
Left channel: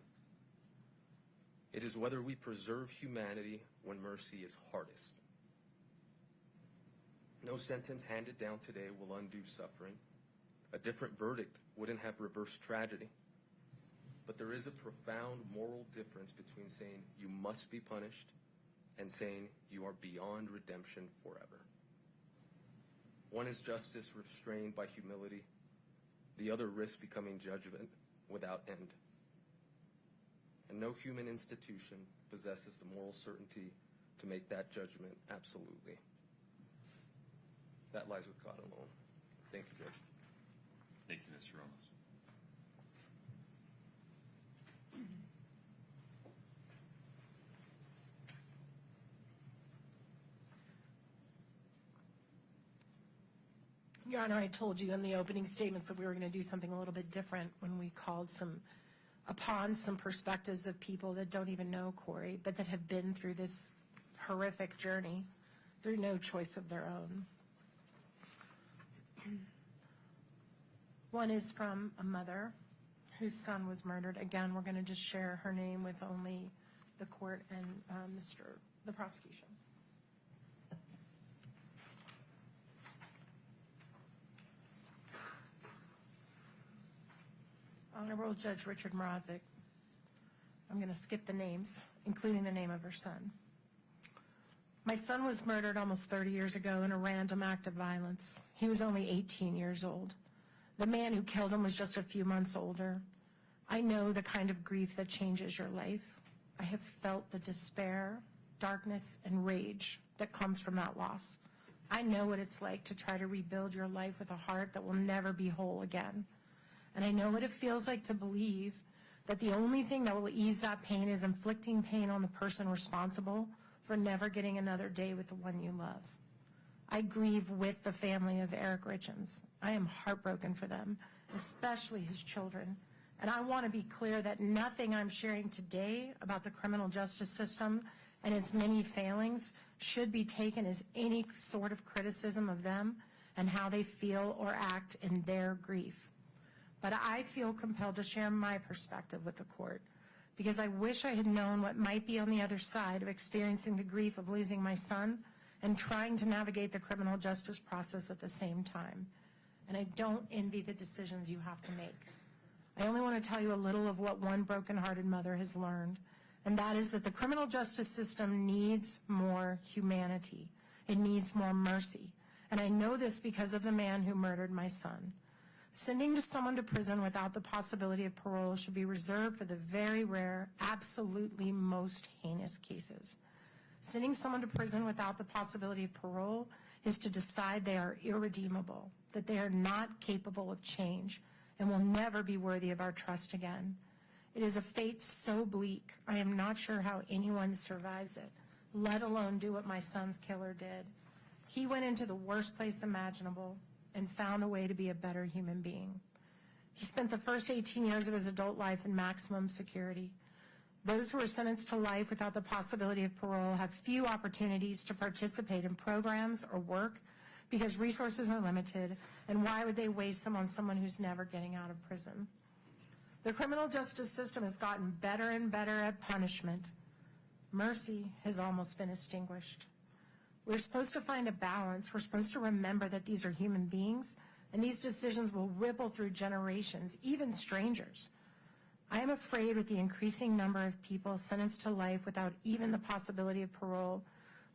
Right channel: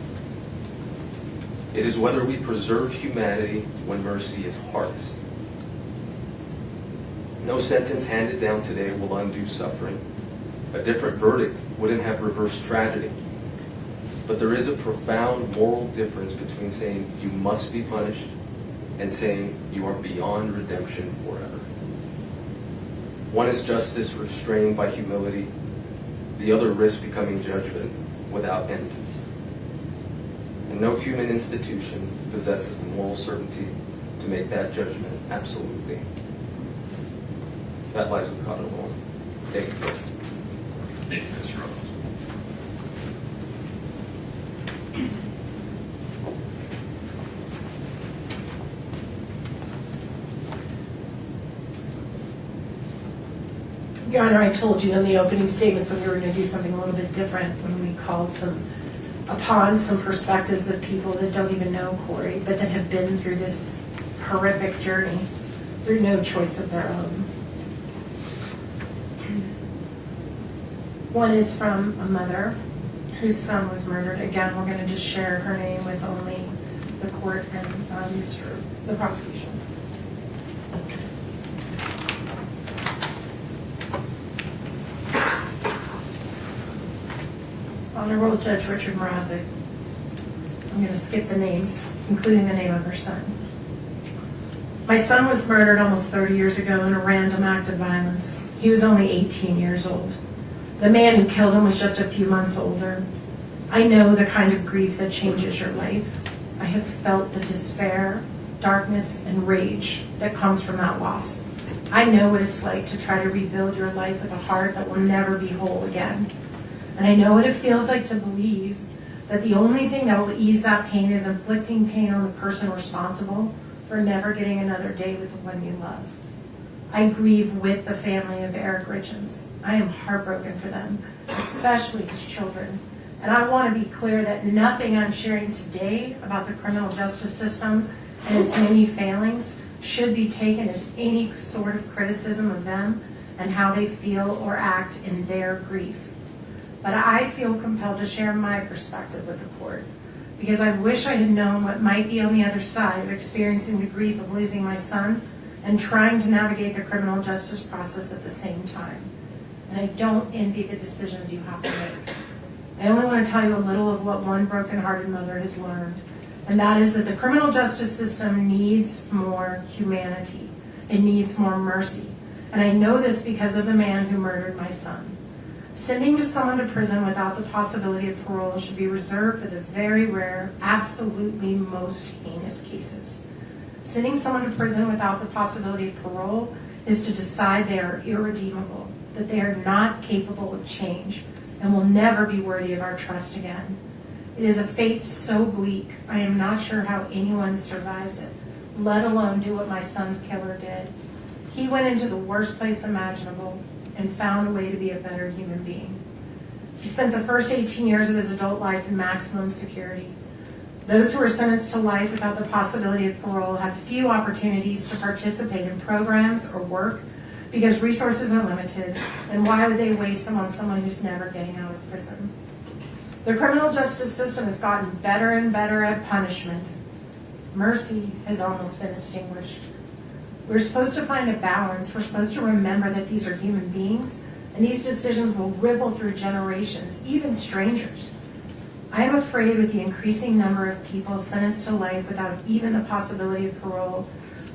It is whether we preserve humanity when mercy is hardest. No sentence handed down today will undo suffering. A different verdict wouldn't have reversed tragedy. But there is a profound moral difference between saying you must be punished and saying you are beyond redemption forever. One is justice restrained by humility. The other risks becoming judgment without end. And no human institution possesses the moral certainty to make that judgment absolutely. That lies with God alone. Thank you, Judge. Thank you, Mr. Ramos. Your Honor, I told you in the opening statements that we were going to do something a little bit different when we called upon some perspectives of people that don't even know Kouri, but that have been through this horrific journey through no choice of their own. One is from a mother whose son was murdered. Again, we're going to just share her name with only the court and the prosecution. Honorable Judge Richard Mrazek. I'm going to skip the names. including the name of her son. My son was murdered almost 30 years ago in a random act of violence. He was only 18 years old. The man who killed him was just a few months older. I know the kind of grief that changes your life. I have felt the despair, darkness, and rage that comes from that loss. I know what it's like to try to rebuild your life with a heart that will never be whole again. And I know what it feels like to believe that the only thing that will ease that pain is inflicting pain on the person responsible for never getting another day with the one you love. I grieve with the family of Eric Richins. I am heartbroken for them, especially his children. And I want to be clear that nothing I'm sharing today about the criminal justice system and its many failings should be taken as any sort of criticism of them and how they feel or act in their grief. But I feel compelled to share my perspective with the court because I wish I had known what might be on the other side of experiencing the grief of losing my son and trying to navigate the criminal justice process at the same time. And I don't envy the decisions you have to make. I only want to tell you a little of what one broken-hearted mother has learned, and that is that the criminal justice system needs more humanity. It needs more mercy. And I know this because of the man who murdered my son. Sending to someone to prison without the possibility of parole should be reserved for the very rare, absolutely most heinous cases. Sending someone to prison without the possibility of parole is to decide they are irredeemable, that they are not capable of change, and will never be worthy of our trust again. It is a fate so bleak, I am not sure how anyone survives it, let alone do what my son's killer did. He went into the worst place imaginable and found a way to be a better human being. He spent the first 18 years of his adult life in maximum security. Those who are sentenced to life without the possibility of parole have few opportunities to participate in programs or work because resources are limited, and why would they waste them on someone who's never getting out of prison? The criminal justice system has gotten better and better at punishment. Mercy has almost been extinguished. We're supposed to find a balance. We're supposed to remember that these are human beings, and these decisions will ripple through generations, even strangers. I am afraid with the increasing number of people sentenced to life without even the possibility of parole,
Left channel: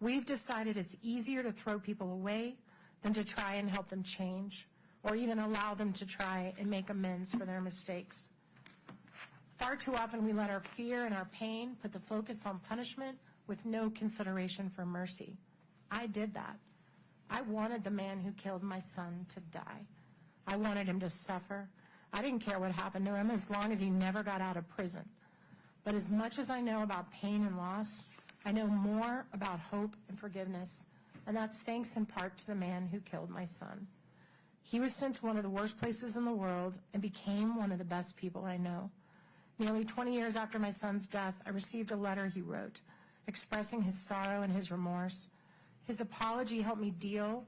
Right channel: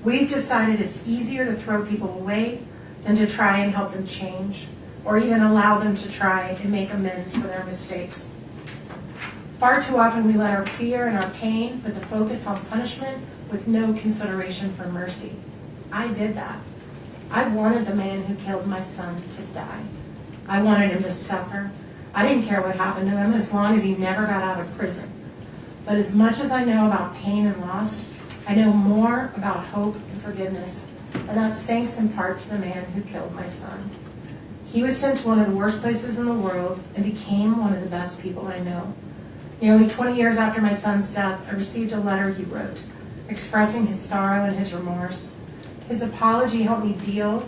we've decided it's easier to throw people away than to try and help them change, or even allow them to try and make amends for their mistakes. Far too often we let our fear and our pain put the focus on punishment with no consideration for mercy. I did that. I wanted the man who killed my son to die. I wanted him to suffer. I didn't care what happened to him as long as he never got out of prison. But as much as I know about pain and loss, I know more about hope and forgiveness. And that's thanks in part to the man who killed my son. He was sent to one of the worst places in the world and became one of the best people I know. Nearly 20 years after my son's death, I received a letter he wrote, expressing his sorrow and his remorse. His apology helped me heal,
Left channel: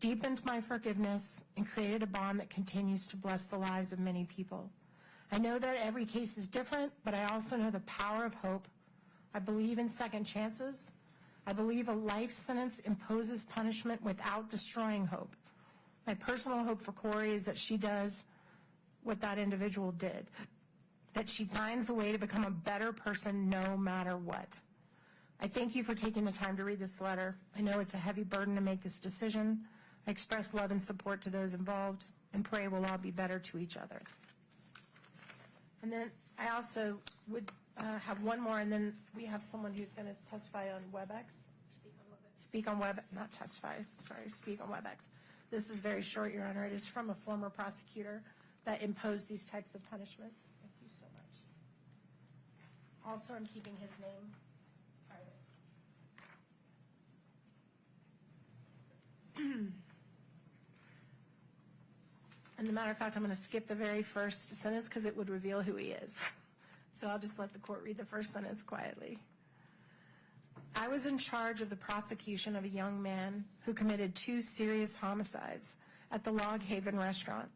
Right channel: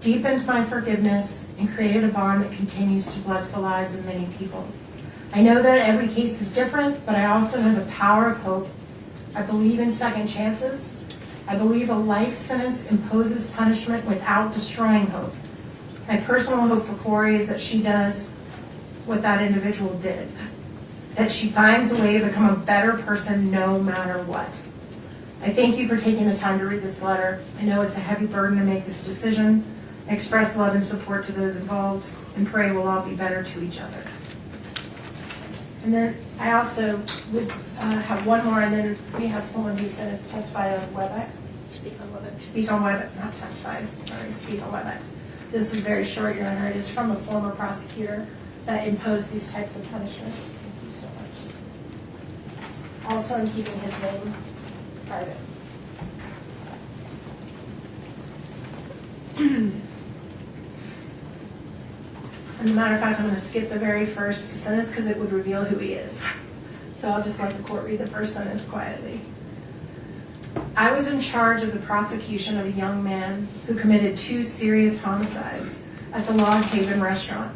deepened my forgiveness, and created a bond that continues to bless the lives of many people. I know that every case is different, but I also know the power of hope. I believe in second chances. I believe a life sentence imposes punishment without destroying hope. My personal hope for Kouri is that she does what that individual did, that she finds a way to become a better person no matter what. I thank you for taking the time to read this letter. I know it's a heavy burden to make this decision. I express love and support to those involved and pray we'll all be better to each other. And then I also would have one more, and then we have someone who's going to testify on WebEx. Speak on WebEx, not testify, sorry, speak on WebEx. This is very short, Your Honor. It is from a former prosecutor that imposed these types of punishments. Thank you so much. Also, I'm keeping his name private. As a matter of fact, I'm going to skip the very first sentence because it would reveal who he is. So I'll just let the court read the first sentence quietly. I was in charge of the prosecution of a young man who committed 2 serious homicides at the Log Haven restaurant.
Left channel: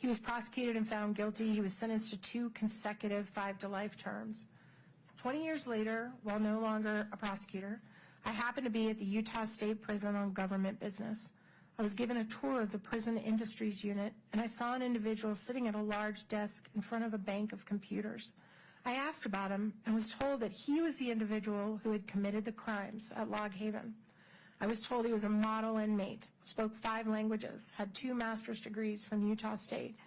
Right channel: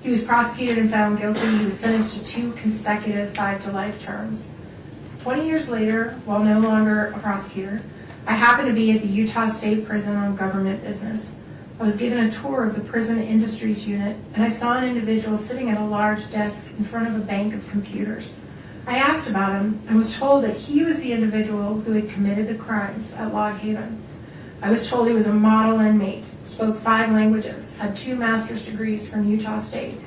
He was prosecuted and found guilty. He was sentenced to 2 consecutive 5-to-life terms. 20 years later, while no longer a prosecutor, I happened to be at the Utah State Prison on government business. I was given a tour of the prison industries unit, and I saw an individual sitting at a large desk in front of a bank of computers. I asked about him and was told that he was the individual who had committed the crimes at Log Haven. I was told he was a model inmate, spoke 5 languages, had 2 master's degrees from Utah State,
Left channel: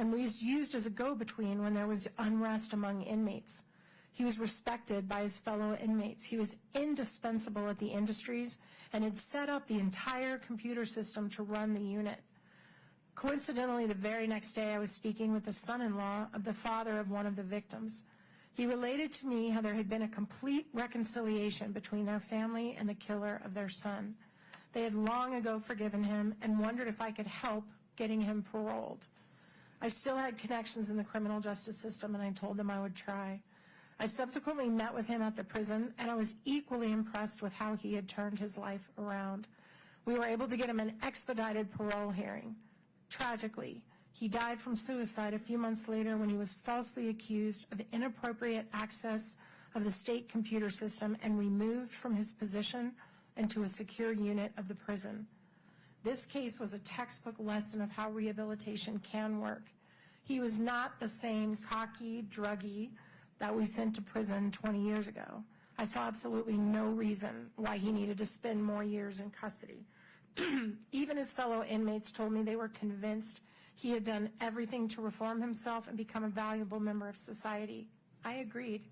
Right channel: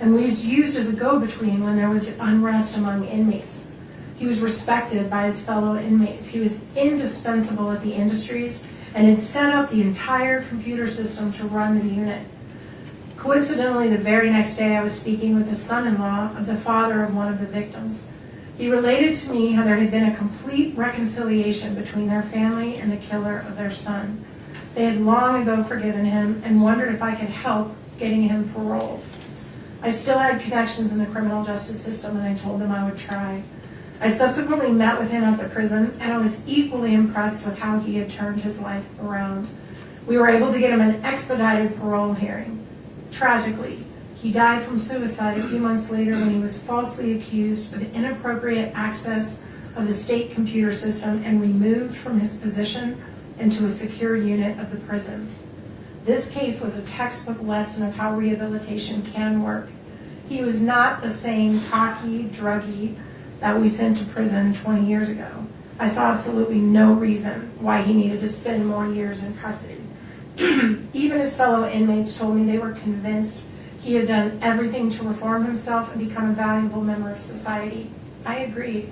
and was used as a go-between when there was unrest among inmates. He was respected by his fellow inmates. He was indispensable at the industries and had set up the entire computer system to run the unit. Coincidentally, the very next day I was speaking with the son-in-law of the father of one of the victims. He related to me how there had been a complete reconciliation between their family and the killer of their son. They had long ago forgiven him and wondered if I could help getting him paroled. I still had connections in the criminal justice system, and I told them I would try. I subsequently met with him at the prison, and I was equally impressed with how he had turned his life around. We were able to get him an expedited parole hearing. Tragically, he died from suicide a few months later when he was falsely accused of inappropriate access of the state computer system and removed from his position into a secure unit of the prison. This case was a textbook lesson of how rehabilitation can work. He was not the same cocky druggie that we sent to prison 20 years ago. I saw absolutely no reason why he needed to spend more years in custody. Even his fellow inmates told me they were convinced he had done everything to reform himself and become a valuable member of society. I agreed.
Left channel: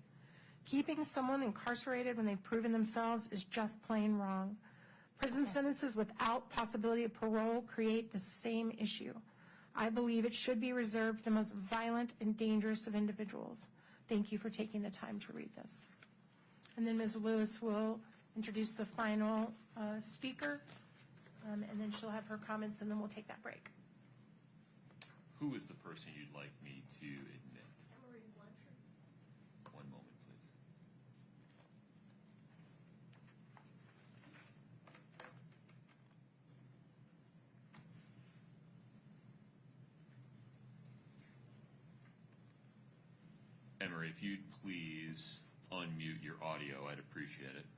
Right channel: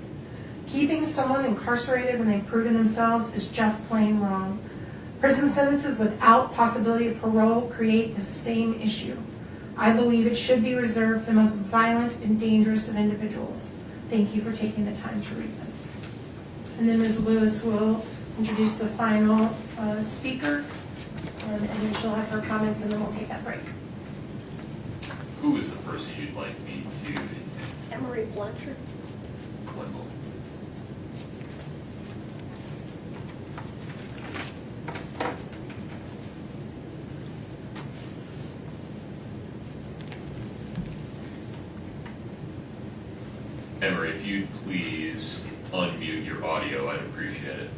Keeping someone incarcerated when they've proven themselves is just plain wrong. Prison sentences without possibility of parole create the same issue. I believe it should be reserved for the most violent and dangerous of individuals. Thank you for taking the time to read this. And then Ms. Lewis will introduce the final speaker, and then she'll have her comments, and then we'll take that break. Who is the person you'd like me to? Emery Blanchard. One moment, please. Emery, if you'd please unmute your audio, I'd appreciate it.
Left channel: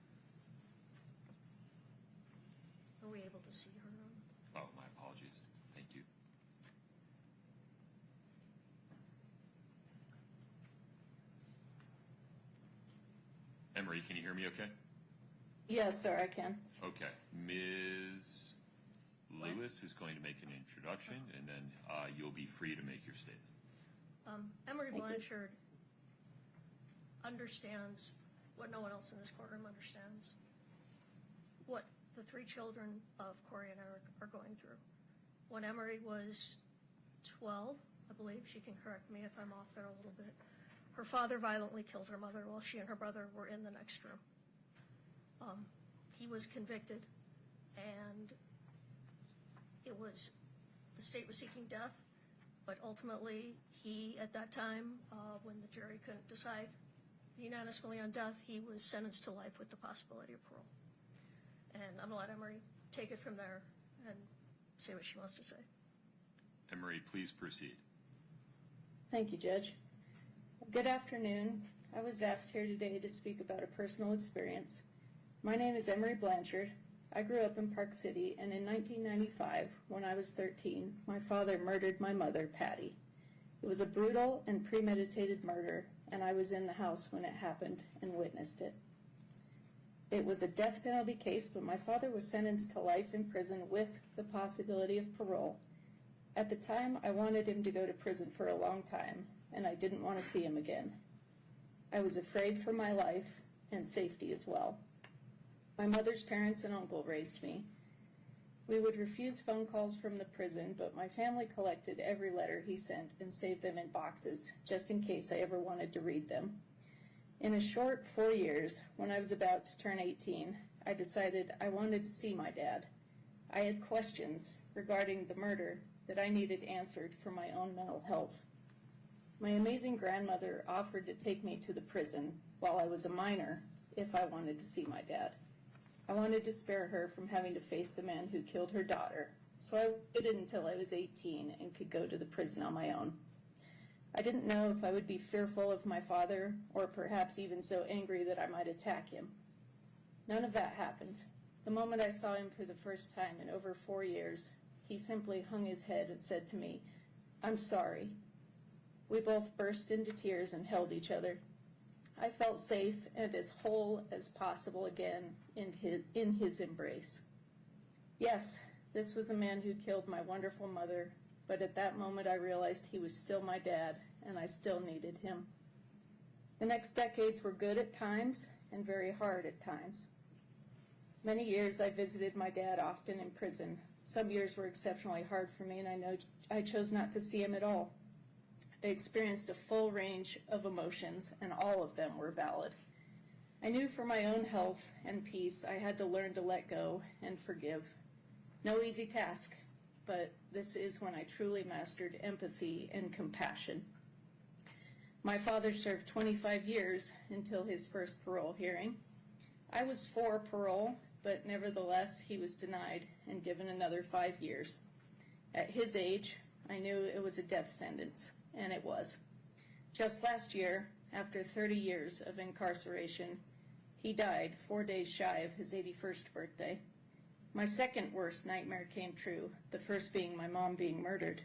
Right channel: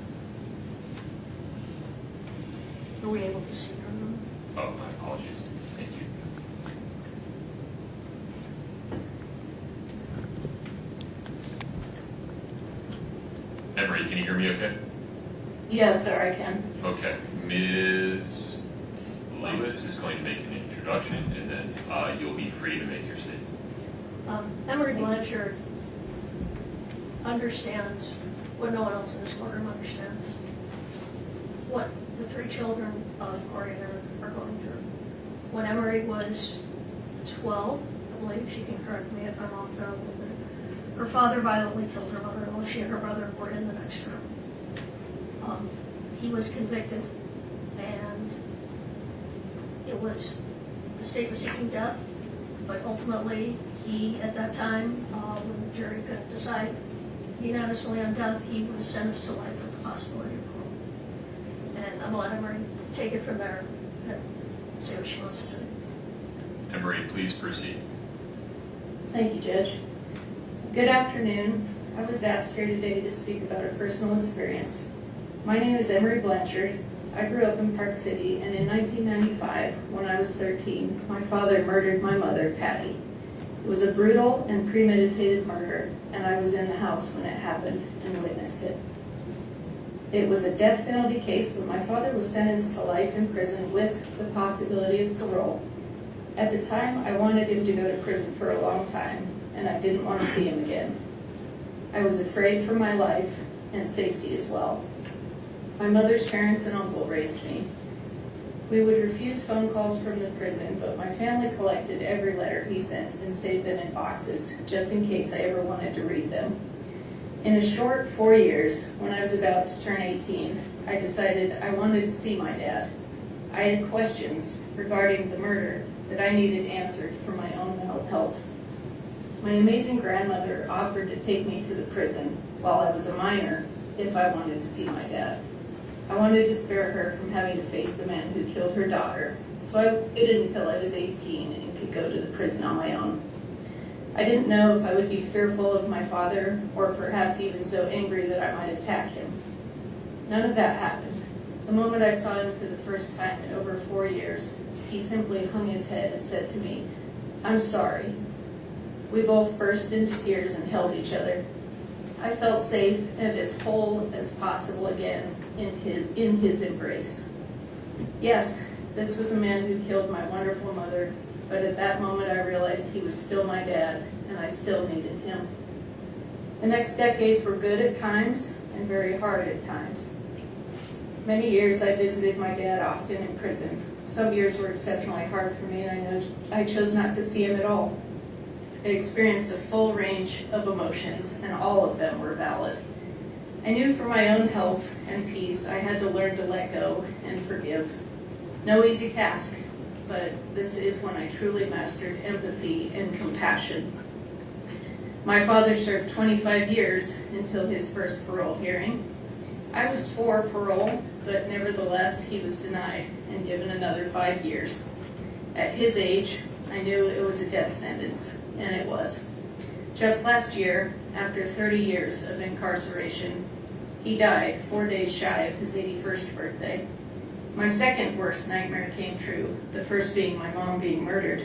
Are we able to see her? Oh, my apologies. Thank you. Emery, can you hear me okay? Yes, sir, I can. Okay. Ms. Lewis is going to make an introduction, and then you'll be free to make your statement. Emery Blanchard understands what no one else in this courtroom understands. What the 3 children of Kouri and Eric are going through. When Emery was 12, I believe, she can correct me if I'm off there a little bit, her father violently killed her mother while she and her brother were in the next room. He was convicted, and it was, the state was seeking death, but ultimately he, at that time, when the jury couldn't decide unanimously on death, he was sentenced to life with the possibility of parole. And I'm gonna let Emery take it from there and say what she wants to say. Emery, please proceed. Thank you, Judge. Good afternoon. I was asked here today to speak about a personal experience. My name is Emery Blanchard. I grew up in Park City, and in 1995, when I was 13, my father murdered my mother, Patty. It was a brutal and premeditated murder, and I was in the house when it happened and witnessed it. It was a death penalty case, but my father was sentenced to life in prison with the possibility of parole. At the time, I wanted him to go to prison for a long time, and I didn't want to see him again. I was afraid for my life and safety as well. My mother's parents and uncle raised me. We would refuse phone calls from the prison, but my family collected every letter he sent and saved them in boxes, just in case I ever wanted to read them. In a short 4 years, when I was about to turn 18, I decided I wanted to see my dad. I had questions regarding the murder that I needed answered for my own mental health. My amazing grandmother offered to take me to the prison while I was a minor if I wanted to see my dad. I wanted to spare her from having to face the man who killed her daughter, so I waited until I was 18 and could go to the prison on my own. I didn't know if I would be fearful of my father, or perhaps even so angry that I might attack him. None of that happened. The moment I saw him for the first time in over 4 years, he simply hung his head and said to me, "I'm sorry." We both burst into tears and held each other. I felt safe and as whole as possible again in his embrace. Yes, this was the man who killed my wonderful mother, but at that moment I realized he was still my dad, and I still needed him. The next decades were good at times and very hard at times. Many years I visited my dad often in prison. Some years were exceptionally hard for me, and I chose not to see him at all. I experienced a full range of emotions, and all of them were valid. I knew for my own health and peace I had to learn to let go and forgive. No easy task, but this is when I truly mastered empathy and compassion. My father served 25 years until his first parole hearing. I was for parole, but nevertheless he was denied and given another 5 years. At his age, I knew it was a death sentence, and it was. Just last year, after 30 years of incarceration, he died 4 days shy of his 81st birthday. My second worst nightmare came true, the first being my mom being murdered.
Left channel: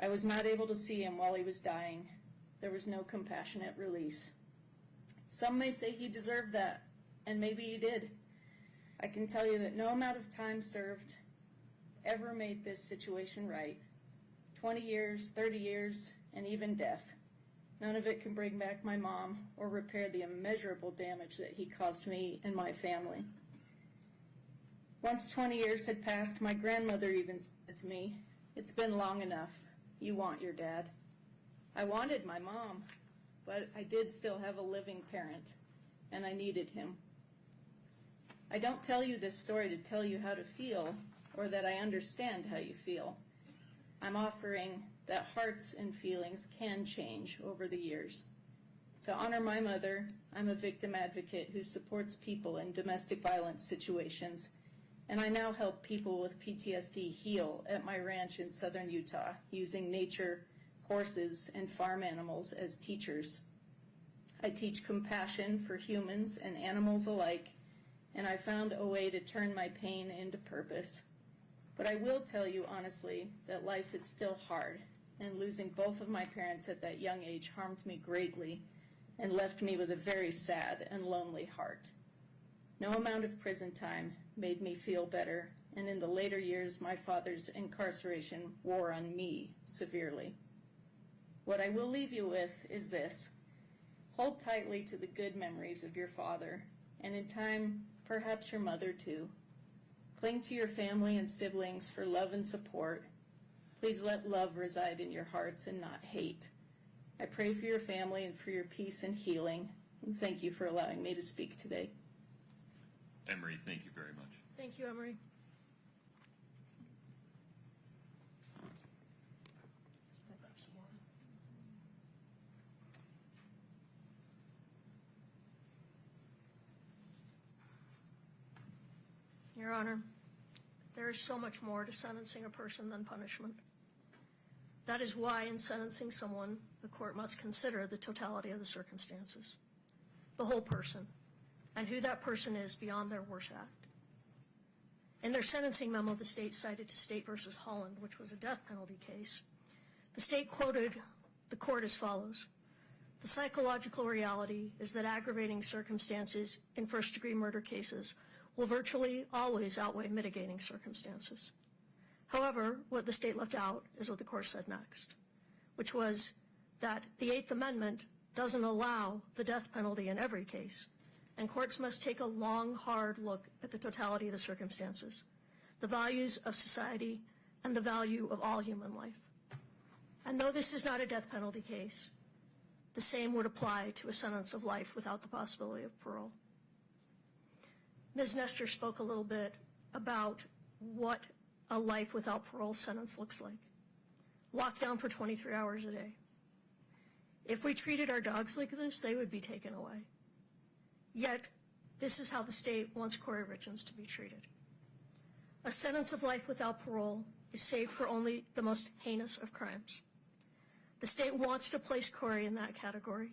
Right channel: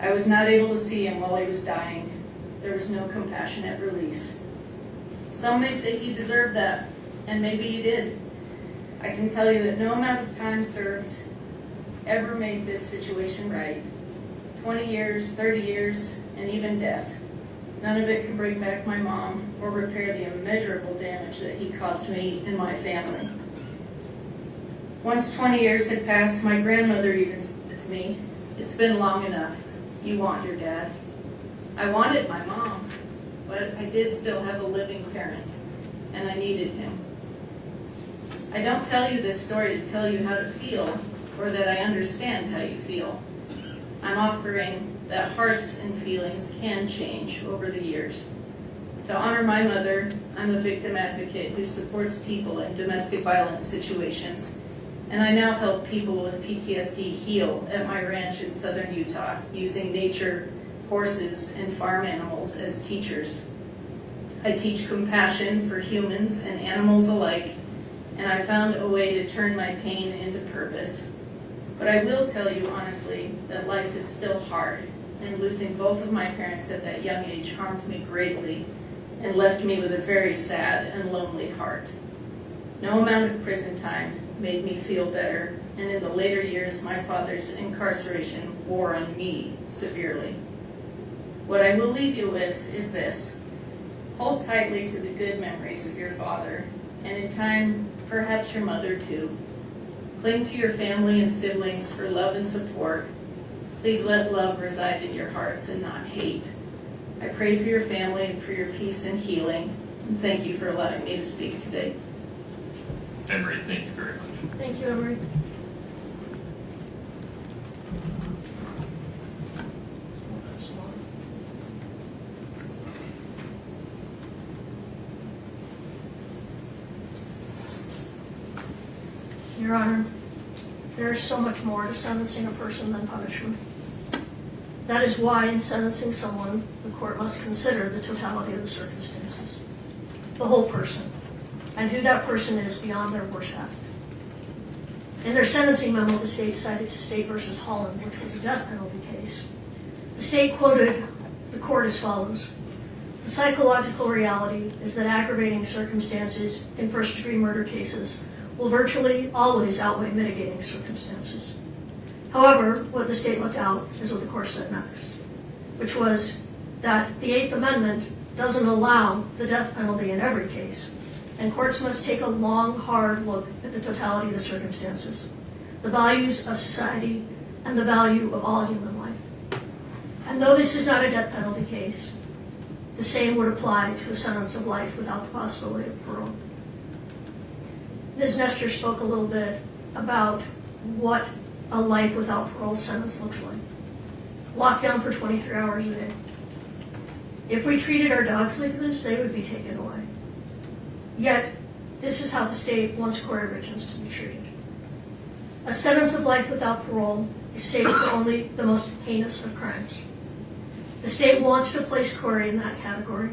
I was not able to see him while he was dying. There was no compassionate release. Some may say he deserved that, and maybe he did. I can tell you that no amount of time served ever made this situation right. 20 years, 30 years, and even death. None of it can bring back my mom or repair the immeasurable damage that he caused me and my family. Once 20 years had passed, my grandmother even said to me, "It's been long enough. You want your dad." I wanted my mom, but I did still have a living parent, and I needed him. I don't tell you this story to tell you how to feel or that I understand how you feel. I'm offering that hearts and feelings can change over the years. To honor my mother, I'm a victim advocate who supports people in domestic violence situations, and I now help people with PTSD heal at my ranch in southern Utah using nature, horses, and farm animals as teachers. I teach compassion for humans and animals alike, and I found a way to turn my pain into purpose. But I will tell you honestly that life is still hard, and losing both of my parents at that young age harmed me greatly and left me with a very sad and lonely heart. No amount of prison time made me feel better, and in the later years my father's incarceration wore on me severely. What I will leave you with is this: hold tightly to the good memories of your father, and in time, perhaps your mother too. Cling to your family and siblings for love and support. Please let love reside in your hearts and not hate. I pray for your family and for your peace and healing, and thank you for allowing me to speak today. Emery, thank you very much. Thank you, Emery. Your Honor, there is so much more to sentencing a person than punishment. That is why in sentencing someone, the court must consider the totality of the circumstances, the whole person, and who that person is beyond their worst act. In their sentencing memo, the state cited to State v. Holland, which was a death penalty case. The state quoted the court as follows: "The psychological reality is that aggravating circumstances in first-degree murder cases will virtually always outweigh mitigating circumstances. However, what the state left out is what the court said next, which was that the Eighth Amendment doesn't allow the death penalty in every case, and courts must take a long, hard look at the totality of the circumstances, the values of society, and the value of all human life. And though this is not a death penalty case, the same would apply to a sentence of life without the possibility of parole." Ms. Nestor spoke a little bit about what a life without parole sentence looks like. Locked down for 23 hours a day. If we treated our dogs like this, they would be taken away. Yet, this is how the state wants Kouri Richins to be treated. A sentence of life without parole is safe for only the most heinous of crimes. The state wants to place Kouri in that category.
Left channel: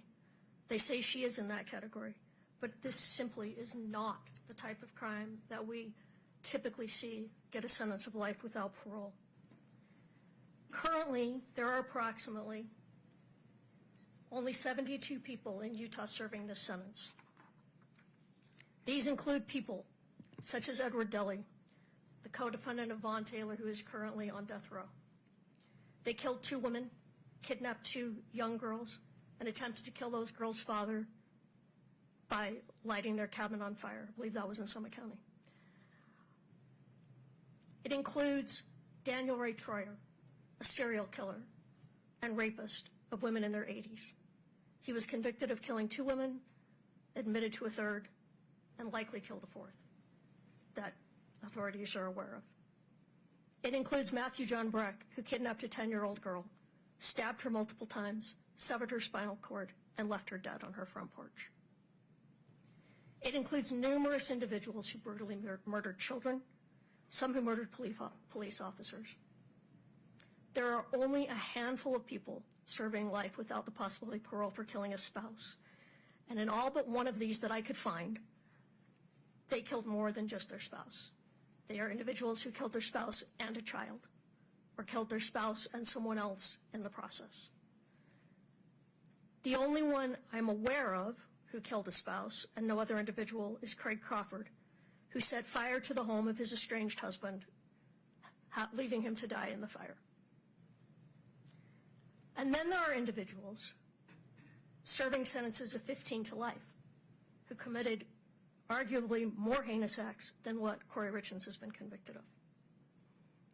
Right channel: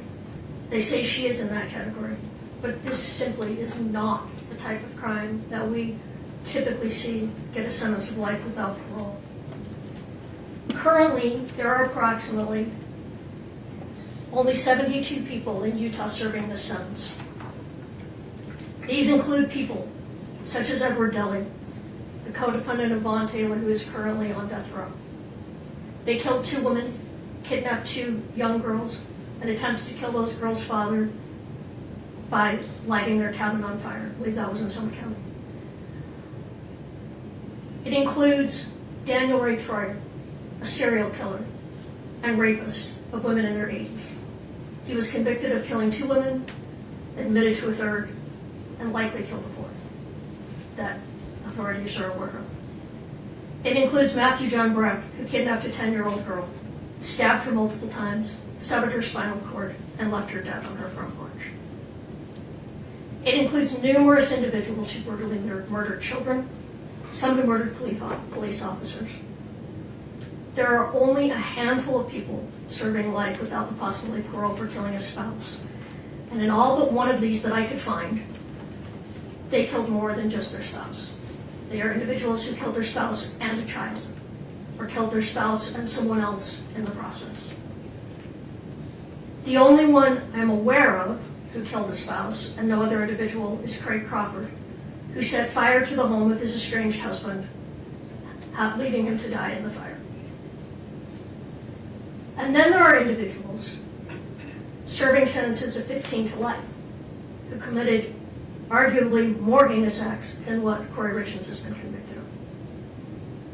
They say she is in that category, but this simply is not the type of crime that we typically see get a sentence of life without parole. Currently, there are approximately only 72 people in Utah serving this sentence. These include people such as Edward Deli, the co-defendant of Vaughn Taylor, who is currently on death row. They killed 2 women, kidnapped 2 young girls, and attempted to kill those girls' father by lighting their cabin on fire. I believe that was in Summit County. It includes Daniel Ray Troyer, a serial killer and rapist of women in their 80s. He was convicted of killing 2 women, admitted to a 3rd, and likely killed a 4th. That authorities are aware of. It includes Matthew John Breck, who kidnapped a 10-year-old girl, stabbed her multiple times, severed her spinal cord, and left her dead on her front porch. It includes numerous individuals who brutally murdered children, some who murdered police officers. There are only a handful of people serving life without the possibility of parole for killing a spouse. And in all but one of these that I could find, they killed more than just their spouse. They are individuals who killed their spouse and a child, or killed their spouse and someone else in the process. The only one I'm aware of who killed a spouse and no other individual is Craig Crawford, who set fire to the home of his estranged husband, leaving him to die in the fire. And then there are individuals serving sentences of 15 to life who committed arguably more heinous acts than what Kouri Richins has been convicted of.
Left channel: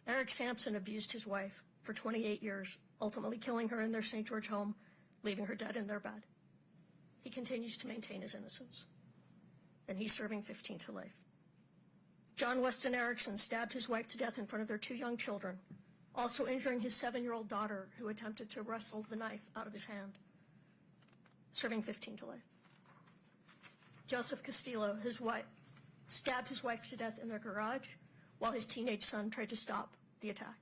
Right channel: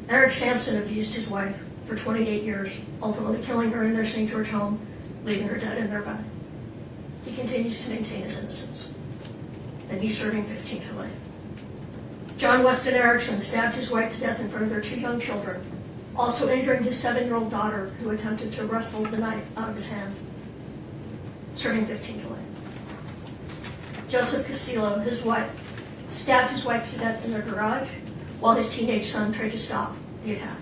Eric Sampson abused his wife for 28 years, ultimately killing her in their St. George home, leaving her dead in their bed. He continues to maintain his innocence, and he's serving 15 to life. John Weston Erickson stabbed his wife to death in front of their 2 young children, also injuring his 7-year-old daughter, who attempted to wrestle the knife out of his hand, serving 15 to life. Joseph Castillo, his wife, stabbed his wife to death in their garage while his teenage son tried to stop the attack.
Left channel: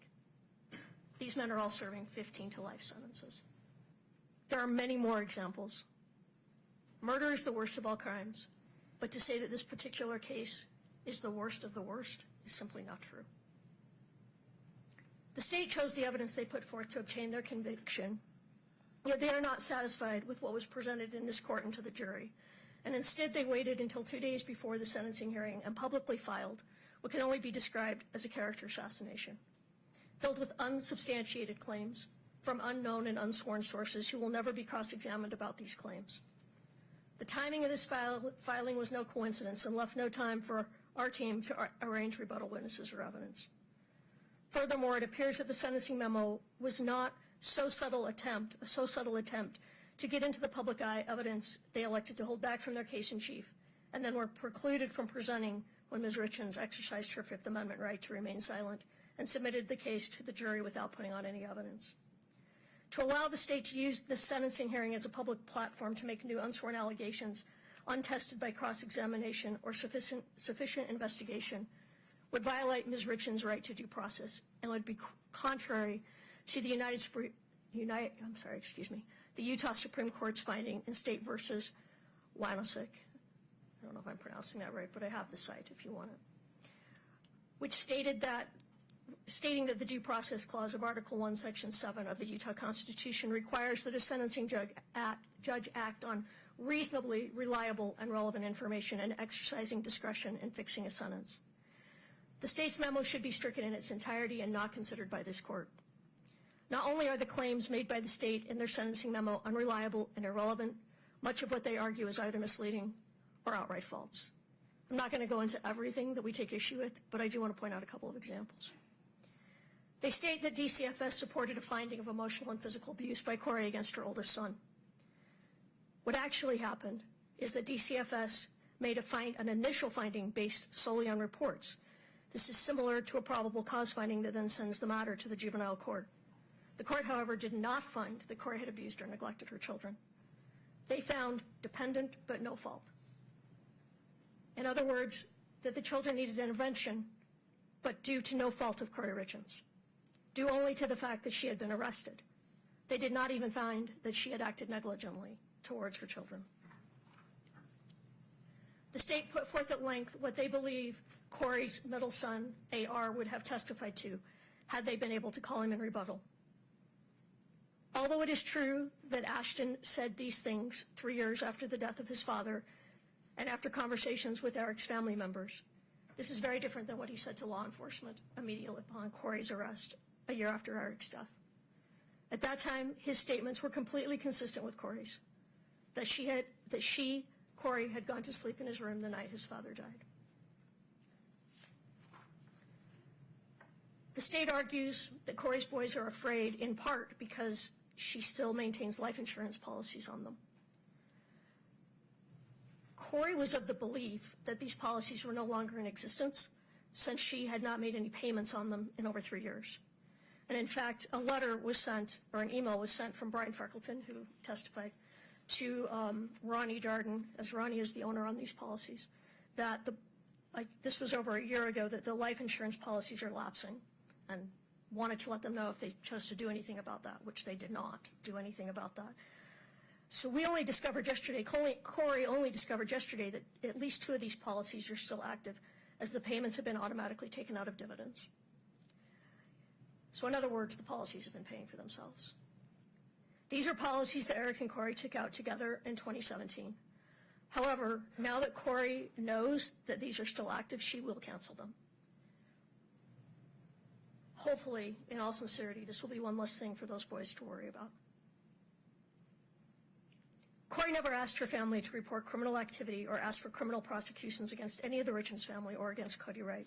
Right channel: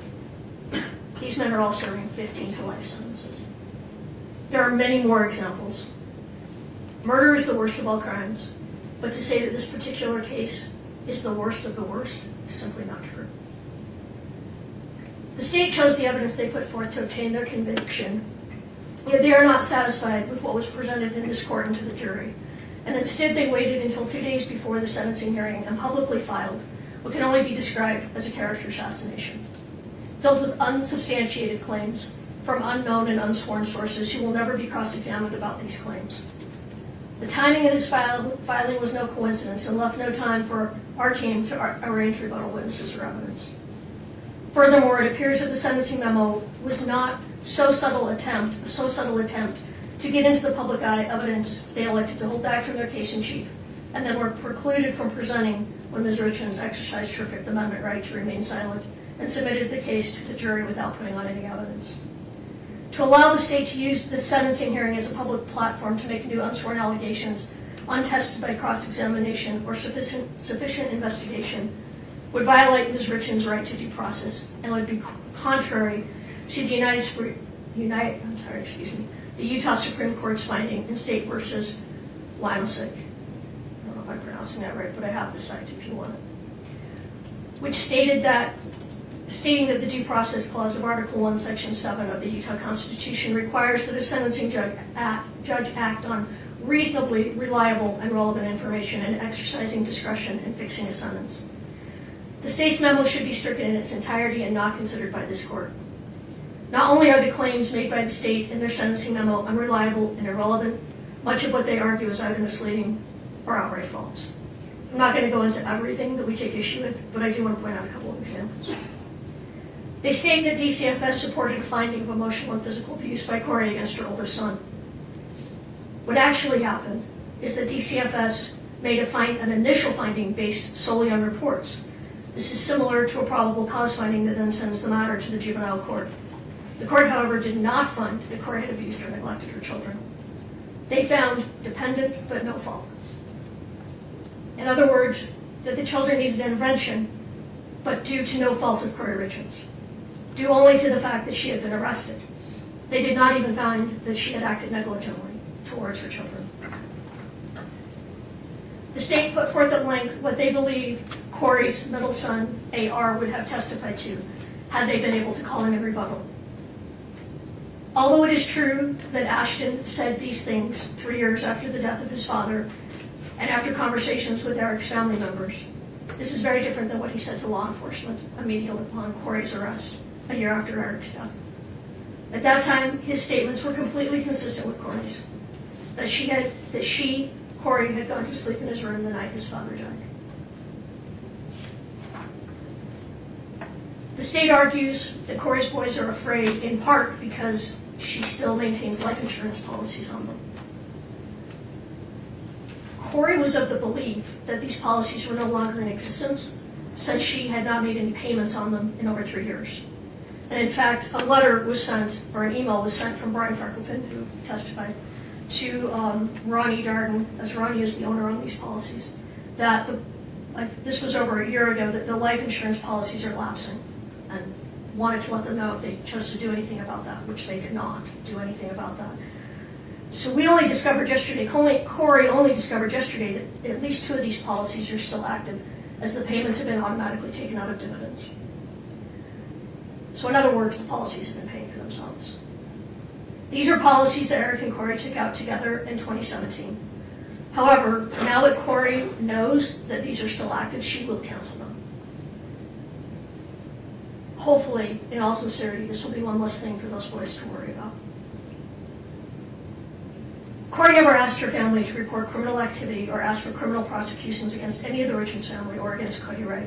These men are all serving 15 to life sentences. There are many more examples. Murder is the worst of all crimes, but to say that this particular case is the worst of the worst is simply not true. The state chose the evidence they put forth to obtain their conviction, yet they are not satisfied with what was presented in this court and to the jury, and instead they waited until 2 days before the sentencing hearing and publicly filed what can only be described as a character assassination, filled with unsubstantiated claims from unknown and unsworn sources who will never be cross-examined about these claims. The timing of this filing was no coincidence and left no time for our team to arrange rebuttal witnesses or evidence. Furthermore, it appears that the sentencing memo was not so subtle attempt to get into the public eye evidence they elected to hold back from their case in chief, and then were precluded from presenting when Ms. Richens exercised her Fifth Amendment right to remain silent and submitted the case to the jury without putting on any evidence. To allow the state to use this sentencing hearing as a public platform to make new unsworn allegations untested by cross-examination or sufficient investigation would violate Ms. Richens' right to due process and would be contrary to the the Utah Supreme Court's finding in State versus Limesick. I don't know if I'm pronouncing that right, but I have the cite if you want it. Which stating that the due process clause of Article 1, Section 7 of the Utah Constitution requires that a sentencing judge act on reasonably reliable and relevant information and exercising discretion in fixing a sentence. The state's memo should be stricken in its entirety and not considered by this court. Not only are the claims made by the state in their sentencing memo unreliable and irrelevant, much of what they argue is either misleading or outright false. I'm not going to go into everything that we take issue with, but I do want to point out a couple of examples. They state that DCFS supported a finding of emotional and physical abuse by Kouri against her oldest son. What actually happened is that DCFS made an initial finding based solely on reports. This is similar to a probable cause finding that then sends the matter to the juvenile court. The court, however, did not find that Kouri had abused or neglected her children. They found dependent but no fault. In other words, that the children needed intervention, but due to no fault of Kouri Richins, due only to the fact that she had been arrested. They did not even find that she had acted negligently towards her children. The state put forth at length what they believe Kouri's middle son, AR, would have testified to had they been able to call him in rebuttal. Although it is true that Ashton said these things 3 years after the death of his father and after conversations with Eric's family members, this is very different than what he said to law enforcement immediately upon Kouri's arrest a year after Eric's death. At that time, his statements were completely consistent with Kouri's, that Kouri, had gone to sleep in his room the night his father died. The state argues that Kouri's boys are afraid in part because she still maintains life insurance policies on them. Kouri was of the belief that these policies were no longer in existence since she had not made any payments on them in over 3 years. And in fact, a letter was sent, or an email was sent from Brian Freckleton, who testified, to Ronnie Darden, as Ronnie is the owner on these policies, that this was over a year ago, that the life insurance policies are lapsing, and wanted to let them know if they chose to do anything about that, which they did not do anything about that. So we only discovered yesterday, Kouri only discovered yesterday that at least 2 of these policies are still active, as the payments have been automatically taken out of dividends. So in other words, the policies have been paying for themselves. These are policies that Eric and Kouri took out together in 2017. However, now that Kouri knows that these are still active, she will cancel them. Hopefully, in all sincerity, this will be one less thing for those boys to worry about. Kouri never asked her family to report criminal activity or asked for criminal prosecutions against any of the Richins family or against Cody Ray.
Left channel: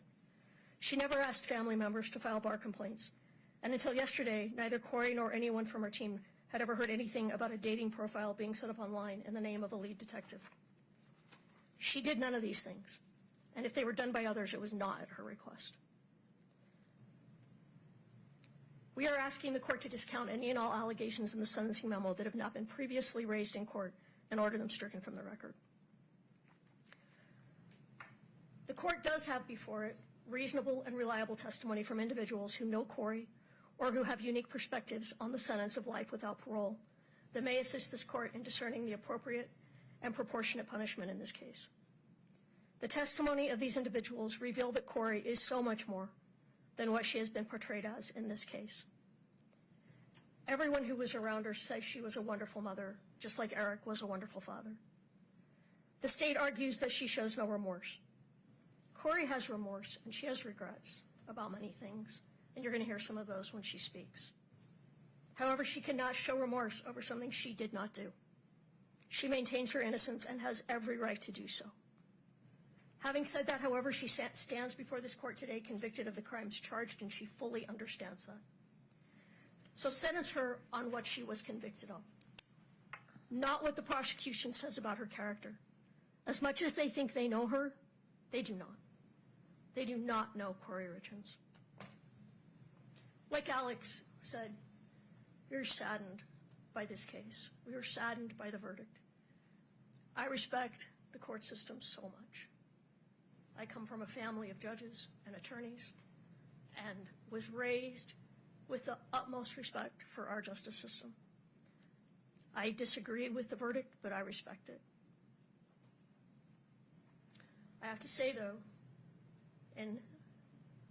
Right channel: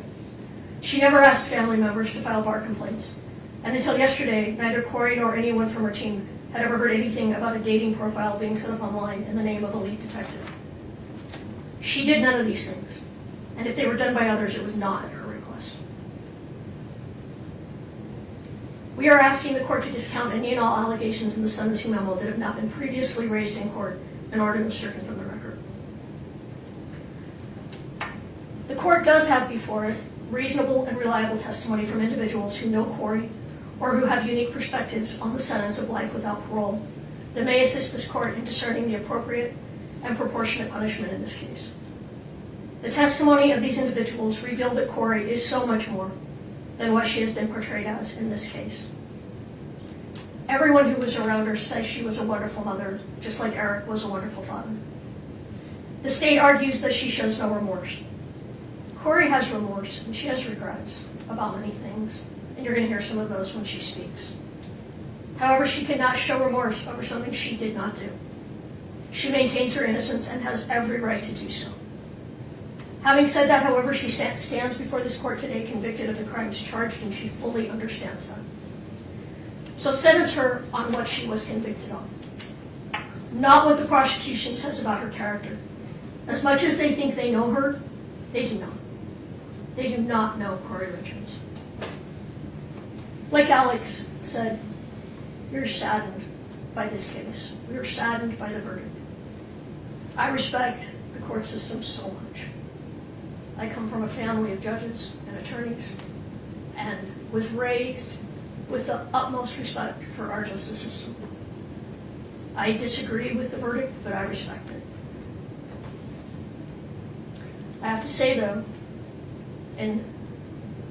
She never asked family members to file bar complaints. And until yesterday, neither Kouri nor anyone from her team had ever heard anything about a dating profile being set up online in the name of a lead detective. She did none of these things. And if they were done by others, it was not at her request. We are asking the court to discount any and all allegations in the sentencing memo that have not been previously raised in court in order to be stricken from the record. The court does have before it reasonable and reliable testimony from individuals who know Kouri or who have unique perspectives on the sentence of life without parole that may assist this court in discerning the appropriate and proportionate punishment in this case. The testimony of these individuals revealed that Kouri is so much more than what she has been portrayed as in this case. Everyone who was around her says she was a wonderful mother, just like Eric was a wonderful father. The state argues that she shows no remorse. Kouri has remorse, and she has regrets about many things, and you're going to hear some of those when she speaks. However, she cannot show remorse over something she did not do. She maintains her innocence and has every right to do so. Having said that, however, she stands before this court today convicted of the crimes charged, and she fully understands them. So sentence her on what she was convicted on, not what the prosecution says about her character. As much as they think they know her, they do not. They do not know Kouri Richins. Like Alex said, we are saddened by this case. We are saddened by the verdict. I respect the court system so much. I come from a family of judges and attorneys and was raised with the utmost respect for our justice system. I disagree with the verdict, but I respect it. I have to say, though, in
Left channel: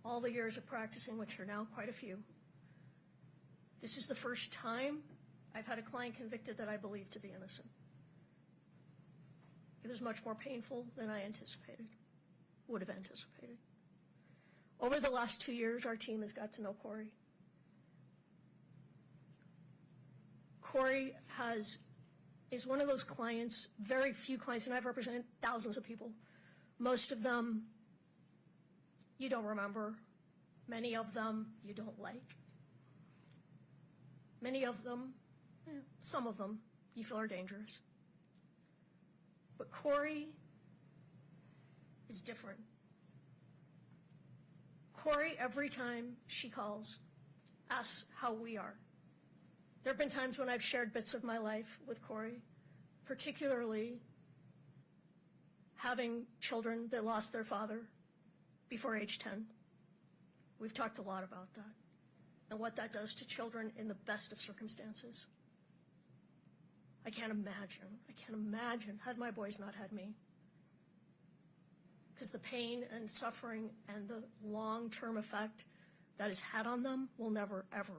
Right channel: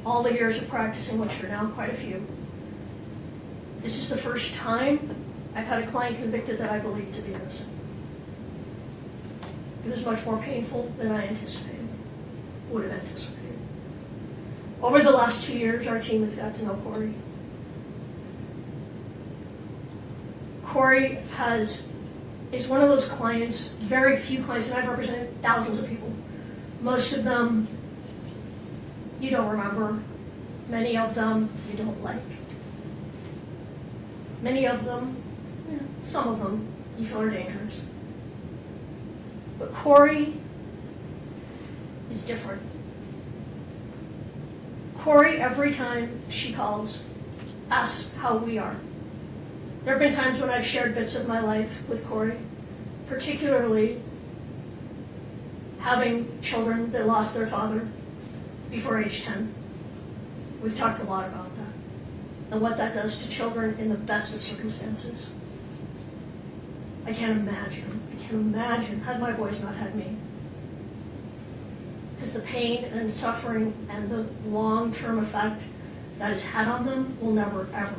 all the years of practicing, which are now quite a few, this is the first time I've had a client convicted that I believe to be innocent. It was much more painful than I would have anticipated. Over the last 2 years, our team has got to know Kouri. Kouri is one of those clients, very few clients, and I've represented thousands of people. Most of them you don't remember. Many of them you don't like. Many of them, some of them, you feel are dangerous. But Kouri is different. Kouri, every time she calls, asks how we are. There have been times when I've shared bits of my life with Kouri, particularly having children that lost their father before age 10. We've talked a lot about that and what that does to children in the best of circumstances. I can't imagine had my boys not had me. Because the pain and suffering and the long-term effect that has had on them will never, ever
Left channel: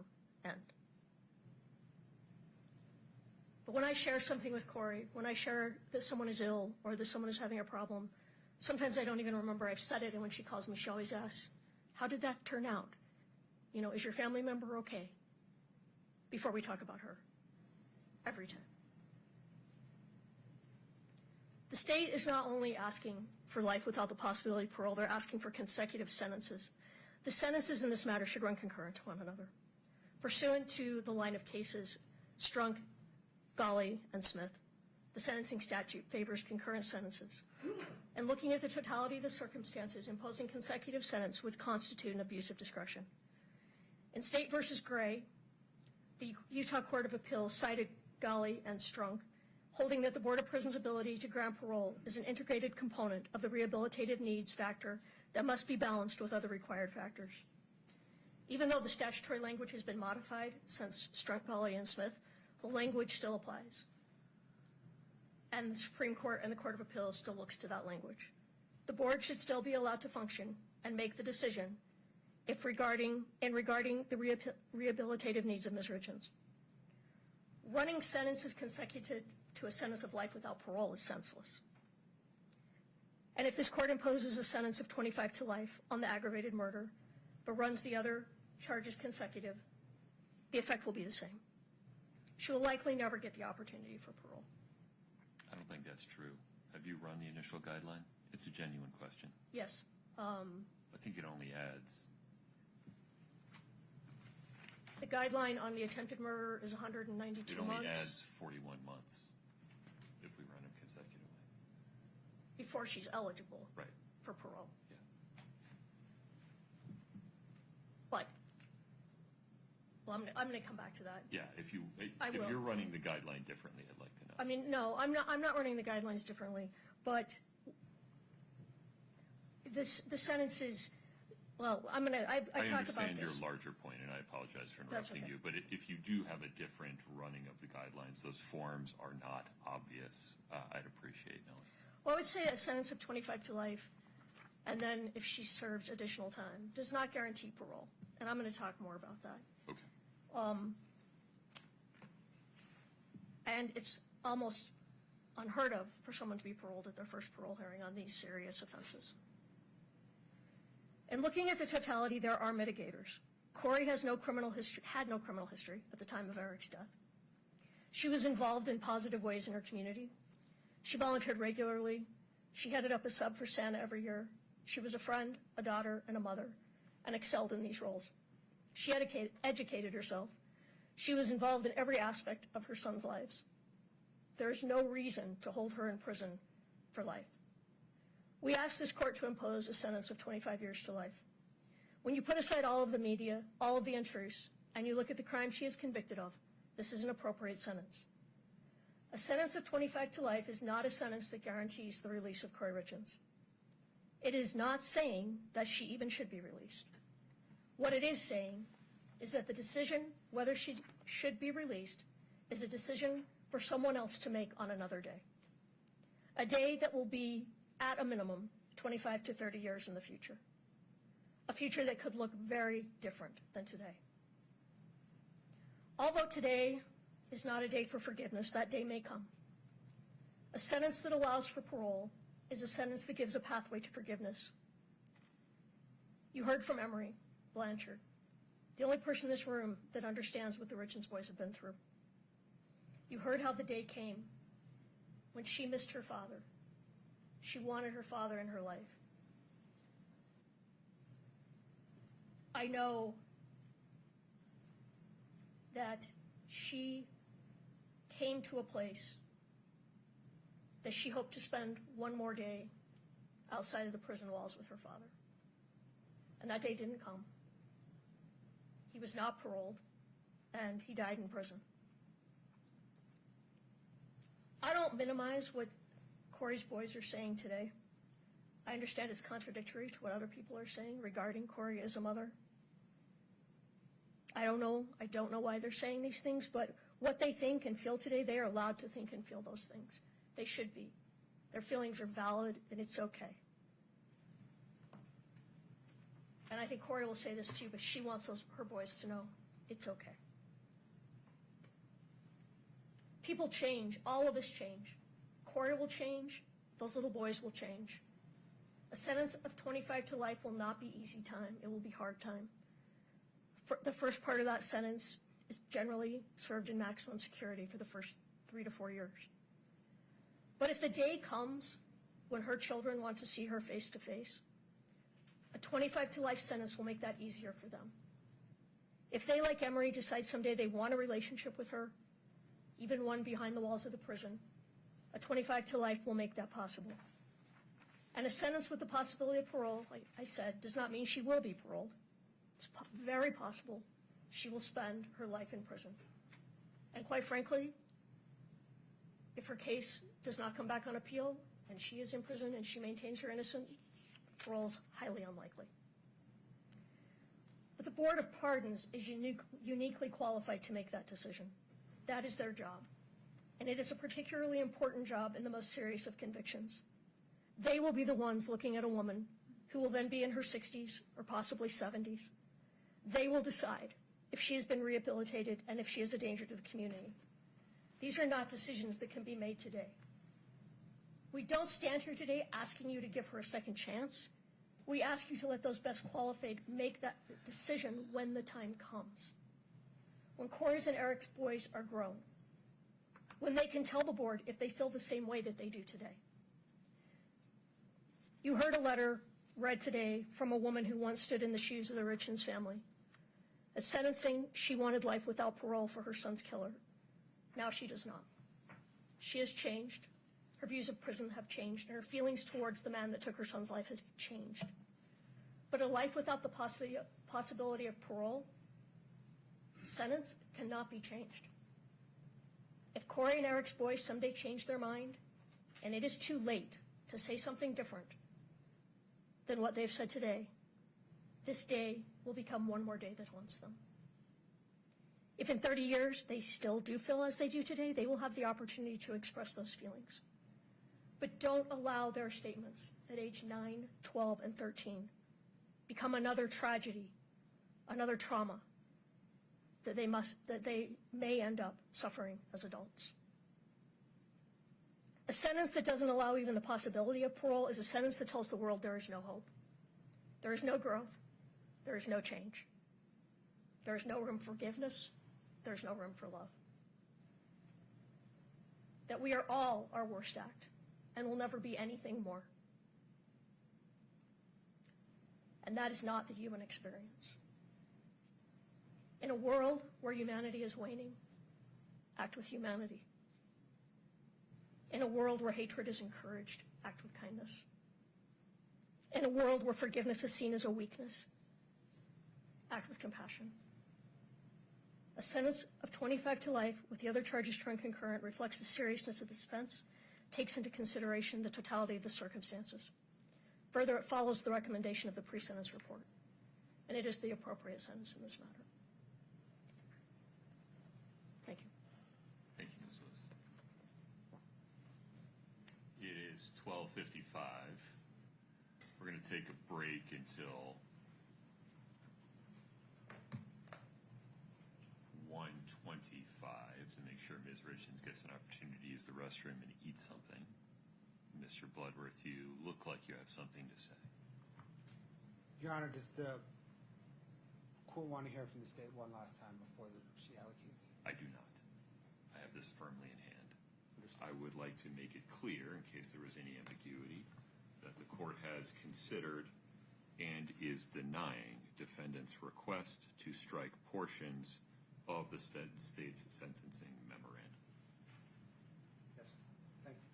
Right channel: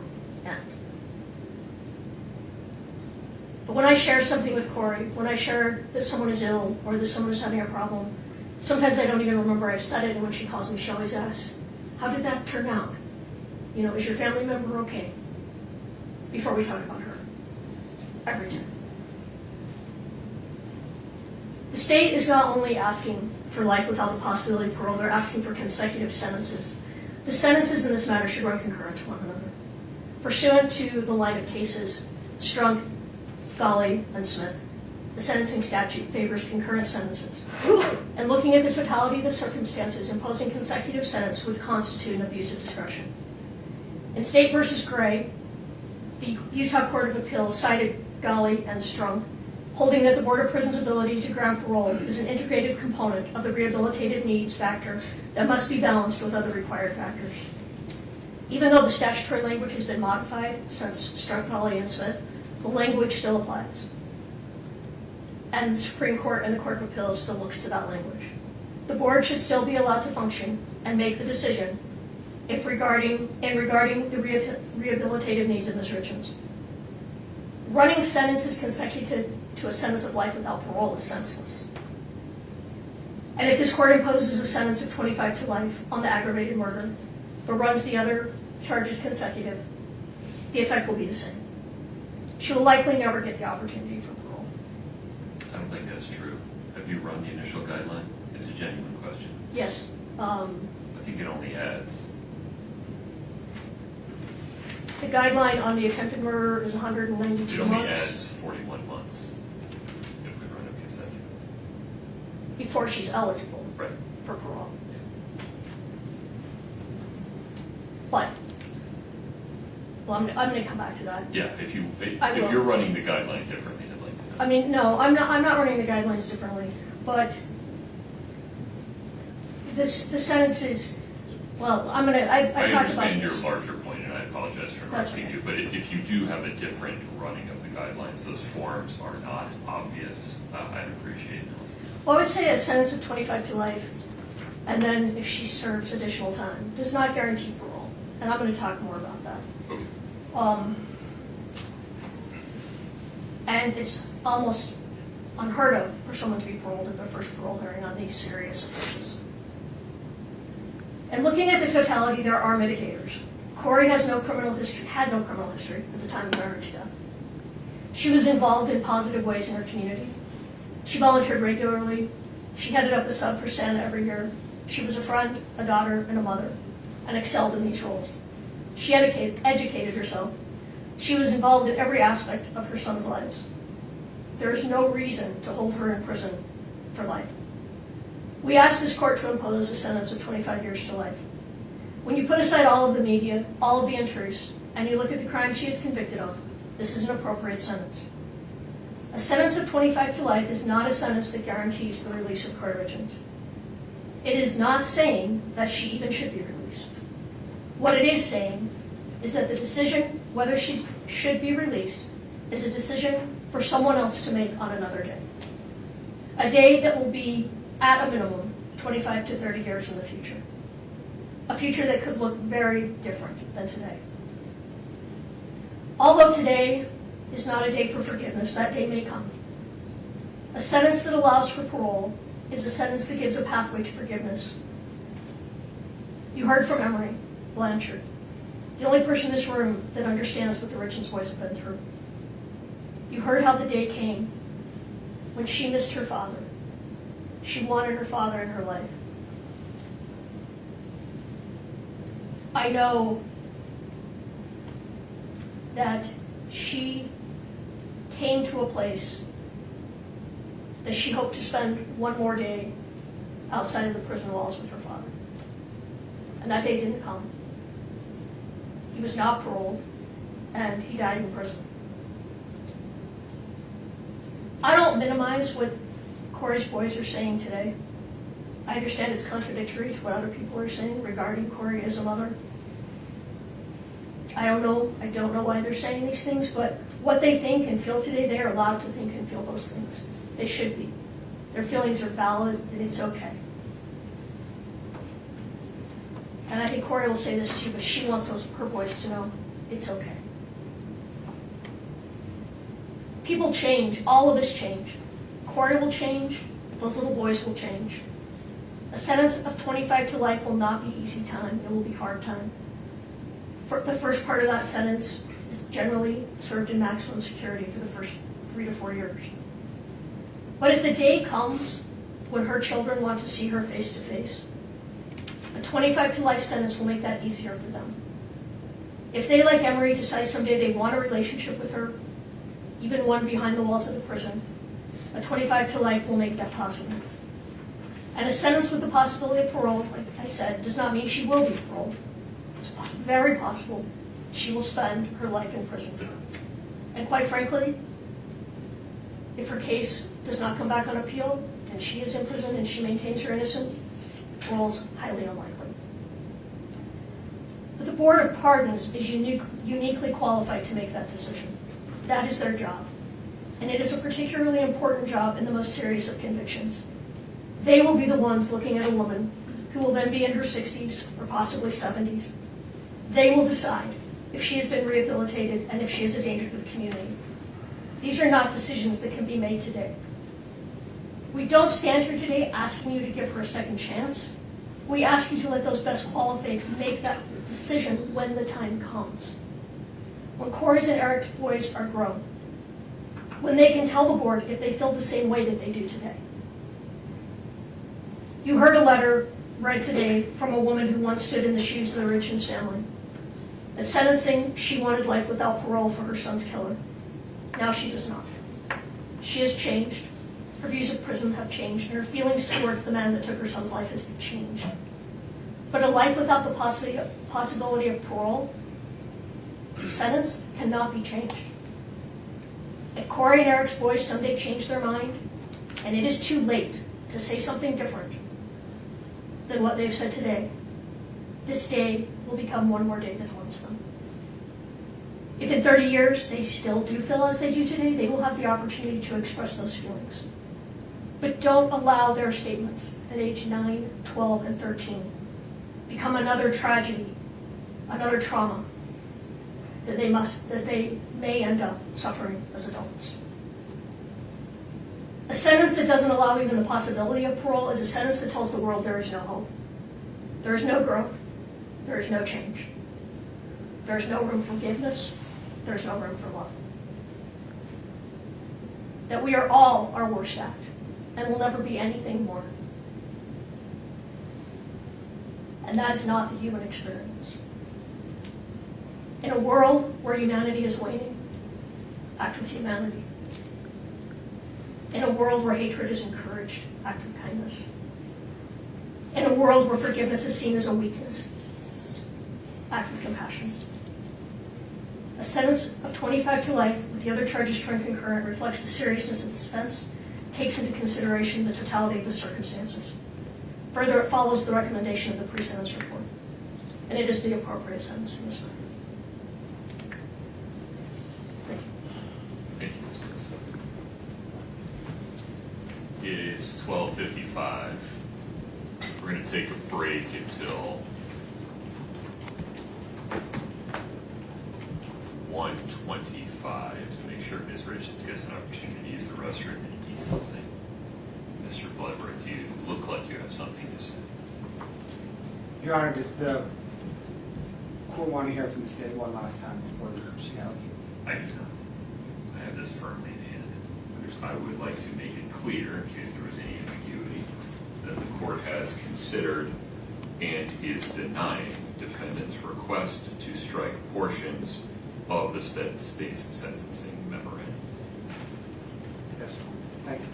end. But when I share something with Kouri, when I share that someone is ill or that someone is having a problem, sometimes I don't even remember I've said it, and when she calls me, she always asks, how did that turn out? You know, is your family member okay? Before we talk about her. Every time. The state is not only asking for life without the possibility of parole, they're asking for consecutive sentences. The sentences in this matter should run concurrent to one another. Pursuant to the line of cases, Strunk, Golly, and Smith, the sentencing statute favors concurrent sentences. And looking at the totality of the circumstances, imposing consecutive sentence would constitute an abuse of discretion. In State v. Gray, the Utah Court of Appeals cited Golly and Strunk, holding that the Board of Prisons' ability to grant parole is an integrated component of the rehabilitative needs factor that must be balanced with other required factors. Even though the statutory language has been modified since Strunk, Golly, and Smith, the language still applies. And the Supreme Court and the Court of Appeals still looks to that language. The board should still be allowed to function and make the decision regarding the rehabilitative needs of Ms. Richins. Running sentences consecutive to a sentence of life without parole is senseless. And if this court imposes a sentence of 25 to life on the aggravated murder, but runs the other charges consecutive, the effect will be the same. She will likely never get the opportunity for parole. I don't think that's true. Have you run the initial guideline? It's a genuine question. Yes. I think it only adds. The guideline on the attempted murder is 192 It only months. adds 41 months if we run it consecutive. Before she's eligible Right. for parole. But, well, I'm going to come back to that. Yeah, if I will. you're running the guideline differently, I'd like to know. I mean, no, I'm not running the guidelines differently, but the sentence is, well, I talked about understand your this. larger point, and I apologize for That's interrupting okay. you, but if you do have a different running of the guidelines, those forms are not obvious, I'd appreciate it. Well, I would say a sentence of 25 to life, and then if she serves additional time, does not guarantee parole. And I'm going to talk more about that. Okay. And it's almost unheard of for someone to be paroled at their first parole hearing on these serious offenses. And looking at the totality, there are mitigators. Kouri had no criminal history at the time of Eric's death. She was involved in positive ways in her community. She volunteered regularly. She headed up a sub for Santa every year. She was a friend, a daughter, and a mother, and excelled in these roles. She educated herself. She was involved in every aspect of her son's lives. There is no reason to hold her in prison for life. We asked this court to impose a sentence of 25 years to life. When you put aside all of the media, all of the intrusives, and you look at the crime she is convicted of, this is an appropriate sentence. A sentence of 25 to life is not a sentence that guarantees the release of Kouri Richins. It is not saying that she even should be released. What it is saying is that the decision whether she should be released is a decision for someone else to make on another day. A day that will be, at a minimum, 25 to 30 years in the future. A future that could look very different than today. Although today is not a day for forgiveness, that day may come. A sentence that allows for parole is a sentence that gives a pathway to forgiveness. You heard from Emery Blanchard, the only person in this room that understands what the Richens boys have been through. You heard how the day came when she missed her father. She wanted her father in her life. I know that she came to a place that she hoped to spend one more day outside of the prison walls with her father. And that day didn't come. He was not paroled, and he died in prison. I don't minimize what Kouri's boys are saying today. I understand it's contradictory to what other people are saying regarding Kouri as a mother. I don't know why they're saying these things, but what they think and feel today, they are allowed to think and feel those things. They should be. Their feelings are valid, and it's okay. And I think Kouri will say this too, but she wants her boys to know it's okay. People change. All of us change. Kouri will change. Those little boys will change. A sentence of 25 to life will not be easy time. It will be hard time. For the first part of that sentence is generally served in maximum security for the first 3 to 4 years. But if the day comes when her children want to see her face to face, a 25 to life sentence will make that easier for them. If they, like Emery, decide someday they want a relationship with her, even one behind the walls of the prison, a 25 to life will make that possible. And a sentence with the possibility of parole, like I said, does not mean she will be paroled. It's very possible she will spend her life in prison. And quite frankly, if her case does not come back on appeal, and she is in prison and she maintains her innocence, parole's highly unlikely. But the Board of Pardons is uniquely qualified to make that decision. That is their job. And it is a particularly important job in the most serious of convictions. They will be the ones looking at a woman who will then be in her 60s or possibly 70s. They will decide if she has been rehabilitated and if she is a danger to the community. These are not decisions that can be made today. We don't stand here today asking you to give her a second chance. We ask you to let those best qualified make that decision when the time comes. When Kouri's and Eric's boys are grown. When they can tell the board if they feel the same way that they do today. You heard a letter read today from a woman who once stood in the shoes of the Richens family. At sentencing, she wanted life without parole for her son's killer. Now she does not. She has changed. Her views of prison have changed, and her feelings towards the man that took her son's life has changed. But a life without the possibility of parole, the sentence cannot be changed. If Kouri and Eric's boys someday change their mind, and it is too late to say something different than what they've said today, this day will become one more day that haunts them. If in 30 years they still do feel as they do today, they will have the opportunity to express those feelings. But don't allow their statements at age 9, 12, and 13 become another tragedy, another trauma that they may end up suffering as adults. A sentence that doesn't allow even the possibility of parole is a sentence that tells the world there is no hope. There is no growth. There is no change. There is no room for forgiveness. There is no room for love. That we are all our worst act and will never be anything more. And that is not the human experience. In a world where humanity is waning, act with humanity. In a world where hatred is encouraged, act with kindness. In a world where forgiveness is seen as a weakness, act with compassion. A sentence of 25 to life with the other charges turned concurrent reflects the seriousness of the offense, takes into consideration the totality of the circumstances. Further, it follows the recommendation of the pre-sentence report, and it is the appropriate sentence in this matter. Thank you. Thank you, Ms. It is 12:55. We're going to take a break until 1:25 to make sure Ms. Richins gets an opportunity to use the restroom and eat something. Mr. Bloodworth, you look like you have something to say. Your Honor, does the court want to hear from the state one last time before the she allocates? I do not. I have this firmly in hand. I would like to make it clear, in case there was any ambiguity, that the court has considered and is denying defendant's request to strike portions of the state's sentencing memorandum. Yes, thank you.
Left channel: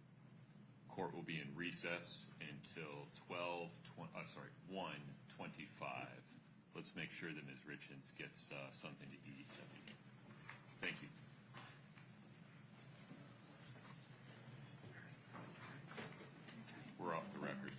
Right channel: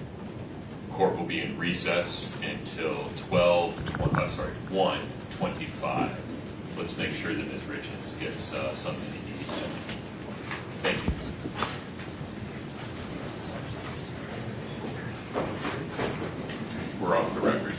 Court will be in recess until 1:25. Let's make sure that Ms. Richins gets something to eat. Thank you. We're off the record.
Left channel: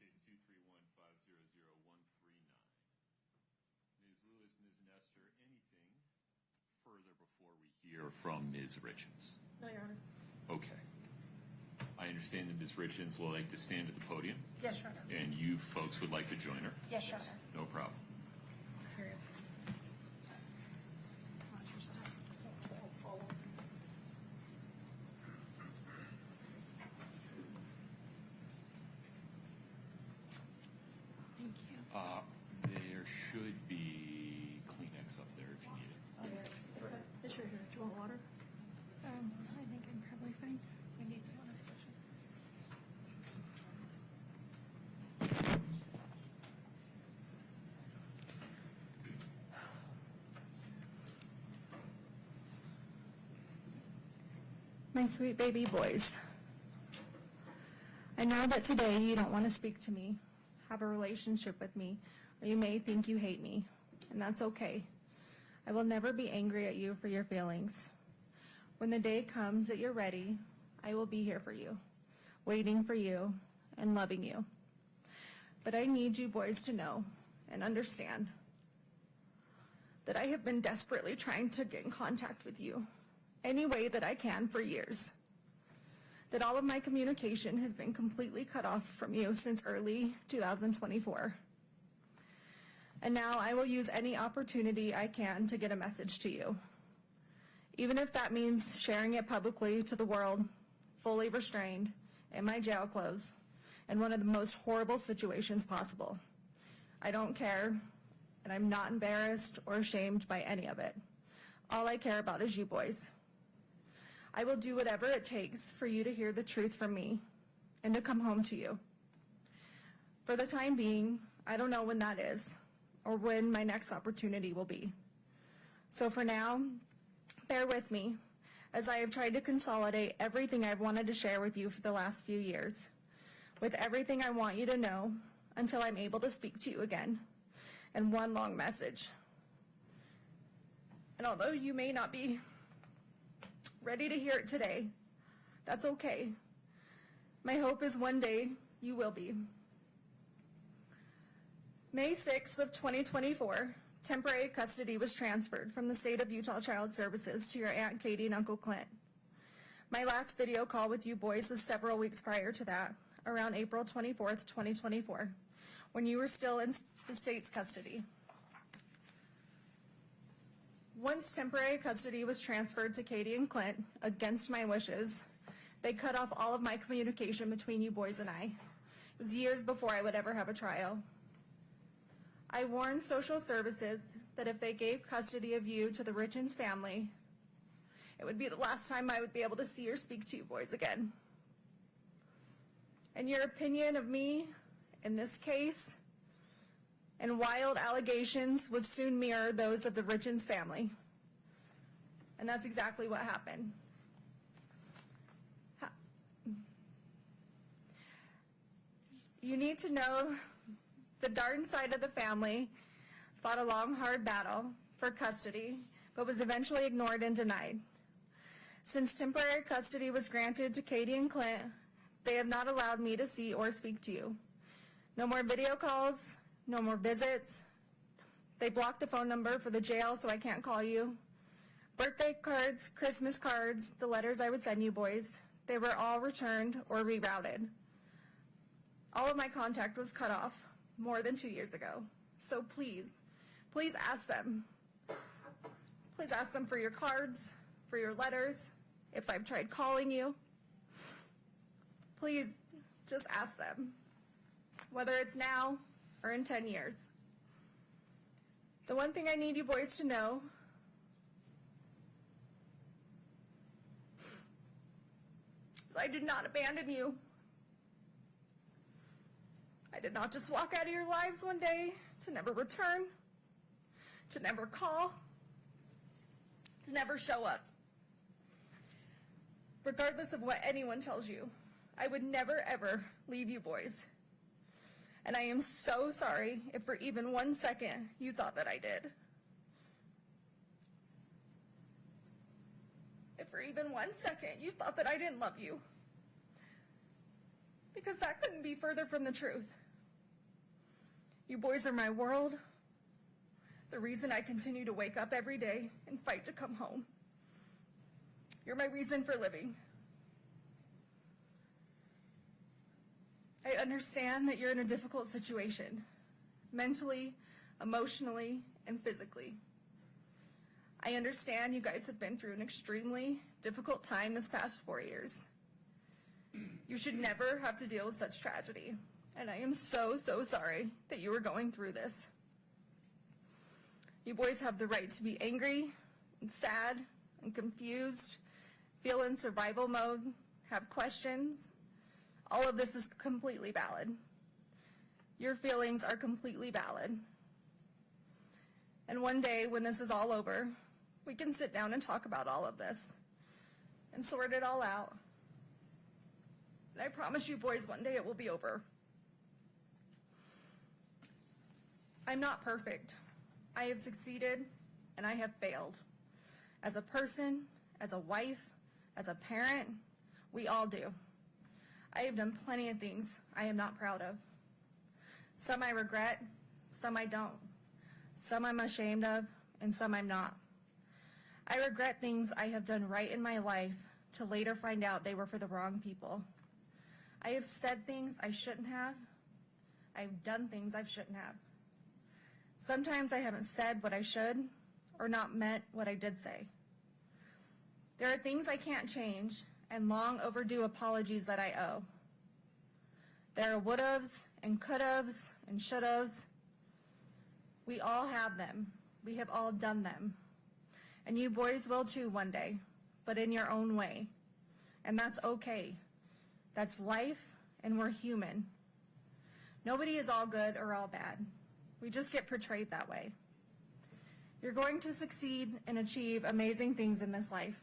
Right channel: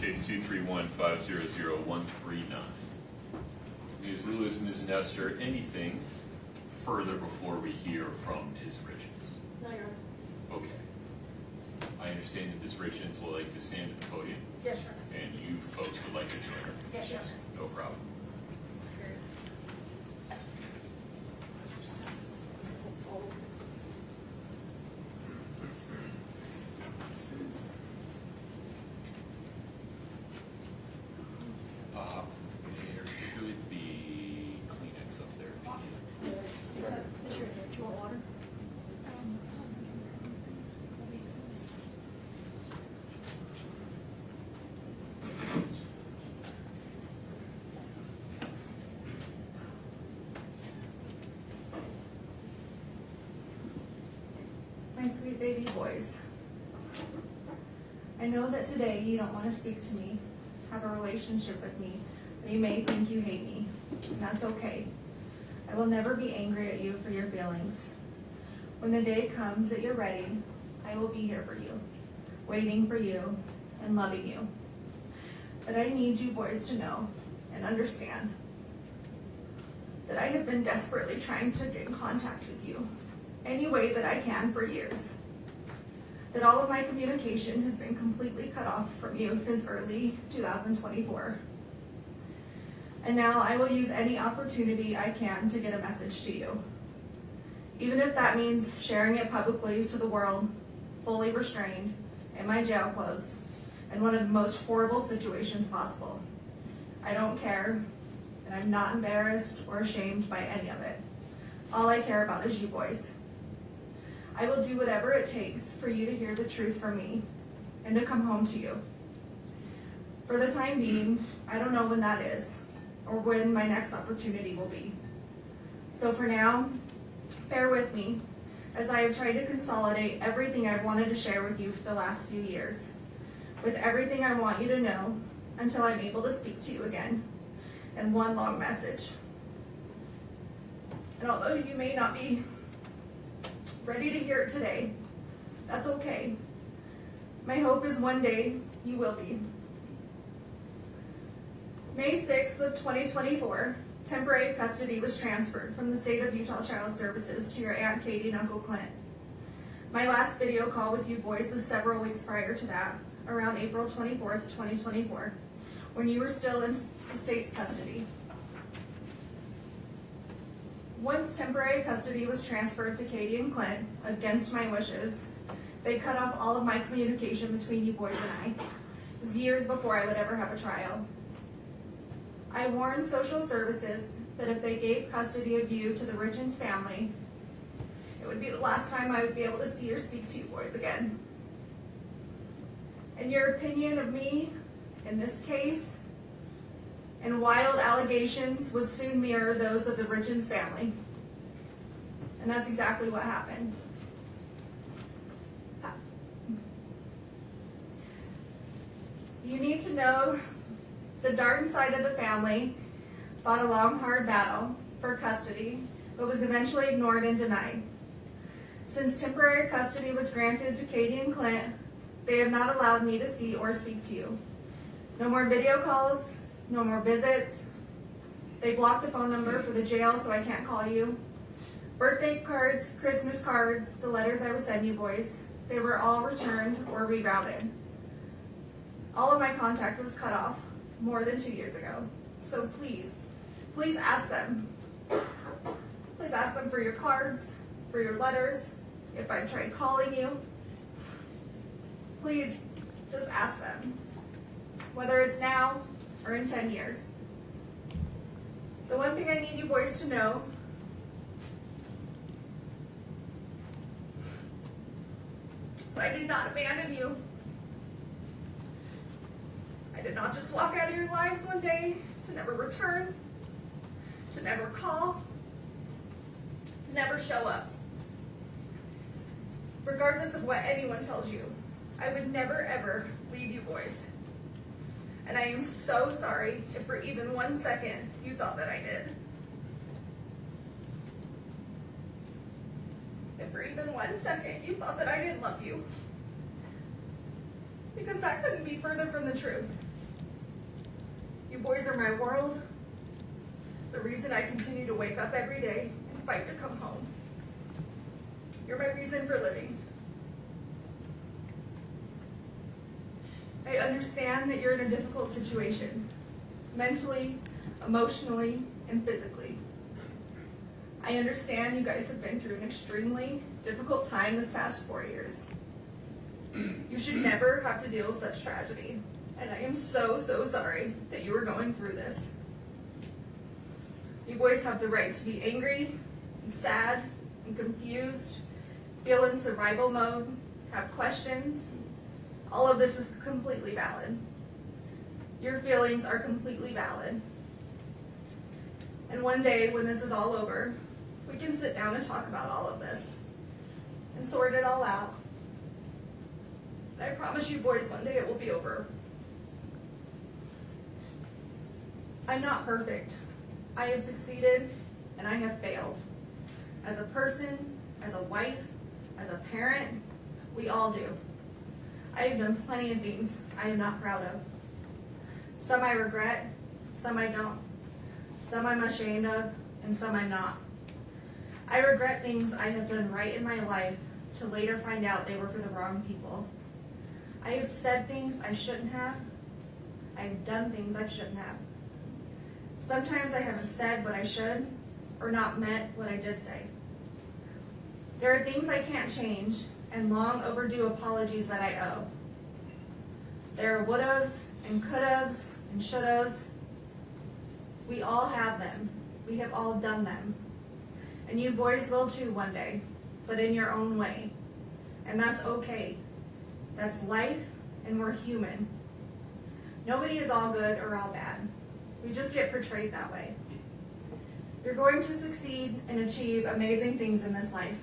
case 231-500-139. Ms. Lewis, Ms. Nestor, anything further before we hear from Ms. Richins? No, Your Honor. Okay. I understand that Ms. Richins will like to stand at the podium, Yes, Your Honor. and you folks would like to join her. Yes, Your Honor. No problem. There should be Kleenex up there if you need it. It's right here. Do you want water? My sweet baby boys, I know that today you don't want to speak to me, have a relationship with me, but you may think you hate me, and that's okay. I will never be angry at you for your feelings. When the day comes that you're ready, I will be here for you, waiting for you, and loving you. But I need you boys to know and understand that I have been desperately trying to get in contact with you any way that I can for years. That all of my communication has been completely cut off from you since early 2024. And now I will use any opportunity I can to get a message to you. Even if that means sharing it publicly to the world, fully restrained, in my jail clothes, in one of the most horrible situations possible. I don't care, and I'm not embarrassed or ashamed by any of it. All I care about is you boys. I will do whatever it takes for you to hear the truth from me and to come home to you. For the time being, I don't know when that is or when my next opportunity will be. So for now, bear with me as I have tried to consolidate everything I've wanted to share with you for the last few years, with everything I want you to know until I'm able to speak to you again, and one long message. And although you may not be ready to hear it today, that's okay. My hope is one day you will be. May 6th of 2024, temporary custody was transferred from the state of Utah Child Services to your Aunt Katie and Uncle Clint. My last video call with you boys is several weeks prior to that, around April 24th, 2024, when you were still in the state's custody. Once temporary custody was transferred to Katie and Clint, against my wishes, they cut off all of my communication between you boys and I. It was years before I would ever have a trial. I warned social services that if they gave custody of you to the Richins family, it would be the last time I would be able to see or speak to you boys again. And your opinion of me in this case and wild allegations would soon mirror those of the Richins family. And that's exactly what happened. You need to know the Darden side of the family fought a long, hard battle for custody, but was eventually ignored and denied. Since temporary custody was granted to Katie and Clint, they have not allowed me to see or speak to you. No more video calls, no more visits. They blocked the phone number for the jail so I can't call you. Birthday cards, Christmas cards, the letters I would send you boys, they were all returned or rerouted. All of my contact was cut off more than 2 years ago. So please, please ask them. Please ask them for your cards, for your letters, if I tried calling you. Please, just ask them. Whether it's now or in 10 years. The one thing I need you boys to know is I did not abandon you. I did not just walk out of your lives one day to never return, to never call, to never show up. Regardless of what anyone tells you, I would never ever leave you boys. And I am so sorry if for even 1 second you thought that I did. If for even 1 second you thought that I didn't love you. Because that couldn't be further from the truth. You boys are my world, the reason I continue to wake up every day and fight to come home. You're my reason for living. I understand that you're in a difficult situation, mentally, emotionally, and physically. I understand you guys have been through an extremely difficult time this past 4 years. You should never have to deal with such tragedy, and I am so sorry that you are going through this. You boys have the right to be angry and sad and confused, feel in survival mode, have questions. All of this is completely valid. Your feelings are completely valid. And one day when this is all over, we can sit down and talk about all of this and sort it all out. And I promise you boys, one day it will be over. I'm not perfect. I have succeeded and I have failed. As a person, as a wife, as a parent, we all do. I have done plenty of things I am not proud of. Some I regret, some I don't. Some I'm ashamed of, and some I'm not. I regret things I have done right in my life to later find out they were for the wrong people. I have said things I shouldn't have. I have done things I shouldn't have. Sometimes I haven't said what I should, or not meant what I did say. There are things I can't change, and long overdue apologies that I owe. There are would'ves, and could'ves, and should'ves. We all have them. We have all done them. And you boys will too one day, but in your own way. And that's okay. That's life, and we're human. Nobody is all good or all bad. We just get portrayed that way. You're going to succeed and achieve amazing things in this life.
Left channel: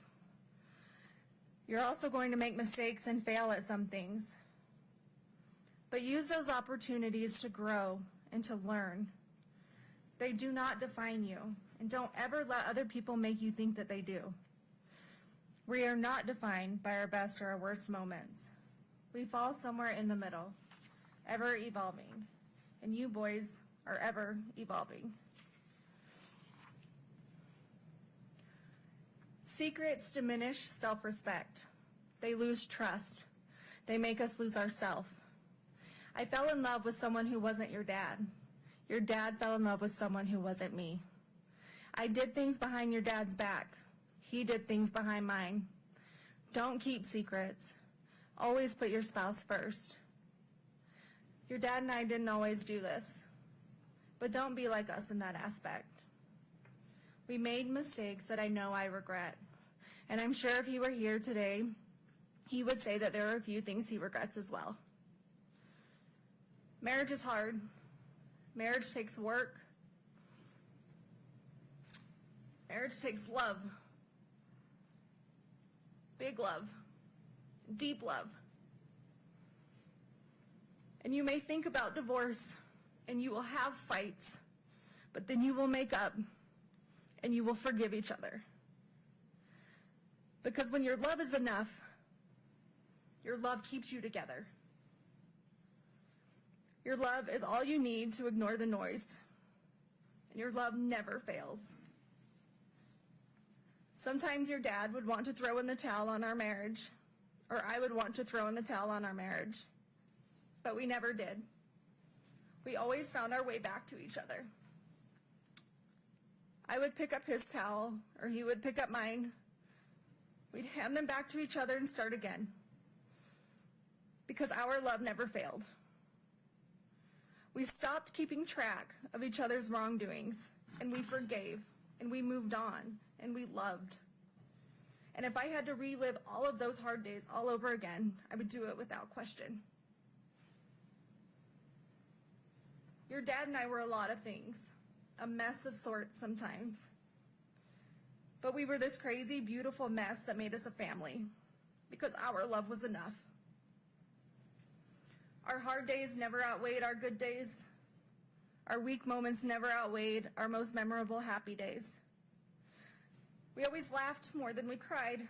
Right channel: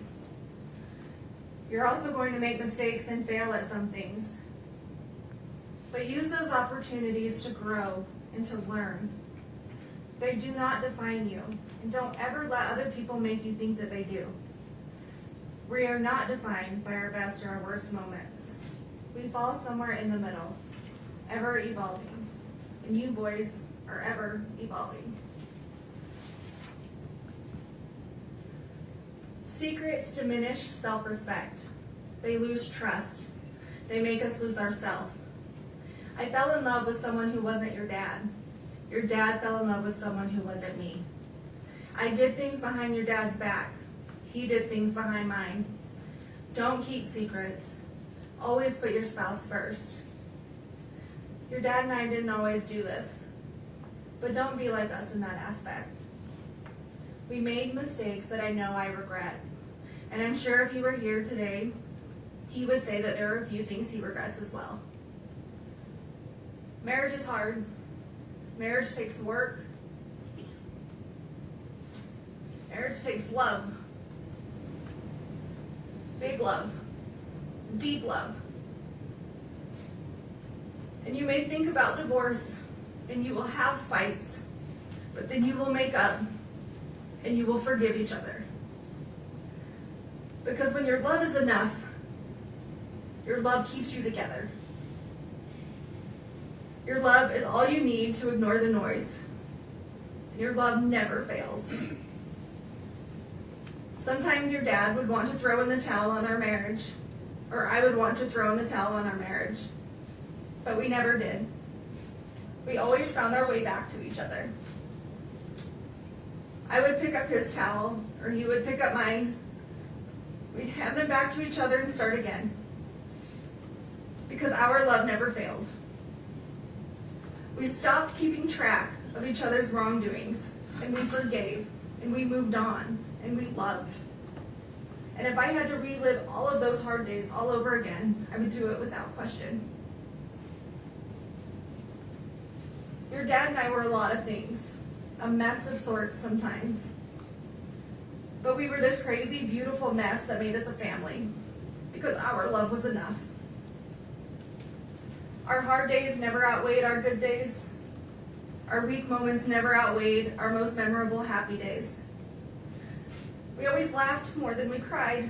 You're also going to make mistakes and fail at some things. But use those opportunities to grow and to learn. They do not define you, and don't ever let other people make you think that they do. We are not defined by our best or our worst moments. We fall somewhere in the middle, ever evolving, and you boys are ever evolving. Secrets diminish self-respect. They lose trust. They make us lose ourselves. I fell in love with someone who wasn't your dad. Your dad fell in love with someone who wasn't me. I did things behind your dad's back. He did things behind mine. Don't keep secrets. Always put your spouse first. Your dad and I didn't always do this, but don't be like us in that aspect. We made mistakes that I know I regret, and I'm sure if he were here today, he would say that there are a few things he regrets as well. Marriage is hard. Marriage takes work. Marriage takes love. Big love. Deep love. And you may think about divorce, and you will have fights, but then you will make up, and you will forgive each other. Because when your love is enough, your love keeps you together. Your love is all you need to ignore the noise. And your love never fails. Sometimes your dad would want to throw in the towel on our marriage, or I would want to throw in the towel on our marriage. But we never did. We always found our way back to each other. I would pick up his towel, or he would pick up mine. We'd hand them back to each other and start again. Because our love never failed. We stopped keeping track of each other's wrongdoings, and we forgave, and we moved on, and we loved. And if I had to relive all of those hard days all over again, I would do it without question. Your dad and I were a lot of things, a mess of sorts sometimes. But we were this crazy, beautiful mess that made us a family, because our love was enough. Our hard days never outweighed our good days. Our weak moments never outweighed our most memorable happy days. We always laughed more than we cried.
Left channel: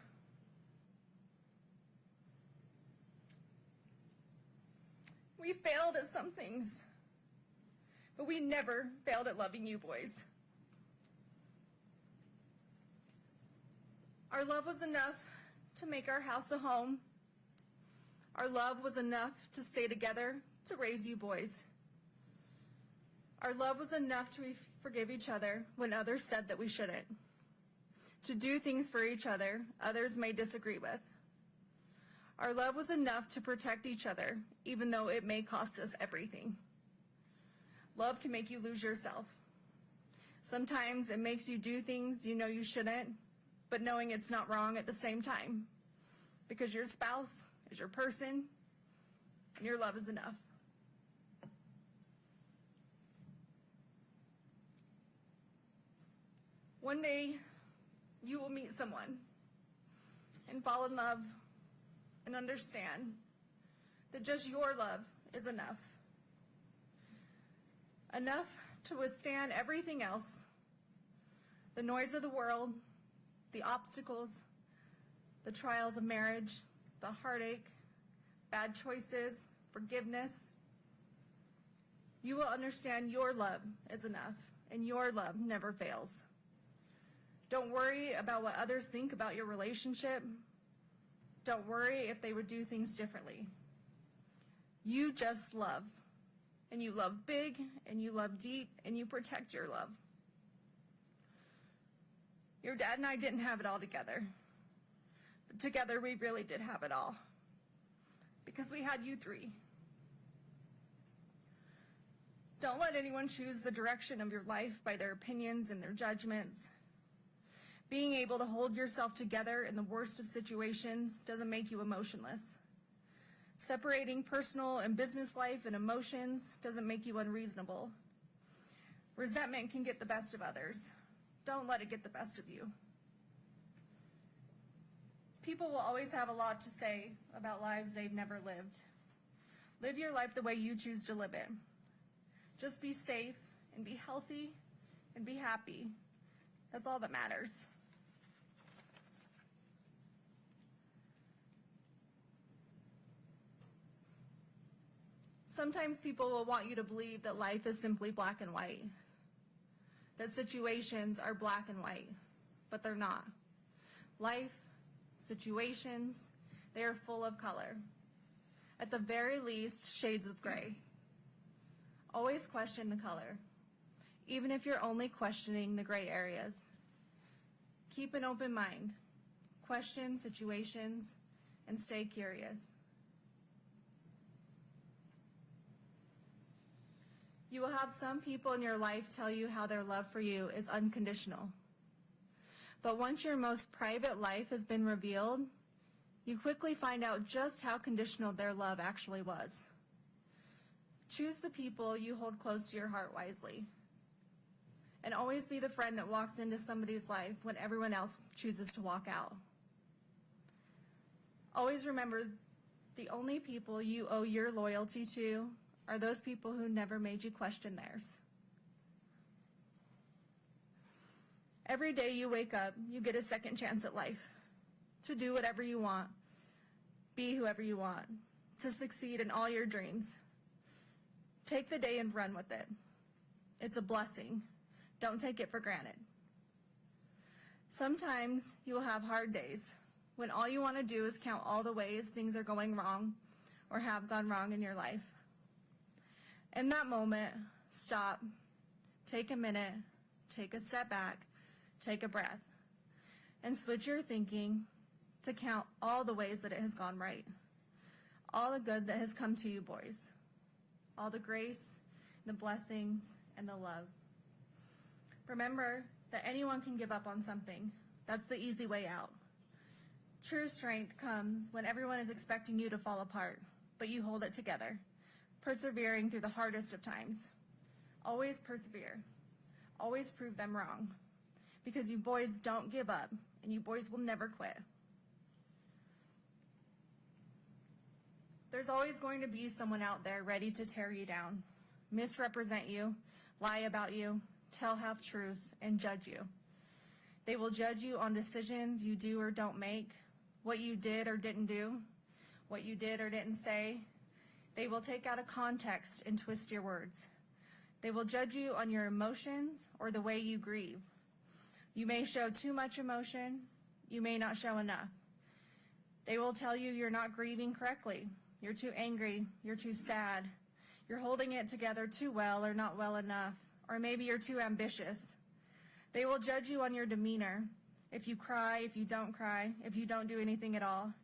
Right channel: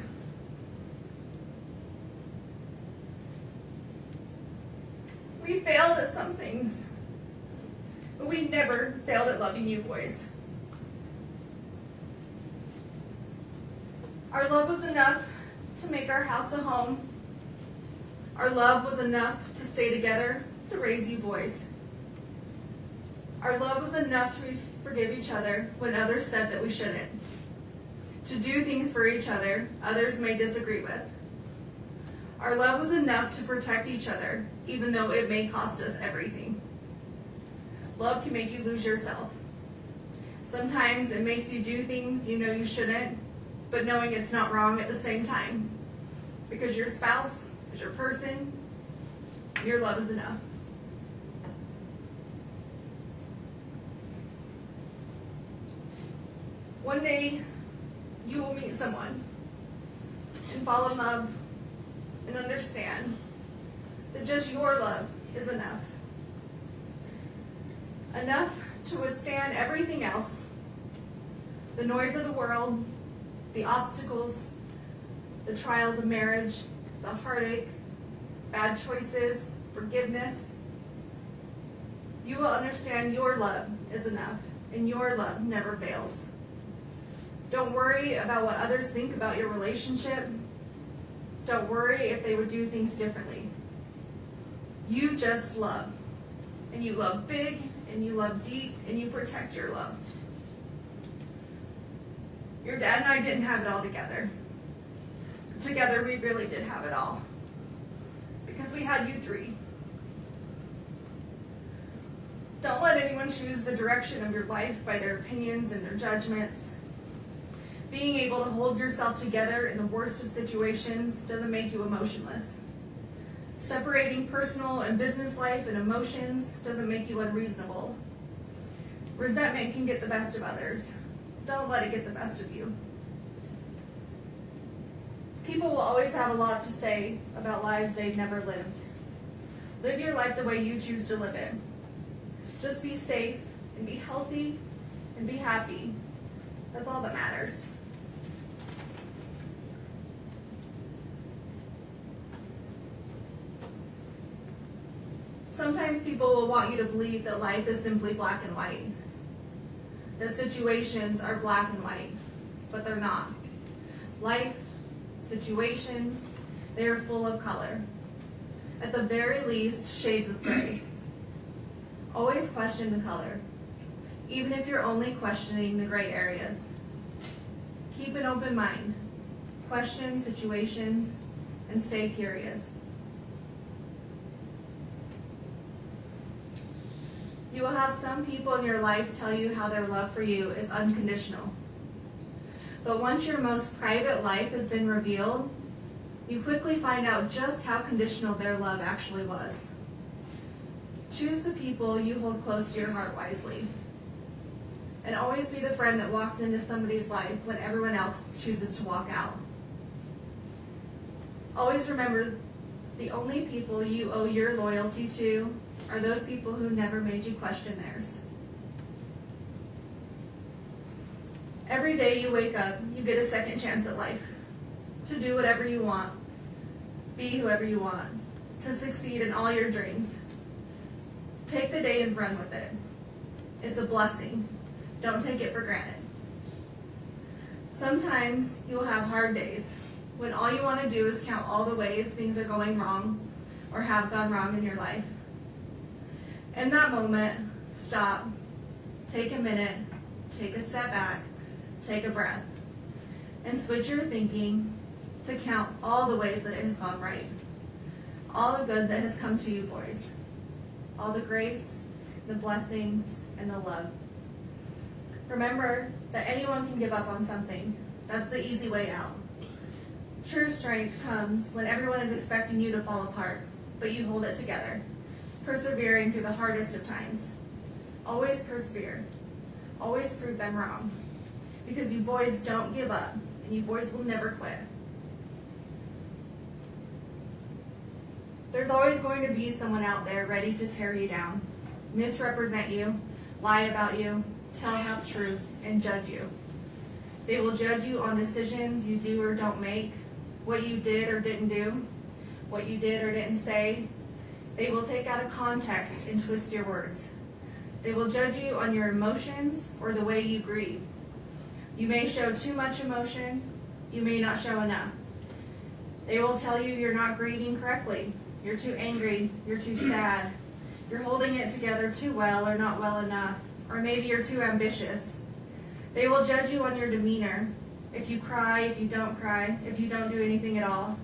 We failed at some things, but we we never failed at loving you boys. Our love was enough to make our house a home. Our love was enough to stay together, to raise you boys. Our love was enough to forgive each other when others said that we shouldn't. To do things for each other others may disagree with. Our love was enough to protect each other, even though it may cost us everything. Love can make you lose yourself. Sometimes it makes you do things you know you shouldn't, but knowing it's not wrong at the same time. Because your spouse is your person, your love is enough. One day, you will meet someone and fall in love and understand that just your love is enough. Enough to withstand everything else, the noise of the world, the obstacles, the trials of marriage, the heartache, bad choices, forgiveness. You will understand your love is enough, and your love never fails. Don't worry about what others think about your relationship. Don't worry if they would do things differently. You just love. And you love big, and you love deep, and you protect your love. Your dad and I didn't have it all together. Together, we really did have it all. Because we had you three. Don't let anyone choose the direction of your life by their opinions and their judgments. Being able to hold yourself together in the worst of situations doesn't make you emotionless. Separating personal and business life and emotions doesn't make you unreasonable. Resentment can get the best of others. Don't let it get the best of you. People will always have a lot to say about lives they've never lived. Live your life the way you choose to live it. Just be safe and be healthy and be happy. That's all that matters. Sometimes people will want you to believe that life is simply black and white. That situations are black and white, but they're not. Life, situations, they are full of color. At the very least, shades of gray. Always question the color, even if you're only questioning the gray areas. Keep an open mind. Question situations and stay curious. You will have some people in your life tell you how their love for you is unconditional. But once your most private life has been revealed, you quickly find out just how conditional their love actually was. Choose the people you hold close to your heart wisely. And always be the friend that walks into somebody's life when everyone else chooses to walk out. Always remember, the only people you owe your loyalty to are those people who never made you question theirs. Every day you wake up, you get a second chance at life. To do whatever you want. Be whoever you want. To succeed in all your dreams. Take the day and run with it. It's a blessing. Don't take it for granted. Sometimes you will have hard days when all you want to do is count all the ways things are going wrong or have gone wrong in your life. In that moment, stop, take a minute, take a step back, take a breath, and switch your thinking to count all the ways that it has gone right. All the good that has come to you, boys. All the grace, the blessings, and the love. Remember that anyone can give up on something. That's the easy way out. True strength comes when everyone is expecting you to fall apart, but you hold it together, persevering through the hardest of times. Always persevere. Always prove them wrong. Because you boys don't give up, and you boys will never quit. There's always going to be someone out there ready to tear you down, misrepresent you, lie about you, tell half-truths, and judge you. They will judge you on decisions you do or don't make, what you did or didn't do, what you did or didn't say. They will take out of context and twist your words. They will judge you on your emotions or the way you grieve. You may show too much emotion, you may not show enough. They will tell you you're not grieving correctly, you're too angry, you're too sad, you're holding it together too well or not well enough, or maybe you're too ambitious. They will judge you on your demeanor, if you cry, if you don't cry, if you don't do anything at all.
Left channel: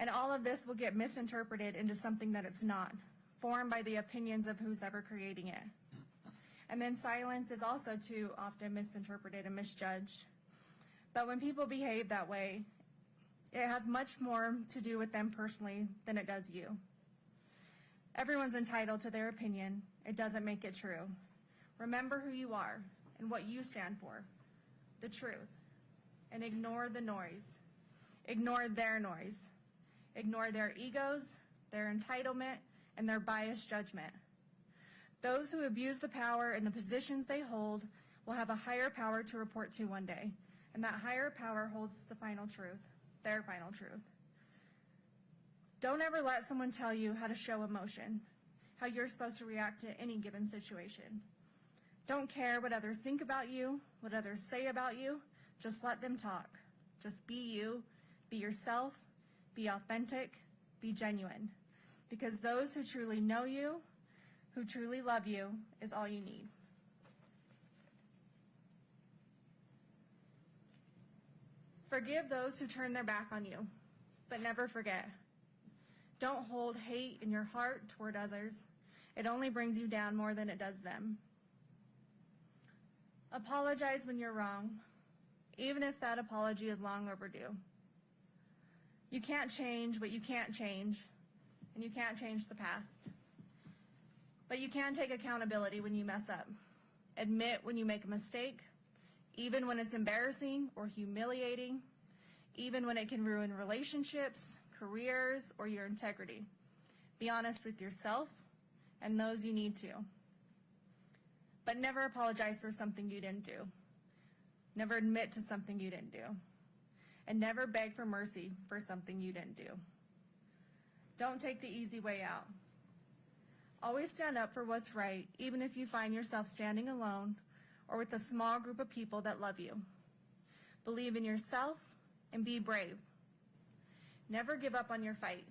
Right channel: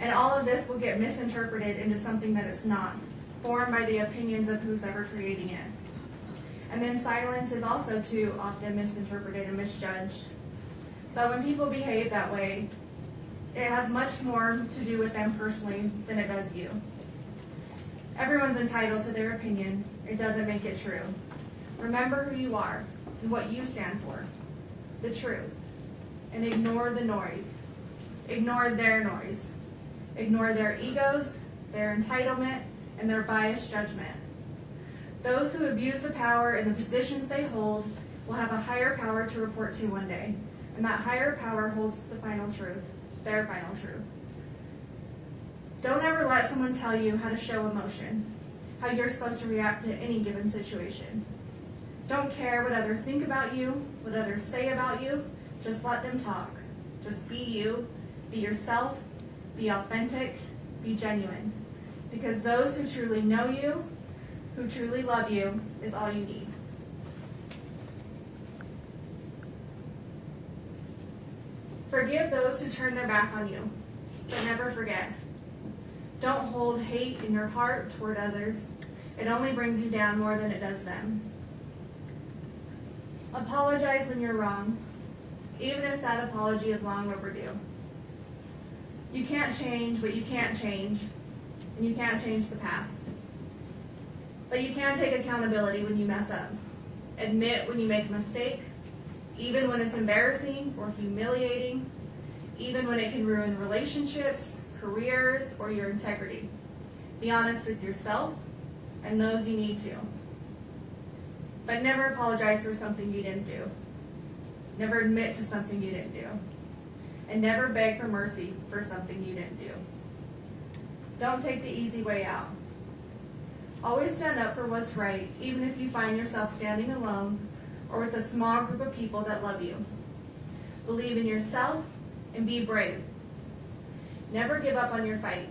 And all of this will get misinterpreted into something that it's not, formed by the opinions of who's ever creating it. And then silence is also too often misinterpreted and misjudged. But when people behave that way, it has much more to do with them personally than it does you. Everyone's entitled to their opinion. It doesn't make it true. Remember who you are and what you stand for, the truth, and ignore the noise. Ignore their noise. Ignore their egos, their entitlement, and their biased judgment. Those who abuse the power and the positions they hold will have a higher power to report to one day, and that higher power holds the final truth, their final truth. Don't ever let someone tell you how to show emotion, how you're supposed to react to any given situation. Don't care what others think about you, what others say about you, just let them talk. Just be you, be yourself, be authentic, be genuine. Because those who truly know you, who truly love you, is all you need. Forgive those who turn their back on you, but never forget. Don't hold hate in your heart toward others. It only brings you down more than it does them. Apologize when you're wrong, even if that apology is long overdue. You can't change what you can't change, and you can't change the past. But you can take accountability when you mess up. Admit when you make a mistake, even when it's embarrassing or humiliating, even when it can ruin relationships, careers, or your integrity. Be honest with yourself and those you need to. But never apologize for something you didn't do. Never admit to something you didn't do. And never beg for mercy for something you didn't do. Don't take the easy way out. Always stand up for what's right, even if you find yourself standing alone or with a small group of people that love you. Believe in yourself and be brave. Never give up on your fight,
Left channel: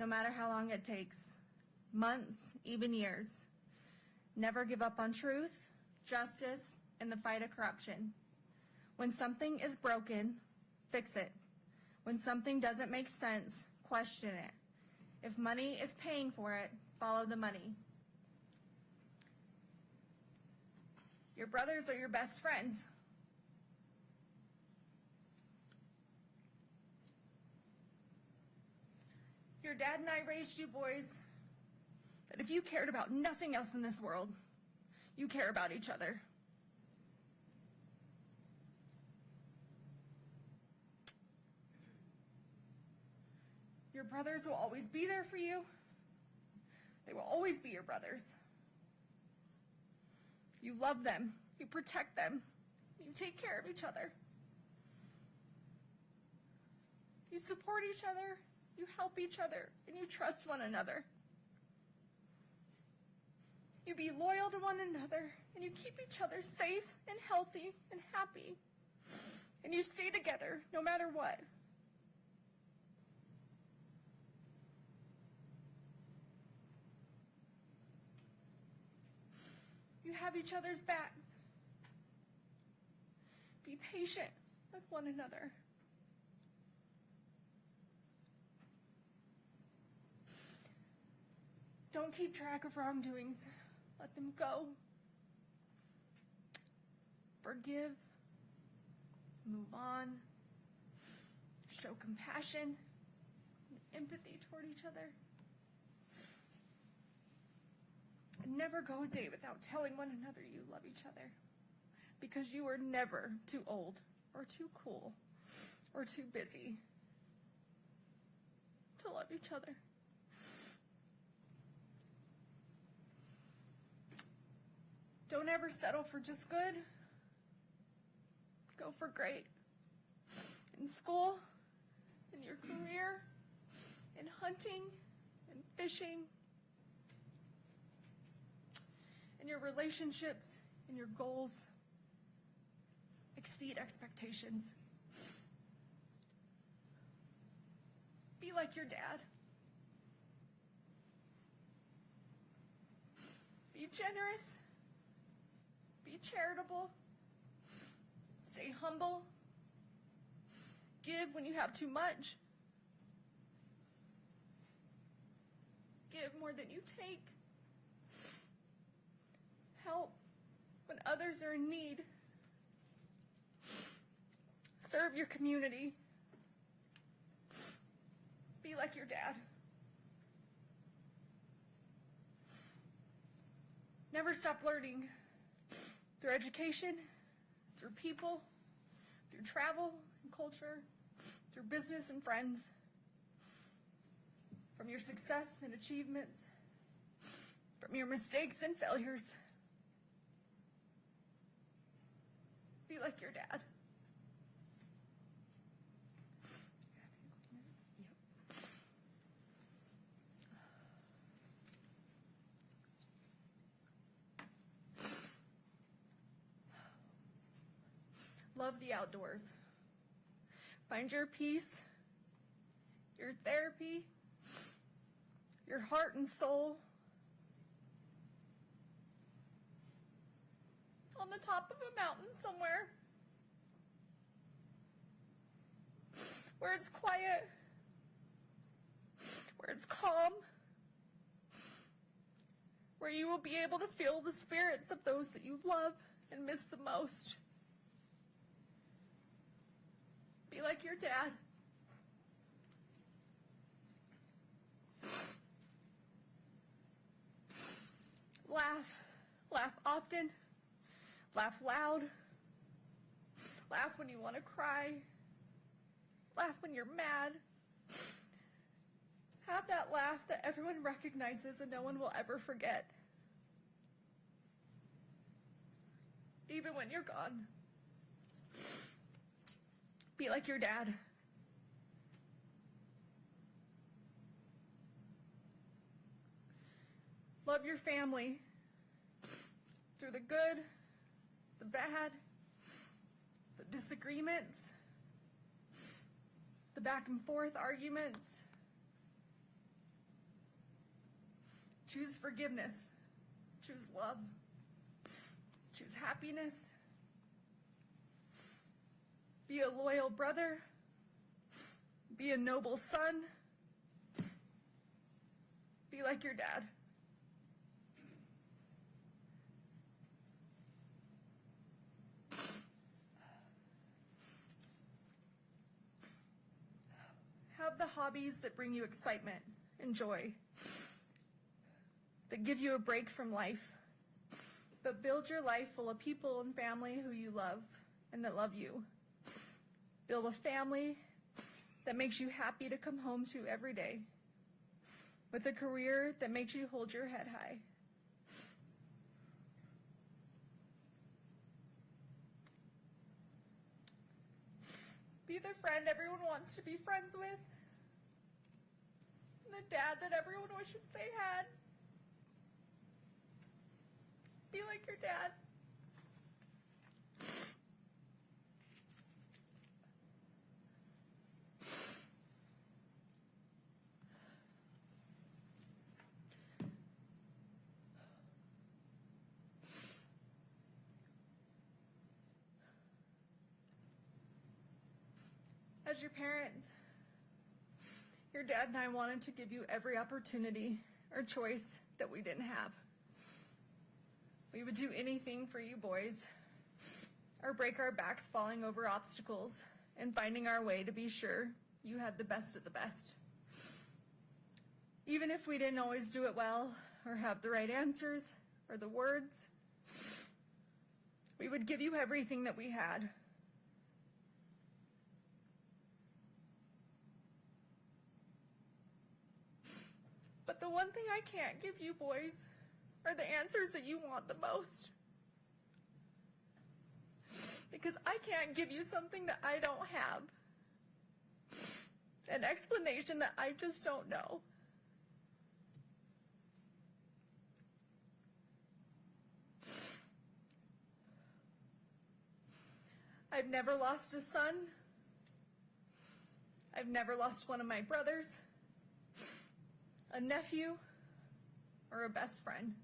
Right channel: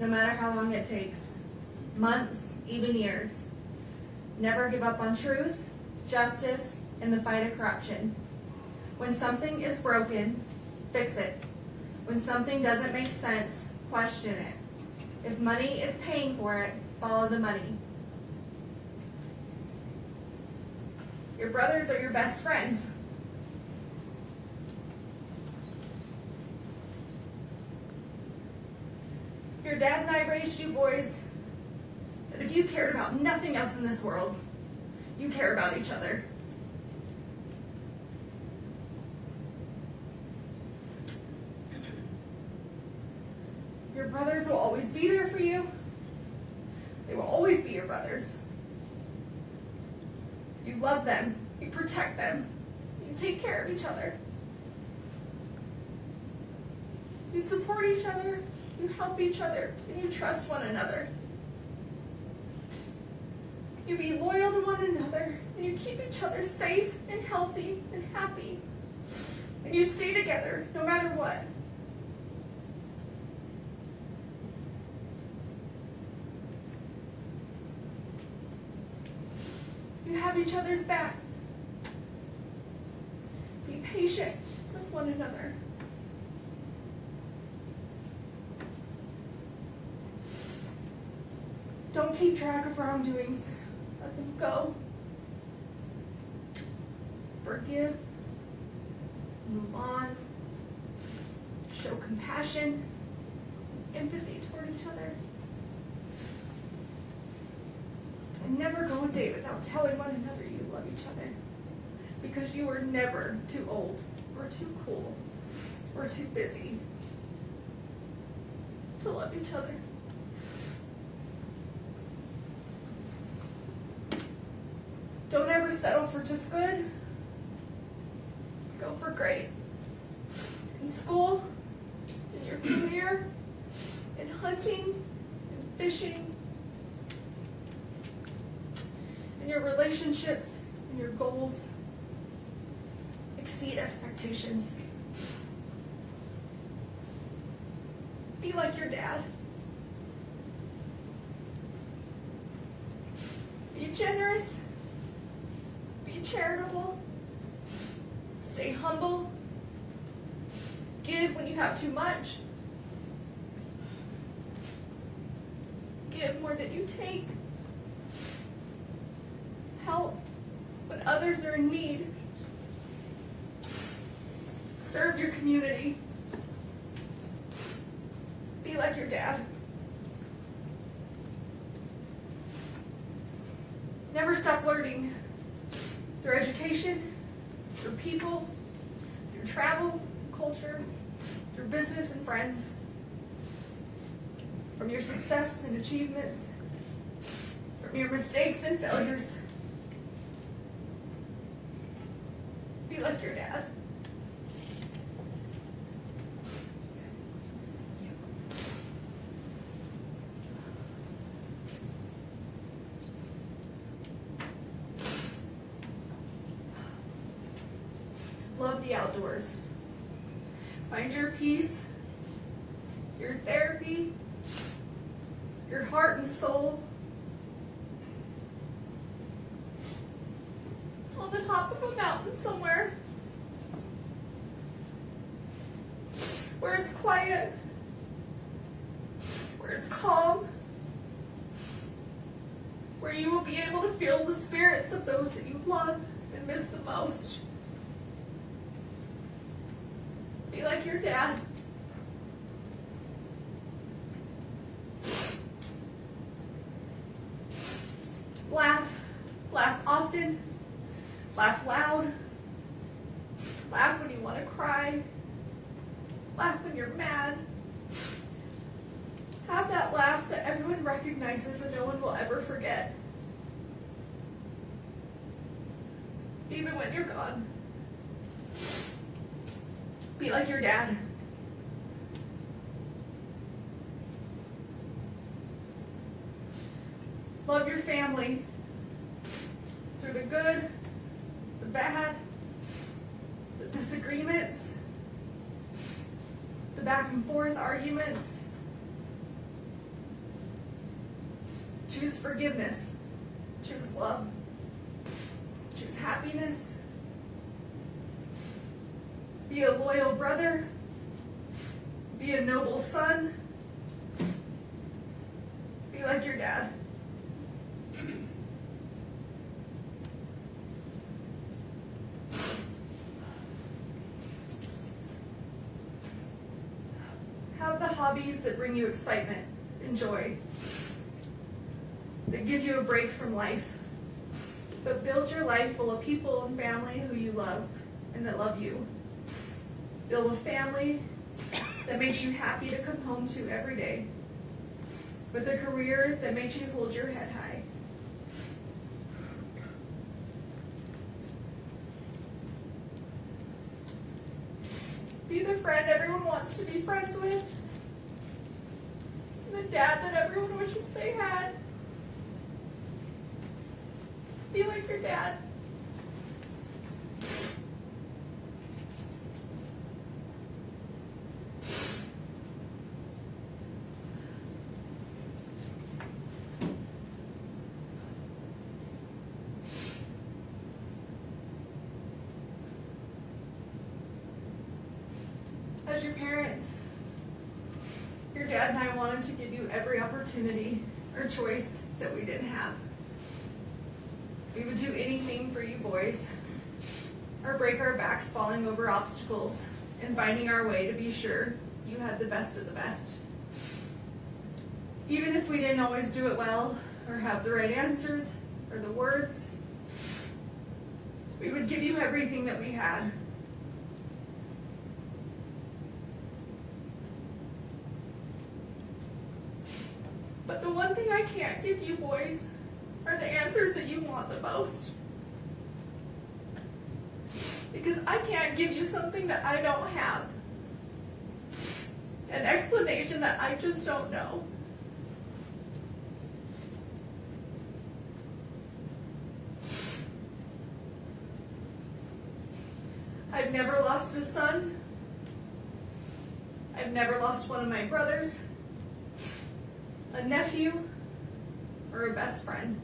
no matter how long it takes. Months, even years. Never give up on truth, justice, and the fight of corruption. When something is broken, fix it. When something doesn't make sense, question it. If money is paying for it, follow the money. Your brothers are your best friends. Your dad and I raised you boys that if you cared about nothing else in this world, you care about each other. Your brothers will always be there for you. They will always be your brothers. You love them. You protect them. You take care of each other. You support each other. You help each other. And you trust one another. You be loyal to one another. And you keep each other safe and healthy and happy. And you stay together no matter what. You have each other's backs. Be patient with one another. Don't keep track of wrongdoings. Let them go. Forgive. Move on. Show compassion, empathy toward each other. And never go a day without telling one another you love each other. Because you are never too old, or too cool, or too busy to love each other. Don't ever settle for just good. Go for great. In school, in your career, in hunting, in fishing, your relationships and your goals exceed expectations. Be like your dad. Be generous. Be charitable. Stay humble. Give when you have too much. Give more than you take. Help when others are in need. Serve your community. Be like your dad. Never stop learning through education, through people, through travel, culture, through business and friends, from your success and achievements, from your mistakes and failures. Be like your dad. Love the outdoors. Find your peace, your therapy, your heart and soul on the top of a mountain somewhere where it's quiet, where it's calm, where you will be able to feel the spirits of those that you love and miss the most. Be like your dad. Laugh. Laugh often. Laugh loud. Laugh when you want to cry. Laugh when you're mad. Have that laugh that everyone recognizes and no one will ever forget. Even when you're gone. Be like your dad. Love your family through the good, the bad, the disagreements, the back and forth arguments. Choose forgiveness. Choose love. Choose happiness. Be a loyal brother. Be a noble son. Be like your dad. Have the hobbies that bring you excitement and joy, that give you a break from life, but build your life full of people and family who you love and that love you. Build a family that makes you happy to come home to every day, with a career that makes you hold your head high. Be the friend everyone wants to be friends with, the dad that everyone wishes they had. Be like your dad. As your parents, your dad and I wanted to give you every opportunity or choice that we didn't have. We would do anything for you boys, or break our backs falling over obstacles and finding our way to be sure you had the best of the best. Even if we didn't always do it well, or have the right answers, or the words, we would give you everything that we had. But the one thing I can't give you boys are the answers that you want the most. Because I can't give you something that I don't have. An explanation that I just don't know. I've never lost a son. I've never lost one of my brothers, a nephew, or a best friend.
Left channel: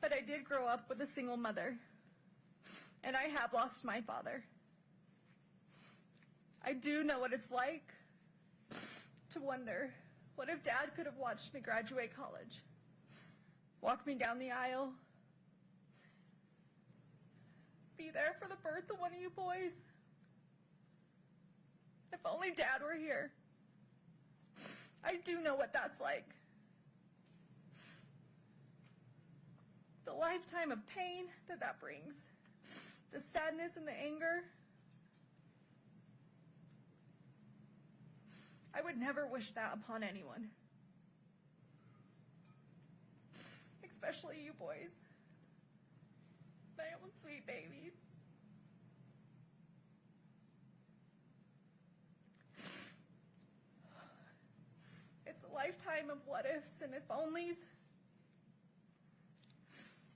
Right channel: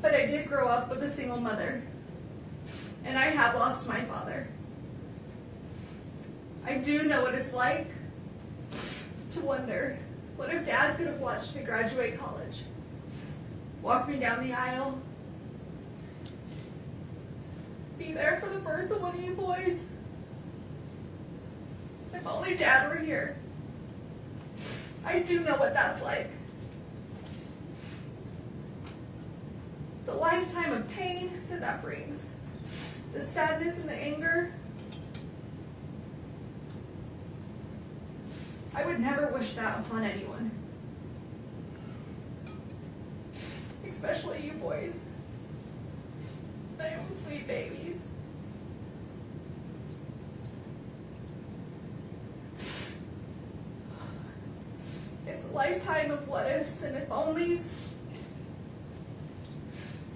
But I did grow up with a single mother, and I have lost my father. I do know what it's like to wonder, what if Dad could have watched me graduate college, walk me down the aisle, be there for the birth of one of you boys? If only Dad were here. I do know what that's like. The lifetime of pain that brings, the sadness and the anger. I would never wish that upon anyone. Especially you boys. My own sweet babies. It's a lifetime of what ifs and if onlys.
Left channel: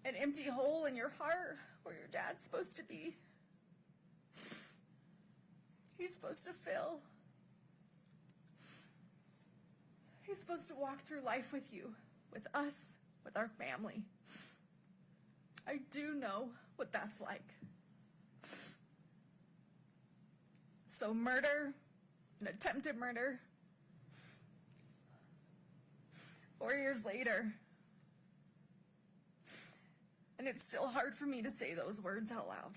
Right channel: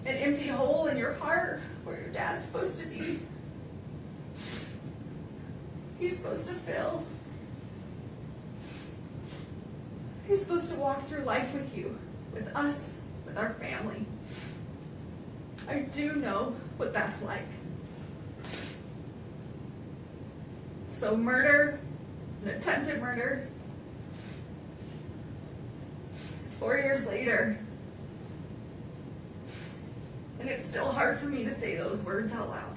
An empty hole in your heart where your dad's supposed to be. He's supposed to fill. He's supposed to walk through life with you, with us, with our family. I do know what that's like. So murder, an attempted murder, 4 years later, and it's still hard for me to say those words out loud.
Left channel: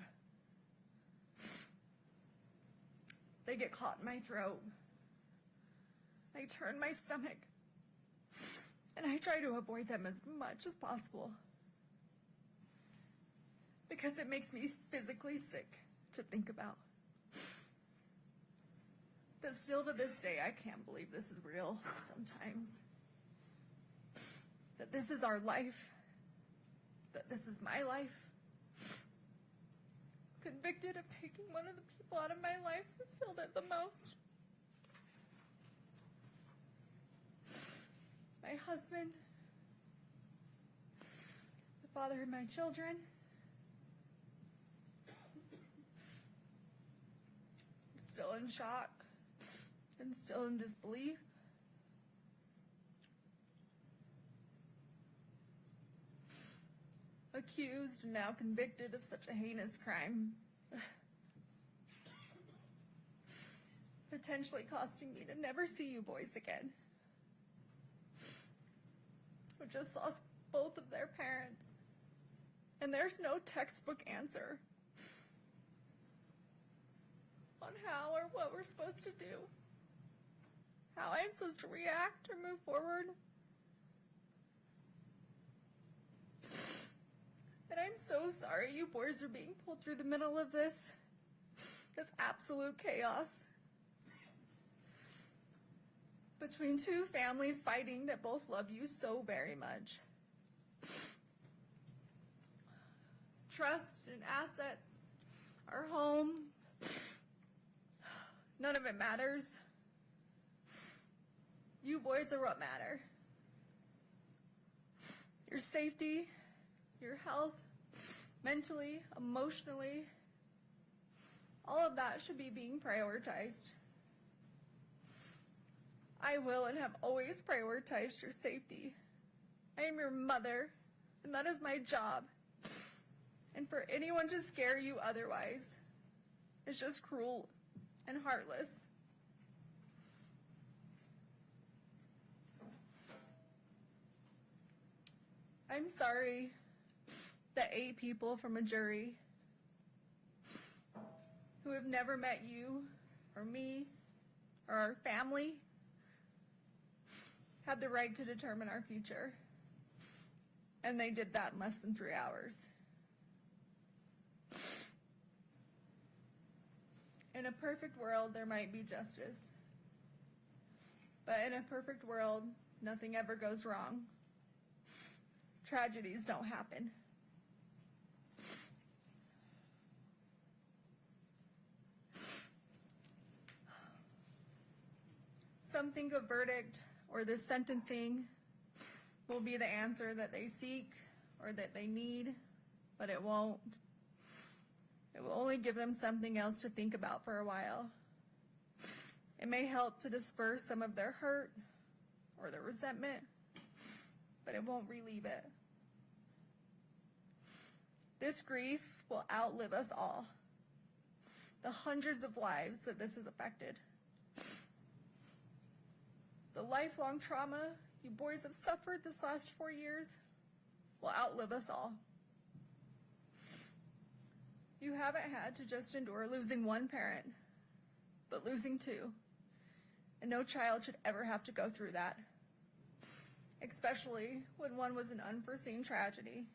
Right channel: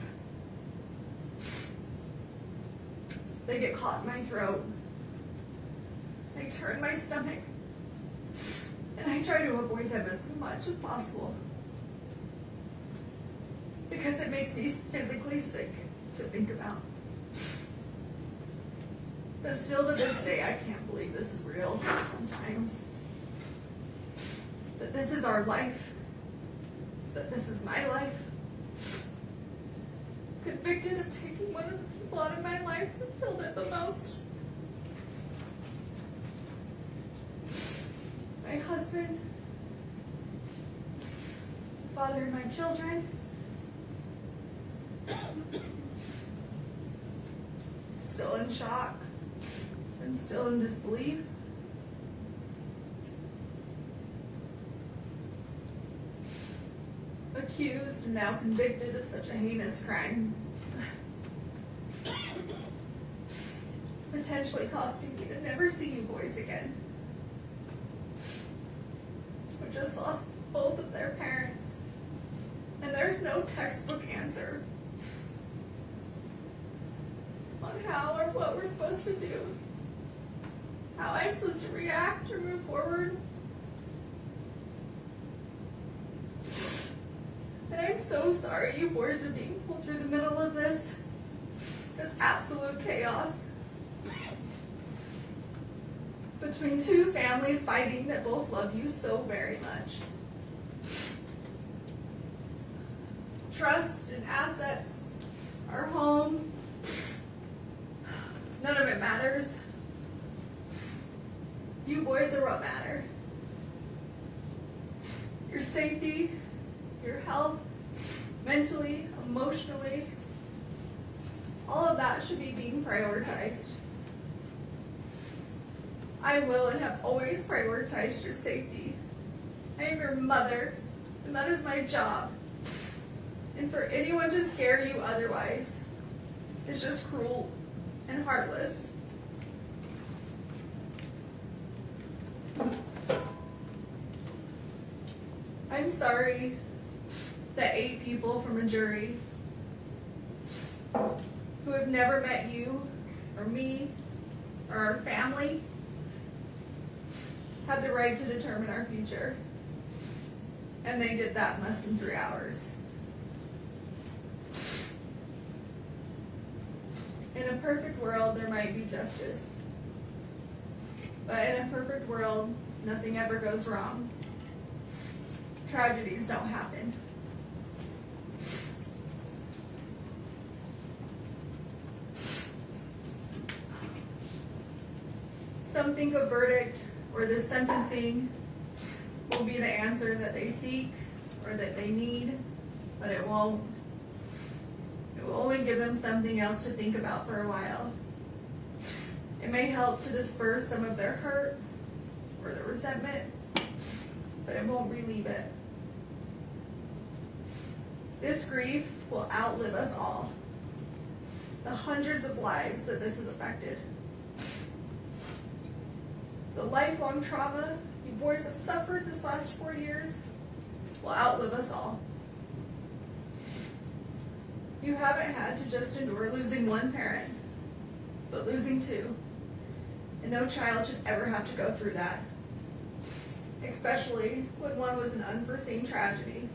They get caught in my throat. I turn my stomach, and I try to avoid them as much as possible. Because it makes me physically sick to think about. But still to this day, I can't believe this is real sometimes. That this is our life. That this is my life. Convicted of taking one of the people out of my life who filled it the most. My husband, father of my children, still in shock and still in disbelief. Accused and now convicted of such a heinous crime. Potentially costing me to never see you boys again. We just lost both of their parents. And there's no textbook answer on how or what we're supposed to do. How I'm supposed to react or move forward. And I'm so sorry you boys are being pulled through the middle of this absolute chaos. Between two families fighting that both love you so very much. Trust and assets, our home, none of it matters. You boys are what matter. Your safety, your health, mentally, emotionally, all of that should be being prioritized. I will and have always prioritized your safety. I am your mother, and that is my job. And for anyone to scare you otherwise is just cruel and heartless. I'm sorry that 8 people from a jury who have never met you or me or our family had the right to determine our future. And they did that in less than 3 hours. In a perfect world, there might be justice. But in a perfect world, nothing ever goes wrong. Tragedies don't happen. Some think a verdict or the sentencing will be the answer that they seek or that they need. but it won't. It will only give them something else to think about for a while. It may help to disperse some of their hurt or their resentment, but it won't relieve it. This grief will outlive us all. The hundreds of lives that this has affected. The lifelong trauma you boys have suffered this last 4 years will outlive us all. You haven't had to just endure losing one parent, but losing two. And no child should ever have to go through that. Especially when one was an unforeseen tragedy,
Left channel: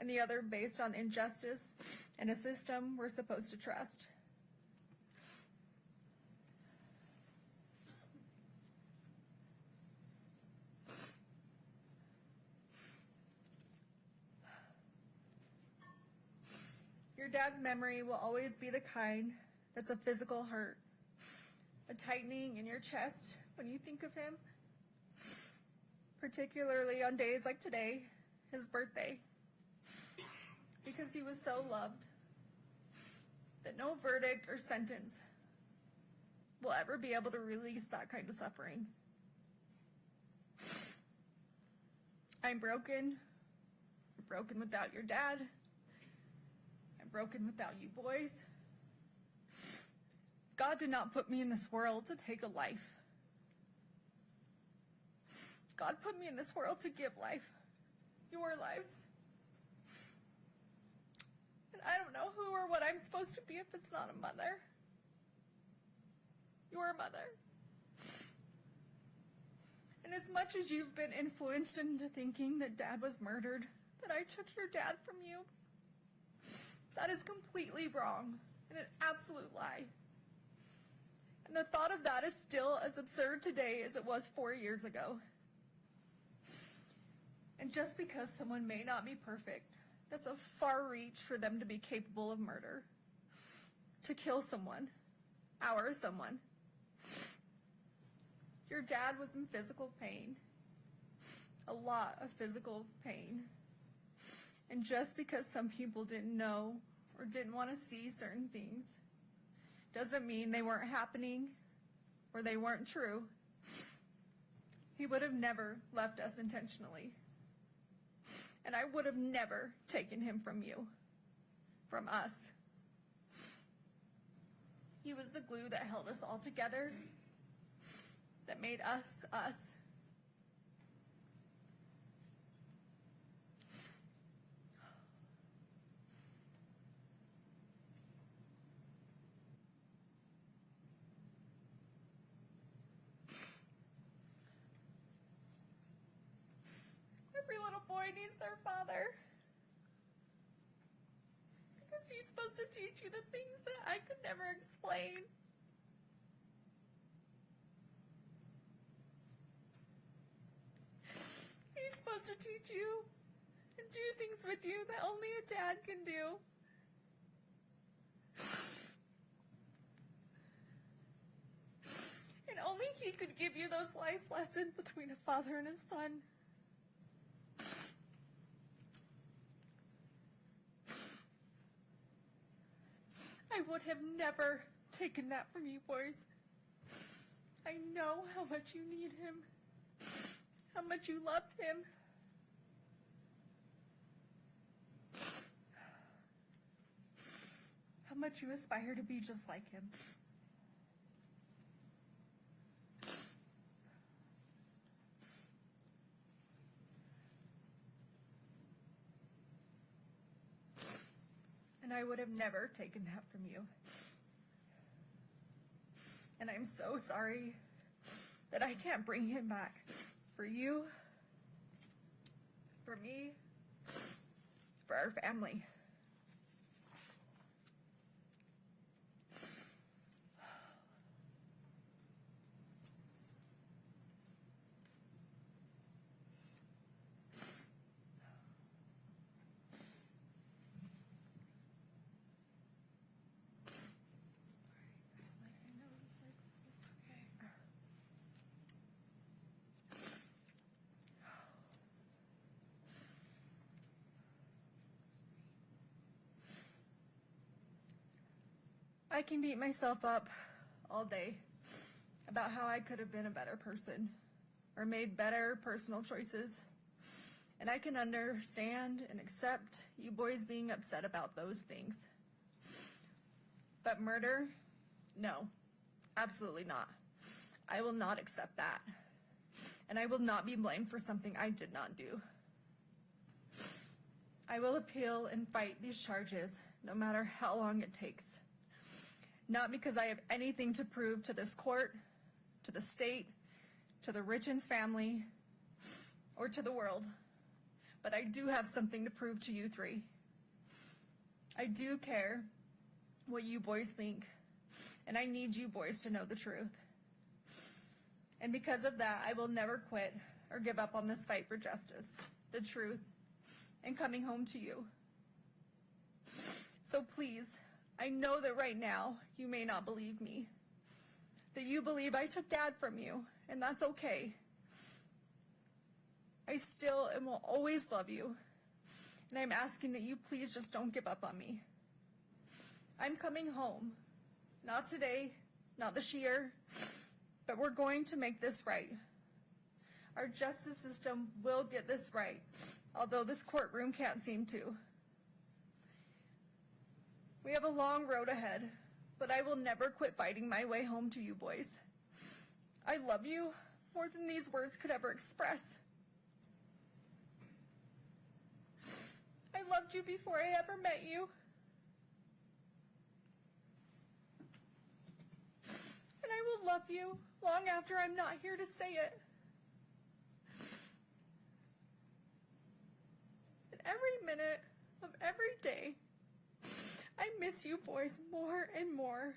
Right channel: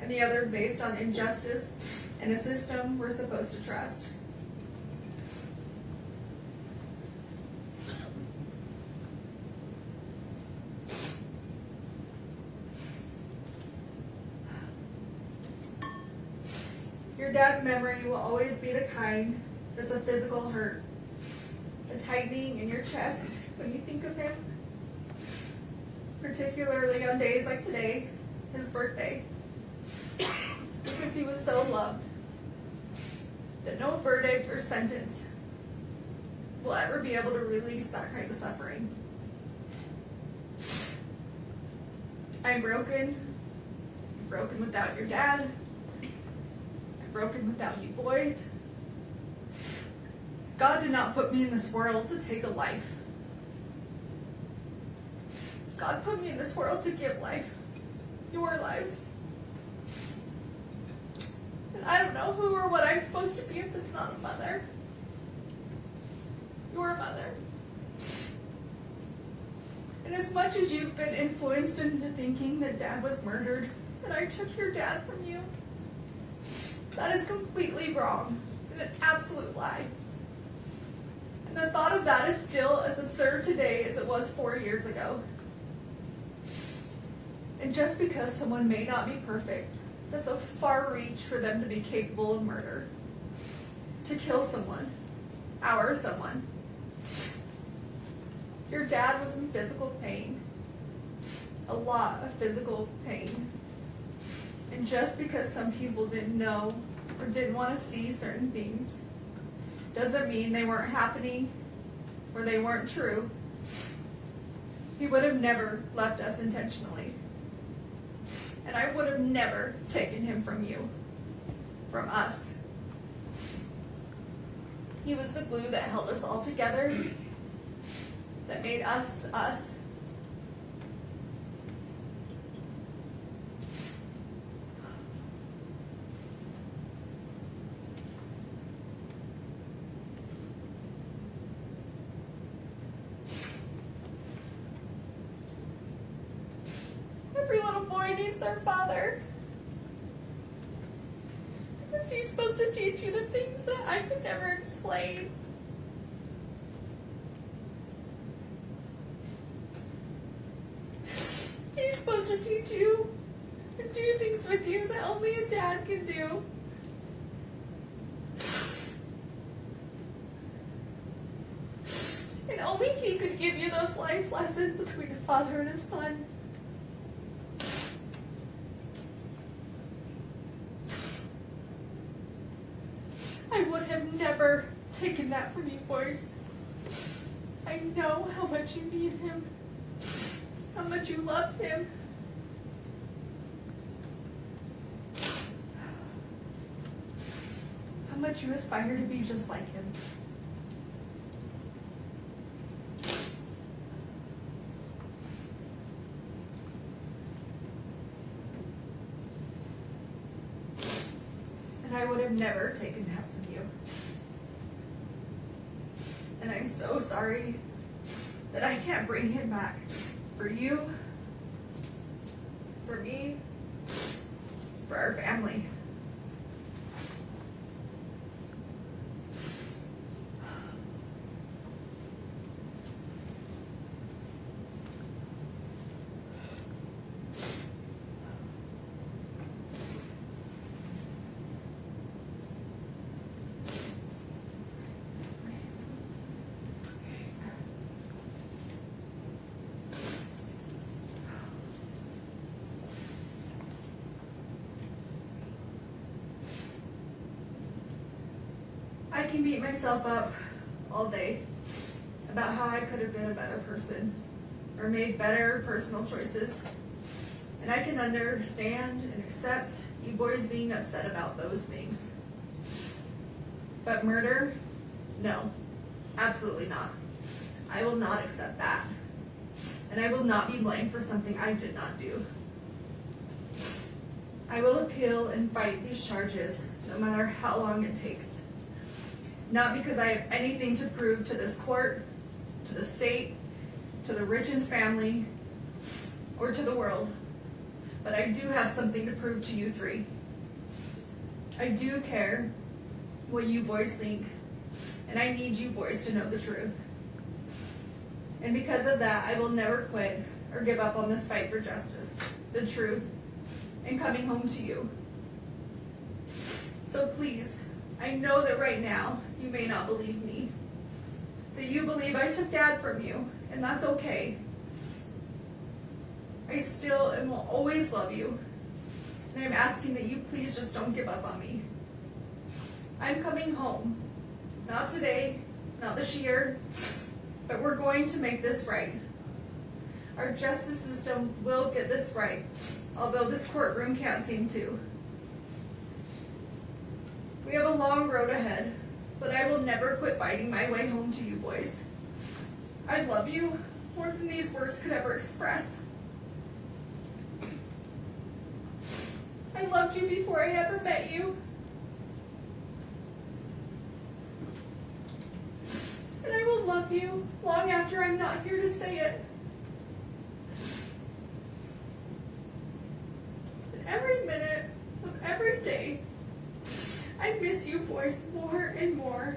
and the other based on injustice and a system we're supposed to trust. Your dad's memory will always be the kind that's a physical hurt, a tightening in your chest when you think of him, particularly on days like today, his birthday, because he was so loved that no verdict or sentence will ever be able to release that kind of suffering. I'm broken without your dad, broken without you boys. God did not put me in this world to take a life. God put me in this world to give life, your lives. And I don't know who or what I'm supposed to be if it's not a mother. Your mother. And as much as you've been influenced into thinking that Dad was murdered, that I took your dad from you, that is completely wrong and an absolute lie. And the thought of that is still as absurd today as it was 4 years ago. And just because someone may not be perfect, that's a far reach for them to be capable of murder. To kill someone, our someone. Your dad was in physical pain. A lot of physical pain. And just because some people didn't know or didn't want to see certain things doesn't mean they weren't happening or they weren't true. He would have never left us intentionally. And I would have never taken him from you, from us. He was the glue that held us all together, that made us, us. Every little boy needs their father. Is he supposed to teach you the things that I could never explain? He's supposed to teach you and do things with you that only a dad can do. And only he could give you those life lessons between a father and a son. I would have never taken that from you boys. I know how much you need him, how much you love him. How much you aspire to be just like him. And I would have never taken that from you. And I'm so sorry that I can't bring him back. For you, for me, for our family. I can beat myself up all day about how I could have been a better person or made better personal choices. And I can understand and accept you boys being upset about those things. But murder? No, absolutely not. I will not accept that. And I will not be blamed for something I did not do. I will appeal and fight these charges no matter how long it takes. Not because I have anything to prove to this court, to the state, to the Richens family, or to the world, but I do have something to prove to you three. I do care what you boys think, and I need you boys to know the truth. And because of that, I will never quit or give up on this fight for justice, the truth, and coming home to you. So please, I know that right now you may not believe me, that you believe I took Dad from you, and that's okay. I still and will always love you, and I'm asking that you please just don't give up on me. I'm coming home, not today, not this year, but we're going to make this right. Our justice system will get this right, although this courtroom can't seem to. We have a long road ahead, but I will never quit fighting my way home to you boys. I love you more than these words could ever express. I loved you before I ever met you. And I will love you long after I'm not here to say it. And every minute of every day, I miss you boys more and more.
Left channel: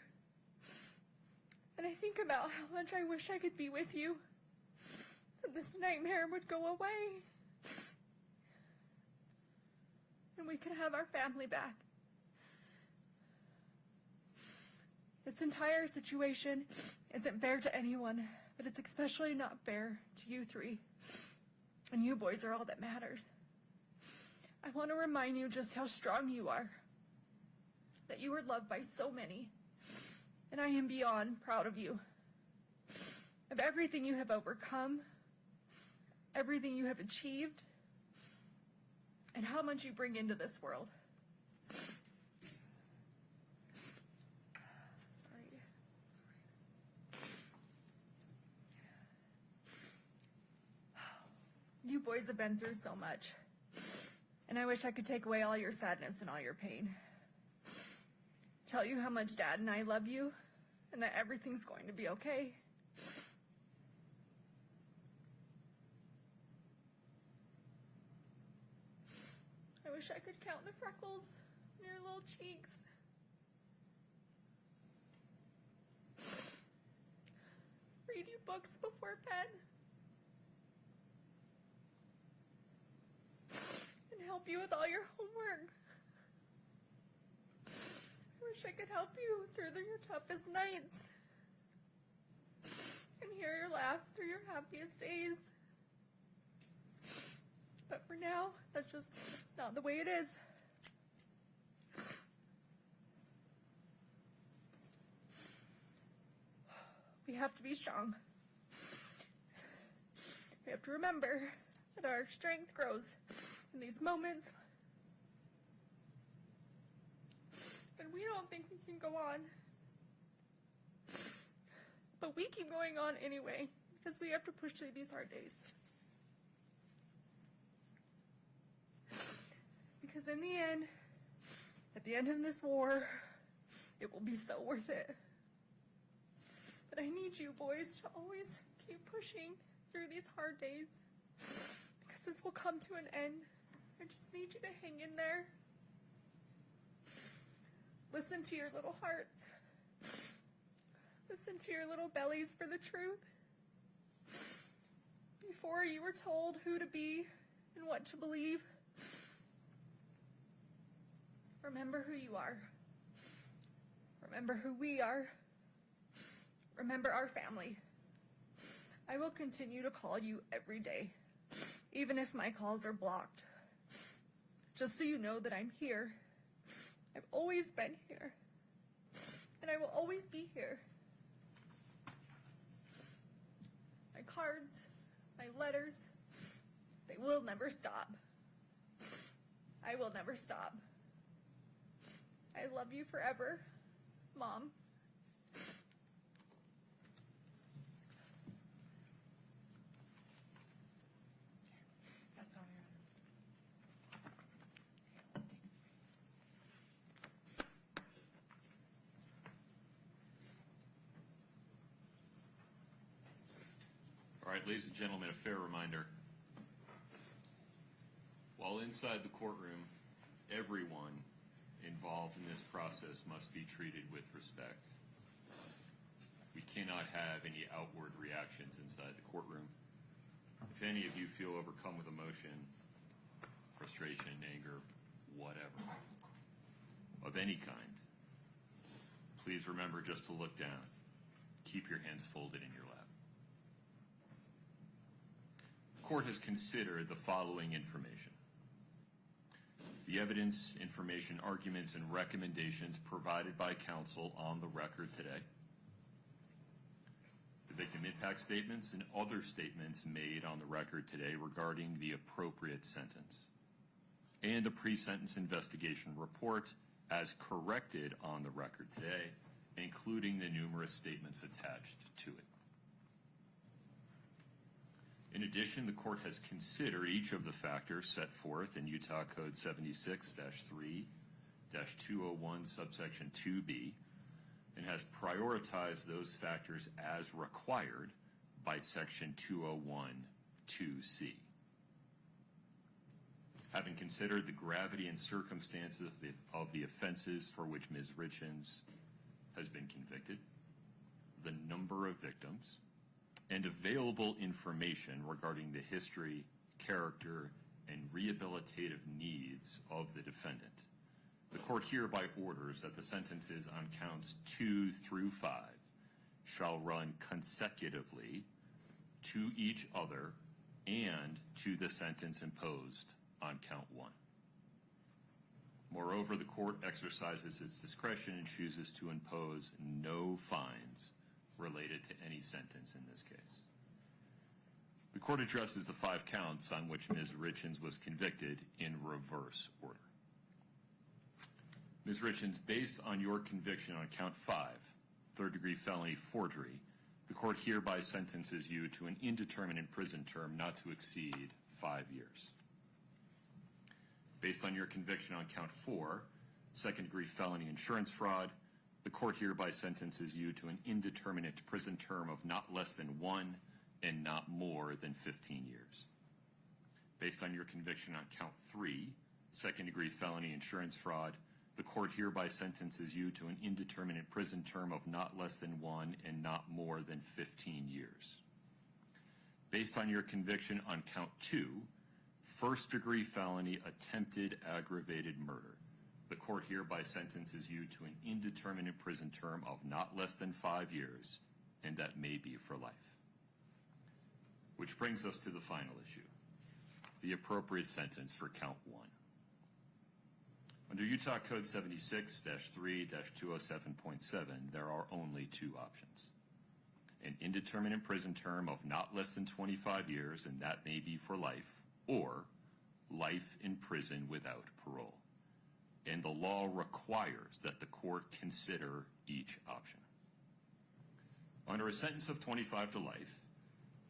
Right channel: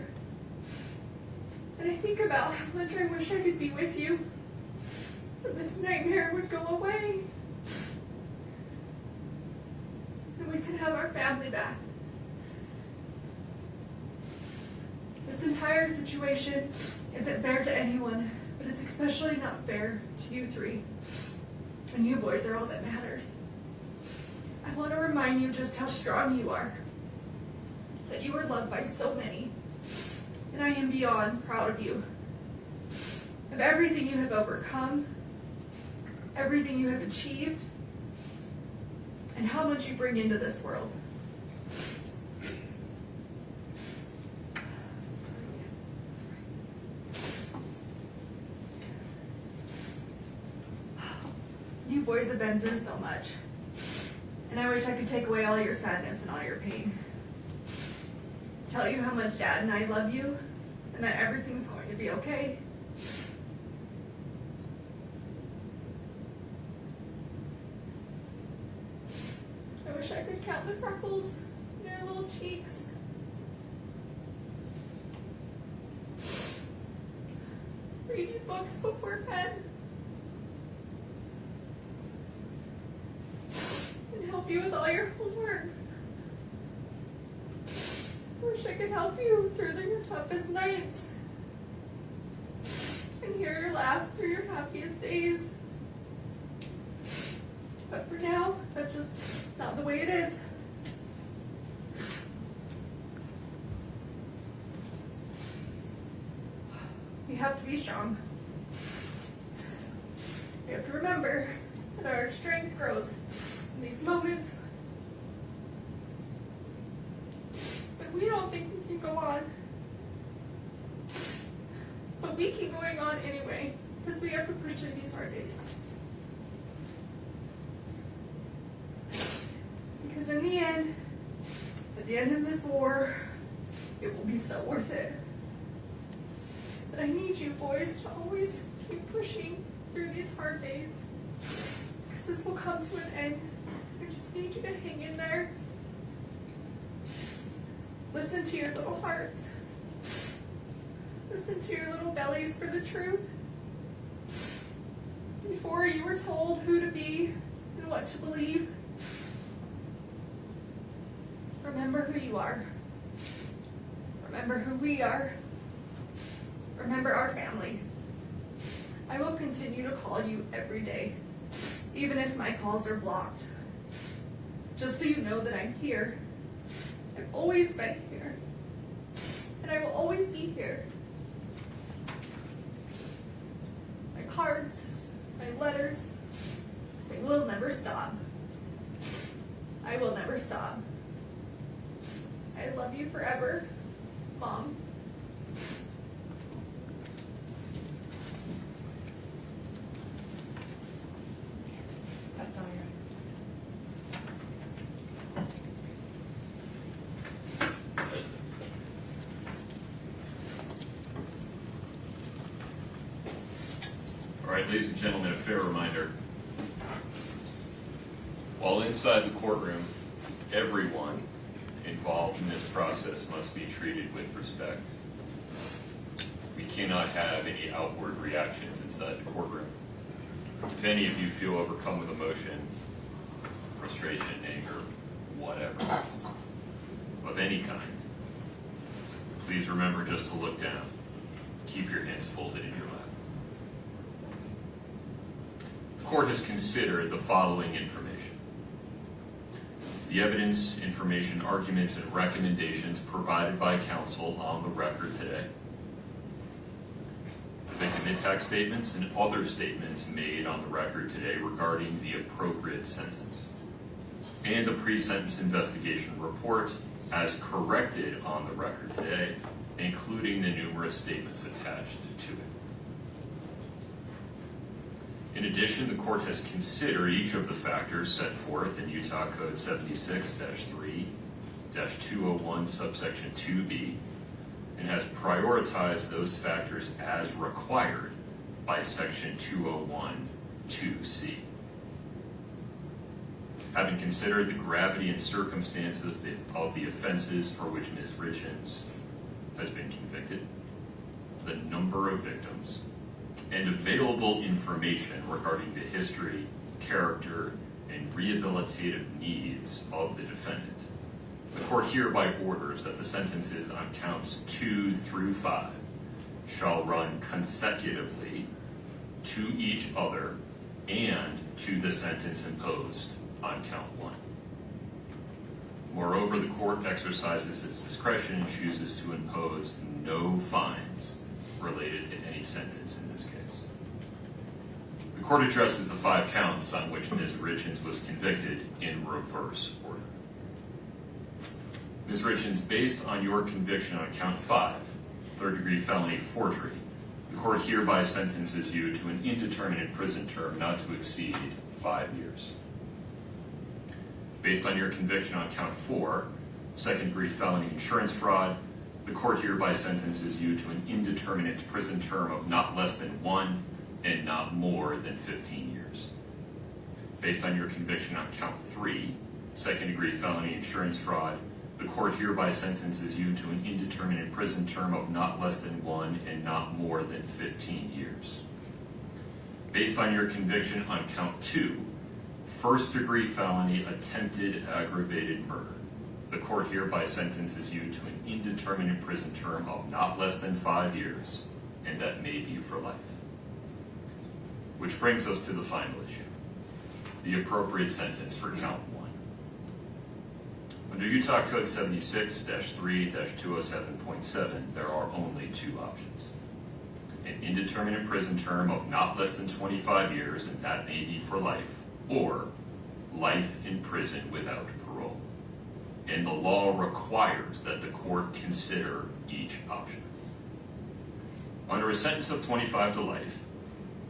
And I think about how much I wish I could be with you, and this nightmare would go away. And we could have our family back. This entire situation isn't fair to anyone, but it's especially not fair to you three. And you boys are all that matters. I want to remind you just how strong you are, that you are loved by so many, and I am beyond proud of you, of everything you have overcome, everything you have achieved, and how much you bring into this world. You boys have been through so much, and I wish I could take away all your sadness and all your pain. Tell you how much Dad and I love you, and that everything's going to be okay. I wish I could count the freckles in your little cheeks. Read you books before bed. And help you with all your homework. I wish I could help you through your toughest nights. And hear your laugh through your happiest days. But for now, that's just not the way it is. We have to be strong. We have to remember that our strength grows in these moments when we don't think we can go on. But we keep going on anyway, because we have to push through these hard days. Because in the end, at the end of this war, it will be so worth it. But I need you boys to always keep pushing through these hard days, because this will come to an end. I just need you to hang in there. Listen to your little hearts. Listen to your little bellies for the truth. Before you were told who to be and what to believe, remember who you are. Remember who we are. Remember our family. I will continue to call you every day, even if my calls are blocked. Just so you know that I'm here. I've always been here. and I will always be here. My cards, my letters, they will never stop. I will never stop. I love you forever, Mom. That's all you. All right, ladies and gentlemen, a fair reminder. While inside the courtroom, everyone involved in this process must be treated with respect. We cannot have any outward reactions inside the courtroom. If any of you feel overcome with emotion, frustration, anger, whatever, of any kind, please remember just to look down. Keep your hands folded in your lap. The court has considered the following information. The evidence, information, arguments, and recommendations provided by counsel on the record today. Victim impact statements and other statements made on the record today regarding the appropriate sentence. And the pre-sentence investigation report as corrected on the record today, including the numerous statements attached to it. In addition, the court has considered each of the factors set forth in Utah Code 76-3-201 subsection 2B and has prioritized those factors as required by section 201-2C. Having considered the gravity and circumstances of the offenses for which Ms. Richins has been convicted, the number of victims, and available information regarding the history, character, and rehabilitative needs of the defendant, the court hereby orders that the sentences on counts 2 through 5 shall run consecutively to each other and to the sentence imposed on count 1. Moreover, the court exercises its discretion and chooses to impose no fines related to any sentence in this case. The court addresses the 5 counts on which Ms. Richins was convicted in reverse order. Ms. Richins, based on your conviction on count 5, third-degree felony forgery, the court hereby sentences you to an indeterminate prison term not to exceed 5 years. Based on your conviction on count 4, second-degree felony insurance fraud, the court hereby sentences you to an indeterminate prison term of not less than 1 and not more than 15 years. Based on your conviction on count 3, second-degree felony insurance fraud, the court hereby sentences you to an indeterminate prison term of not less than 1 and not more than 15 years. Based on your conviction on count 2, first-degree felony attempted aggravated murder, the court hereby sentences you to an indeterminate prison term of not less than 5 years, and that may be for life. Which brings us to the final issue, the appropriate sentence for count 1. Under Utah Code 76-3-207.7, there are only 2 options. An indeterminate prison term of not less than 25 years, and that may be for life, or life in prison without parole. And the law requires that the court consider each option. Under a sentence of 25 to life,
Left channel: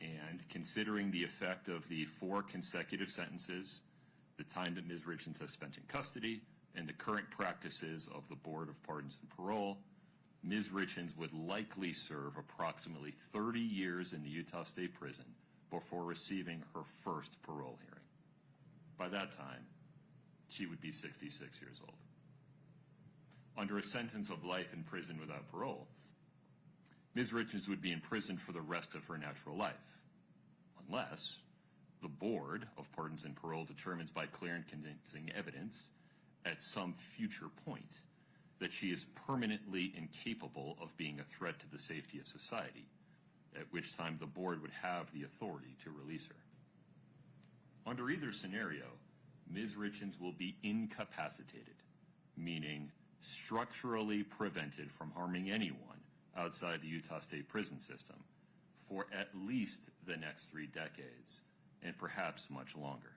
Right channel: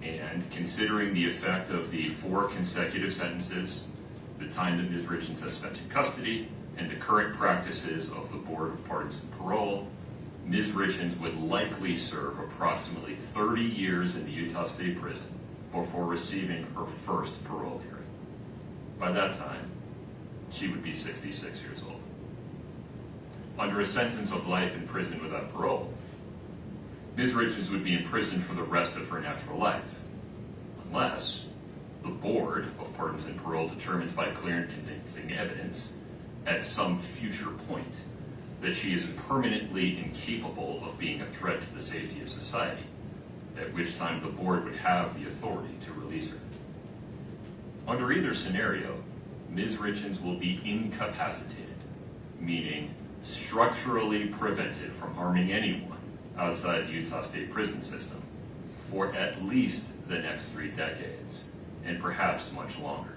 and considering the effect of the 4 consecutive sentences, the time that Ms. Richins has spent in custody, and the current practices of the Board of Pardons and Parole, Ms. Richins would likely serve approximately 30 years in the Utah State Prison before receiving her first parole hearing. By that time, she would be 66 years old. Under a sentence of life in prison without parole, Ms. Richins would be in prison for the rest of her natural life, unless the Board of Pardons and Parole determines by clear and convincing evidence at some future point that she is permanently incapable of being a threat to the safety of society, at which time the board would have the authority to release her. Under either scenario, Ms. Richins will be incapacitated, meaning structurally prevented from harming anyone outside the Utah State prison system for at least the next 3 decades, and perhaps much longer.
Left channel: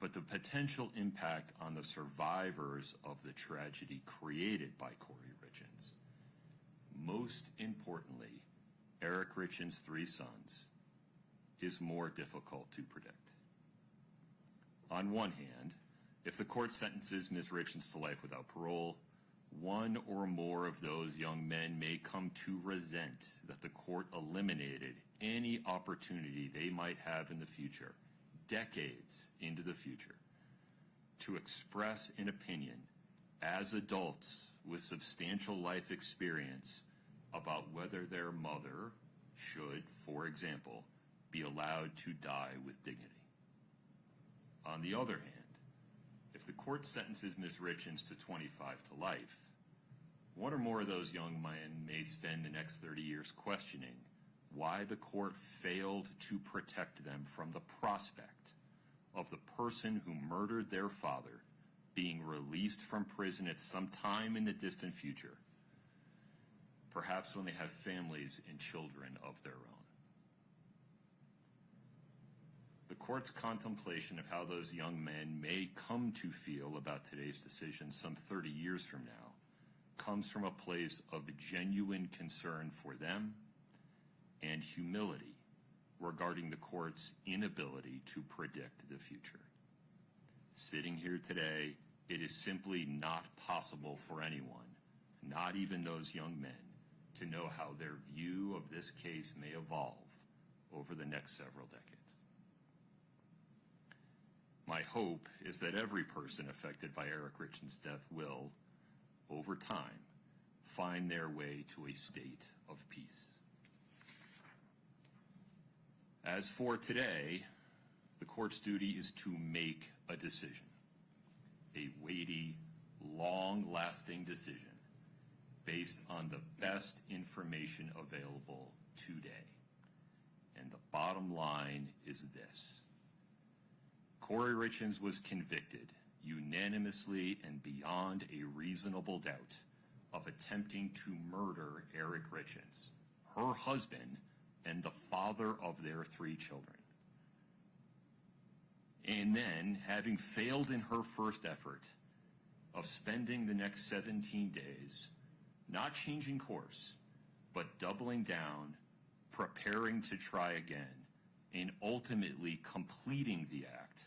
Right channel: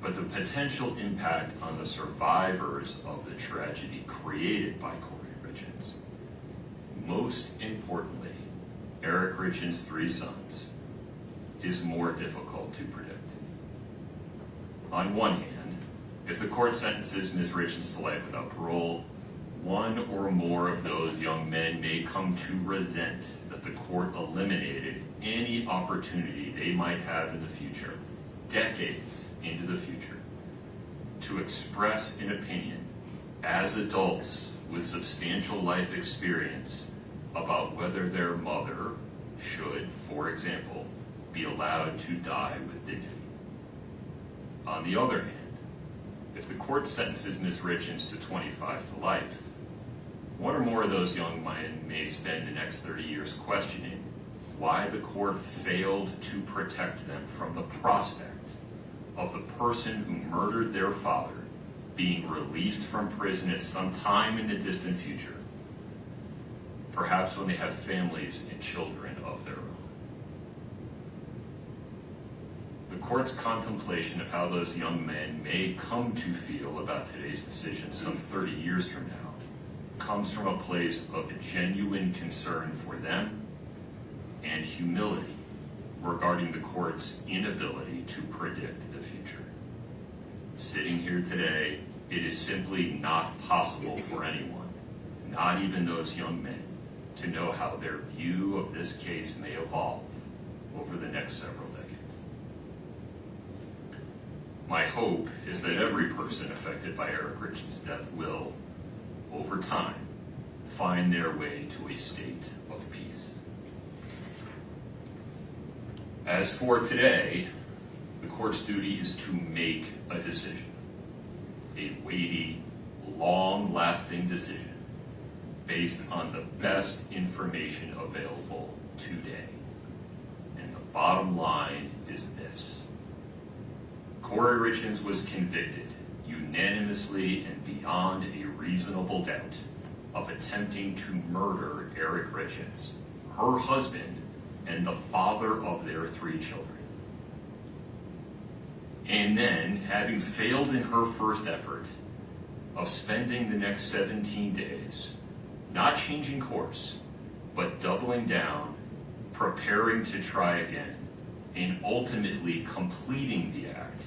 But the potential impact on the survivors of the tragedy created by Kouri Richins, most importantly, Eric Richins' 3 sons, is more difficult to predict. On one hand, if the court sentences Ms. Richins to life without parole, one or more of those young men may come to resent that the court eliminated any opportunity they might have in the future, decades into the future, to express an opinion as adults with substantial life experience about whether their mother should, for example, be allowed to die with dignity. On the other hand, if the court sentences Ms. Richins to 25 to life, one or more of those young men may spend the next 30 years questioning why the court failed to protect them from the prospect of the person who murdered their father being released from prison at some time in the distant future, perhaps when they have families and children of their own. The court's contemplation of how those young men may come to feel about today's decision some 30 years from now comes from a place of genuine concern for them and humility regarding the court's inability to predict the future. Sitting here today, it is simply not possible for anyone, not even those young men, to know how their view of this case may evolve over the next several decades. My hope is that every person affected by Eric Richins' death will, over time, find their way to a state of peace. As for today, the court's duty is to make a decision, a weighty, long-lasting decision based on the best information available today. And the bottom line is this: Kouri Richins was convicted unanimously and beyond a reasonable doubt of attempting to murder Eric Richins, her husband, and the father of their 3 children. And then, having failed in her first effort of spending the next 17 days not changing course, but doubling down, preparing to try again, and ultimately completing the act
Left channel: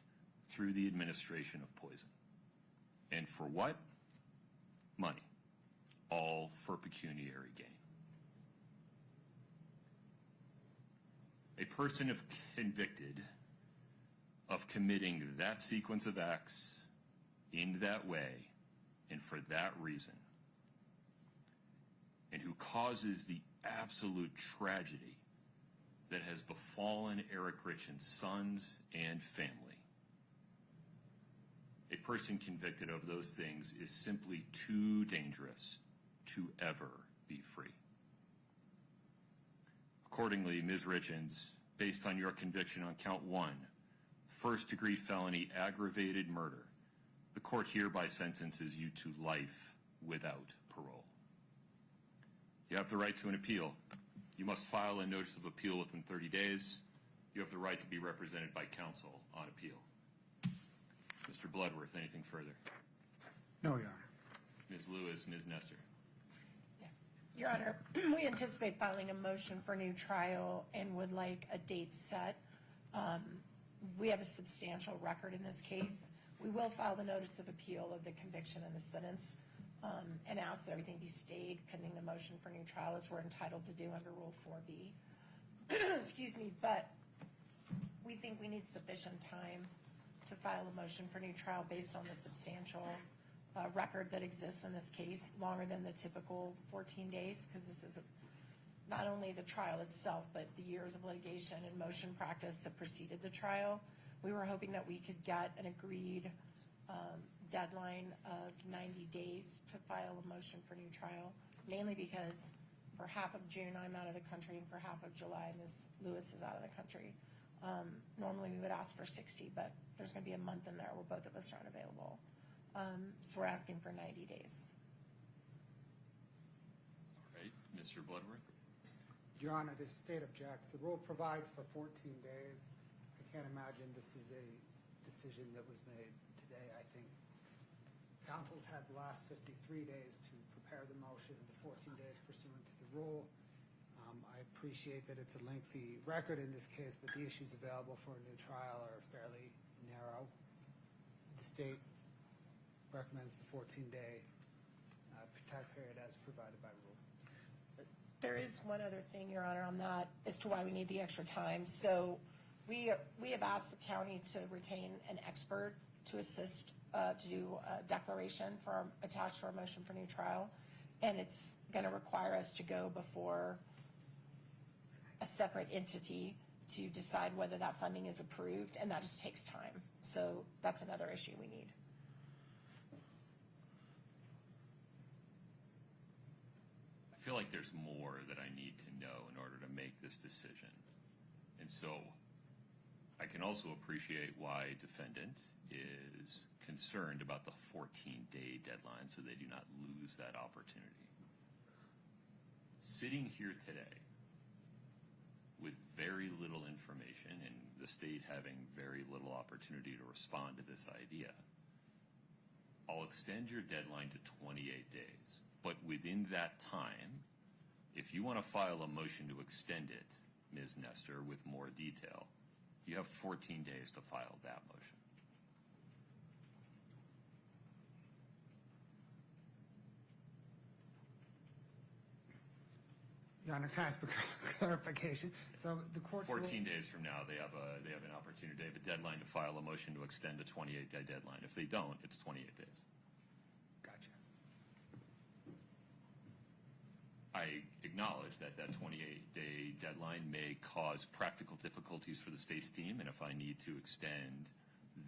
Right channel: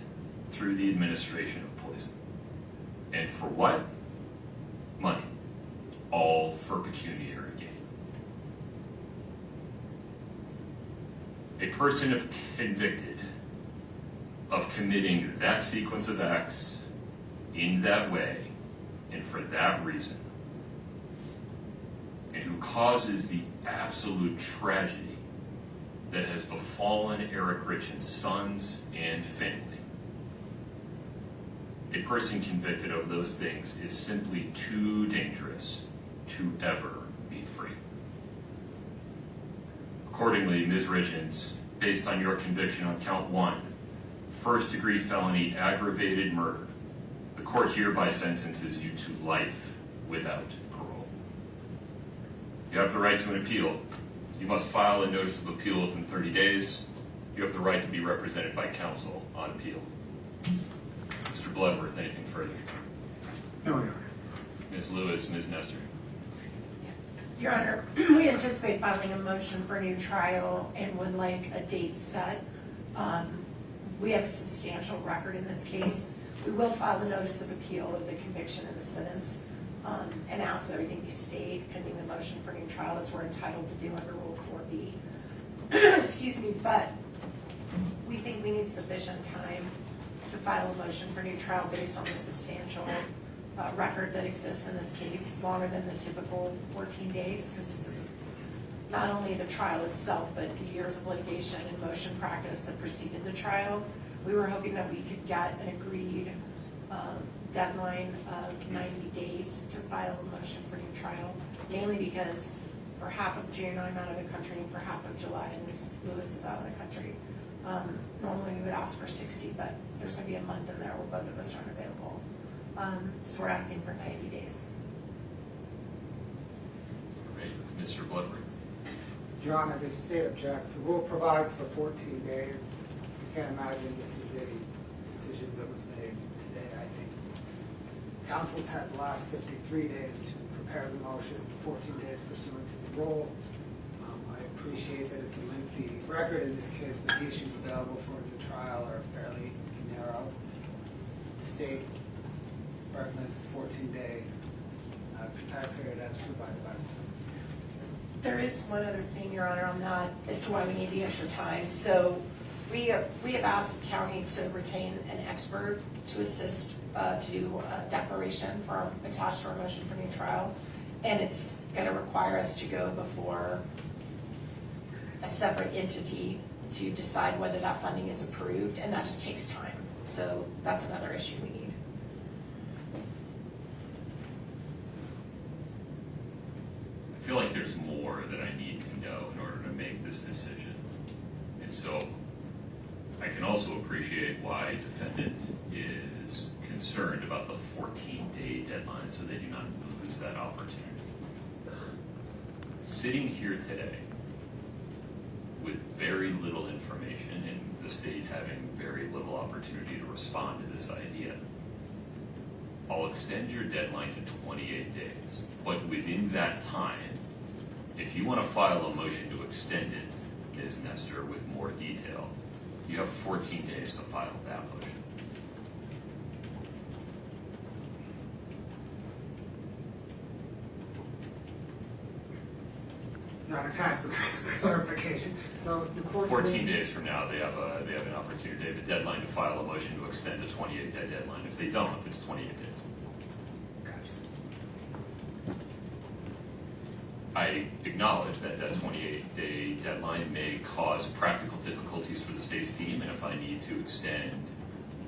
through the administration of poison. And for what? Money. All for pecuniary gain. A person convicted of committing that sequence of acts in that way and for that reason, and who causes the absolute tragedy that has befallen Eric Richins' sons and family. A person convicted of those things is simply too dangerous to ever be free. Accordingly, Ms. Richins, based on your conviction on count 1, first-degree felony aggravated murder, the court hereby sentences you to life without parole. You have the right to an appeal. You must file a notice of appeal within 30 days. You have the right to be represented by counsel on appeal. Mr. Bloodworth, anything further? No, Your Honor. Ms. Lewis, Ms. Nestor. Your Honor, we anticipate filing a motion for a new trial and would like a date set. We have a substantial record in this case. We will file a notice of appeal of the conviction and the sentence and ask that everything be stayed pending the motion for a new trial as we're entitled to do under Rule 4B. Excuse me, but we think we need sufficient time to file a motion for a new trial based on the substantial record that exists in this case, longer than the typical 14 days, because this is not only the trial itself, but the years of litigation and motion practice that preceded the trial. We were hoping that we could get an agreed deadline of 90 days to file a motion for new trial, mainly because for half of June I'm out of the country and for half of July Ms. Lewis is out of the country. Normally we would ask for 60, but there's going to be a month in there where both of us aren't available. So we're asking for 90 days. Great. Mr. Bloodworth. Your Honor, the state objects. The rule provides for 14 days. You can't imagine this is a decision that was made today. I think counsel's had the last 53 days to prepare the motion, 14 days pursuant to the rule. I appreciate that it's a lengthy record in this case, but the issues available for the trial are fairly narrow. The state recommends the 14-day time period as provided by the law. There is one other thing, Your Honor, on that as to why we need the extra time. So we have asked the county to retain an expert to assist to do a declaration for our, attached to our motion for new trial. And it's going to require us to go before a separate entity to decide whether that funding is approved, and that just takes time. So that's another issue we need. I feel like there's more that I need to know in order to make this decision. And so I can also appreciate why defendant is concerned about the 14-day deadline so they do not lose that opportunity. Sitting here today with very little information and the state having very little opportunity to respond to this idea, I'll extend your deadline to 28 days. But within that time, if you want to file a motion to extend it, Ms. Nestor, with more detail, you have 14 days to file that motion. Your Honor, can I ask for clarification? So the court 14 days from now, they have an opportunity. They have a deadline to file a motion to extend the 28-day deadline. If they don't, it's 28 days. Gotcha. I acknowledge that that 28-day deadline may cause practical difficulties for the state's team, and if I need to extend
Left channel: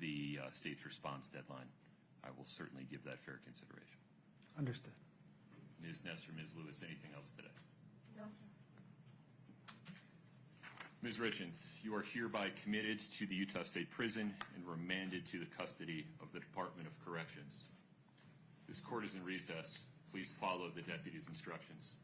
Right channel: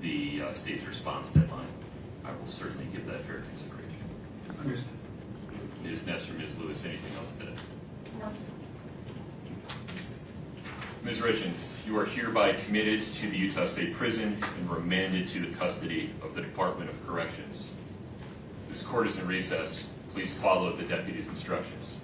the state's response deadline, I will certainly give that fair consideration. Understood. Ms. Nestor, Ms. Lewis, anything else today? No, sir. Ms. Richins, you are hereby committed to the Utah State Prison and remanded to the custody of the Department of Corrections. This court is in recess. Please follow the deputy's instructions.